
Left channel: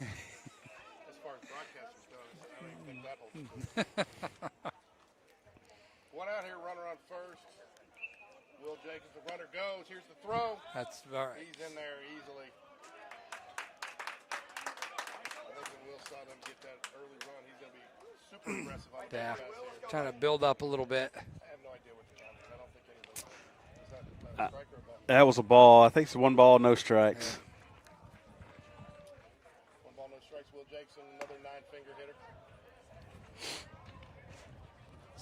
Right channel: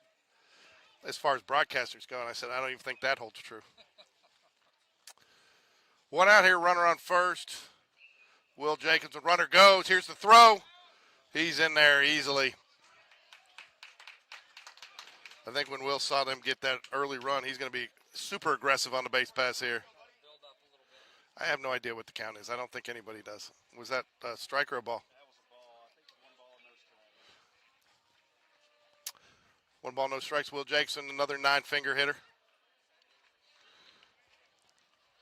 As far as broadcasters go, and I said, I don't even think that holds true. 1 out here, runner on first. Will Jacobs, the runner goes. Here's the throw. That's all right. He's in there easily. I think when Will saw them get that early run, he's going to be super aggressive on the base Yeah. pass here. Trying to build up a little bit. I have no idea what the count is. I don't think anybody does. Was that a strike or a ball? That was a ball. I think it's 1 ball, no strikes. 1 ball, no strikes. Will Jackson, another 9-finger hitter.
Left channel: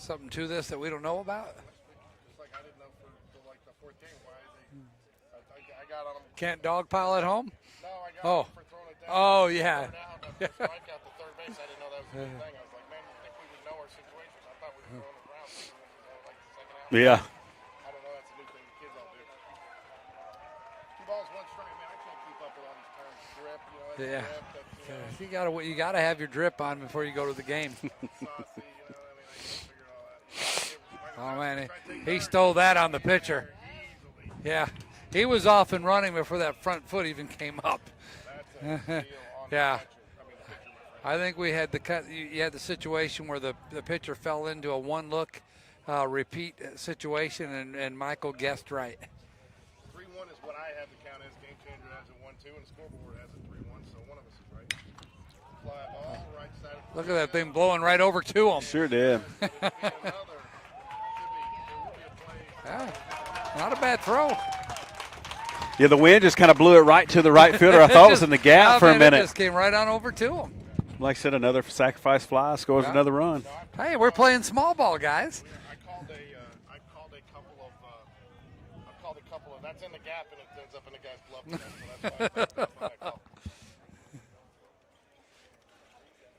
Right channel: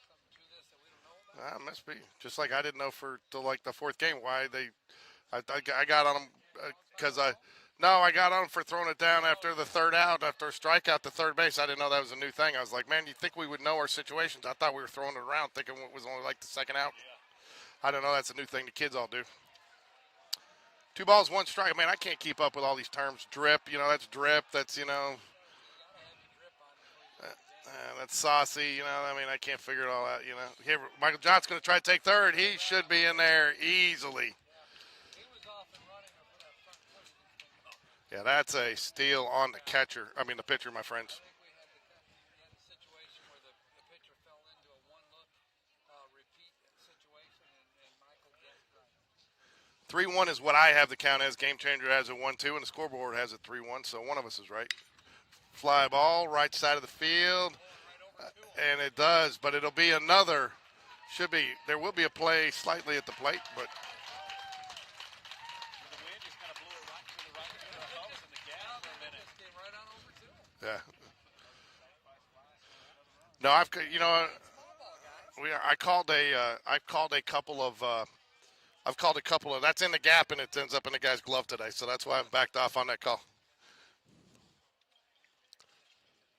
something to this that we don't know about? Must be. Just like I didn't know till like the fourth game why I got on them. Can't dogpile at home? No, I got on them for throwing it down after the third out, after a strikeout to third base. I didn't know that was a new thing. I was like, man, you think we would know our situations? I thought we were throwing it around thinking it was only like the second out. Yeah. I don't know. That's a new thing the kids all do. 2 balls, 1 strike. Man, I can't keep up with all these terms. Drip, that's drip. That's, You gotta have your drip on before you go to the game. That's saucy. I can't figure it all out. Here, Michael John's going to try to take third. He stole that on the should be in pitcher. there easily. Yeah, he was off and running before that front foot even came up. Yeah, that's a steal on the the pitcher, my friend. I think we had you had the situation where the pitcher fell into a one-look repeat situation, and Michael guessed right. 3-1 is what I have the count as. Game Changer has it 1-2, and the scoreboard has it 3-1, so one of us is right. Fly ball, right side of the Look field. at that thing blowing right over to him. And Sure it did. does, but it'll be another. There will be a play slightly at the plate. Not a bad throw. Yeah, the wind just kind of blew it right to the right fielder. I thought it was in the gap for a minute. It just came right on over to him. Yeah. Like I said, another sacrifice fly scores another run. No, Hey, we're playing small ball, guys. I called a couple of. I've called a couple of. That's in the gap, and it ends up in the guy's glove today. So that's why I backed off on that call.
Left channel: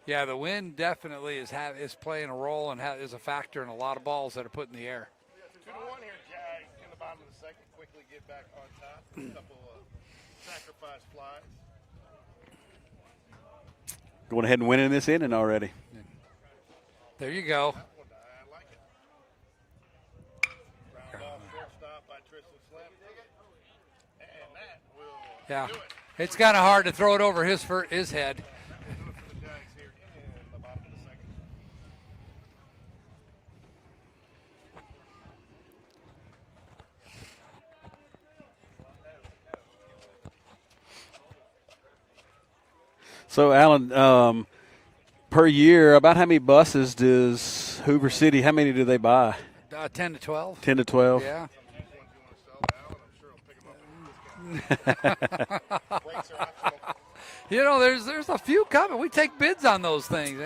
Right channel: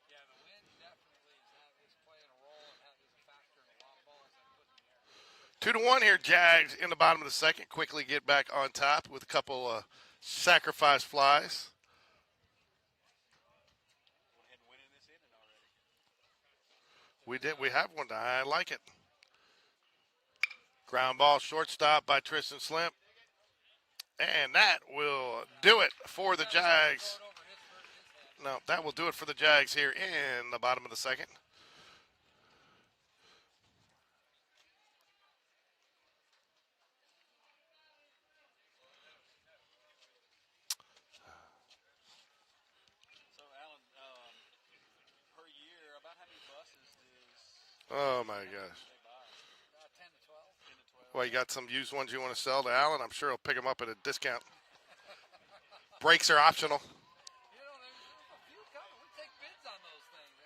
Yeah, the wind definitely is playing a role and is a factor in a lot of balls that are put in the air. 2-1 here, Jags in the bottom of the second. Quickly get back on top with a couple of sacrifice flies. Going ahead and winning this inning already. There you go. We have one. I like it. Ground ball, shortstop by Tristan Slimp. And that will do it for the Jags. It's kind of hard to throw it over his head. No, that will do it for the Jags here in the bottom of the second. So, Alan, per year, about how many buses does Hoover City, how many do they buy? 10 to 12. 10 to 12. You got some used ones you want to sell to Alan? I'm sure he'll pick them up at a discount. Brakes are optional. There's a few coming. We take bids on those things.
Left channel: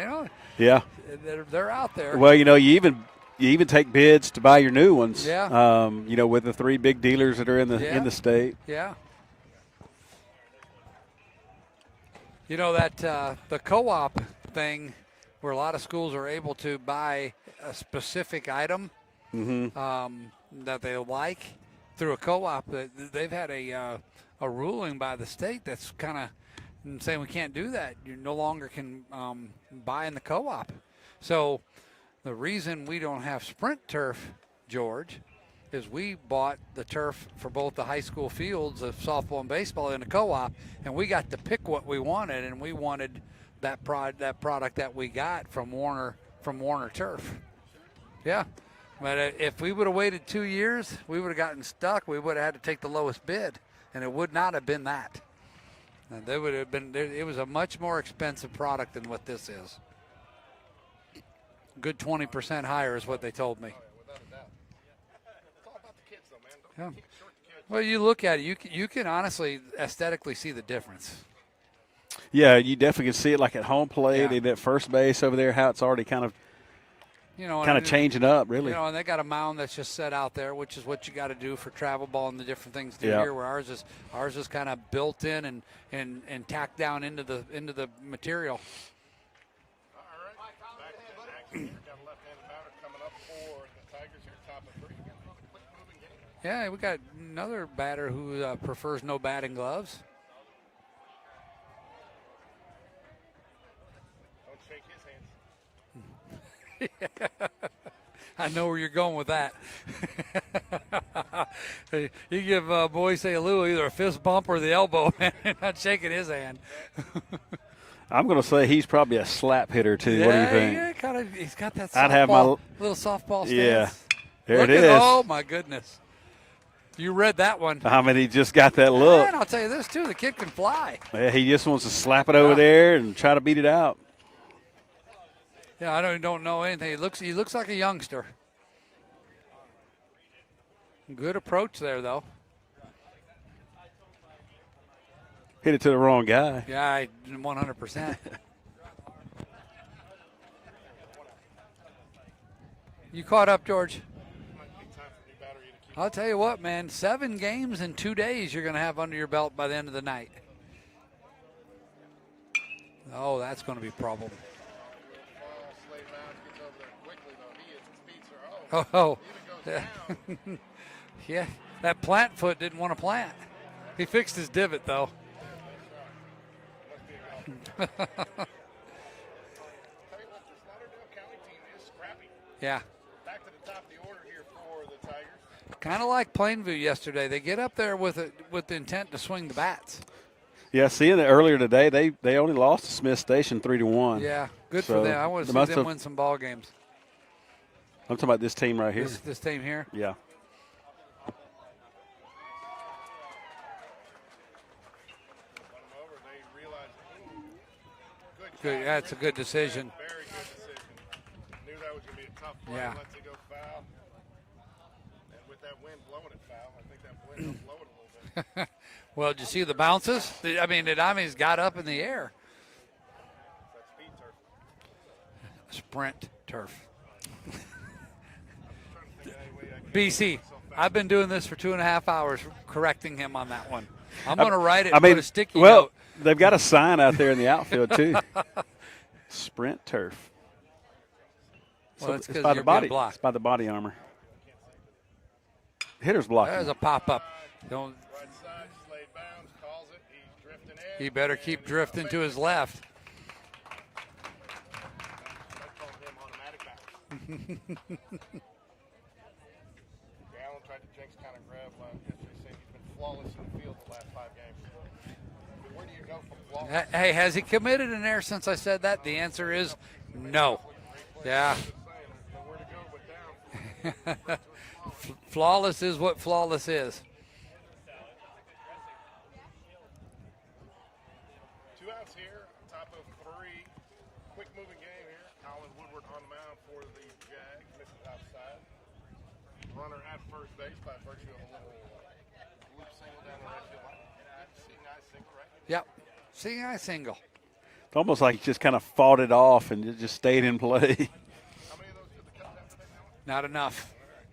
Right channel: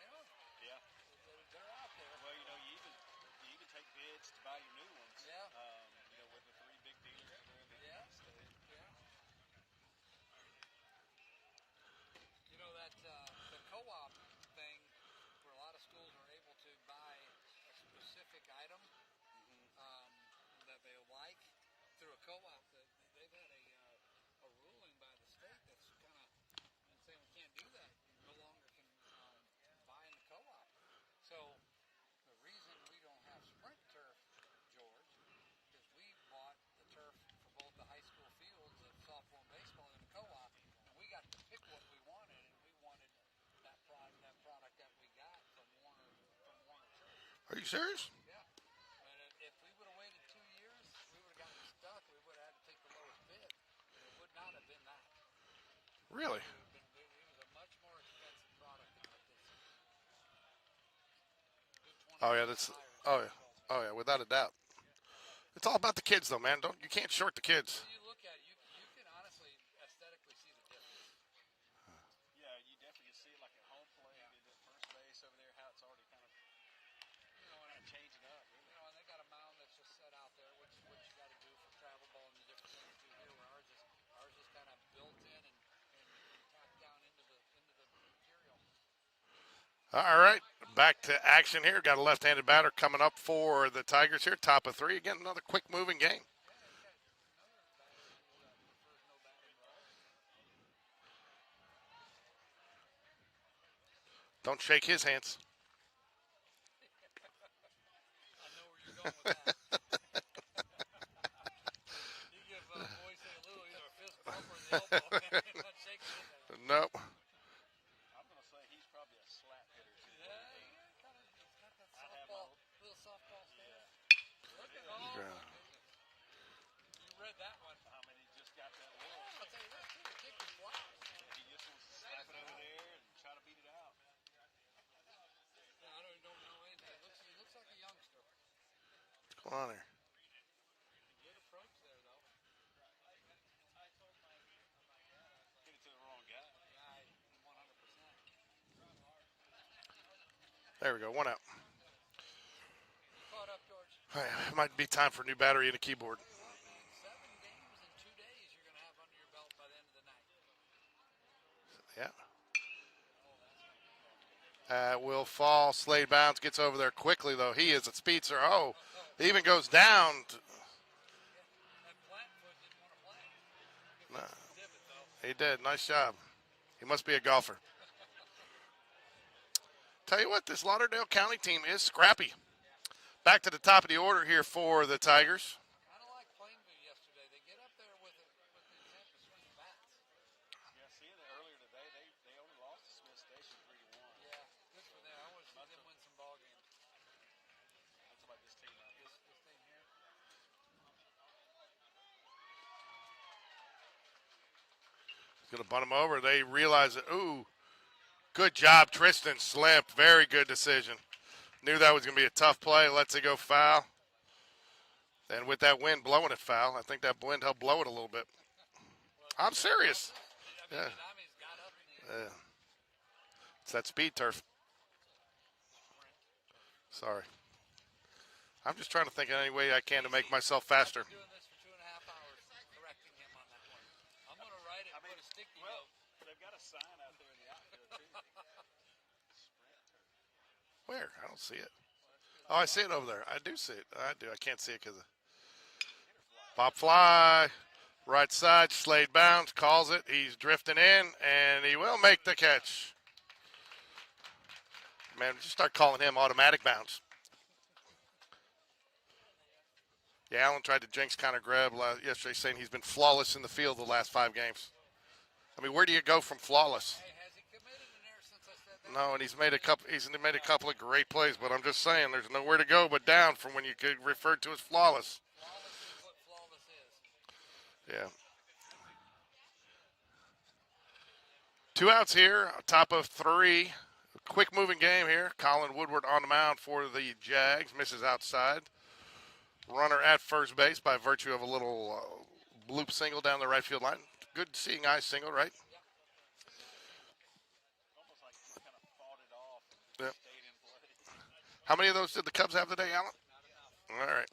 Yeah. They're out there. Well, you even take bids to buy your new ones. Yeah. With the 3 big dealers that are in the state. Yeah. That the co-op thing, where a lot of schools are able to buy a specific item that they like through a co-op. They've had a ruling by the state that's kind of saying we can't do that. You no longer can buy in the co-op. So the reason we don't have sprint turf, George, is we bought the turf for both the high school fields of softball and baseball in the co-op, and we got to pick what we wanted, and we wanted that product that we got from Warner Turf. Are you serious? Yeah. But if we would have waited 2 years, we would have gotten stuck. We would have had to take the lowest bid, and it would not have been that. Really? It would have been. It was a much more expensive product than what this is. Good 20% higher is what they told me. Oh yeah, without a doubt. It's all about the kids, though, man. You can't short the kids. Well, you look at it, you can honestly aesthetically see the difference. Yeah, you definitely can see it like at home plate and at first base over there, how it's already kind of changing up, really. And they got a mound that's just set out there, which is what you got to do for travel ball and the different things do here. Where ours is kind of built in and tacked down into the material. All right, back to action here. Got a left-handed batter coming up for the Tigers here. Top of 3 again. Another quick-moving game. Yeah, we got another batter who prefers no batting gloves. Don't shake his hands. I know where you're going with that. You give Boise Alou either a fist bump or the elbow, not shaking his hand. Nope. I'm going to say he's probably a slap hitter, too. What do you think? Yeah, he's got that I'd have my little softball stance. Yeah, there Look it is. Oh, my goodness. You read that one. I mean, he just got that look. And I'll tell you this, too. The kid can fly. Yeah, he just wants to slap it over there and try to beat it out. Yeah, I don't know anything. He looks like a youngster. Come on here. Good approach there, though. Hit it to the wrong guy. Yeah, 100%. There we go. 1 out. You caught up, George? It might be time for a new battery and a keyboard. I'll tell you what, man. 7 games in 2 days you're going to have under your belt by the end of the night. Yeah. Oh, that's going to be a problem. Will fall. Slade Bounds gets over there quickly, though. He is a speedster. Oh. He even goes down. Yeah, that plant foot didn't want to plant. He fixed his divot, though. He did. Nice job. He must be a golfer. Tell you what, this Lauderdale County team is scrappy. Yeah. Back to the top of the order here for the Tigers. Kind of like Plainview yesterday. They get up there with the intent to swing the bats. Yeah, seeing it earlier today, they only lost to Smith Station 3-1. Yeah, good So for them. I want to they see must them have- win some ball games. I'm talking about this team right here. This team here. Yeah. Going to bunt him over. They realize that, good job, that's a Tristan good decision. slipped. Very good decision. Knew that was going to be a tough play. Yeah. Lets it go foul. And with that wind blowing it foul, I think that wind helped blow it a little bit. Well, did you I'm see the serious. bounces? It got up in the air. It's that speed turf. Sprint turf. Sorry. I'm just trying to think of any way I can to BC, make myself faster. I've been doing this for 2.5 hours, correcting him on that one. I'm going to write it. I mean, put a sticky well, note. they've got a sign out there in the outfield, too. Sprint turf. Where? I don't see it. Well, So it's it's 'cause by it's the body. blocked. It's by the I do body see it. armor. I do. I can't see it because Hitter's block. There's a pop pop-up. fly. Don't. Right side, Slade Bounds calls it. He's drifting in. He better and keep he will drifting make to the his catch. left. Man, start calling him automatic bounce. Yeah, Allen tried to jinx Connor Greb yesterday, saying he's been flawless in the field the last 5 games. I mean, where do you go from flawless? Hey, has he committed an error since I said that? No, the and answer he's is made no. a couple of great plays. Yeah. But I'm just saying, there's nowhere to go but down from when you could refer to as flawless. Flawless is what flawless is. Yeah. 2 outs here, top of 3. Quick moving game here. Colin Woodward on the mound for the Jags. Misses outside. Runner at first base by virtue of a little loop single down the right field line. Good seeing eye single, right? Yep. See, I single. It's almost like he just kind of fought it off and it just stayed in play. How many of those did the Cubs have today, Alan? Not enough. All right.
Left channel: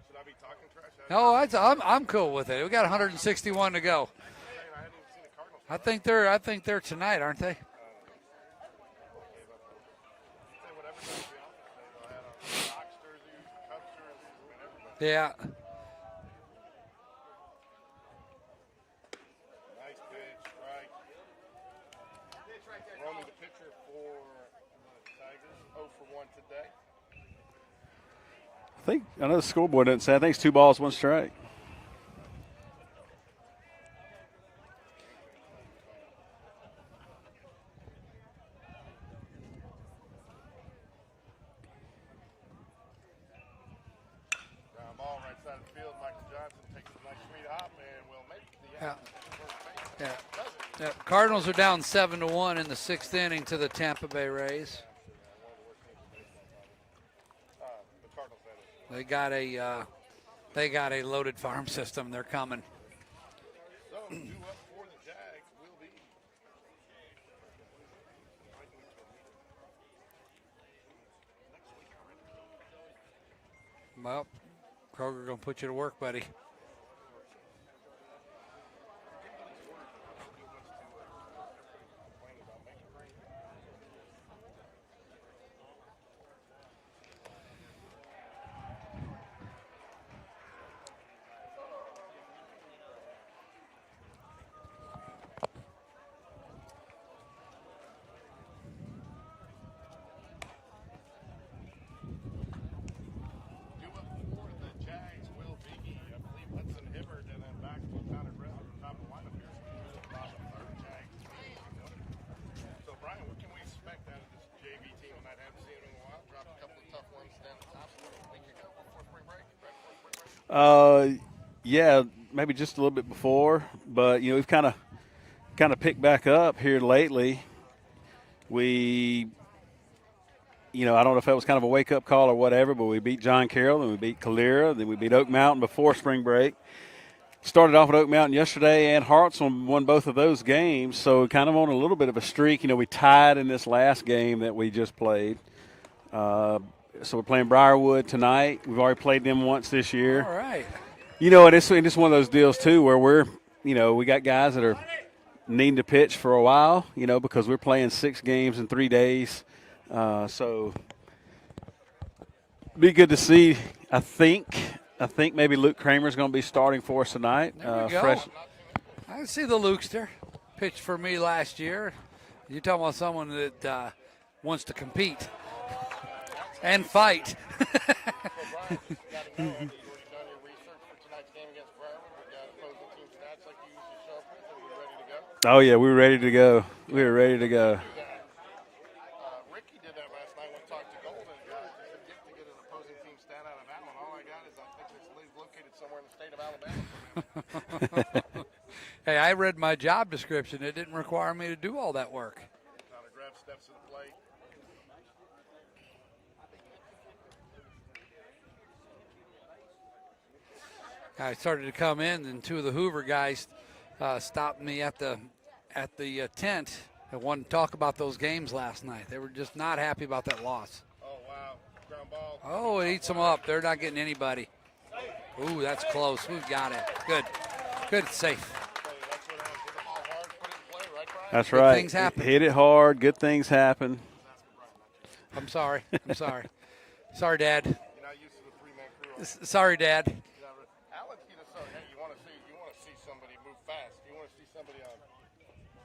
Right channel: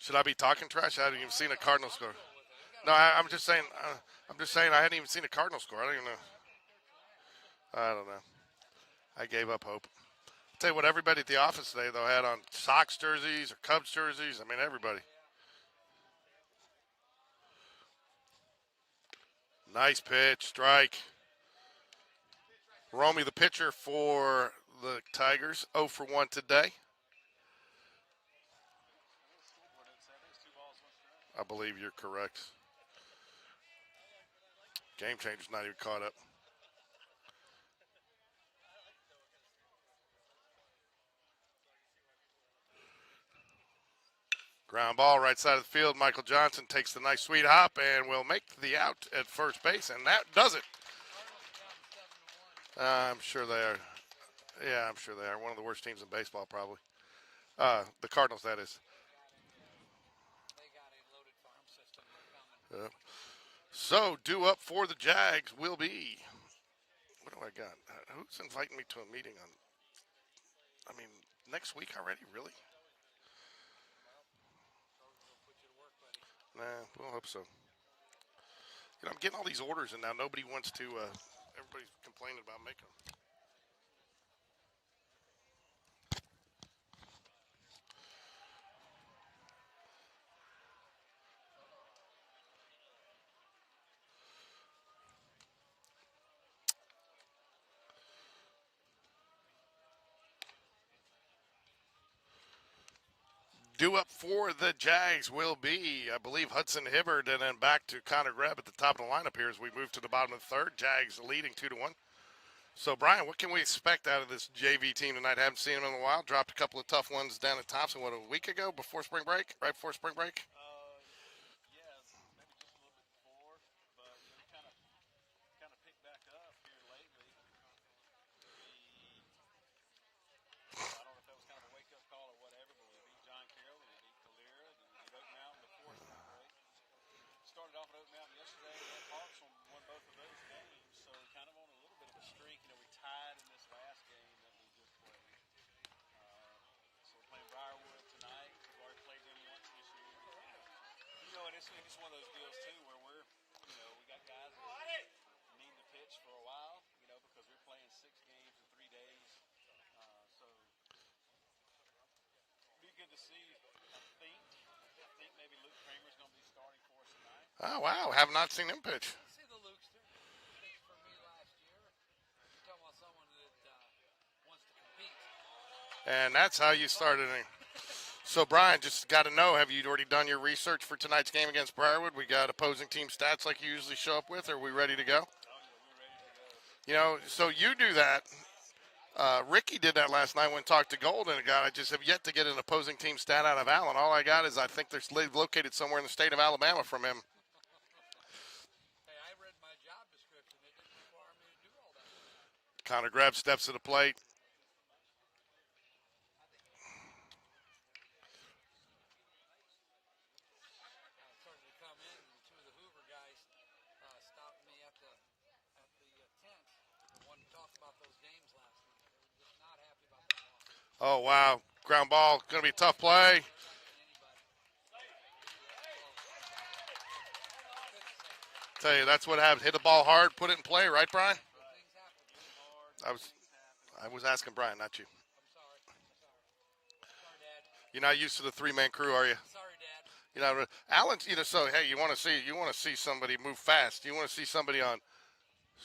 Should I be talking trash? I hadn't No, even seen a Cardinals I'm score. cool with it. We got No, I'm just 161 to saying, go. I'm just saying I hadn't even seen a Cardinals score. I think they're tonight, aren't they? I don't know. I gave up hope. Tell you what, everybody at the office today, though, had on Sox jerseys or Cubs jerseys. I mean, everybody. Yeah. Nice pitch, strike. Romy, the pitcher for the Tigers, 0 for 1 today. I know the scoreboard doesn't say. I think it's 2 balls, 1 strike. I believe you're correct. Game changer's not even caught up. Ground ball, right side of the field. Michael Johnson takes the nice sweet hop and will make the out at first base, and that does it. Yeah. Cardinals are down 7-1 in the 6th I'm inning sure to they the are. Tampa Bay Rays. Yeah, I'm sure they are. One of the worst teams in baseball, probably. The Cardinals, that is. They got a loaded farm system. They're coming. So, due up for the Jags will be. What do I got? Who's inviting me to a meeting? Next week already, really? Well, Kroger gonna put you to work, buddy. Nah, we'll hope so. You know, I'm getting all these orders, and now nobody wants to. Everybody's complaining about making them. Due up for the Jags will be, I believe, Hudson Hibbard, and then back to Connor Greb at the top of the lineup here as we move to the bottom of the 3rd. Jags leading 2-1. So, Brian, what can we expect out of this JV team tonight? Haven't seen them in a while. Dropped a couple of tough ones down at Thompson, a week ago before spring break? Right before spring break? Yeah, maybe just a little bit before. But, we've kind of picked back up here lately. I don't know if that was kind of a wake-up call or whatever, but we beat John Carroll, then we beat Calera, then we beat Oak Mountain before spring break. Started off at Oak Mountain yesterday, and Hartsville won both of those games, so kind of on a little bit of a streak. We tied in this last game that we just played. So we're playing Briarwood tonight. We've already played them once this year. All right. You know, and it's one of those deals, too, where we got guys that are needing to pitch for a while, because we're playing 6 games in 3 days. So be good to see. I think maybe Luke Kramer's going to be starting for us tonight. There we go. I have not seen him pitch. I see the Lukester pitched for me last year. You're talking about someone that wants to compete. And that's how And you fight. started. So, Brian, just got to know, have you already done your research for tonight's game against Briarwood? We got opposing team stats like you usually show up with. Are we ready to go? Oh, yeah, we're ready to go. We're ready so to go. you do that. Ricky did that last night when talked to Gold, and I just have yet to get an opposing team stat out of Allen. All I got is I think they're located somewhere in the state of Alabama from him. Hey, I read my job description. It didn't require me to do all that work. Connor Greb steps to the plate. I started to come in, and 2 of the Hoover guys stopped me at the tent and wanted to talk about those games last night. They were just not happy about that loss. Oh, wow. Ground ball. Going to be a tough eats them play. up. They're not getting anybody. Ooh, that's close. Who's got it? Good, safe. Tell you, that's what happened. Hit the ball hard, put it in play, right, Brian? That's Good right. things happen. Hit it hard. Good things happen. I was asking Brian, not you. I'm sorry. Sorry, Dad. You're not used to the 3-man crew, are you? Sorry, Dad. Alan, so hey, you want to see somebody move fast. You want to see somebody on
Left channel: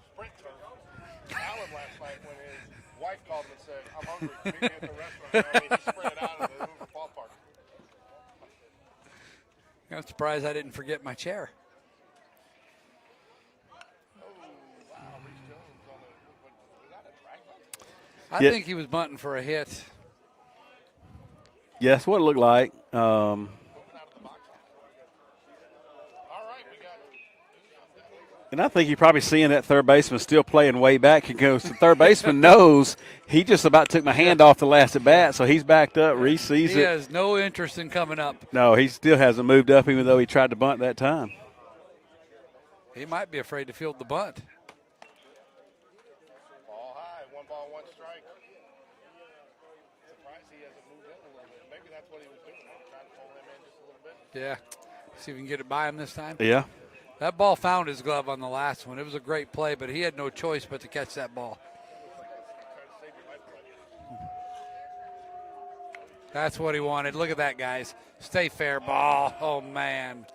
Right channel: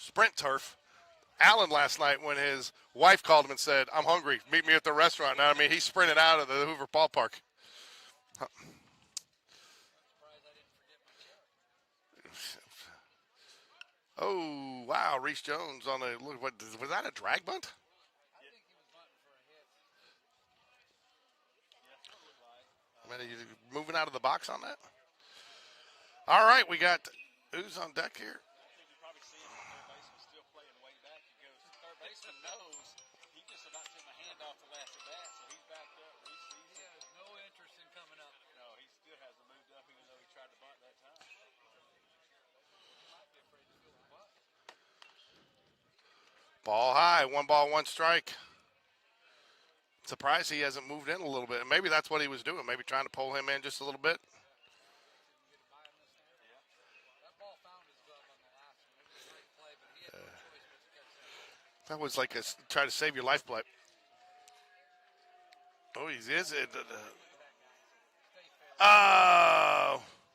sprint turf. Alan last night, when his wife called him and said, "I'm hungry. Meet me at the restaurant." He sprinted out of the Hoover ballpark. I'm surprised I didn't forget my chair. Oh wow, Reese Jones on the look. What was that? A drag bunt? I think he was bunting for a hit. Yes, what it looked like. Moving out of the box on that. All right, we got who's on deck here? And I think you're probably seeing that third baseman still playing way back. He goes, the third baseman knows he just about took my hand off the last at bat, so he's backed up. Reese sees He it. has no interest in coming up. No, he still hasn't moved up, even though he tried to bunt that time. He might be afraid to field the bunt. Ball high, 1 ball, 1 strike. Surprised he hasn't moved in a little bit. Maybe that's what he was doing. Maybe trying to pull him in just a little bit. Yeah. See if we can get it by him this time. Yeah. That ball found his glove on the last one. It was a great play, but he had no choice but to catch that ball. That was like try to save your life play. Oh, That's what he wanted. Look at that, guys. Stay fair ball. Oh, man.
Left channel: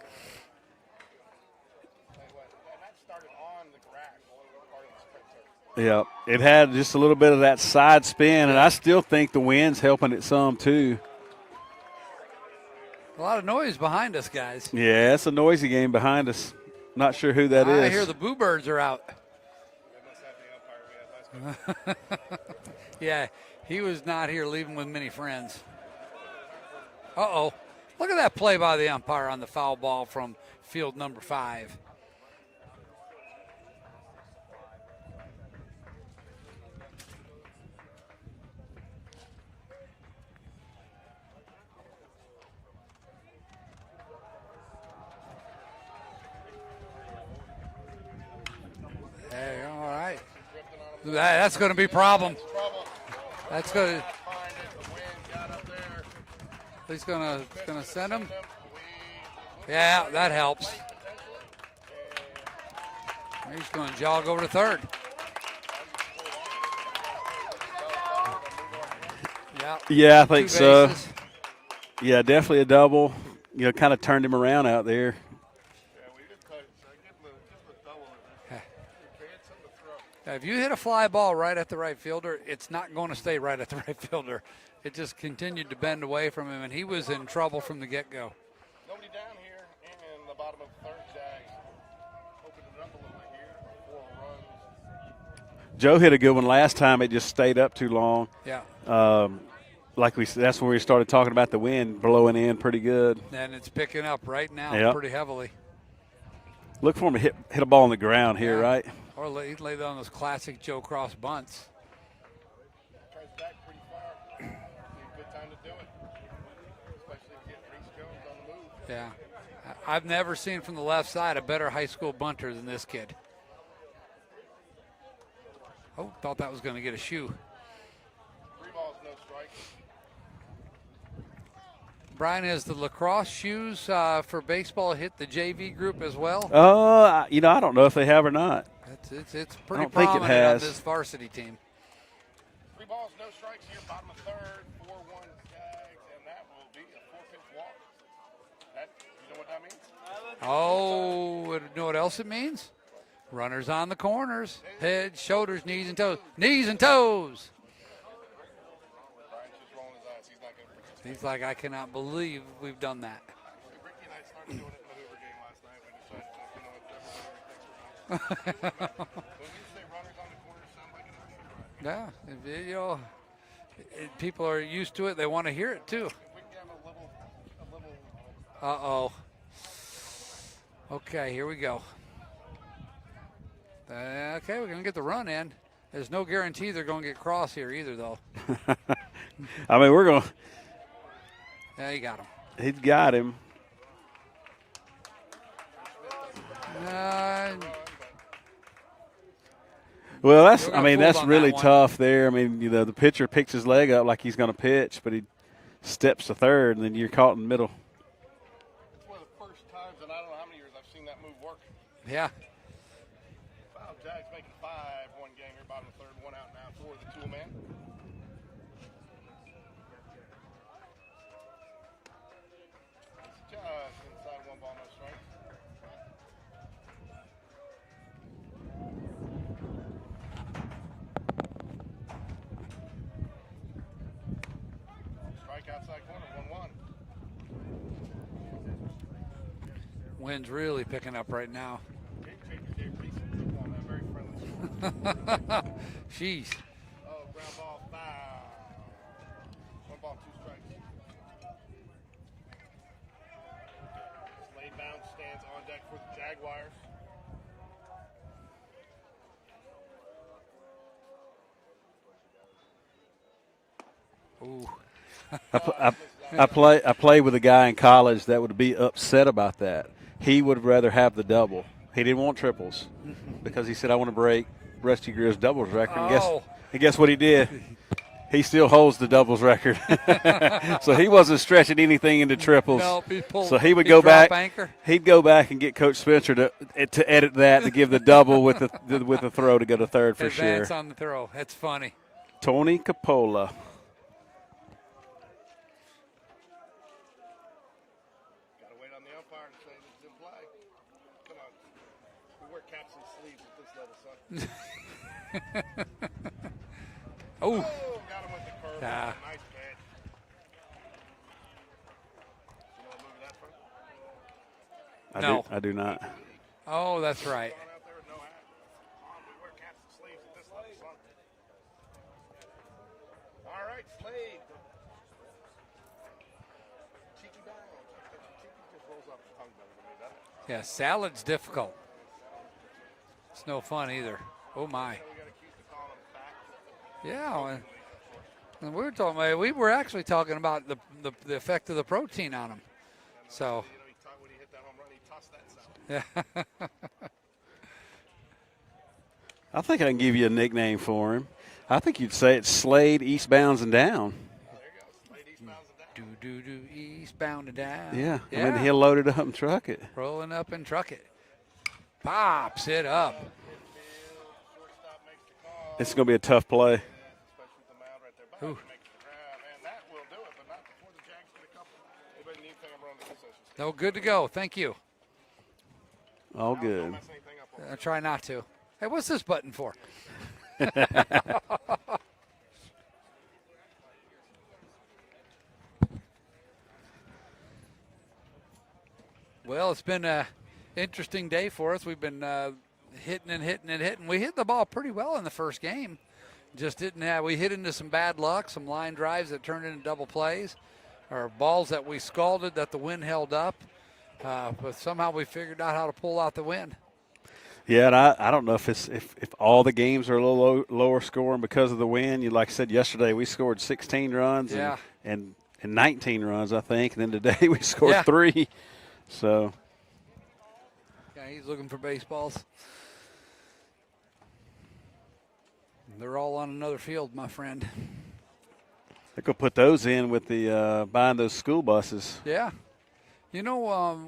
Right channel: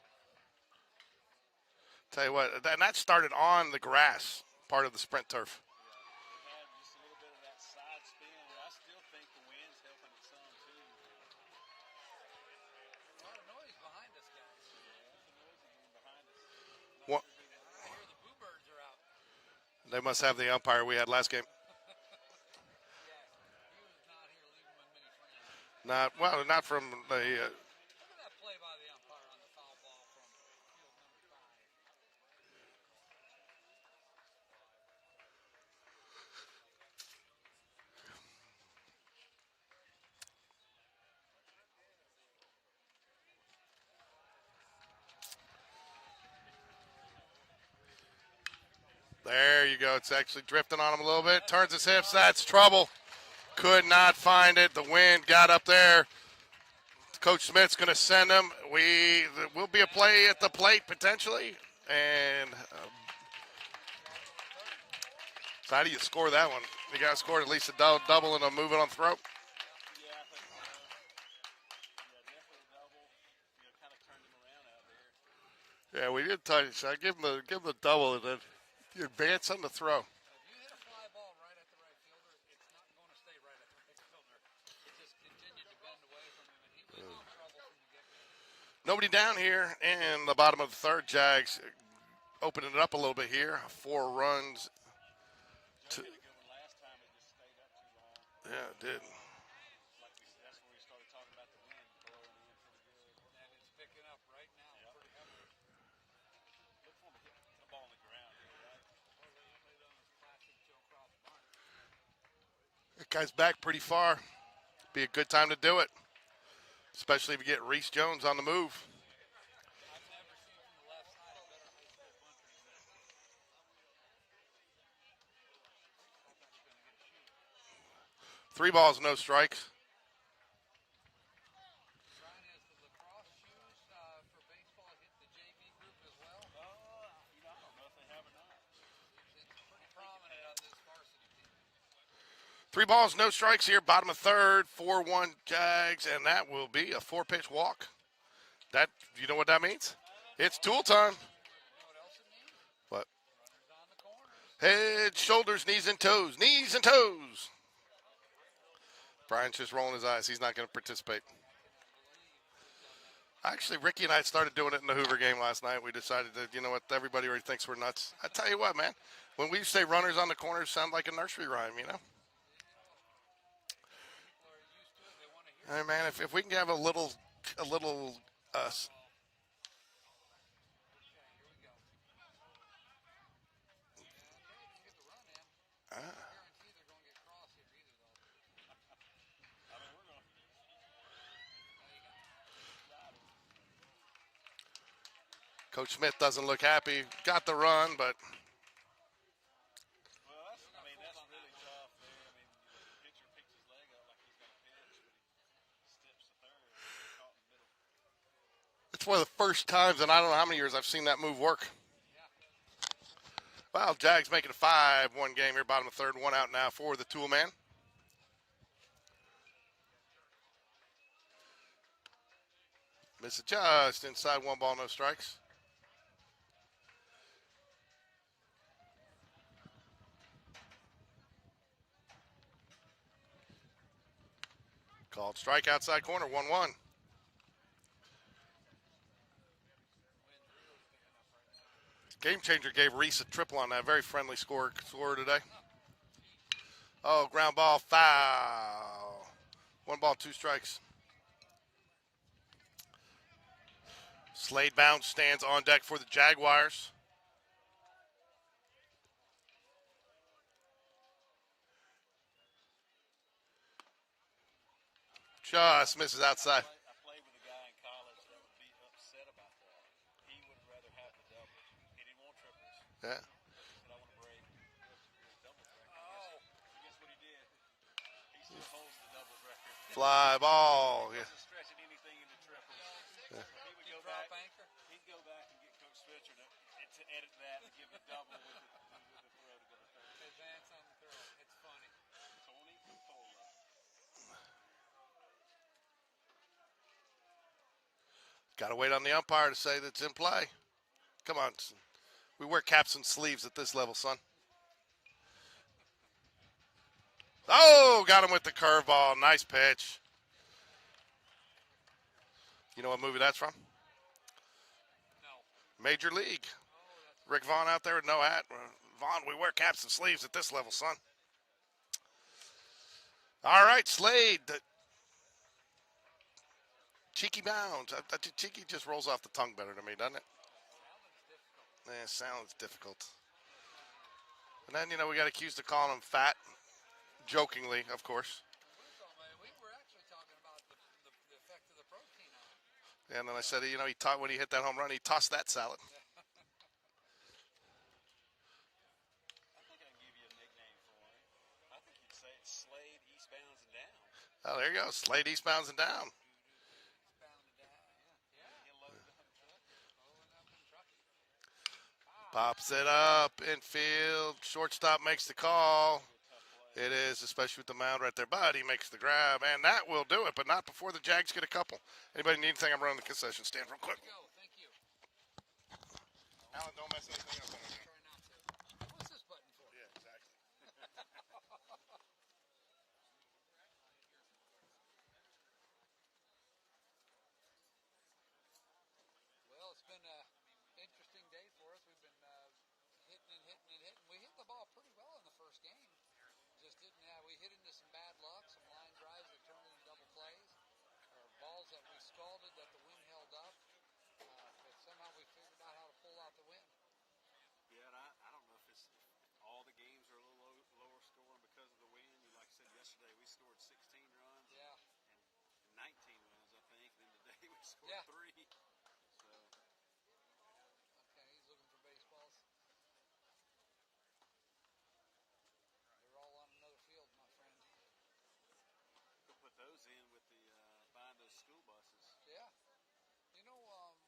Tell you what, and that started on the grass, part of the sprint turf. Yeah, it had just a little bit of that side spin, and I still think the wind's helping it some too. A lot of noise behind us, guys. Yeah, it's a noisy game behind us. Not sure who that is. I hear the Boo Birds are out. They must have the umpire we had last game. Yeah, he was not here leaving with many friends. Not from the. Uh-oh. Look at that play by the umpire on the foul ball from field number 5. There you go. All It's right. actually drifting on him a little bit. That's Turns going to be his hips. problem. That's trouble. Could not find it. The wind got up there. Coach Smith's going to send him. We'll be a play at the plate potentially. And he's going to jog over to third. So how do you score that one? You got to score at least a double and a move it on throw. Yeah, I think so. Yeah, definitely a double. Kind of turned him around out there. Yeah, we did tell you. So I give him the double and then you advance on the throw. Now, if you hit a fly ball right at the right fielder, it's not going to stay right at the right fielder. It just continued to bend away from him, and he was in trouble from the get-go. Nobody down here in the bottom of the third. Jags opening it up a little bit here. 4 runs. Joe hit a good one last time. It just stayed up too long. Yeah. Like we said, that's when we started talking about the wind blowing in pretty good. And it's picking up right now pretty heavily. Look for him to hit a ball on the ground here, right? Or he'd lay down those classic Joe Cross bunts. That guy's back pretty far. Be a good time to do it, especially if you get Reese Jones on the move. Yeah. I've never seen from the left side a better high school bunter than this kid. Oh, thought that was going to get a shoe. 3 balls, no strikes. Brian, has the lacrosse shoes for baseball hit the JV group as well? You know, I don't know if they have or not. It's pretty don't think it prominent on has. this varsity team. 3 balls, no strikes here, bottom of third, 4-1 Jags, and that will be a 4-pitch walk. That, you know what that means? It's dual time. Oh, you know what else it means? What? Runners on the corners. Head, shoulders, knees, and toes. Knees and toes. Brian's just rolling his eyes. He's not going to participate. He's like, I cannot believe we've done that. Actually, Ricky and I started doing it in the Hoover game last night. We decided that, you know what, everybody already thinks we're nuts. I tell you what, man, when we say runners on the corners, sound like a nursery rhyme, you know? Yeah, you know, people are used to it. They want to hear it, Hey, man, too. if we can have a little Uh-oh. Okay, here we go. Okay, we're going to get the run in. There's no guarantee they're going to get cross here either, though. I mean, we're going to. Yeah, you got him. He's got him. Coach Smith doesn't look happy. Got the run, but Well, We're gonna fold that's on really that one. tough there. I mean, you know, the pitcher picks his leg up like he's going to pitch, but he steps to third, and then you're caught in the middle. it's one of the first times in I don't know how many years I've seen that move work. Yeah. Wow, Jags making a 5-1 game here, bottom of third, 1 out now for the tool man. Miss it just inside, 1 ball, no strikes. Called strike outside corner, 1-1. Wind's really picking up right now. Game changer gave Reese a triple on that. Very friendly score today. Jeez. Oh, ground ball, foul. 1 ball, 2 strikes. Slade bounce stands on deck for the Jaguars. Ooh. Just misses outside. I played with a guy in college that would be upset about that. He would rather have the double. He didn't want triples because he said, I want to break Rusty Greer's doubles record. And guess what he did? He still holds the doubles record. Wow. So he wasn't stretching anything into triples. Nope, he pulled, So he would he go drop back. Anchor. He'd go back and get Coach Spencer to edit that to give the double with the throw to go to third for Advance sure. on the throw. That's funny. Tony Capola. Got to wait on the umpire to say that's in play. Come on. We wear caps and sleeves at this level, son. Oh, got him with the curveball. Nice pitch. You know what movie that's from? I do not. Major League. Oh, that's Rick right. Vaughn out there with no hat. Vaughn, we wear caps and sleeves at this level, son. All right, Slade. The cheeky bounds. Cheeky just rolls off the tongue better to me, doesn't it? Yeah, salad's difficult. Sounds difficult. It's no fun either. Oh, my. And, you know, we got accused of calling him fat, Yeah. jokingly, of course. And we were actually talking about the effect of the protein on him. And then So- I said, you know, when he hit that home run, he tossed that salad. Yeah. I think I can give you a nickname for him. I think you'd say it's Slade eastbounds and down. Oh, there you go. Slade eastbounds and down. do eastbound and down. Yeah. Yeah. I mean, he'll load it up and truck it. Rolling up and truck it. Pops it up. Infield. Shortstop makes the call. It's going to be a tough play. It is, especially with the mound right there. But he makes the grab, and that will do it, but not before the Jags get a couple. Anybody need anything? I'm running the concession stand. No, good to go. Thank you. All good. Don't mess anything up. I try not to. Hey, what's this button for? Well, it's been an interesting day for us. We've been hitting and hitting and hitting. We hit the ball pretty well in the first game. Just didn't have. We hit into some bad luck, some line drives that turned into double plays, or balls that we scalded that the wind held up. But somehow we figured out how to pull out the wind. Yeah, and I don't know if all the games are a little lower scoring because of the wind. You like I said yesterday, we scored 16 runs and 19 runs, I think. And then today we scored 3. So. Yeah, he's looking for baseballs. They're all on another field, my friend. They could put those in with the buying those school buses. Yeah. You know,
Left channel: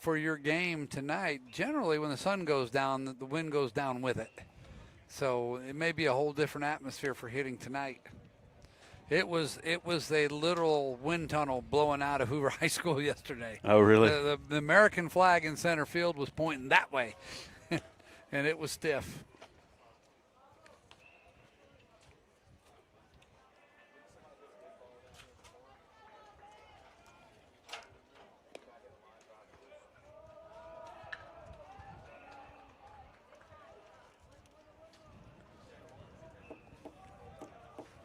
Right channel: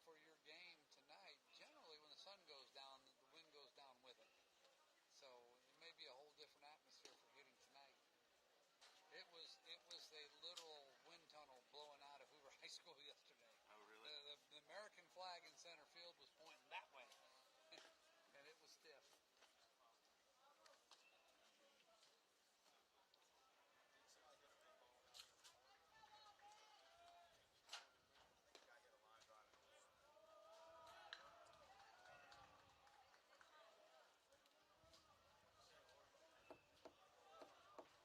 for your game tonight, generally when the sun goes down, the wind goes down with it. So it may be a whole different atmosphere for hitting tonight. It was a literal wind tunnel blowing out of Hoover High School yesterday. Oh, really? The American flag in center field was pointing that way, and it was stiff.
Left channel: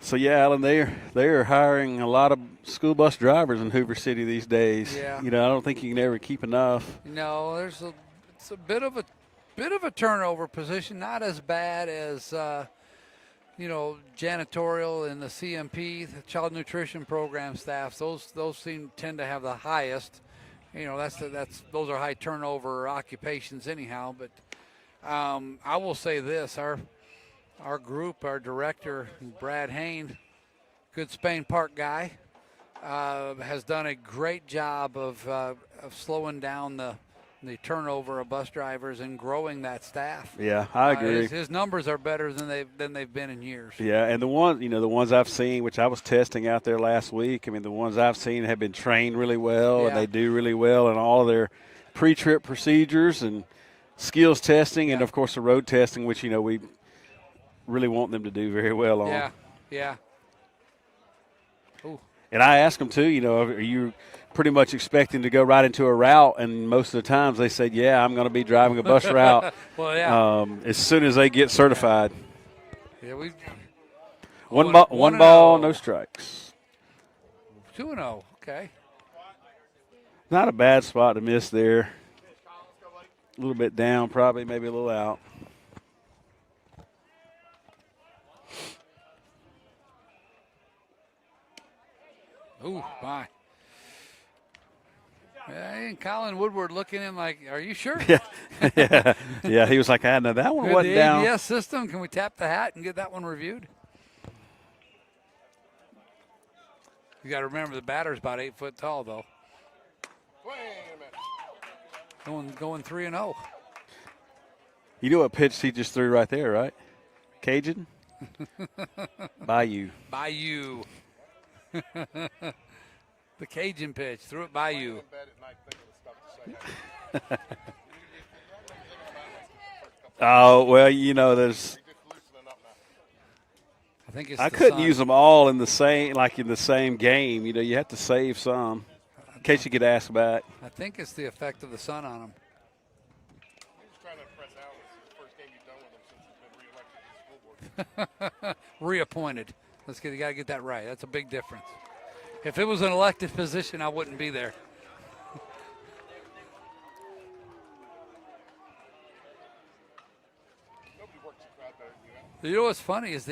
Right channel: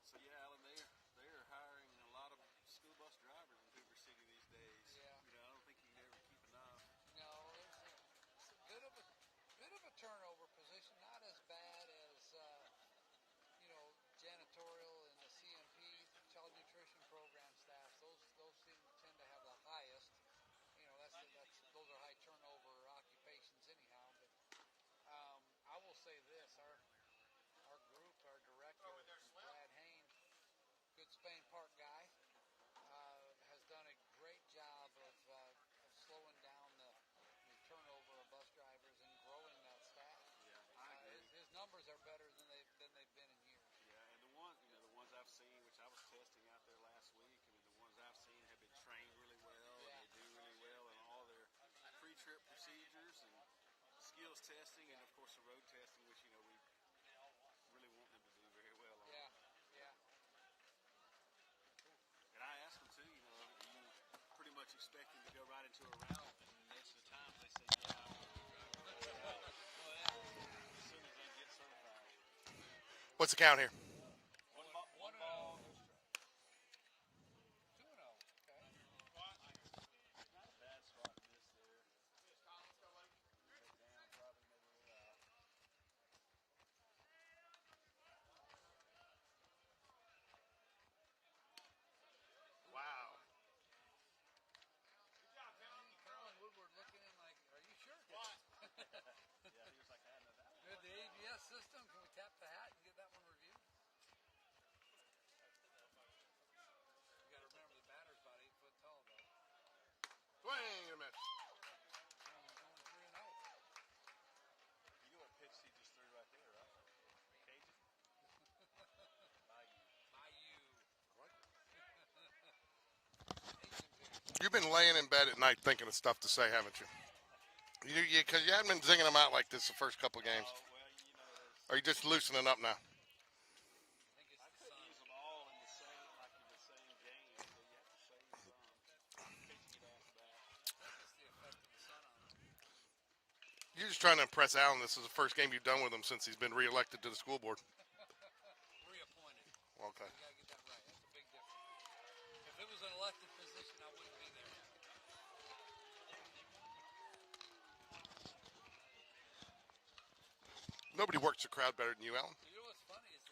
So yeah, Alan, they're hiring a lot of school bus drivers in Hoover City these days. Yeah. You know, I don't think you can ever keep enough. No, it's a bit of a turnover position, not as bad as janitorial and the CMP, the child nutrition program staffs. Those tend to have the highest. You know, those are high turnover occupations anyhow. But I will say this: our group, our director, Brad Hain, good Spain Park guy, has done a great job of slowing down the turnover of bus drivers and growing that staff. Yeah, I agree. His numbers are better than they've been in years. Yeah, and the ones I've seen, which I was testing out there last week, I mean, the ones I've seen have been trained really well, and they do really well in all their pre-trip procedures and skills testing, and of course the road testing, which we really want them to do very well on. Yeah. Ooh. And I asked them too, are you pretty much expecting to go right into a route? And most of the times they said, yeah, I'm going to be driving a bus route. Well, yeah. As soon as they get certified. Yeah, What's the count here? One ball, no strikes. 2-0. Okay. Not a bad spot to miss there. A little bit down, probably, maybe a little out. Ooh, my. And Colin Woodward looking in like, are you sure? Yeah. He was like, no, that one wasn't down. The ABS system, can we tap the hat and get that one reviewed? You got to remember the batter's about 8 foot tall, though. Going 3-0. You know what pitch he just threw right there, right? Cajun? Bayou. The Cajun pitch. Threw You've it by been laying you. in bed at night thinking of stuff to say, haven't you? Because you haven't been zinging them out like this the first couple of Oh, well, Are you just loosening up now? I think I couldn't use them all in the same game. You have to save some in case you get asked back. I think it's the effect of the sun on him. You're just trying to impress Alan. This is the first game you've done with him since he's been reelected to the school board. Reappointed. You got to get that right. That's a big difference. If it was an elected position, I wouldn't be there. Nobody works the crowd better than you, Alan. You know what's funny is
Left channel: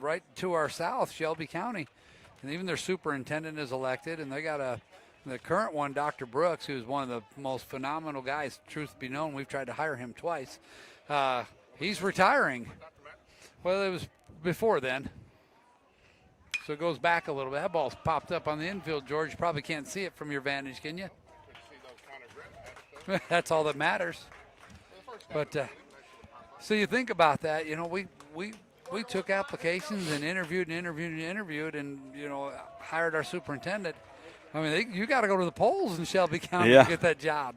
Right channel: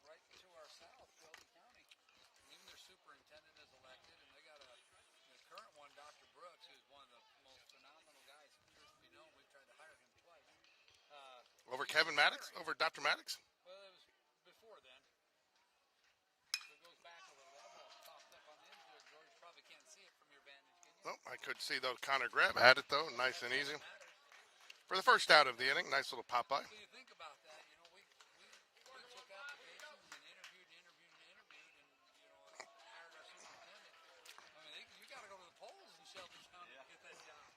right to our south, Shelby County, and even their superintendent is elected, and they got the current one, Dr. Brooks, who's one of the most phenomenal guys, truth be known. We've tried to hire him twice. He's retiring. Over Dr. Maddox? Well, it was before then. So it goes back a little bit. That ball's popped up on the infield, George. You probably can't see it from your vantage, can you? No, I couldn't see those. Connor Greb had it, though. Nice. That's all that matters. For the first out of the inning, nice little pop-up. So you think about that. We took applications and interviewed, and hired our superintendent. I mean, you got to go to the polls in Shelby County to get that job.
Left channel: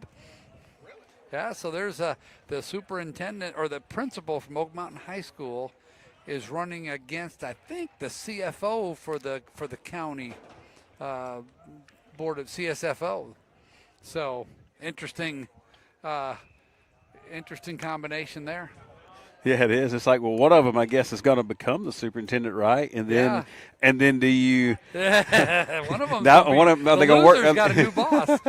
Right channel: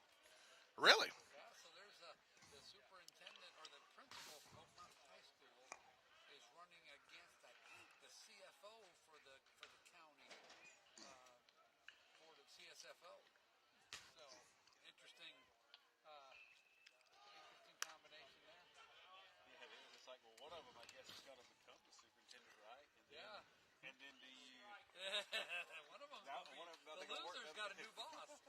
Really? Yeah. So there's the superintendent or the principal from Oak Mountain High School is running against, I think, the CFO for the county board of CSFO. So interesting combination there. Yeah, it is. It's like, well, one of them, I guess, is going to become the superintendent, right? And then do you? One of them. Are they going to work? Got a new boss.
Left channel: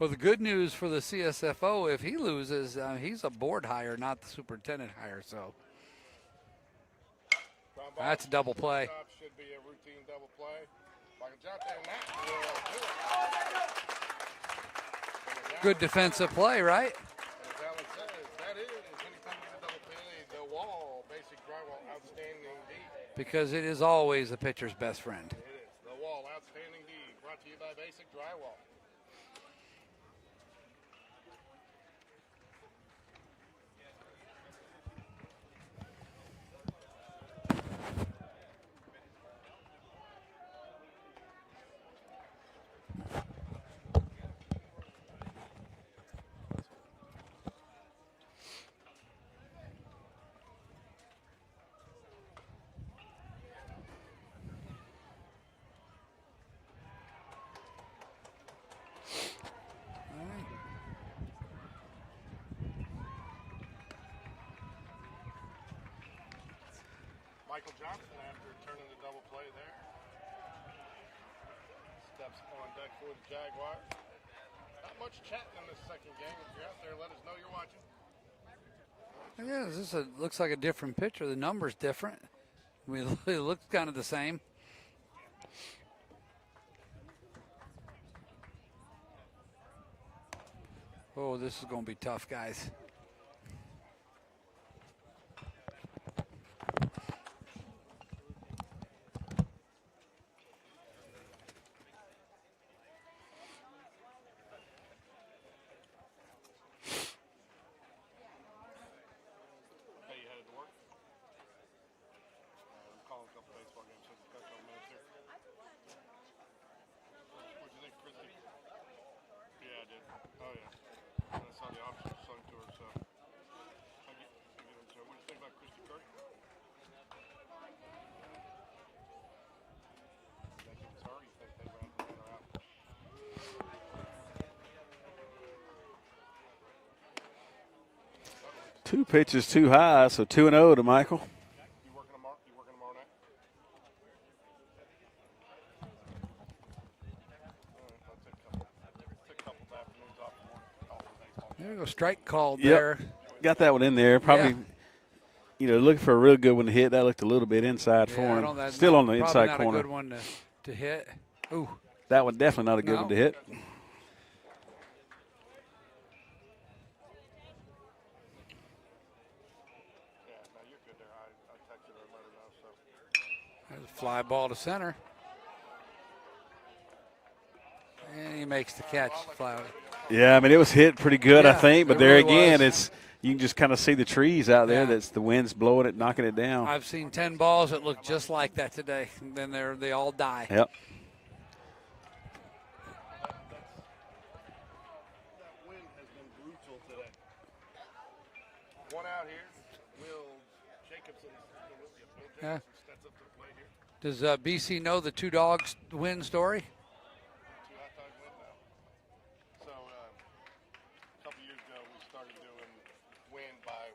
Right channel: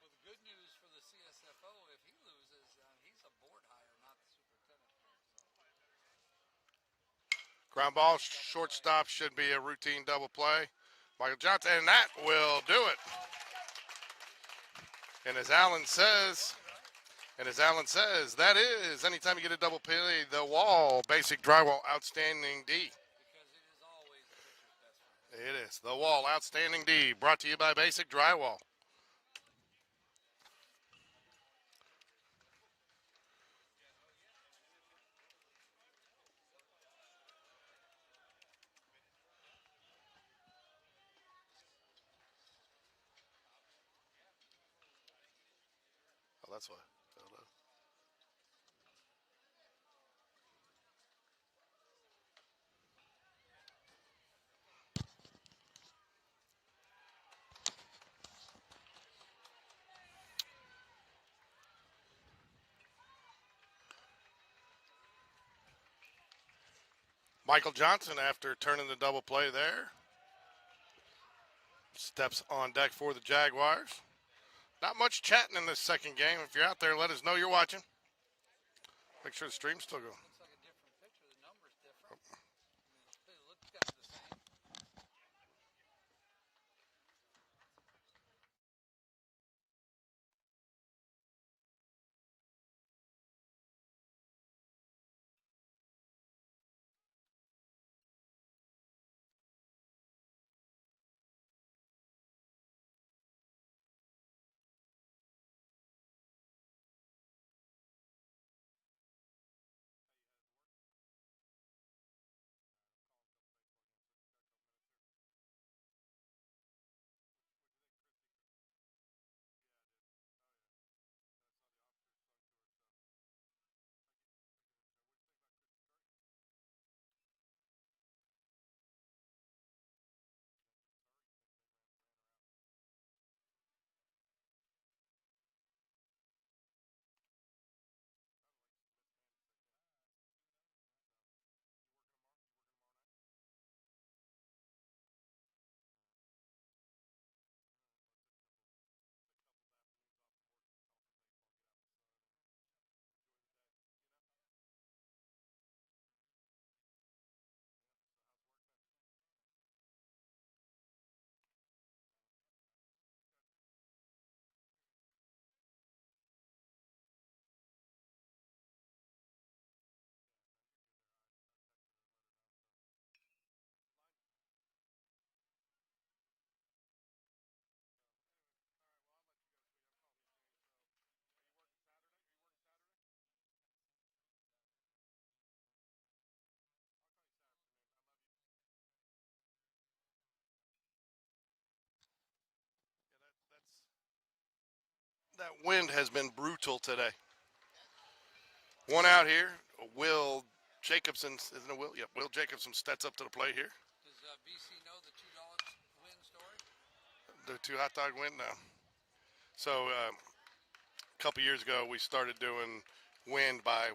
Well, the good news for the CSFO, if he loses, he's a board hire, not the superintendent hire. So ground ball, that's double play. Shortstop should be a routine double play. Michael Johnson, and that will do it. And as Alan good defensive says, play, right? And as Alan says, that is, anytime you get a double play, the wall, basic drywall, outstanding D. Because it is always the pitcher's best friend. It is. The wall, outstanding D, brought to you by Basic Drywall. That's what. Michael Johnson, after turning the double play there, steps on deck for the Jaguars. Not much chatting in this second game. If you're out there, let us know you're watching. Make sure the Yeah, stream's this looks like a different picture. The number's different. I mean, it looks kind of the same. Oh, this is going to be tough, guys. Hey, you headed to work? I'm calling a couple baseball games, so it's got a couple minutes here. What'd you think, Christy? Yeah, I did. Oh, yeah. I saw the option sung to her, so. What'd you think about Christy Kirk? You think it was her, or you think they ran her out? Two pitches too high, so 2-0 to Michael. You working tomorrow? You working tomorrow night? All right, I'll take a couple afternoons off tomorrow. There you go, strike called Yep. there. Got that one in there. Probably, looking for a real good one to hit. That looked a little bit inside for Yeah, I him. don't- that's Still not- on the probably inside not corner. a good one to hit. Ooh, That one definitely not a good No. one to hit. Yeah, no, you're good there. I texted her and let her know, so. there's a fly ball to center. And he makes the catch. Fly. Yeah, I mean, it was hit pretty good, I Yeah, think. But it there really again, was. you can just kind of see the trees out there. Yeah. That's the wind's blowing it, knocking it down. I've seen 10 balls that look just like that today. And then they all die. Yep. That wind has been brutal today. One out here. Will Jacobson, isn't it Will? Yep, Will Jacobson steps up to the plate here. Does BC know the two dogs win story? The two hot dog win now. So a couple years ago, we started doing win by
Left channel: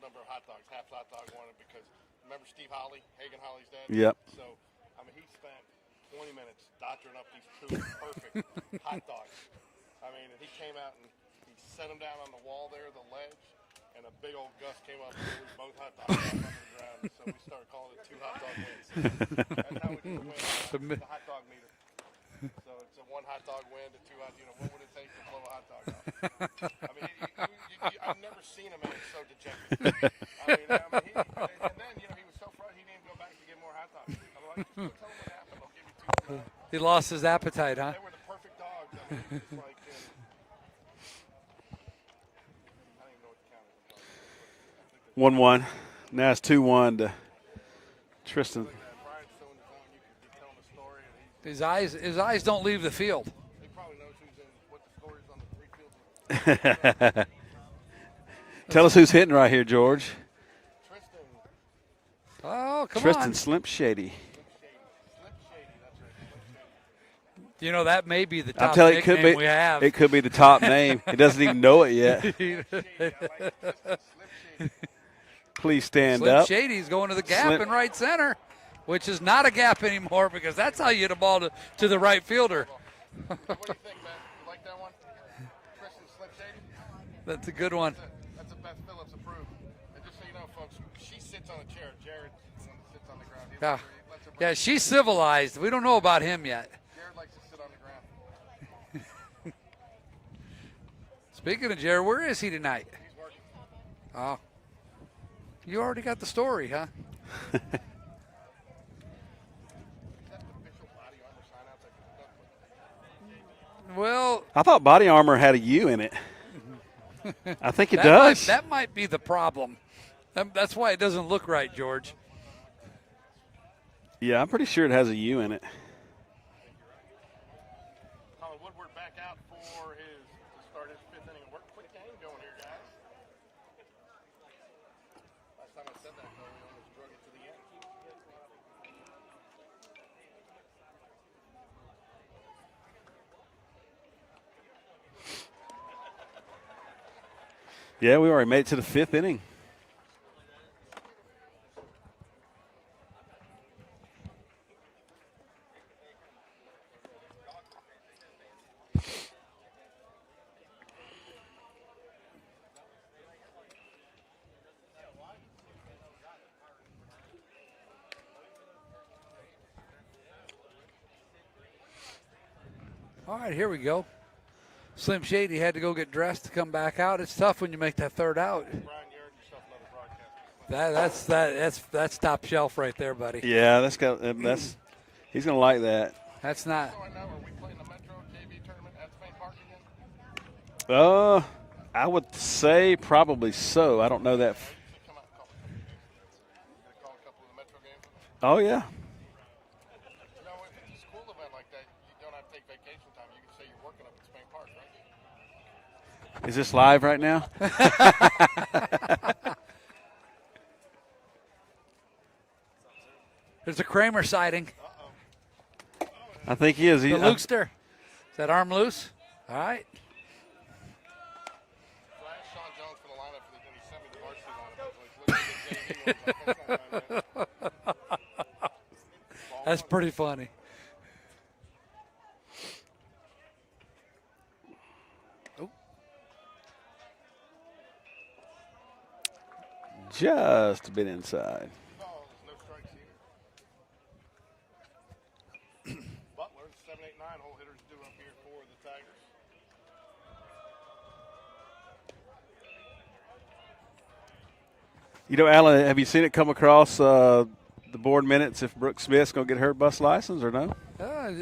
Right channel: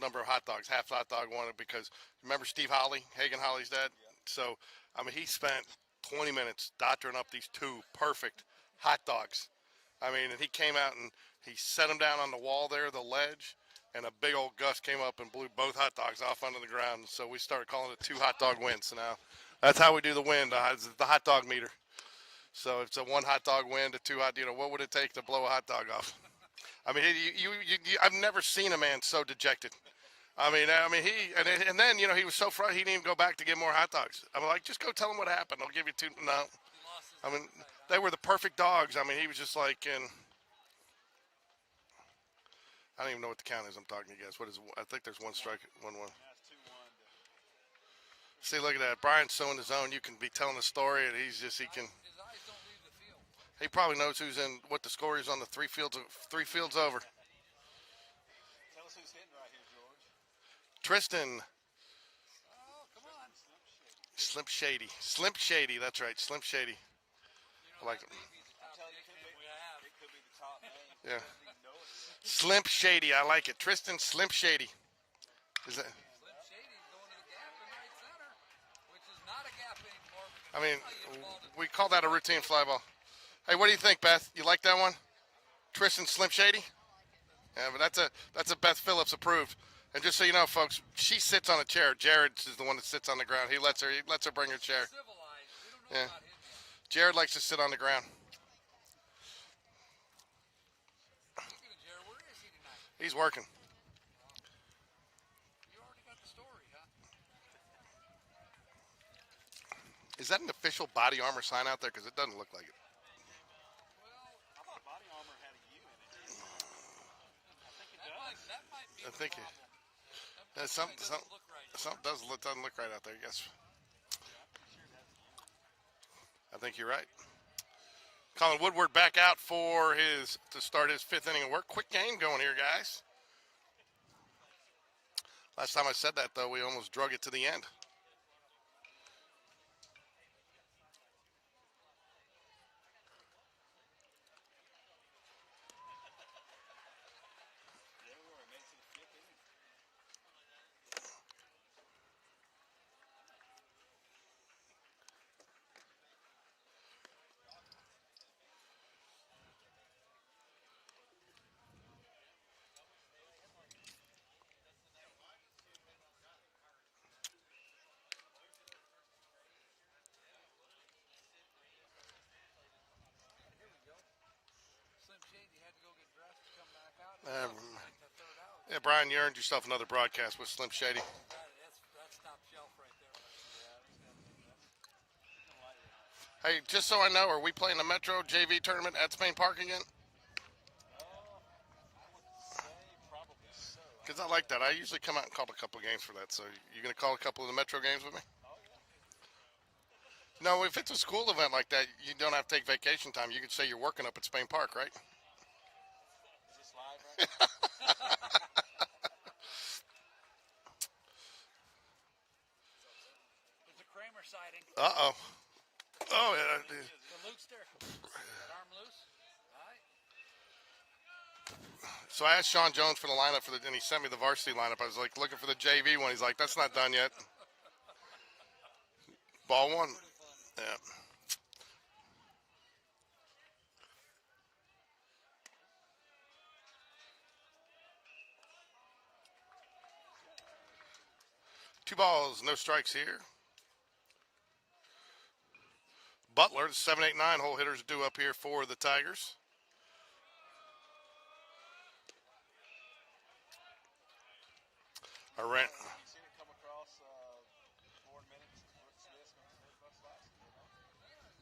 number of hot dogs. Half hot dog won it because remember Steve Holly, Hagen Holly's dad? Yep. So, I mean, he spent 20 minutes doctoring up these two perfect hot dogs. I mean, and he came out and he set them down on the wall there, the ledge, and a big old gust came up and blew both hot dogs off onto the ground. So we started calling it two hot dog wins. Now, that's how we do the win, the hot dog meter. So it's a one hot dog win to two hot. What would it take to blow a hot dog off? I mean, I've never seen a man so dejected. I mean, he and then he was so frustrated he didn't even go back to get more hot dogs. I'm like, just go tell him what happened. I'll give you two. No, He lost his appetite, huh? they were the perfect dogs. I mean, he was just like in. I don't even know what the count is. I'm talking to you guys. What is it? I think there's 1-1. 1-1. Now it's 2-1 to See, Tristan. look at that. Brian's so in his zone. You can be telling the story, and he's just. His eyes don't leave the field. He probably knows what the score is on the three fields over. Tell us who's hitting right here, George. Tristan. Oh, come Tristan on. Slim Shady. Slim Shady. That's right. Slim Shady. That may be the I'm top telling you, it could nickname be. we have. It could be the top name. He doesn't even know it yet. Slim Shady. I like it. Tristan Slim Shady. Please stand Slim up. Shady's going to the gap Slim- in right center, which is not a gap anymore because that's how you hit a ball We call to the that a right routine fielder. fly ball. Hey, what do you think, Beth? You like that one? Tristan Slim Shady? That's a good one. That's a Beth Phillips approved. And just so you know, folks, she sits on a chair. Jared is the one that sits on the ground. He lets her bring Yeah, her she's chair. civilized. We don't know about him yet. Jared likes to sit on the ground. Speaking of Jared, where is he tonight? He's working. Oh. You already got the story, huh? Is that an official body armor sign out there? Because it doesn't look like it. Well, I thought Body Armor had a U in it. I think it that does. that might be the problem. That's why it doesn't look right, George. It doesn't look right out there, yes. Yeah, I'm pretty sure it has a U in it. I think you're right. Colin Woodward back out to start his 5th inning of work. Quick game going here, guys. Last time I said that, though, we almost drug it to the end. Yeah, we already made it to the 5th inning. All right, here we go. Slim Shady had to go get dressed to come back out. It's tough when you make that 3rd out. Yeah, Brian, you earned yourself another broadcast with Slim Shady. That's top shelf right there, buddy. Yeah, he's gonna like that. Hey, That's not. just so I know, are we playing the Metro JV tournament at Spain Park again? I would say probably so. I don't know like that. I usually come out and call a couple of games for that. So you going to call a couple of the Metro games with me? Oh yeah. No, if it's a school event like that, you don't have to take vacation time. You could say you're working up at Spain Park, right? Is this live right now? There's a Kramer sighting. Uh-oh. Oh, yeah. I think he is. The Lukester. Is that arm loose? All right. So I asked Sean Jones for the lineup and he sent me the varsity lineup. I was like, looking for the JV one. He's like, that's not done yet. Ball That's one. pretty funny. Yeah. Just a bit inside. 2 balls, no strikes here. Butler, the 7, 8, 9 hole hitters due up here for the Tigers. You know, Alan, have you seen it come across the board minutes if Brooke Smith's going to get her bus license or no?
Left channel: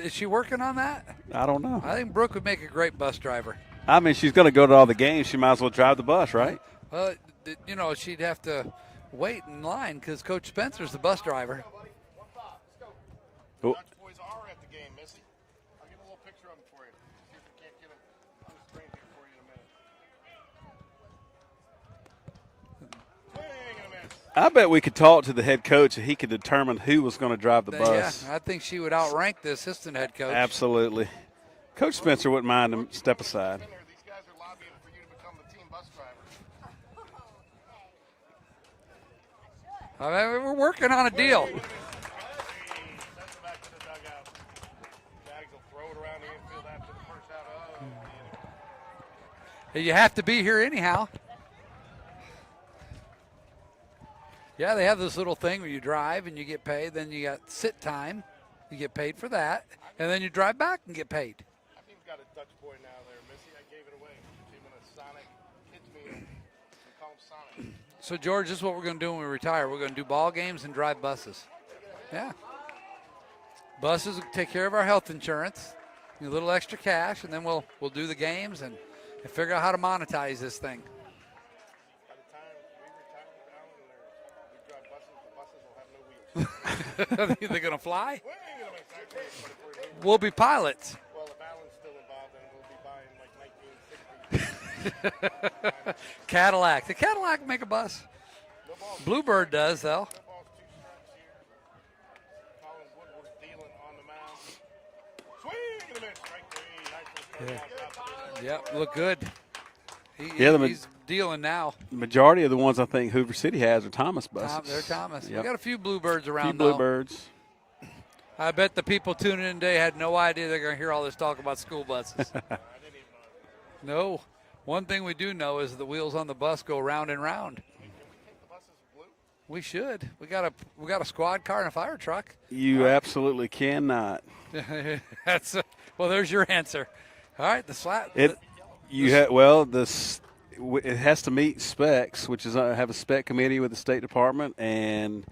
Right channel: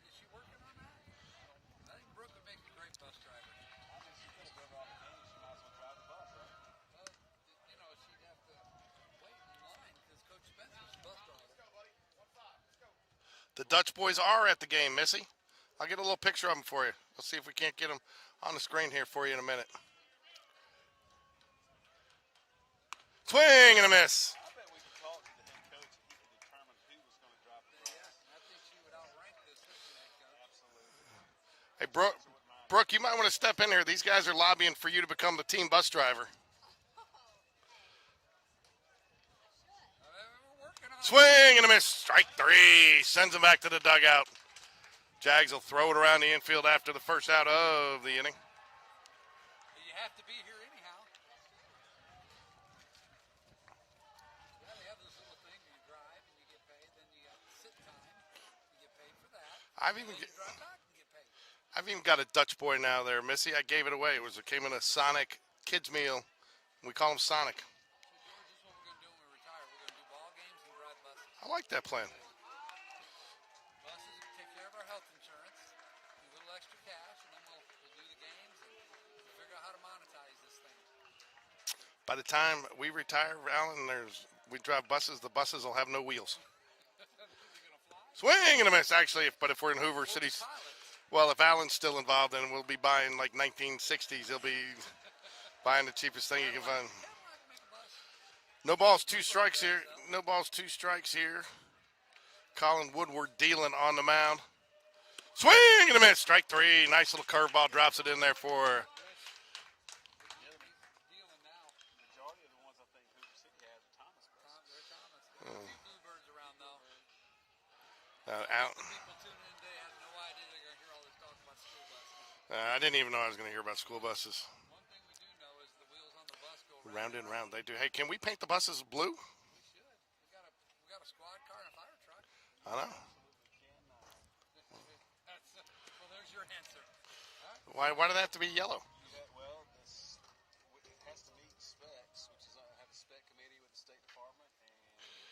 Is she working on that? I don't know. I think Brooke would make a great bus driver. I mean, she's going to go to all the games. She might as well drive the bus, right? She'd have to wait in line because Coach Spencer's the bus driver. The Dutch boys are at the game, Missy. I'll get a little picture of them for you. We'll see if we can't get them on the screen here for you in a minute. Swing and a miss. I bet we could talk to the head coach and he could determine who was going to drive the bus. Yeah, I think she would outrank the assistant head coach. Absolutely. Coach Spencer wouldn't mind Brooke, you might want to aside. step in here. These guys are lobbying for you to become the team bus driver. I mean, we're working on a Swing deal. and a miss. Strike 3. Sends him back to the dugout. Jags will throw it around the infield after the first out of the inning. You have to be here anyhow. Yeah, they have this little thing where you drive and you get paid. Then you got sit time. You get paid for that. And then you drive back and get paid. I've even got a Dutch boy now there, Missy. I gave it away. It came in a Sonic kids meal. We call him Sonic. So, George, this is what we're going to do when we retire. We're going to do ball games and drive buses. I like that plan. Yeah. Buses will take care of our health insurance, a little extra cash, and then we'll do the games and figure out how to monetize this thing. By the time we retire, Alan, we drive buses. The buses will have no wheels. They're going to fly? Swing and a miss, actually. But if we're in Hoover, We'll be pilots. Well, if Alan's still involved, then we'll be buying like 1960s. He'll be buying the cheapest thing. Cadillac. The Cadillac make a bus. No balls, 2 Bluebird strikes does, here. though. No balls, 2 strikes here. Colin Woodward dealing on the mound. Swing and a miss. Strike 3. Nice little curveball. Drops it in there for. Look good. He's dealing now. The majority of the ones I think Hoover City has are Thomas buses. They're Thomas. Yep. We got a few Bluebirds around, A few Bluebirds. I bet the people tuning in today had no idea they're going to hear all this talk about school buses. I didn't even know I was going to hear about school buses. One thing we do know is the wheels on the bus go round and round. They do. Hey, can we paint the buses blue? We should. We got a squad car and a fire truck. You absolutely cannot. Well, there's your answer. All right, the Why slap. do they have to be yellow? You have well, it has to meet specs, which is have a spec committee with the State Department, and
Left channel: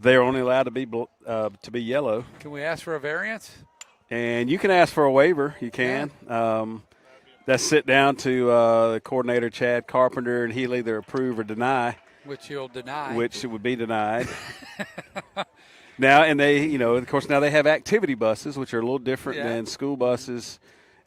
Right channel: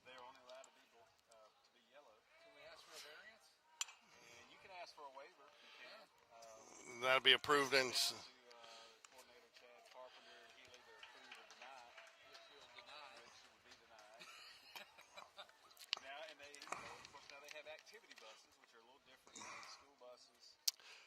they're only allowed to be yellow. Can we ask for a variance? And you can ask for a waiver. You can. That'd be approved. That's sit down to the coordinator, Chad Carpenter, and he'll either approve or deny. Which you'll deny. Which it would be denied. Now, and they, of course, now they have activity buses, which are a little different than school buses,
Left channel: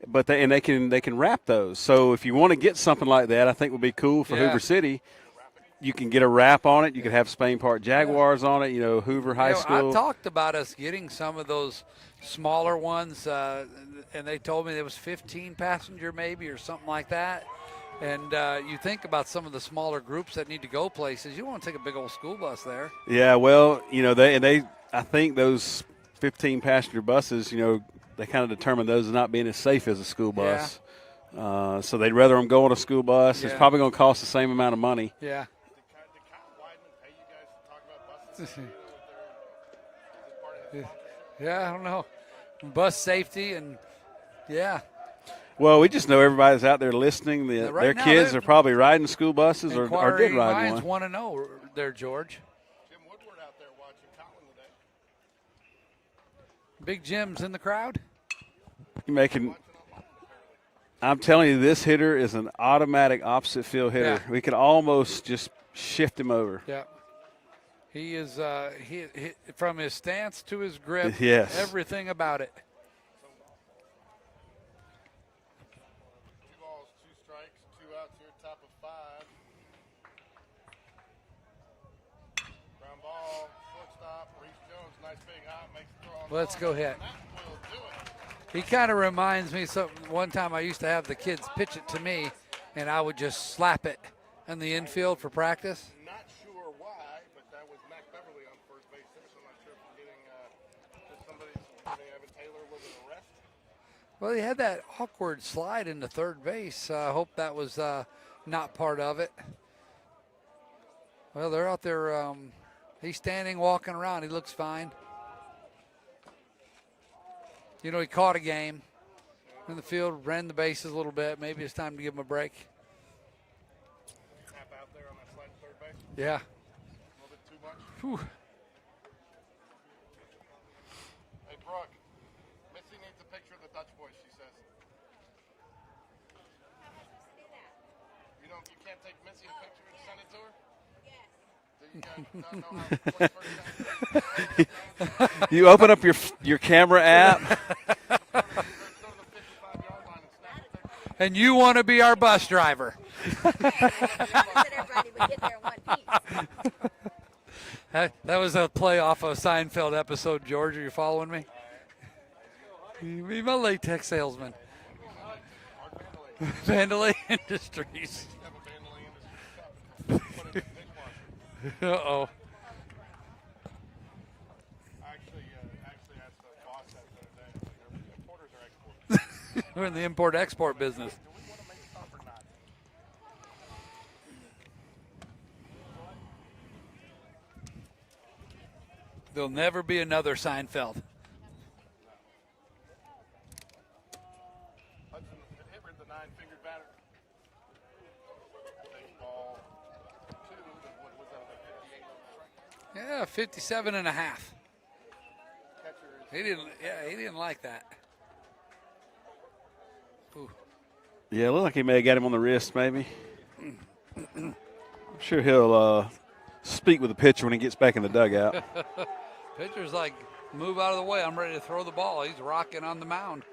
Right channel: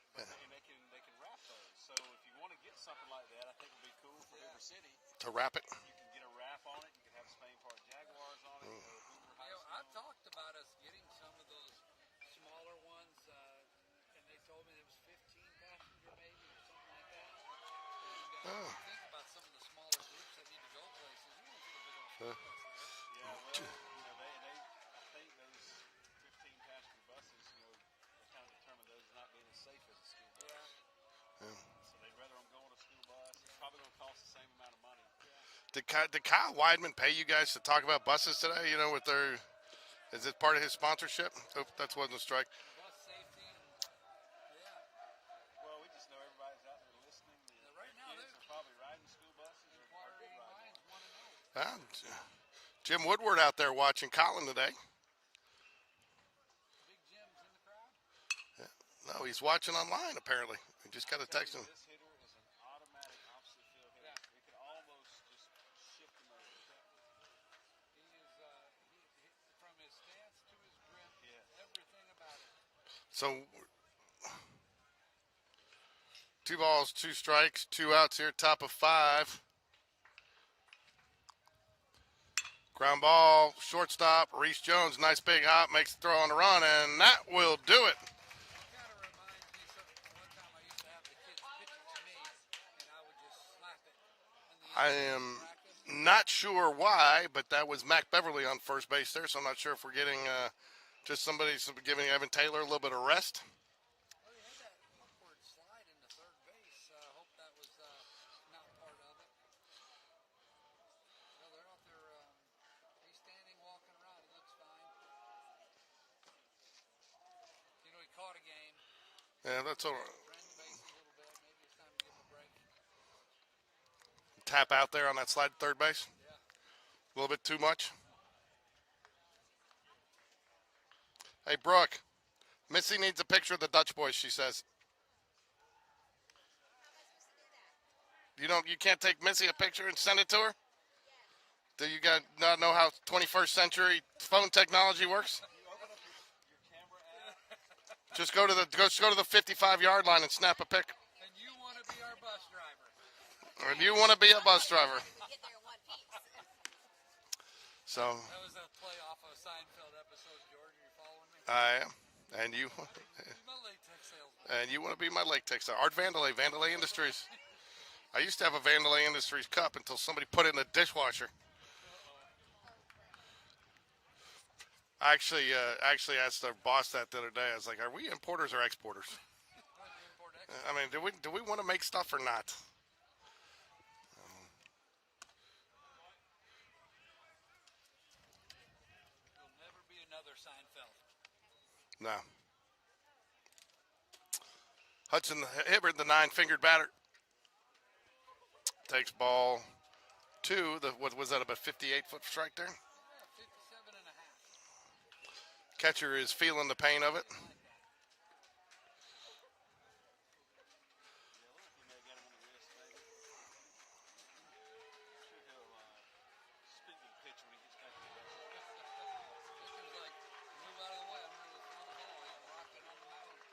but they can wrap those. So if you want to get something like that, I think would be cool for Hoover City. To wrap it. You can get a wrap on it. You could have Spain Park Jaguars on it. Hoover High School. I talked about us getting some of those smaller ones, and they told me there was 15 passenger maybe or something like that. And you think about some of the smaller groups that need to go places. You don't want to take a big old school bus there. Yeah, well, I think those 15 passenger buses, they kind of determine those as not being as safe as a school bus. Yeah. So they'd rather them go on a school bus. Yeah. It's probably going to cost the same amount of money. Yeah. Did Kyle Weidman pay you guys to talk about buses today? With is it part of his sponsorship? Yeah, I don't know. Wasn't a strike. Bus safety and Well, we just know everybody's out there listening. Their kids are probably riding school buses or did ride one. Want to know there, George. Jim Woodward out there watching Colin today. Big Jim's in the crowd. He's watching online apparently. I'm telling you, this hitter is an automatic opposite field hitter. Yeah. We could almost just shift him over. Yeah. He is he from his stance to his grip. Yes. Everything about it. So 2 balls, 2 strikes, 2 outs here, top of 5. Ground ball, shortstop, Reese Jones, nice big hop, makes the throw on the run, and that will do it. He kind of reminds me one time I used to have the kids pitch it to me, and I would just slap it in the infield for practice. Not sure why, but that was Mac Beverly on first base there, so I'm not sure if we're getting just giving Evan Taylor a little bit of rest. Well, he had that awkward slide into third base. I hope that was not part of it. Well, they're out there. He's standing, walking around. He looks fine. He caught a game in the field, ran the bases a little bit. Maybe it's time to give him a break. Tap out there on that slide to third base? Yeah. A little bit too much? Whew. Hey, Brooke, Missy needs a picture of the Dutch boys, she says. You can't take Missy a picture and send it to her? Do you guys not know how 21st century phone technology works? You open up your camera app. Just go to the 55-yard line and snap a pic. And you want to be our bus driver? You want to be a bus driver? That was a play off a Seinfeld episode. George, are you following me? I am. And you? You be my latex salesman. And you want to be my latex salesman. Art Vandalay Vandalay Industries. I used to have a Vandalay Industries cup until somebody put it in the dishwasher. Uh-oh. I actually asked our boss that the other day. I was like, are we importers or exporters? We're in the import-export business. Do we want to make stuff or not? There'll never be another Seinfeld. No. Hudson Hibbard, the 9-fingered batter. Takes ball 2. What was that, about 58-foot strike there? Yeah, 57 and a half. Catcher is feeling the pain of it. He didn't like that. Ooh. Yeah, it looked like he may have got him on the wrist, maybe. I'm sure he'll speak with the pitcher when he gets back in the dugout. Pitcher's like, move out of the way. I'm ready to throw the ball. He's rocking on the mound.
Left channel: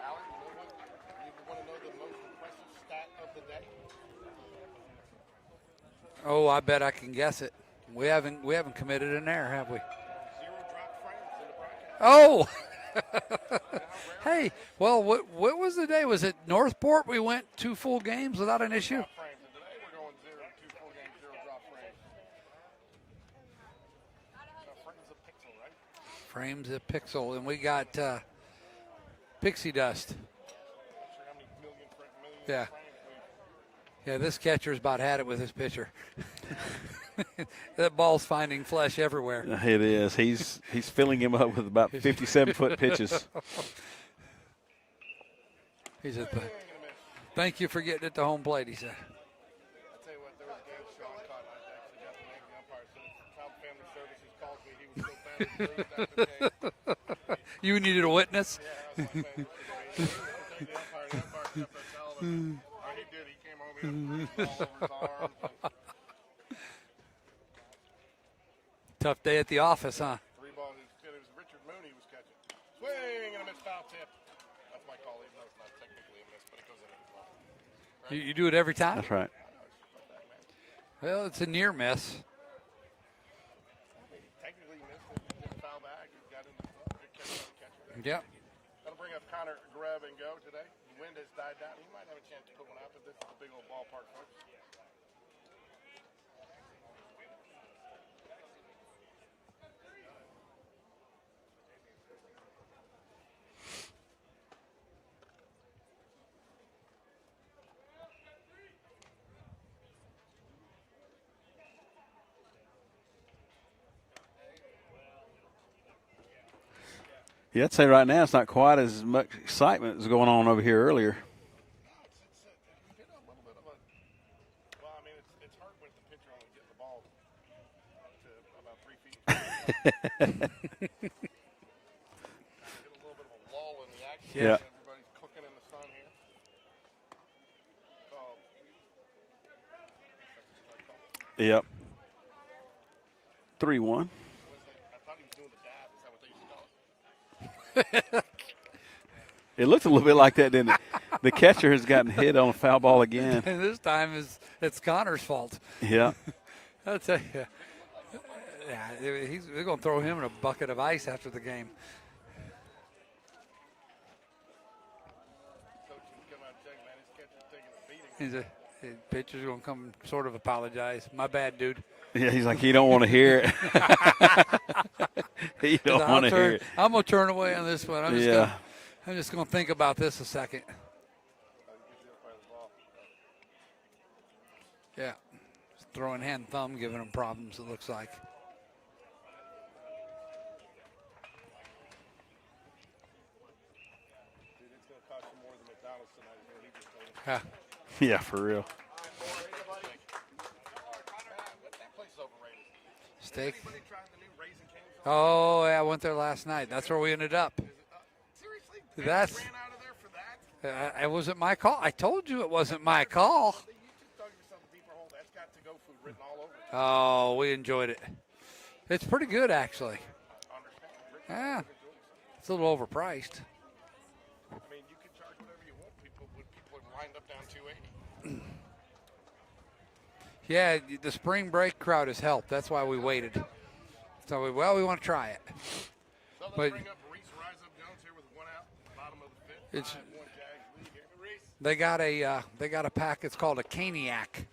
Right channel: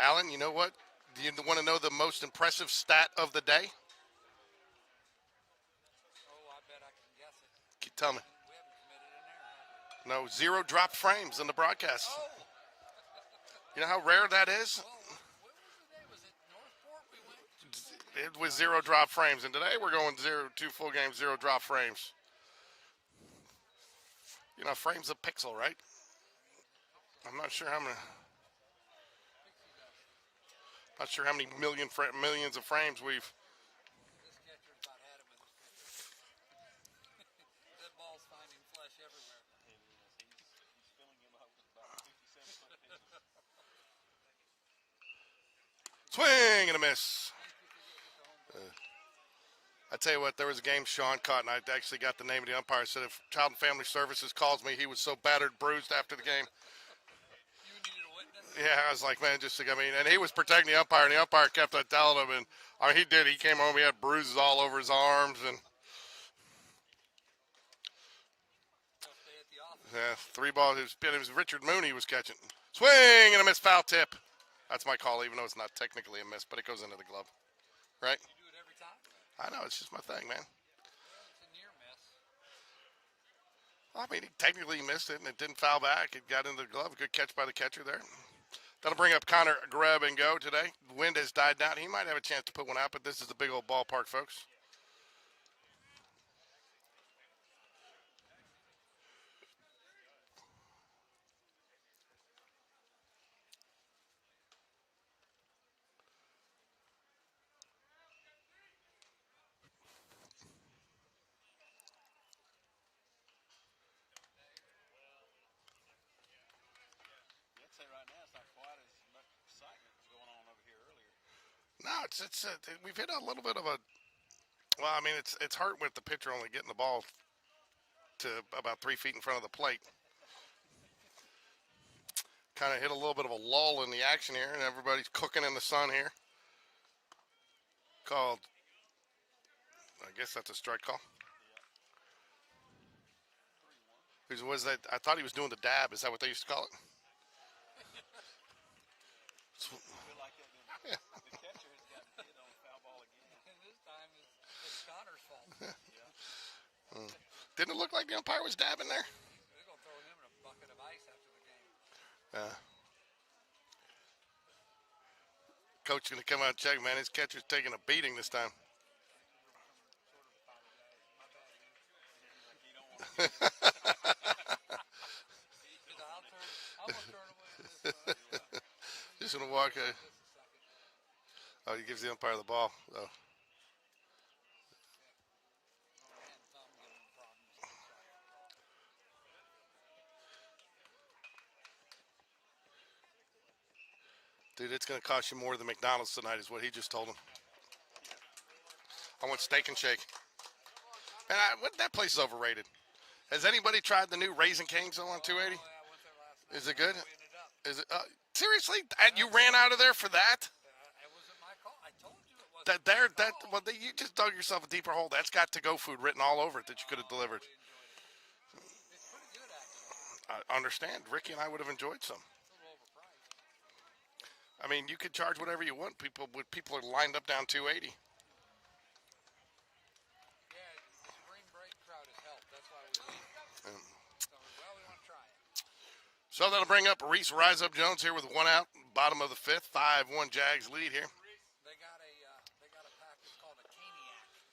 Alan, you know what? Do you want to know the most impressive stat of the day? Oh, I bet I can guess it. We haven't committed an error, have we? No, 0 drop frames in the broadcast. Oh. You know how rare that is? Well, what was the day? Was it Northport? We went 2 full games without an issue? 0 drop frames, and today we're going 2 full games, 0 drop frames. Frame's a pixel, right? Frame's a pixel, and we got pixie dust. Not sure how many millions of frames we've. Yeah, this catcher's about had it with his pitcher. That ball's finding flesh everywhere. It is. He's filling him up with about 57-foot pitches. He's Swing and a miss. Thank you for getting it to home plate, he said. I tell you what, there was a game Sean caught, and I actually got the name of the umpire. I said if Child and Family Services calls me, he was so battered, bruised after the game. You needed a witness? Yeah, I was like, man, and he was protecting the umpire, and the umpire kept on telling him, and he did. He came home, he had bruises all over his arms, and Tough day at the office, yeah, huh? 3 balls. It was Richard Mooney he was catching. Swing and a miss, foul tip. That's my call, even though it's not technically a miss, but it goes into the glove. Right? You do it every time? That's right. I know, it's just my thing, man. Well, it's a near miss. I mean, technically he missed it, and it didn't foul back. It got into the glove. Good catch by the catcher there. Yeah. That'll bring up Connor Greb and go today. The wind has died down. He might have a chance to put one out, but this is a big old ballpark, folks. Yeah, I'd say right now it's not quite as much excitement as going on over here earlier. No, we've hit a little bit of a. Well, I mean, it's hard with the pitcher only getting the ball to about 3 feet in front of the plate. Kind of hit a little bit of a lull in the action here. Yeah. And everybody's cooking in the sun here. Called. I guess that's a strike call. Yep. 3-1. Was that? I thought he was doing the dab. Is that what they used to call it? It looked a little bit like that, didn't it? The catcher has gotten hit on a foul ball again. And this time it's Connor's fault. Yeah. I'll tell you. Didn't it look like the umpire was dabbing there? They're going to throw him in a bucket of ice after the game. Coach going to come out and check, man. His catcher's taking a beating this time. The pitcher's going to come sort of apologize. My bad, dude. Yeah, he's like, he don't want to hear it. He don't want to hear it. I'm going to turn away on this one. I'm just going to think about this a second. Oh, he gives the umpire the ball. Oh. Yeah. Throwing hand thumb, giving him problems, it looks like. Dude, it's going to cost you more than McDonald's tonight is what he just told him. Yeah, for real. I want steak and shake. And that place is overrated. Has Steak. anybody tried the new Raisin Cane's on Oh, yeah, I went there last night. Is it That's good? where we ended up. Is it seriously? And you That's- ran out of there for that? It wasn't my call. I told you it wasn't my That- call. you just dug yourself a deeper hole. That's got to-go food written all over it that you could have Oh, delivered. we enjoyed it. It's pretty good, actually. I understand. Ricky and I Yeah. would have enjoyed some. It's a little overpriced. I mean, you could charge whatever you want. People are lined up down 280. Yeah, the spring break crowd has helped. That's why we waited. So, we want to try it. So that'll But- bring up Reese Rise Up Jones here with 1 out, bottom of the 5th. 5-1 Jags lead here. They got a pack. It's called a caniac.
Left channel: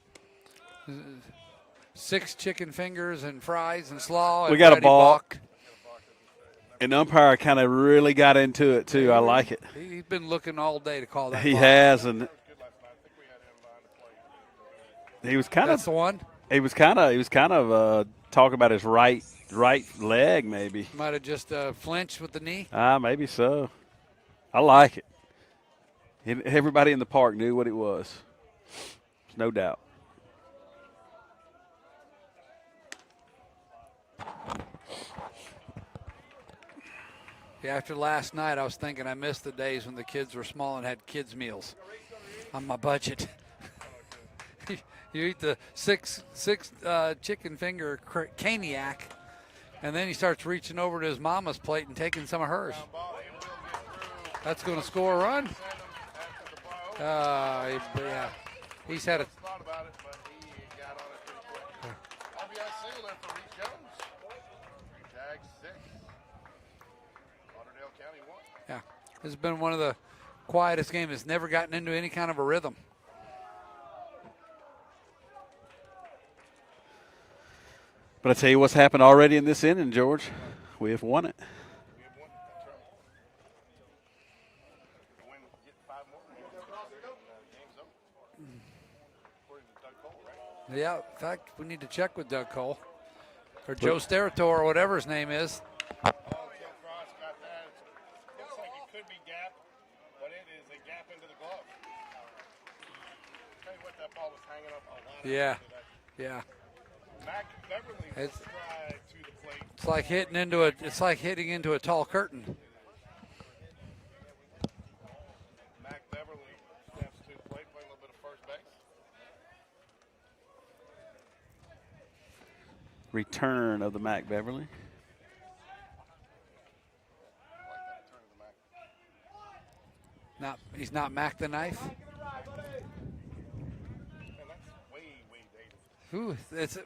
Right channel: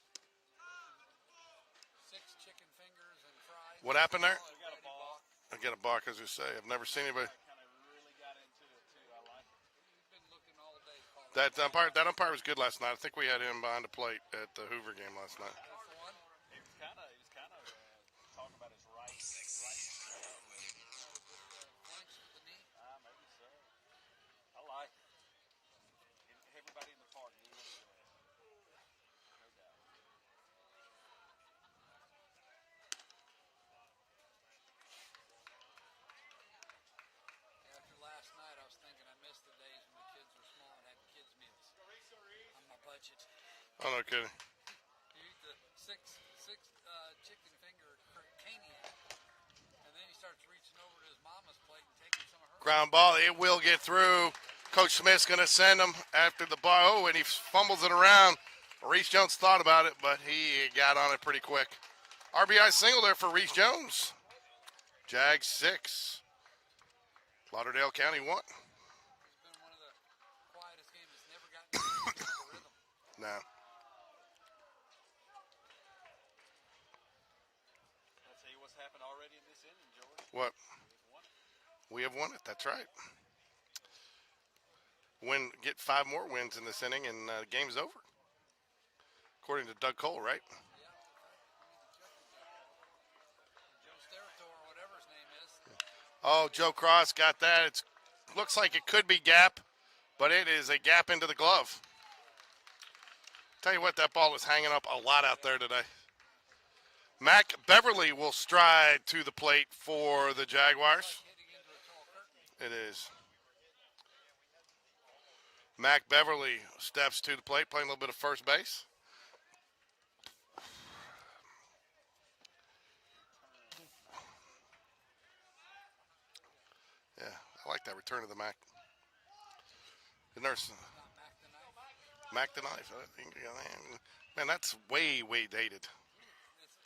6 chicken fingers and fries What and happened slaw. there? and We got a Ready ball. Buck. I get a bark, as you say. I've never And seen the umpire kind of really got into it, too. I like it. He's been looking all day to call that. He ball. has. That And umpire was good last night. I think we had him behind the plate at the Hoover game last he was night. kind That's of the one. he was kind of talking about his right leg, maybe. Might have just flinched with the knee. Maybe so. I like it. Everybody in the park knew what it was. No doubt. Yeah, after last night, I was thinking I missed the days when the kids were small and had kids' meals on my budget. Oh, no kidding. You eat the six chicken finger caniac, and then he starts reaching over to his mama's plate and taking some of hers. Ground ball. It will get through. That's going to Coach score Smith's a going run. to send him after the ball. Oh, and he fumbles it yeah. around. He's Reese had a- Jones thought about it, but he got on it pretty quick. RBI single there for Reese Jones. Jags 6. Lauderdale County 1. Yeah, this has been one of the quietest games. It's never gotten into any kind of a rhythm. No. But I tell you what's happened already in this inning, George. What? We have won it. We have won it. That's right. Get 5 more wins in this inning, and the game's over. According to Doug Cole, right? Yeah, in fact, we need to check with Doug Cole or Joe Sterator or whatever his name is. Oh, Joe Cross got that. It looks like it could be gap. but it is a gap into the glove. Tell you what, that ball was hanging up a lot out there today. Yeah. Mac Beverly will stride to the plate for the Jaguars. It's like hitting into a tall curtain. It is. Mac Beverly steps to the plate, playing a little bit of first base. Return of the Mac Beverly. Yeah, I like that return of the Mac. He's not Mac the Knife? Mac the Knife. Man, that's way, way dated. Who?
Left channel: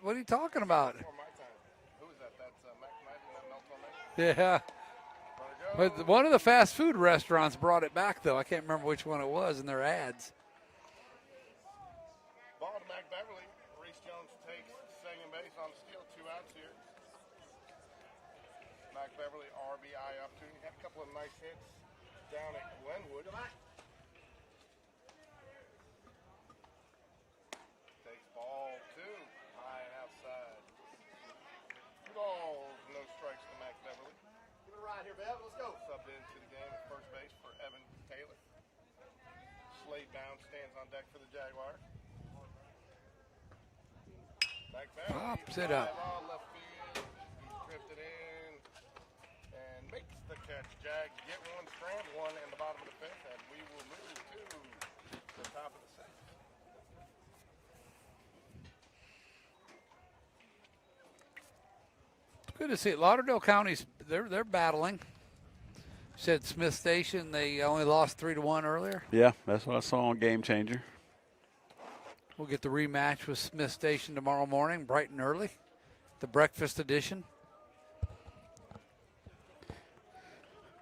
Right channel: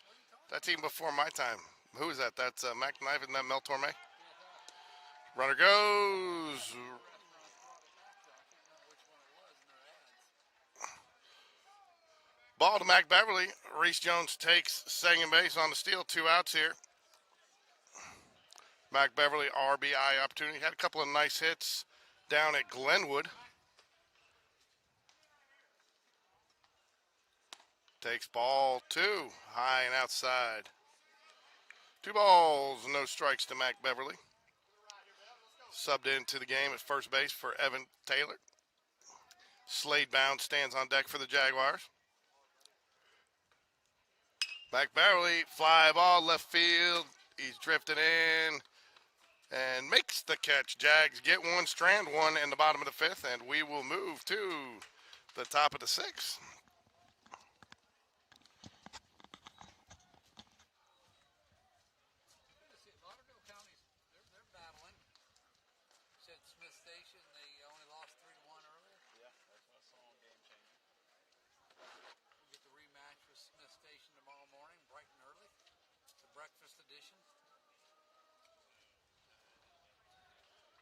What are you talking That's about? even before my time. Who is that? That's Mac the Knife, isn't that Mel Torme? Yeah. Runner goes. But one of the fast food restaurants brought it back, though. I can't remember which one it was in their ads. Ball to Mac Beverly. Reese Jones takes second base on the steal. 2 outs here. Mac Beverly, RBI opportunity. Had a couple of nice hits down at Glenwood. Takes ball 2, high and outside. 2 balls, no strikes to Mac Beverly. Subbed into the game at first base for Evan Taylor. Slade Bound stands on deck for the Jaguars. Mac Beverly, fly ball, left field. He's drifting in and makes the catch. Jags get one, strand one in the bottom of the 5th, and we will move to the top of the 6th. Good to see it. Lauderdale County's they're battling. Said Smith Station, they only lost 3-1 earlier. Yeah, that's what I saw on Game Changer. We'll get the rematch with Smith Station tomorrow morning, bright and early. The breakfast edition.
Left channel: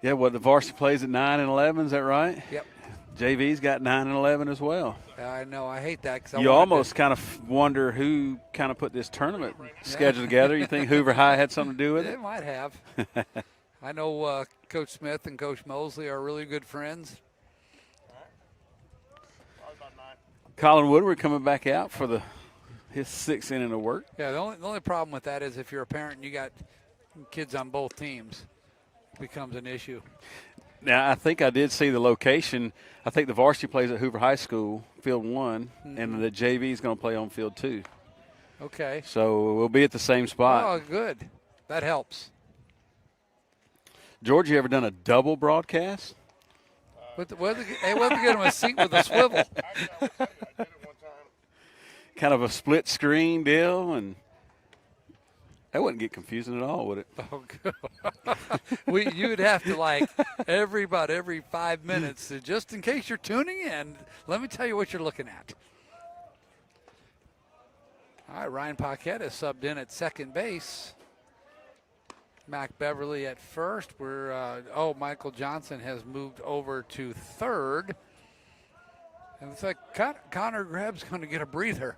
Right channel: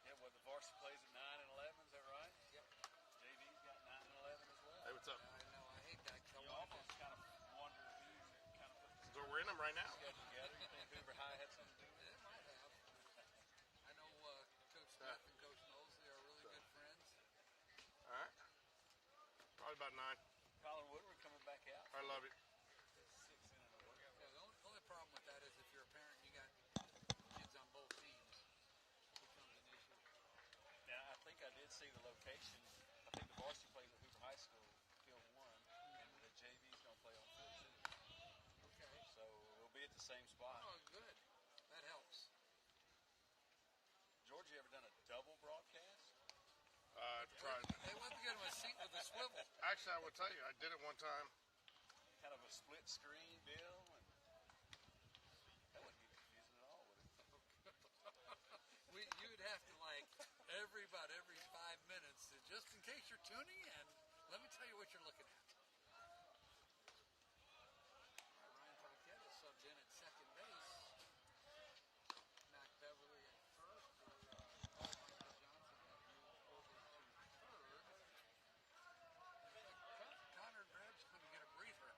Yeah, the varsity plays at 9 and 11, is that right? Yep. JV's got 9 and 11 as well. I know, I hate that. Cause You almost kind of wonder who kind of put this tournament schedule together. You think Hoover High had something to do with it? It might have. I know Coach Smith and Coach Mosley are really good friends. Colin Woodward coming back out for his 6th inning of work. Yeah, the only problem with that is if you're a parent and you got kids on both teams, it becomes an issue. Now, I think I did see the location. I think the varsity plays at Hoover High School, Field 1, and the JV is going to play on Field 2. Okay. So we'll be at the same spot. Oh, good. That helps. George, you ever done a double broadcast? We'll get him a seat with a swivel. Actually, I will tell you, I did it one time. Kind of a split screen deal, and that wouldn't get confusing at all, would it? Oh, good. You'd have to about every 5 minutes, just in case you're tuning in, let me tell you what you're looking at. All right, Ryan Paquette is subbed in at second base. Mac Beverly at first. Michael Johnson has moved over to third. And it's like Connor Grebb's going to get a breather.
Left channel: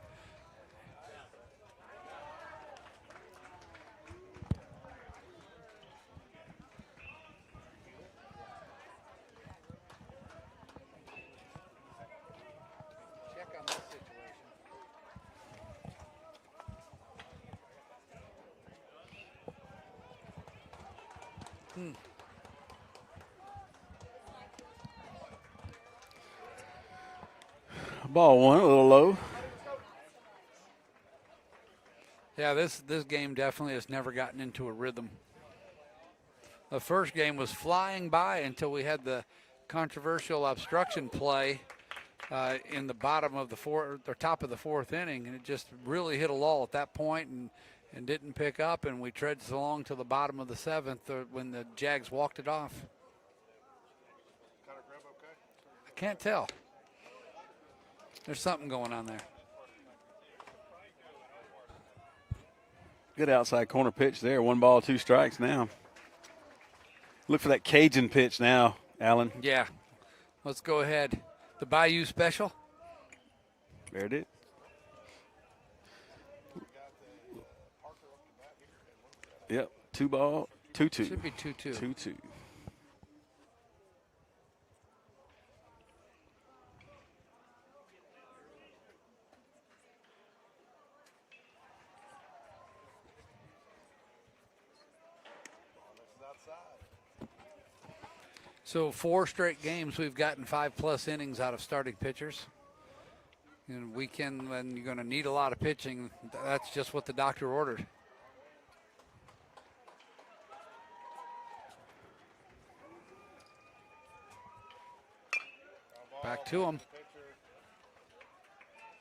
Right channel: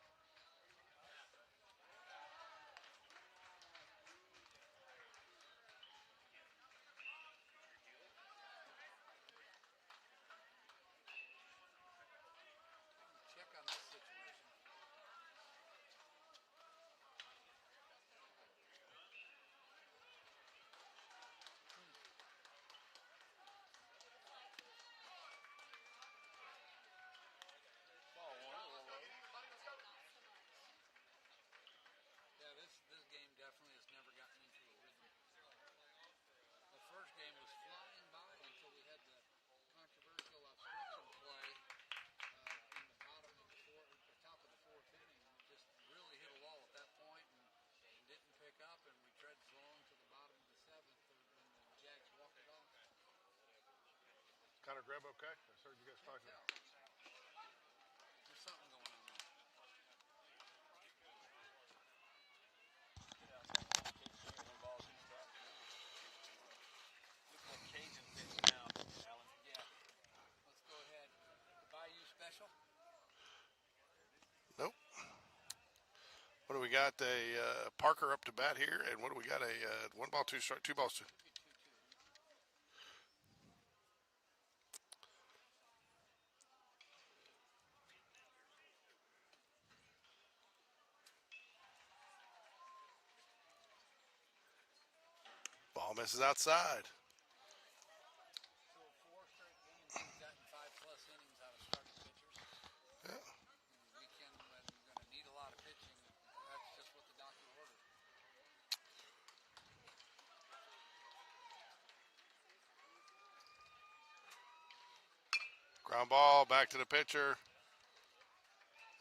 Check on this situation. Ball 1, a little low. Yeah, this game definitely has never gotten into a rhythm. The first game was flying by until we had the controversial obstruction play in the bottom of the top of the 4th inning, and it just really hit a lull at that point and didn't pick up, and we trudged along to the bottom of the 7th when the Jags walked it off. I can't tell. There's something going on there. Good outside corner pitch there. 1 ball, 2 strikes now. Look for that Cajun pitch now, Alan. Yeah. Let's go ahead. The Bayou Special. There it is. Nope. What do we got? A Parker up to bat here, and what do we got? Yep. 2 ball, 2-2. Should be 2-2. 2-2. Ball misses outside. So 4 straight games we've gotten 5+ innings out of starting pitchers. And weekend when you're going to need a lot of pitching, that's just what the doctor ordered. Ground ball Back to back to him. the pitcher.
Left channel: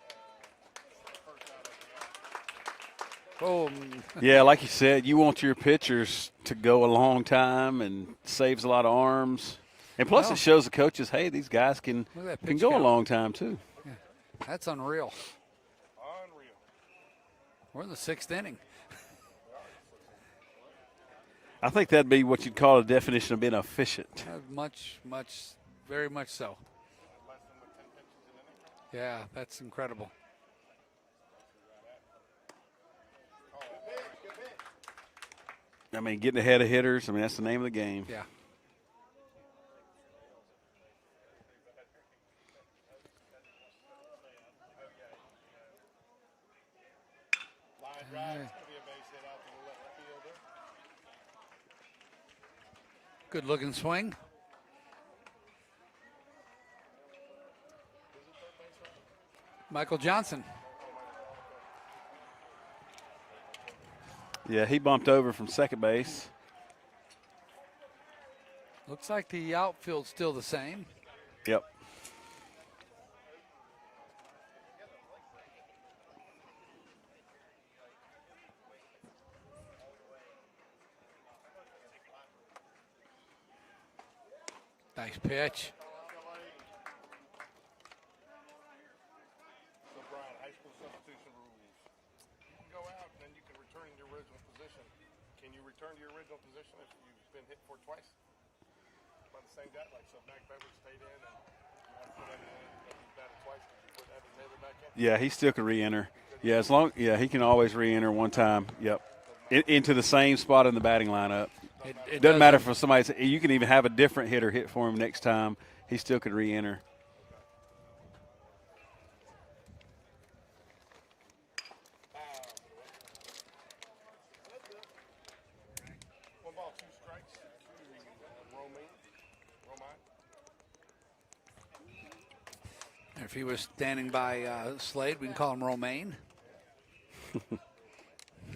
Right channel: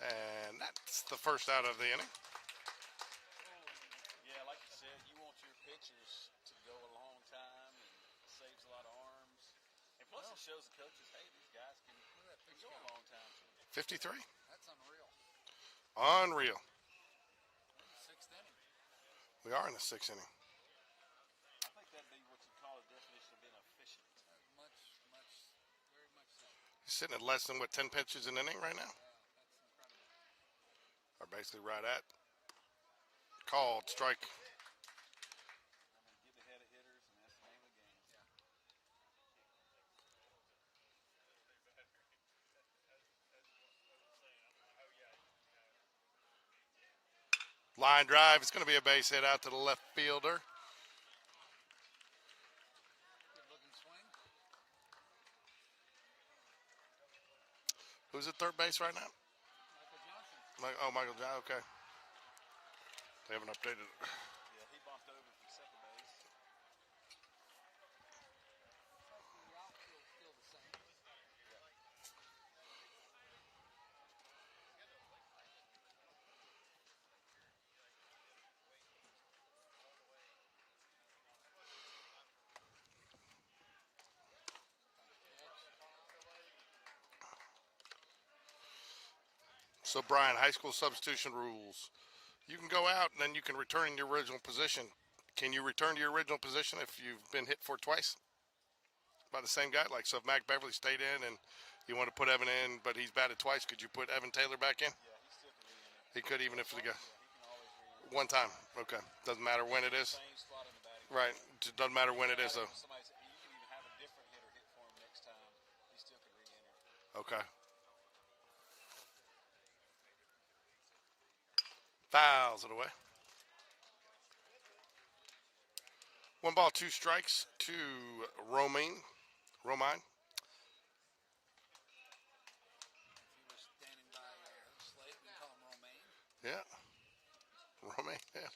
And that's the first out of the inning. Boom. Yeah, like you said, you want your pitchers to go a long time and saves a lot of arms. And plus Well, it shows the coaches, hey, these guys can Look at that can pitch go count. a long time too. 53. That's unreal. Unreal. We're in the 6th inning. We are in the 6th inning. I think that'd be what you'd call a definition of being efficient. Very much so. Sitting at less than, 10 pitches an inning right now? Yeah, that's incredible. Or basically right at. Called strike. I mean, getting ahead of hitters, I mean, that's the name of the game. Yeah. Line drive. It's going to be a base hit out to the left fielder. Good looking swing. Who's at third base right now? Michael Johnson. Michael John. Okay. They haven't updated it. Yeah, he bumped over from second base. Looks like the outfield's still the same. Yep. Nice pitch. So, Brian, high school substitution rules. You can go out and then you can return in your original position. Can you return to your original position if you've been hit for twice by the same guy? Like, so if Mac Beverly stayed in and you want to put Evan in, but he's batted twice, could you put Evan Taylor back in? Yeah, he still could re-enter. He could Yeah, even- he can always re-enter one time. Okay. Yep. Doesn't matter when Into it the is. same spot in the batting lineup. Doesn't matter It when Doesn't it matter is. for somebody. You can even have a different hitter hit for him next time. He still could re-enter. Okay. Fouls it away. 1 ball, 2 strikes to Romine. If he was standing by Slade, we can call him Romaine. Yeah. Romaine, yeah.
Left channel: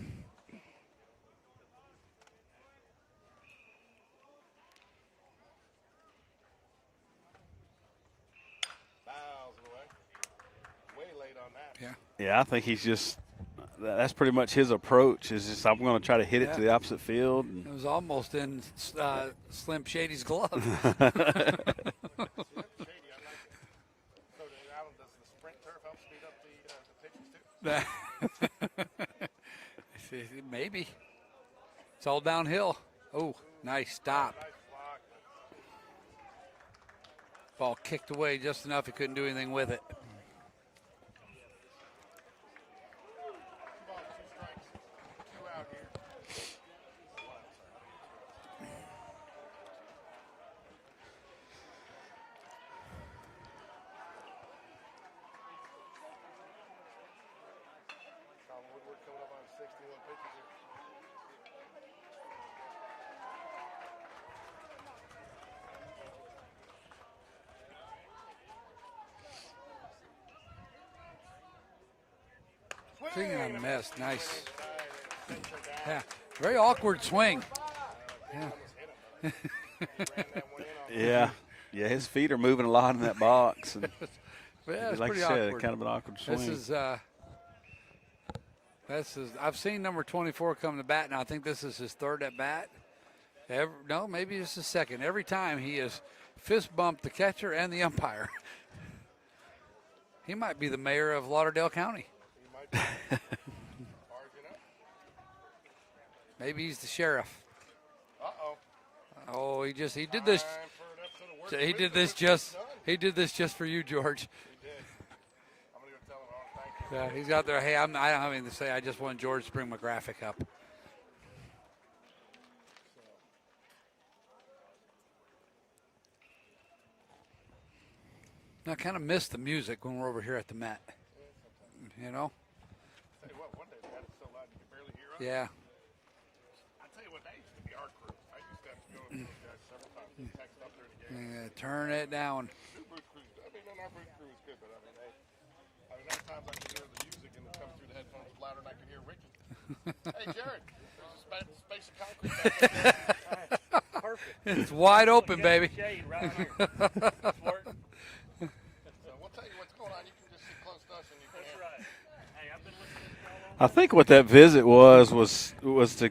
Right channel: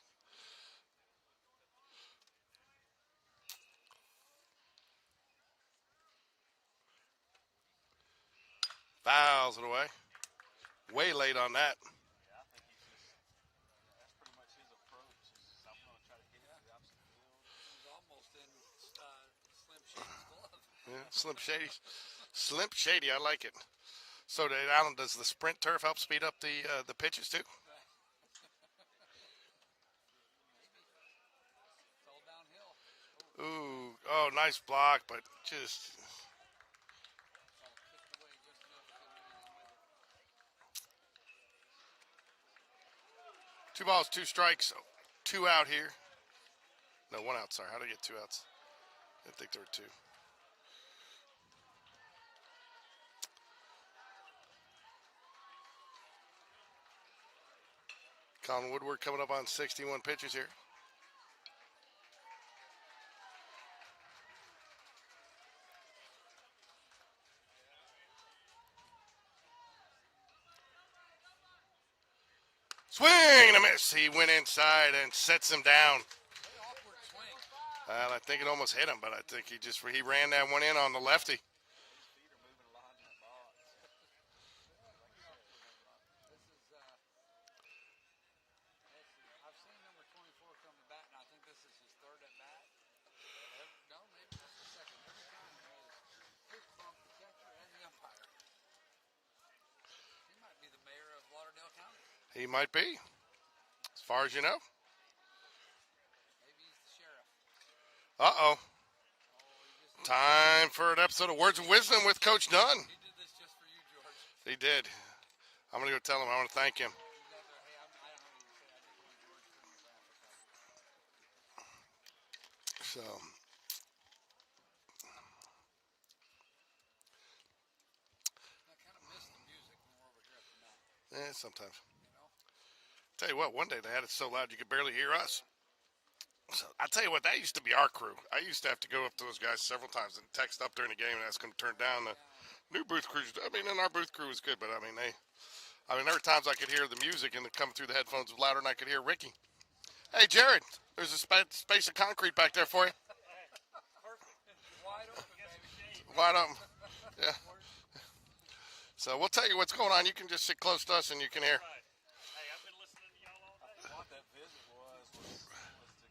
Fouls it away. Way late on that. Yeah. Yeah, I think he's just. That's pretty much his approach. Is just I'm going to try to hit it to the opposite field. It was almost in Slim Shady's glove. Slim Shady, I like it. So, Alan, does the sprint turf help speed up the pitches too? Maybe. It's all downhill. Oh, Ooh, nice stop. Oh, nice block, but just Ball kicked away just enough he couldn't do anything with it. 2 balls, 2 strikes, 2 out here. No, 1 out, sorry. How did I get 2 outs? I think there were 2. Colin Woodward coming up on 61 pitches here. Swing and a miss. He Nice. went inside and sets him down. Very awkward swing. Well, I think it almost hit him, but I think he ran that one in on the Yeah. lefty. Yeah, his feet are moving a lot in that box. And Yeah, it's like pretty you said, awkward. kind of an awkward swing. This is. I've seen number 24 come to bat now. I think this is his 3rd at bat. No, maybe it's his 2nd. Every time he has fist bumped the catcher and the umpire. He might be the mayor of Lauderdale County. He might be, as far as you know. Maybe he's the sheriff. Uh-oh. Oh, he did this. Time for an episode of Words of He did Wisdom this with just- Coach Dunn. He did this just for you, George. He did. I'm going to go tell him I want to thank him. Yeah, he's out there. Hey, I don't have anything to say. I just want George to bring my graphic up. So, I kind of miss the music when we're over here at the Met. sometimes. You know? Tell you what, one day they had it so loud you could barely hear us. Yeah. So I tell you what, that used to be our crew. I used to have to go up to those guys several times and text up during the game and ask them to turn Turn down. it down. New booth crews. I mean, and our booth crew was good, but I mean, there were times I could hear the music and it coming through the headphones louder than I could hear Ricky. Hey, Jared, there's a space of concrete back there for you. It's wide open, baby. Wide open. Yeah. So we'll tell you what's going on. You can just sit close to us and you can hear. I think what that visit was to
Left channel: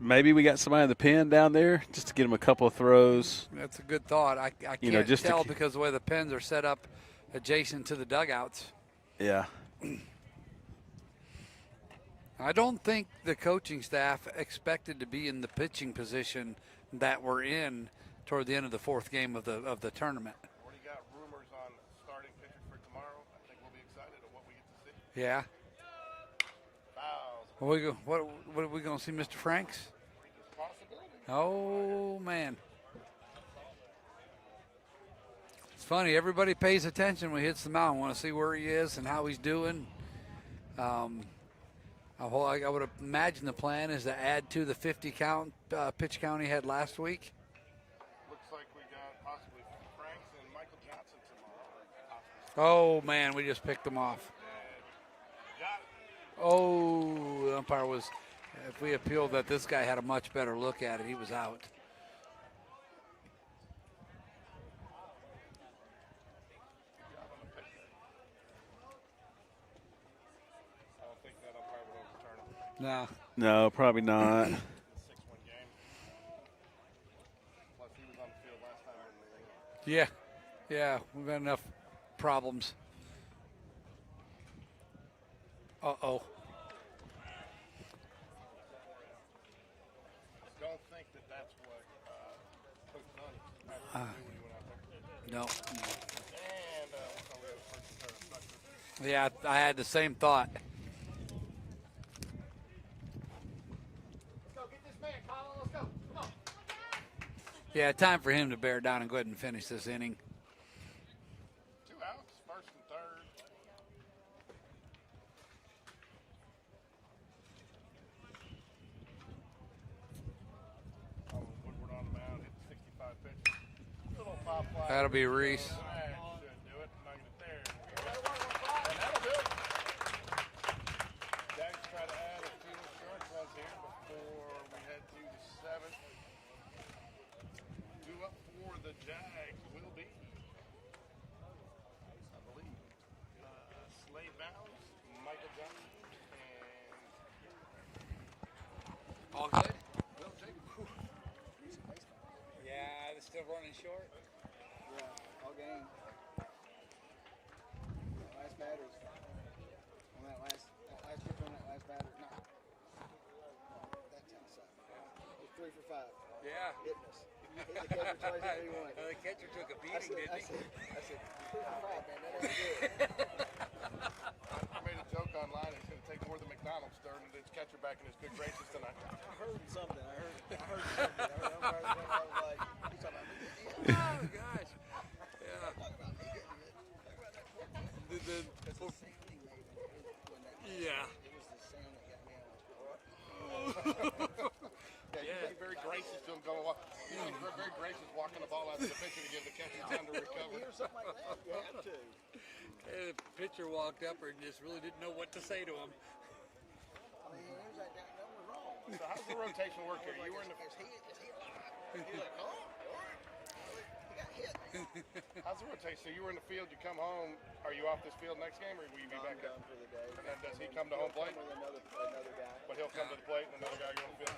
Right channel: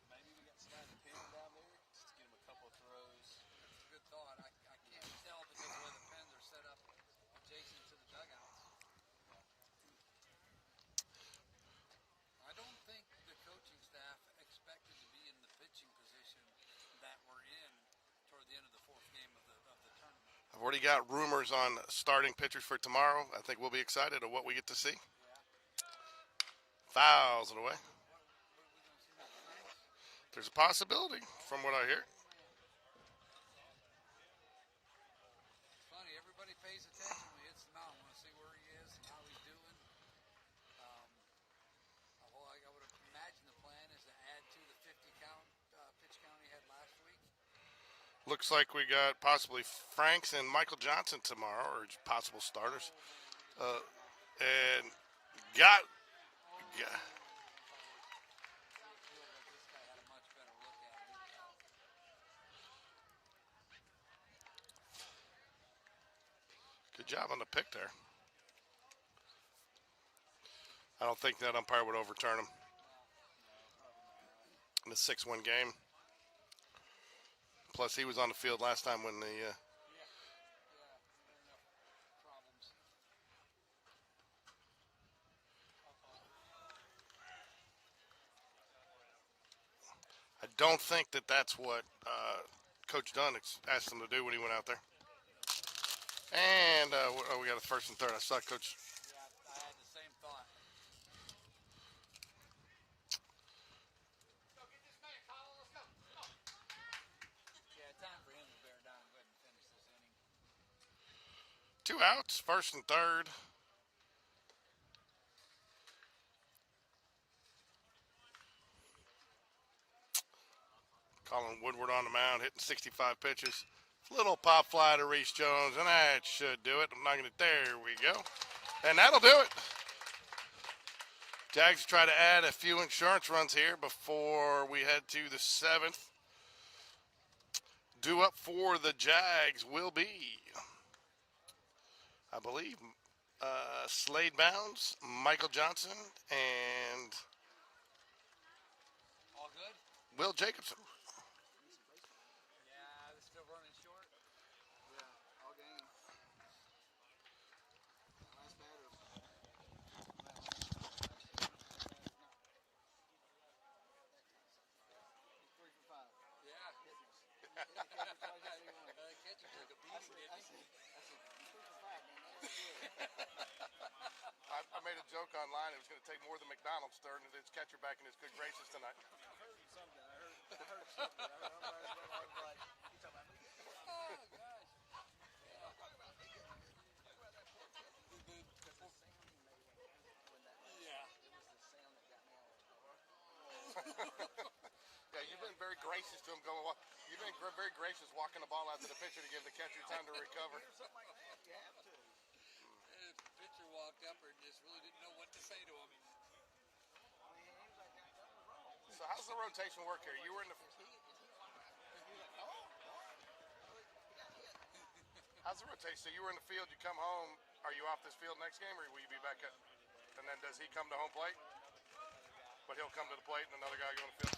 maybe we got somebody in the pen down there just to get them a couple of throws. That's a good thought. I can't just tell because the way the pens are set up adjacent to the dugouts. Yeah. I don't think the coaching staff expected to be in the pitching position that we're in toward the end of the fourth game of the tournament. I've already got rumors on starting pitchers for tomorrow. I think we'll be excited at what we get to see. Yeah. Fouls. What are we going to see, Mr. Franks? There's a possibility from what I hear. Oh, man. It's funny. Everybody pays attention when he hits the mound. Want to see where he is and how he's doing. I would imagine the plan is to add to the 50 pitch count he had last week. Looks like we got possibly Franks and Michael Johnson tomorrow, or possible starters. Oh, man, we just picked them off. And got. Oh, the umpire was. If we appealed that this guy had a much better look at it, he was out. Good job on the pick there. I don't think that umpire would overturn him No, probably not. in the 6-1 game. Plus, he was on the field last time when the. Yeah, we've got enough problems. Uh-oh. I don't think that's what Coach Dunn asked him to do when he went out there. No. And we got a first and third. I saw Coach. Yeah, I had the same thought. Yeah, time for him to bear down and go ahead and finish this inning. 2 outs, first and third. Colin Woodward on the mound, hitting 65 pitches. Little pop fly That'll to be Reese Reese. Jones, and that should do it. I'm not going to. There we go. And that'll do it. Jags try to add a few insurance runs here before we head to the 7th. Due up for the Jags will be, I believe, Slade Bounds, Michael Johnson, and All good? Will Jacobson. Yeah, they're still running short. Yeah, all game. Last batters. Last batters. No. It's 3 for 5. Yeah. The catcher took a beating, didn't he? I said 3 for 5, man. That ain't good. I made a joke online. It's going to take more than McDonald's to earn its catcher back in his good graces tonight. I heard something. I heard something. I was like, he's talking about me. Oh, gosh. Yeah. Yeah. Yeah, he's very gracious to him going. He's very gracious walking the ball out to the pitcher to give the catcher time to recover. Something like that. You have to. The pitcher walked up and just really didn't know what to say to him. I mean, he was like, that was wrong. So how's the rotation work here? You were in the. Is he alive? He's like, oh, what? He got hit. How's the rotation? So you were in the field. You come home. Are you off this field next game, or will you be back up? For the day. And then does he come to home plate? With another guy. But he'll come to the plate and another guy go on the field.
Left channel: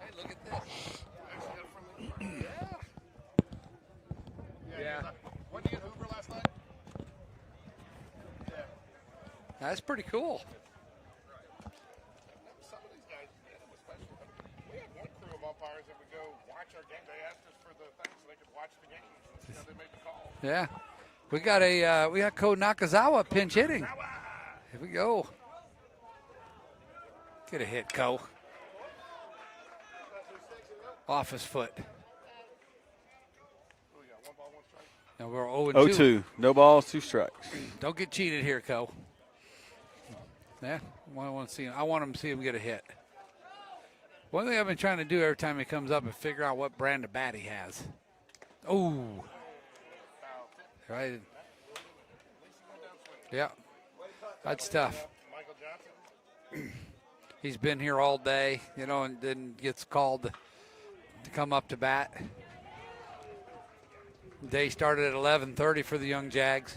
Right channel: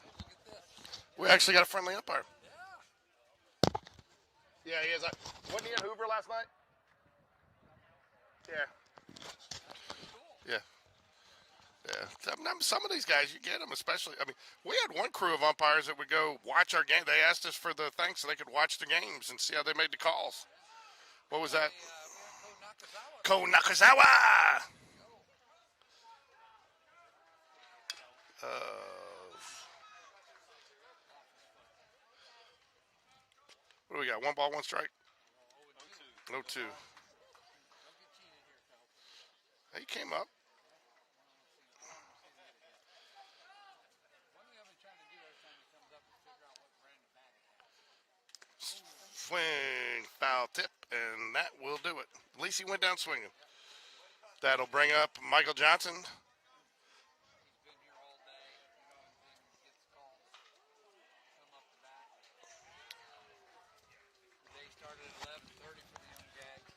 Hey, look at this. We actually got a friendly umpire. Yeah, he is. Wasn't he at Hoover last night? Yeah. That's pretty cool. Yeah. Some of these guys, you get them, especially. I mean, we had one crew of umpires that would go watch our game. They asked us for the thing so they could watch the games and see how they made the calls. Yeah. What We was got that? we got Ko Nakazawa Ko pinch hitting. Nakazawa! Here we go. Get a hit, Ko. Off his foot. What do we got? 1 ball, 1 strike. Now we're 0-2. 0-2. No balls, 2 strikes. Don't get cheated here, Ko. He came up. Yeah, I want to see him. I want him to see him get a hit. One thing I've been trying to do every time he comes up is figure out what brand of bat he has. Oh, Swing, foul tip, Right. and that will do it. At least he went down swinging. yeah. That'll That's bring tough. up Michael Johnson. He's been here all day, you know, and then gets called to come up to bat. Day started at 11:30 for the young Jags.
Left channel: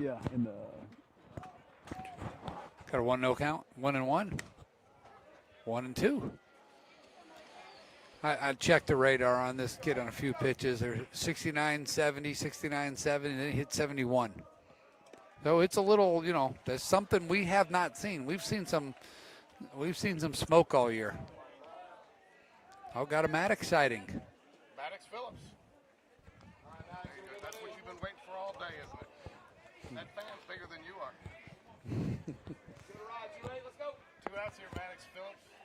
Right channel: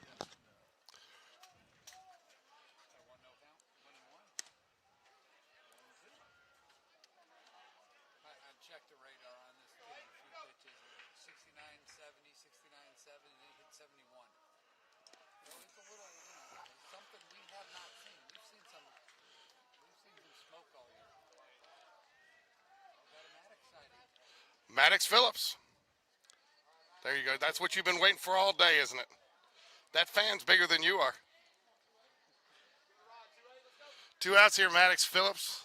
Yeah, and Got a 1-0 count. 1-1. 1-2. I checked the radar on this kid on a few pitches. They're 69, 70, 69, 70, and then he hit 71. So it's a little, you know, there's something we have not seen. We've seen some smoke all year. Oh, got a Maddox sighting. Maddox Phillips. There you go. That's what you've been waiting for all day, isn't it? That fan's bigger than you are. 2 outs here, Maddox Phillips.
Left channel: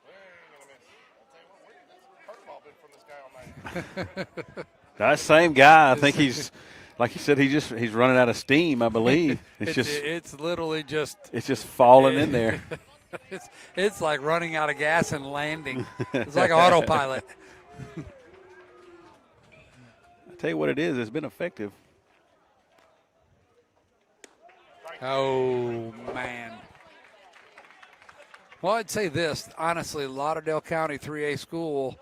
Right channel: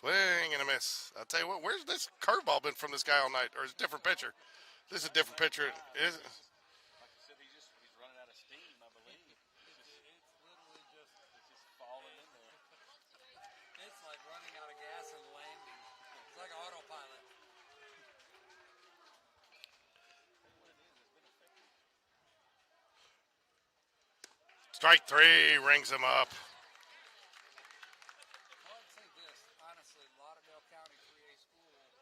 Swing and a miss. I'll tell you what, where's this curveball been from this guy all night? Or a different pitcher? This is a That different same pitcher. guy, I think he's, like you said, he's running out of steam, I believe. It's literally just It's just falling in there. it's like running out of gas and landing. It's like autopilot. I tell you what it is, it's been effective. Strike 3 rings him up. Man. Well, I'd say this, honestly, Lauderdale County 3A school,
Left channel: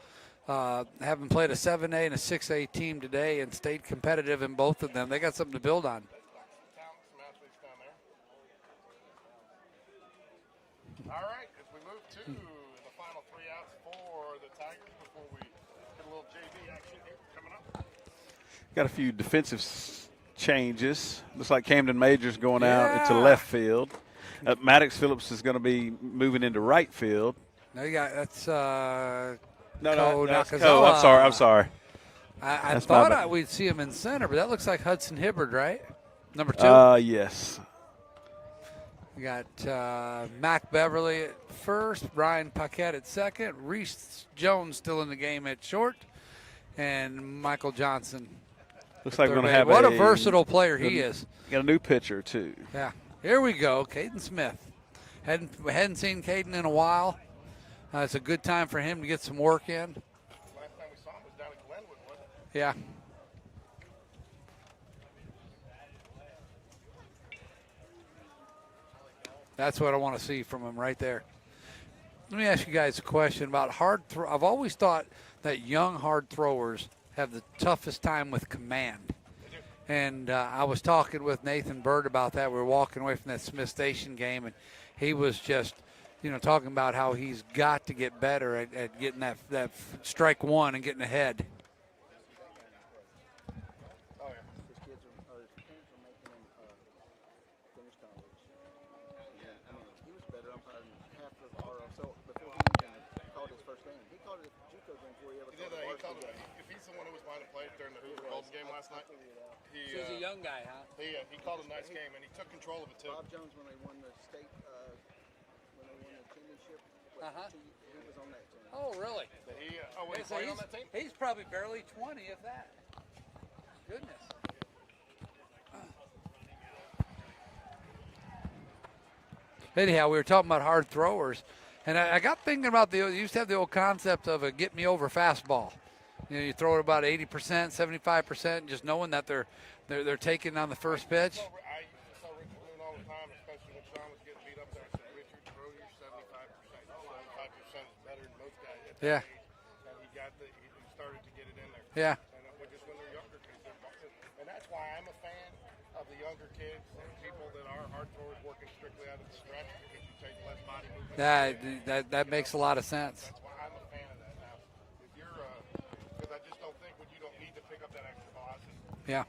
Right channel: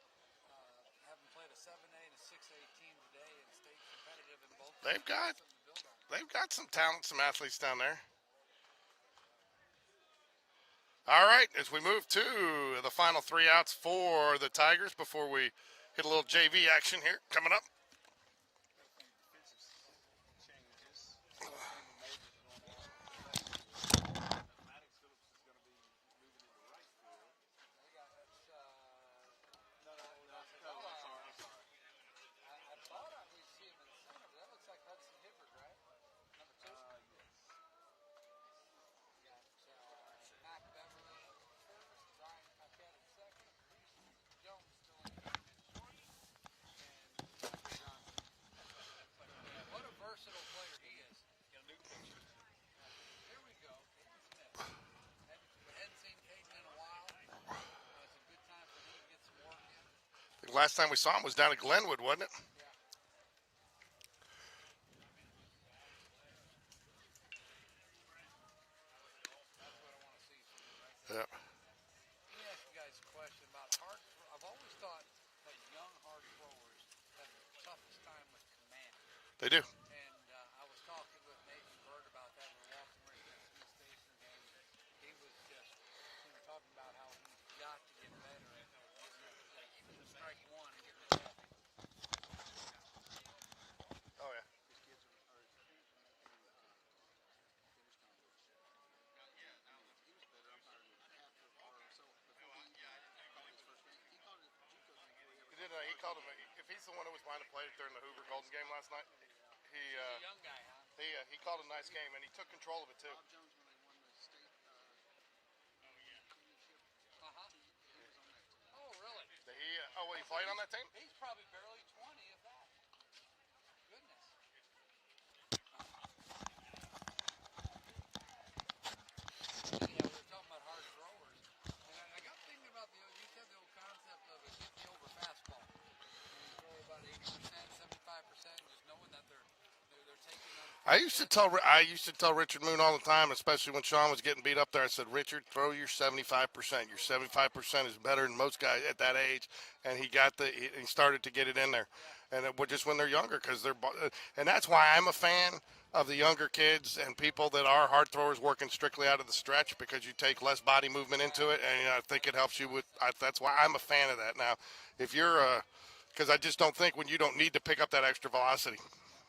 having played a 7A and a 6A team today and stayed competitive in both of them. They got something to build on. They've got some talent, some athletes down there. All right, as we move to the final 3 outs for the Tigers before we hit a little JV action here coming up. Got a few defensive changes. Looks like Camden Major's going out into Yeah. left field. Maddox Phillips is going to be moving into right field. No, you got that's No, that's Nakazawa. I'm sorry. I That's thought my bad. we'd see him in center, but that looks like Hudson Hibbard, right? Number 2. Yes. We got Mac Beverly at first, Ryan Paquette at second, Reese Jones still in the game at short, and Michael Johnson. Looks like we're third going to base. have What a versatile player he good- is. Got a new pitcher too. Yeah. Here we go, Caden Smith. Hadn't seen Caden in a while. It's a good time for him to get some work in. Last time we saw him was down at Glenwood, wasn't it? Yeah. That's what I want to see from him right there. Yep. Let me ask you guys a question about hard throw. I've always thought that young hard throwers have the toughest time with command. They do. And I was talking with Nathan Bird about that. We were walking away from that Smith Station game, and he was just, talking about how he's got to get better at getting that strike one and getting ahead. Oh, yeah. His kids his parents are making him finish college. Yeah, I mean, he was better umpire than half of our. So before he even called his first game, he called it JUCO game before he ever He called a he called varsity it. game. If he's the one who was behind the plate during the Hoover Golden game last night, he young guy, huh? he called a nice game and he took control of it too. Bob Jones, when they won the state, when they won the championship, he was on that team. Oh, really? Was he playing on that team? He's probably barely 20, if that. Goodness. Anyhow, we were talking about hard throwers, and I got thinking about you used to have the old concept of a get me over fastball. You throw it about 80%, 75%, just knowing that they're taking on the first pitch. I used to tell Richard Moon all the time, especially when Sean was getting beat up there. I said, Richard, throw your 75%. Your 75% is better than most guys at that age. And he started to get it in there. Yeah. And just when they're younger, and that's why I'm a fan of the younger kids and people that are hard throwers working strictly out of the stretch, because you take less body movement into it. And I think that it makes helps a you lot with, of sense. That's why I'm a fan of that. Now, if you're because I just don't think when you don't need to pick up that extra velocity. Yeah.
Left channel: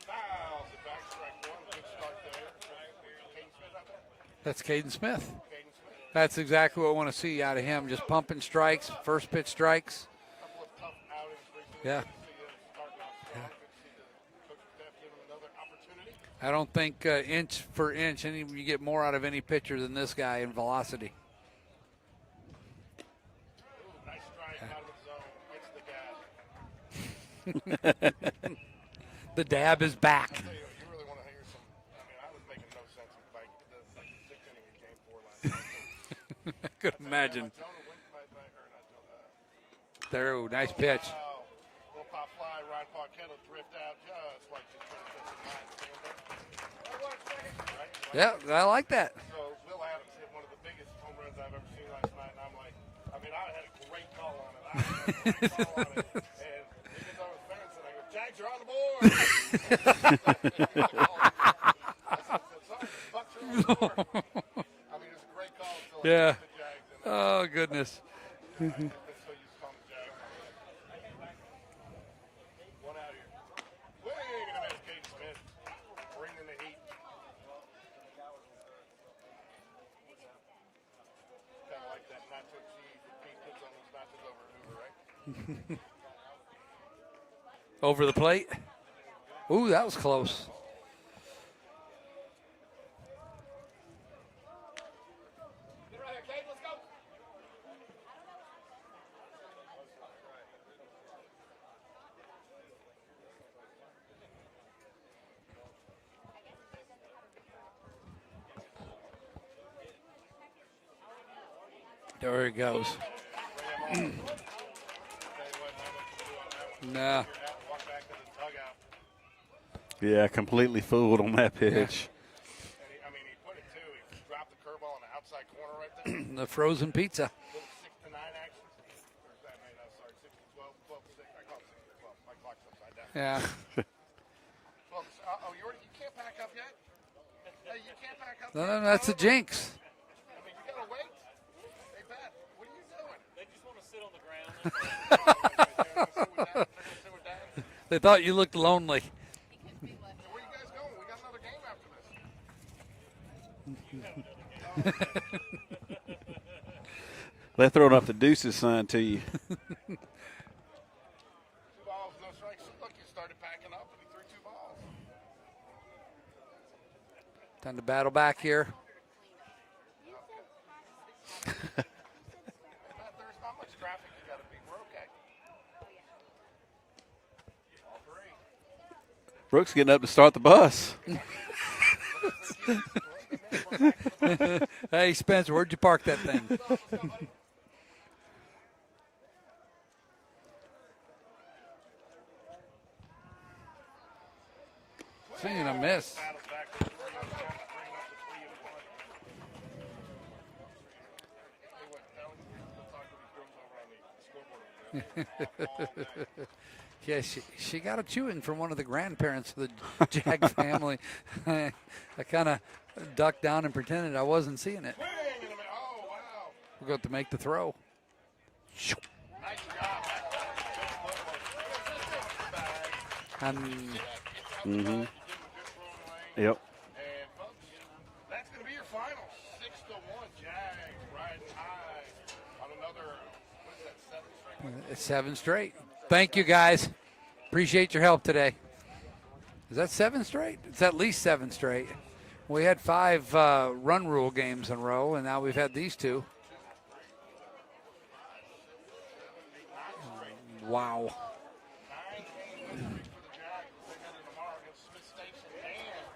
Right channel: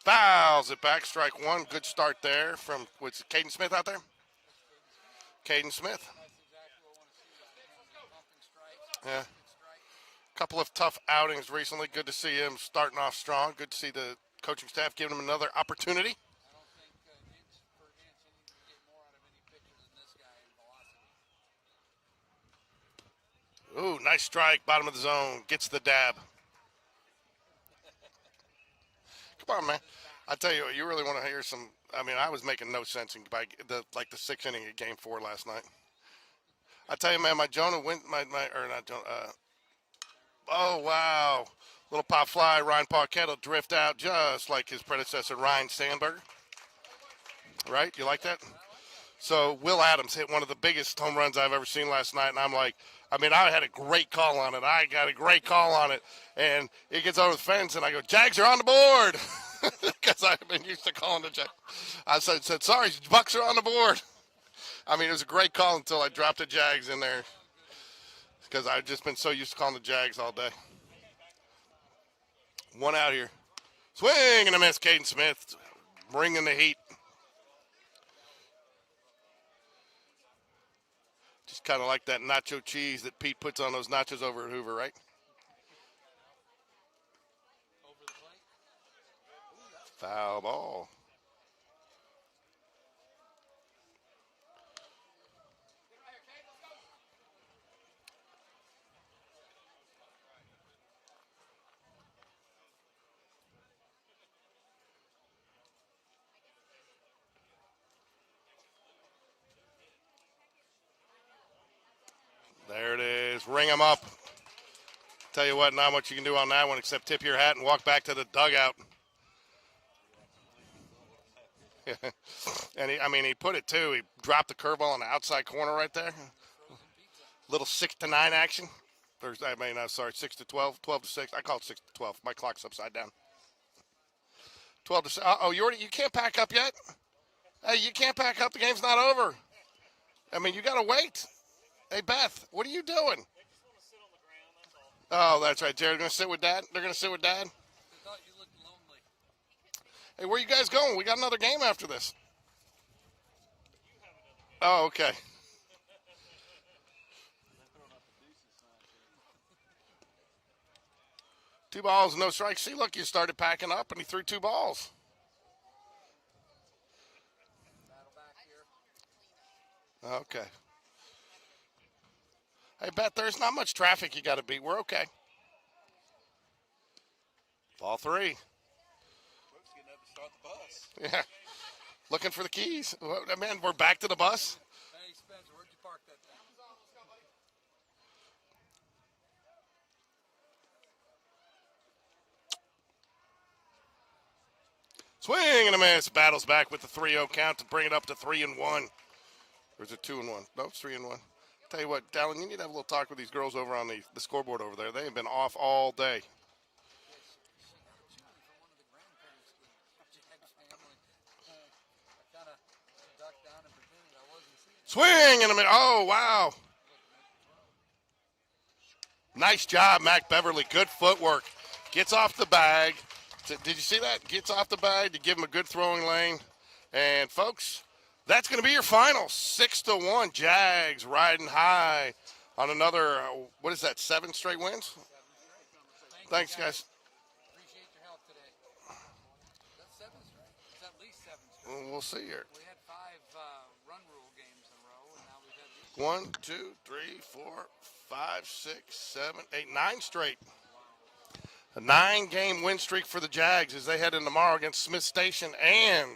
Fouls it back, strike one. Good start there from, what's Caden Smith out there? That's Caden Smith. Caden Smith. That's exactly what I want to see out of him, just pumping strikes, first pitch strikes. Couple of tough outings recently. Yeah. Good to see him starting off strong. Good to see the coaching staff giving him another opportunity. I don't think inch for inch you get more out of any pitcher than this guy in velocity. Ooh, nice strike, bottom of the zone. Gets the dab. The dab is back. I tell you what, you really want to hear some. I mean, I was making no sense in by the 6th inning of Game 4 last night. I tell you, man, my Jonah went or not Jonah. There, nice pitch. Wow. Little pop fly, Ryan Paquette will drift out just like his predecessor, Ryan Sandberg. Right? You like that? I like that. So Will Adams hit one of the biggest home runs I've ever seen last night, and I'm like, I mean, I had a great call on it. I got a great call on it. And it gets over the fence, and I go, Jags are on the board. Because I used to call them the Jags. I said, sorry, Bucks are on the board. I mean, it was a great call until I dropped the Jags in there. Oh, goodness. Because I've just been so used to calling the Jags all day. One out here. Swing and a miss. Caden Smith bringing the heat. Just kind of like that nacho cheese that Pete puts on those nachos over at Hoover, right? Over the plate. Ooh, that was close. Foul ball. There he goes. There it is. Ring him up. Tell you what, not much you can do on that one except tip your hat and walk back to the dugout. Yeah, completely fooled on that pitch. And he put it too. He dropped the curveball on the outside corner right there. The frozen pizza. Little 6 to 9 action. 6 to 12, 12 to 6. I call it 6 to 12. My clock's upside down. Yeah. 12 to 6. You can't pack up yet? Hey, you can't pack up. The game's That's not over. a jinx. I mean, you got to wait. Hey, Beth, what are you doing? They just want to sit on the ground. Oh, that's right. They're going to sit with Dad. They're going to sit with Dad. They thought you looked lonely. Hey, where you guys going? We got another game after this. Oh, okay. They're throwing up the deuces sign to you. 2 balls, no strikes. See, look, you started packing up, and he threw 2 balls. Time to battle back here. Okay. Hey, Beth, there's not much traffic you got to beat. We're okay. Ball 3. Brooks getting up to start the bus. Yeah. Looking for the keys. Man, we're back to the bus. Hey, Spencer, where'd you park that thing? Swing and a miss. Battles back with the 3-0 count to bring it up to 3-1. Or is it 2-1? No, it's 3-1. Tell you what, Dallin, you need to have a little talk with these girls over on the scoreboard over there. They have been off all day. Yeah, she got a chewing from one of the grandparents of the Jag family. I kind of ducked down and pretended I wasn't seeing it. Swing and a miss. Oh, wow. We're going to make the throw. Nice job, Mac Beverly. Good footwork. Gets off the bag. Did you see that? Gets off the bag to give him a good throwing lane. Yep. And, folks, that's going to be your final. 6-1. Jags riding high on another, 7 straight wins? It's 7 straight. Thank you, Thanks, guys. Appreciate your help today. Is that 7 straight? It's at least 7 straight. We'll see here. We had 5 run rule games in a row, and now we've had these 2. 1, 2, 3, 4, 5, 6, 7, 8, 9 straight. Wow. A 9-game win streak for the Jags as they head in tomorrow against Smith Station and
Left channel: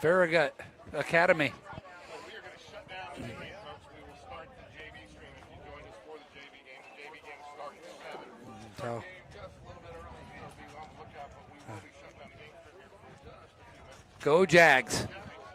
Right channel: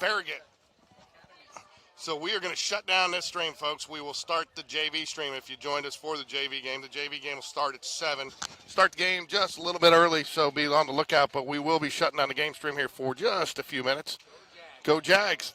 Farragut Academy. So we are going to shut down this stream, folks. We will start the JV stream if you joined us for the JV game. The JV game will start at 7. Start the game just a little bit early, so be on the lookout. But we will be shutting down the game stream here for just a few minutes. Go Jags. Go Jags.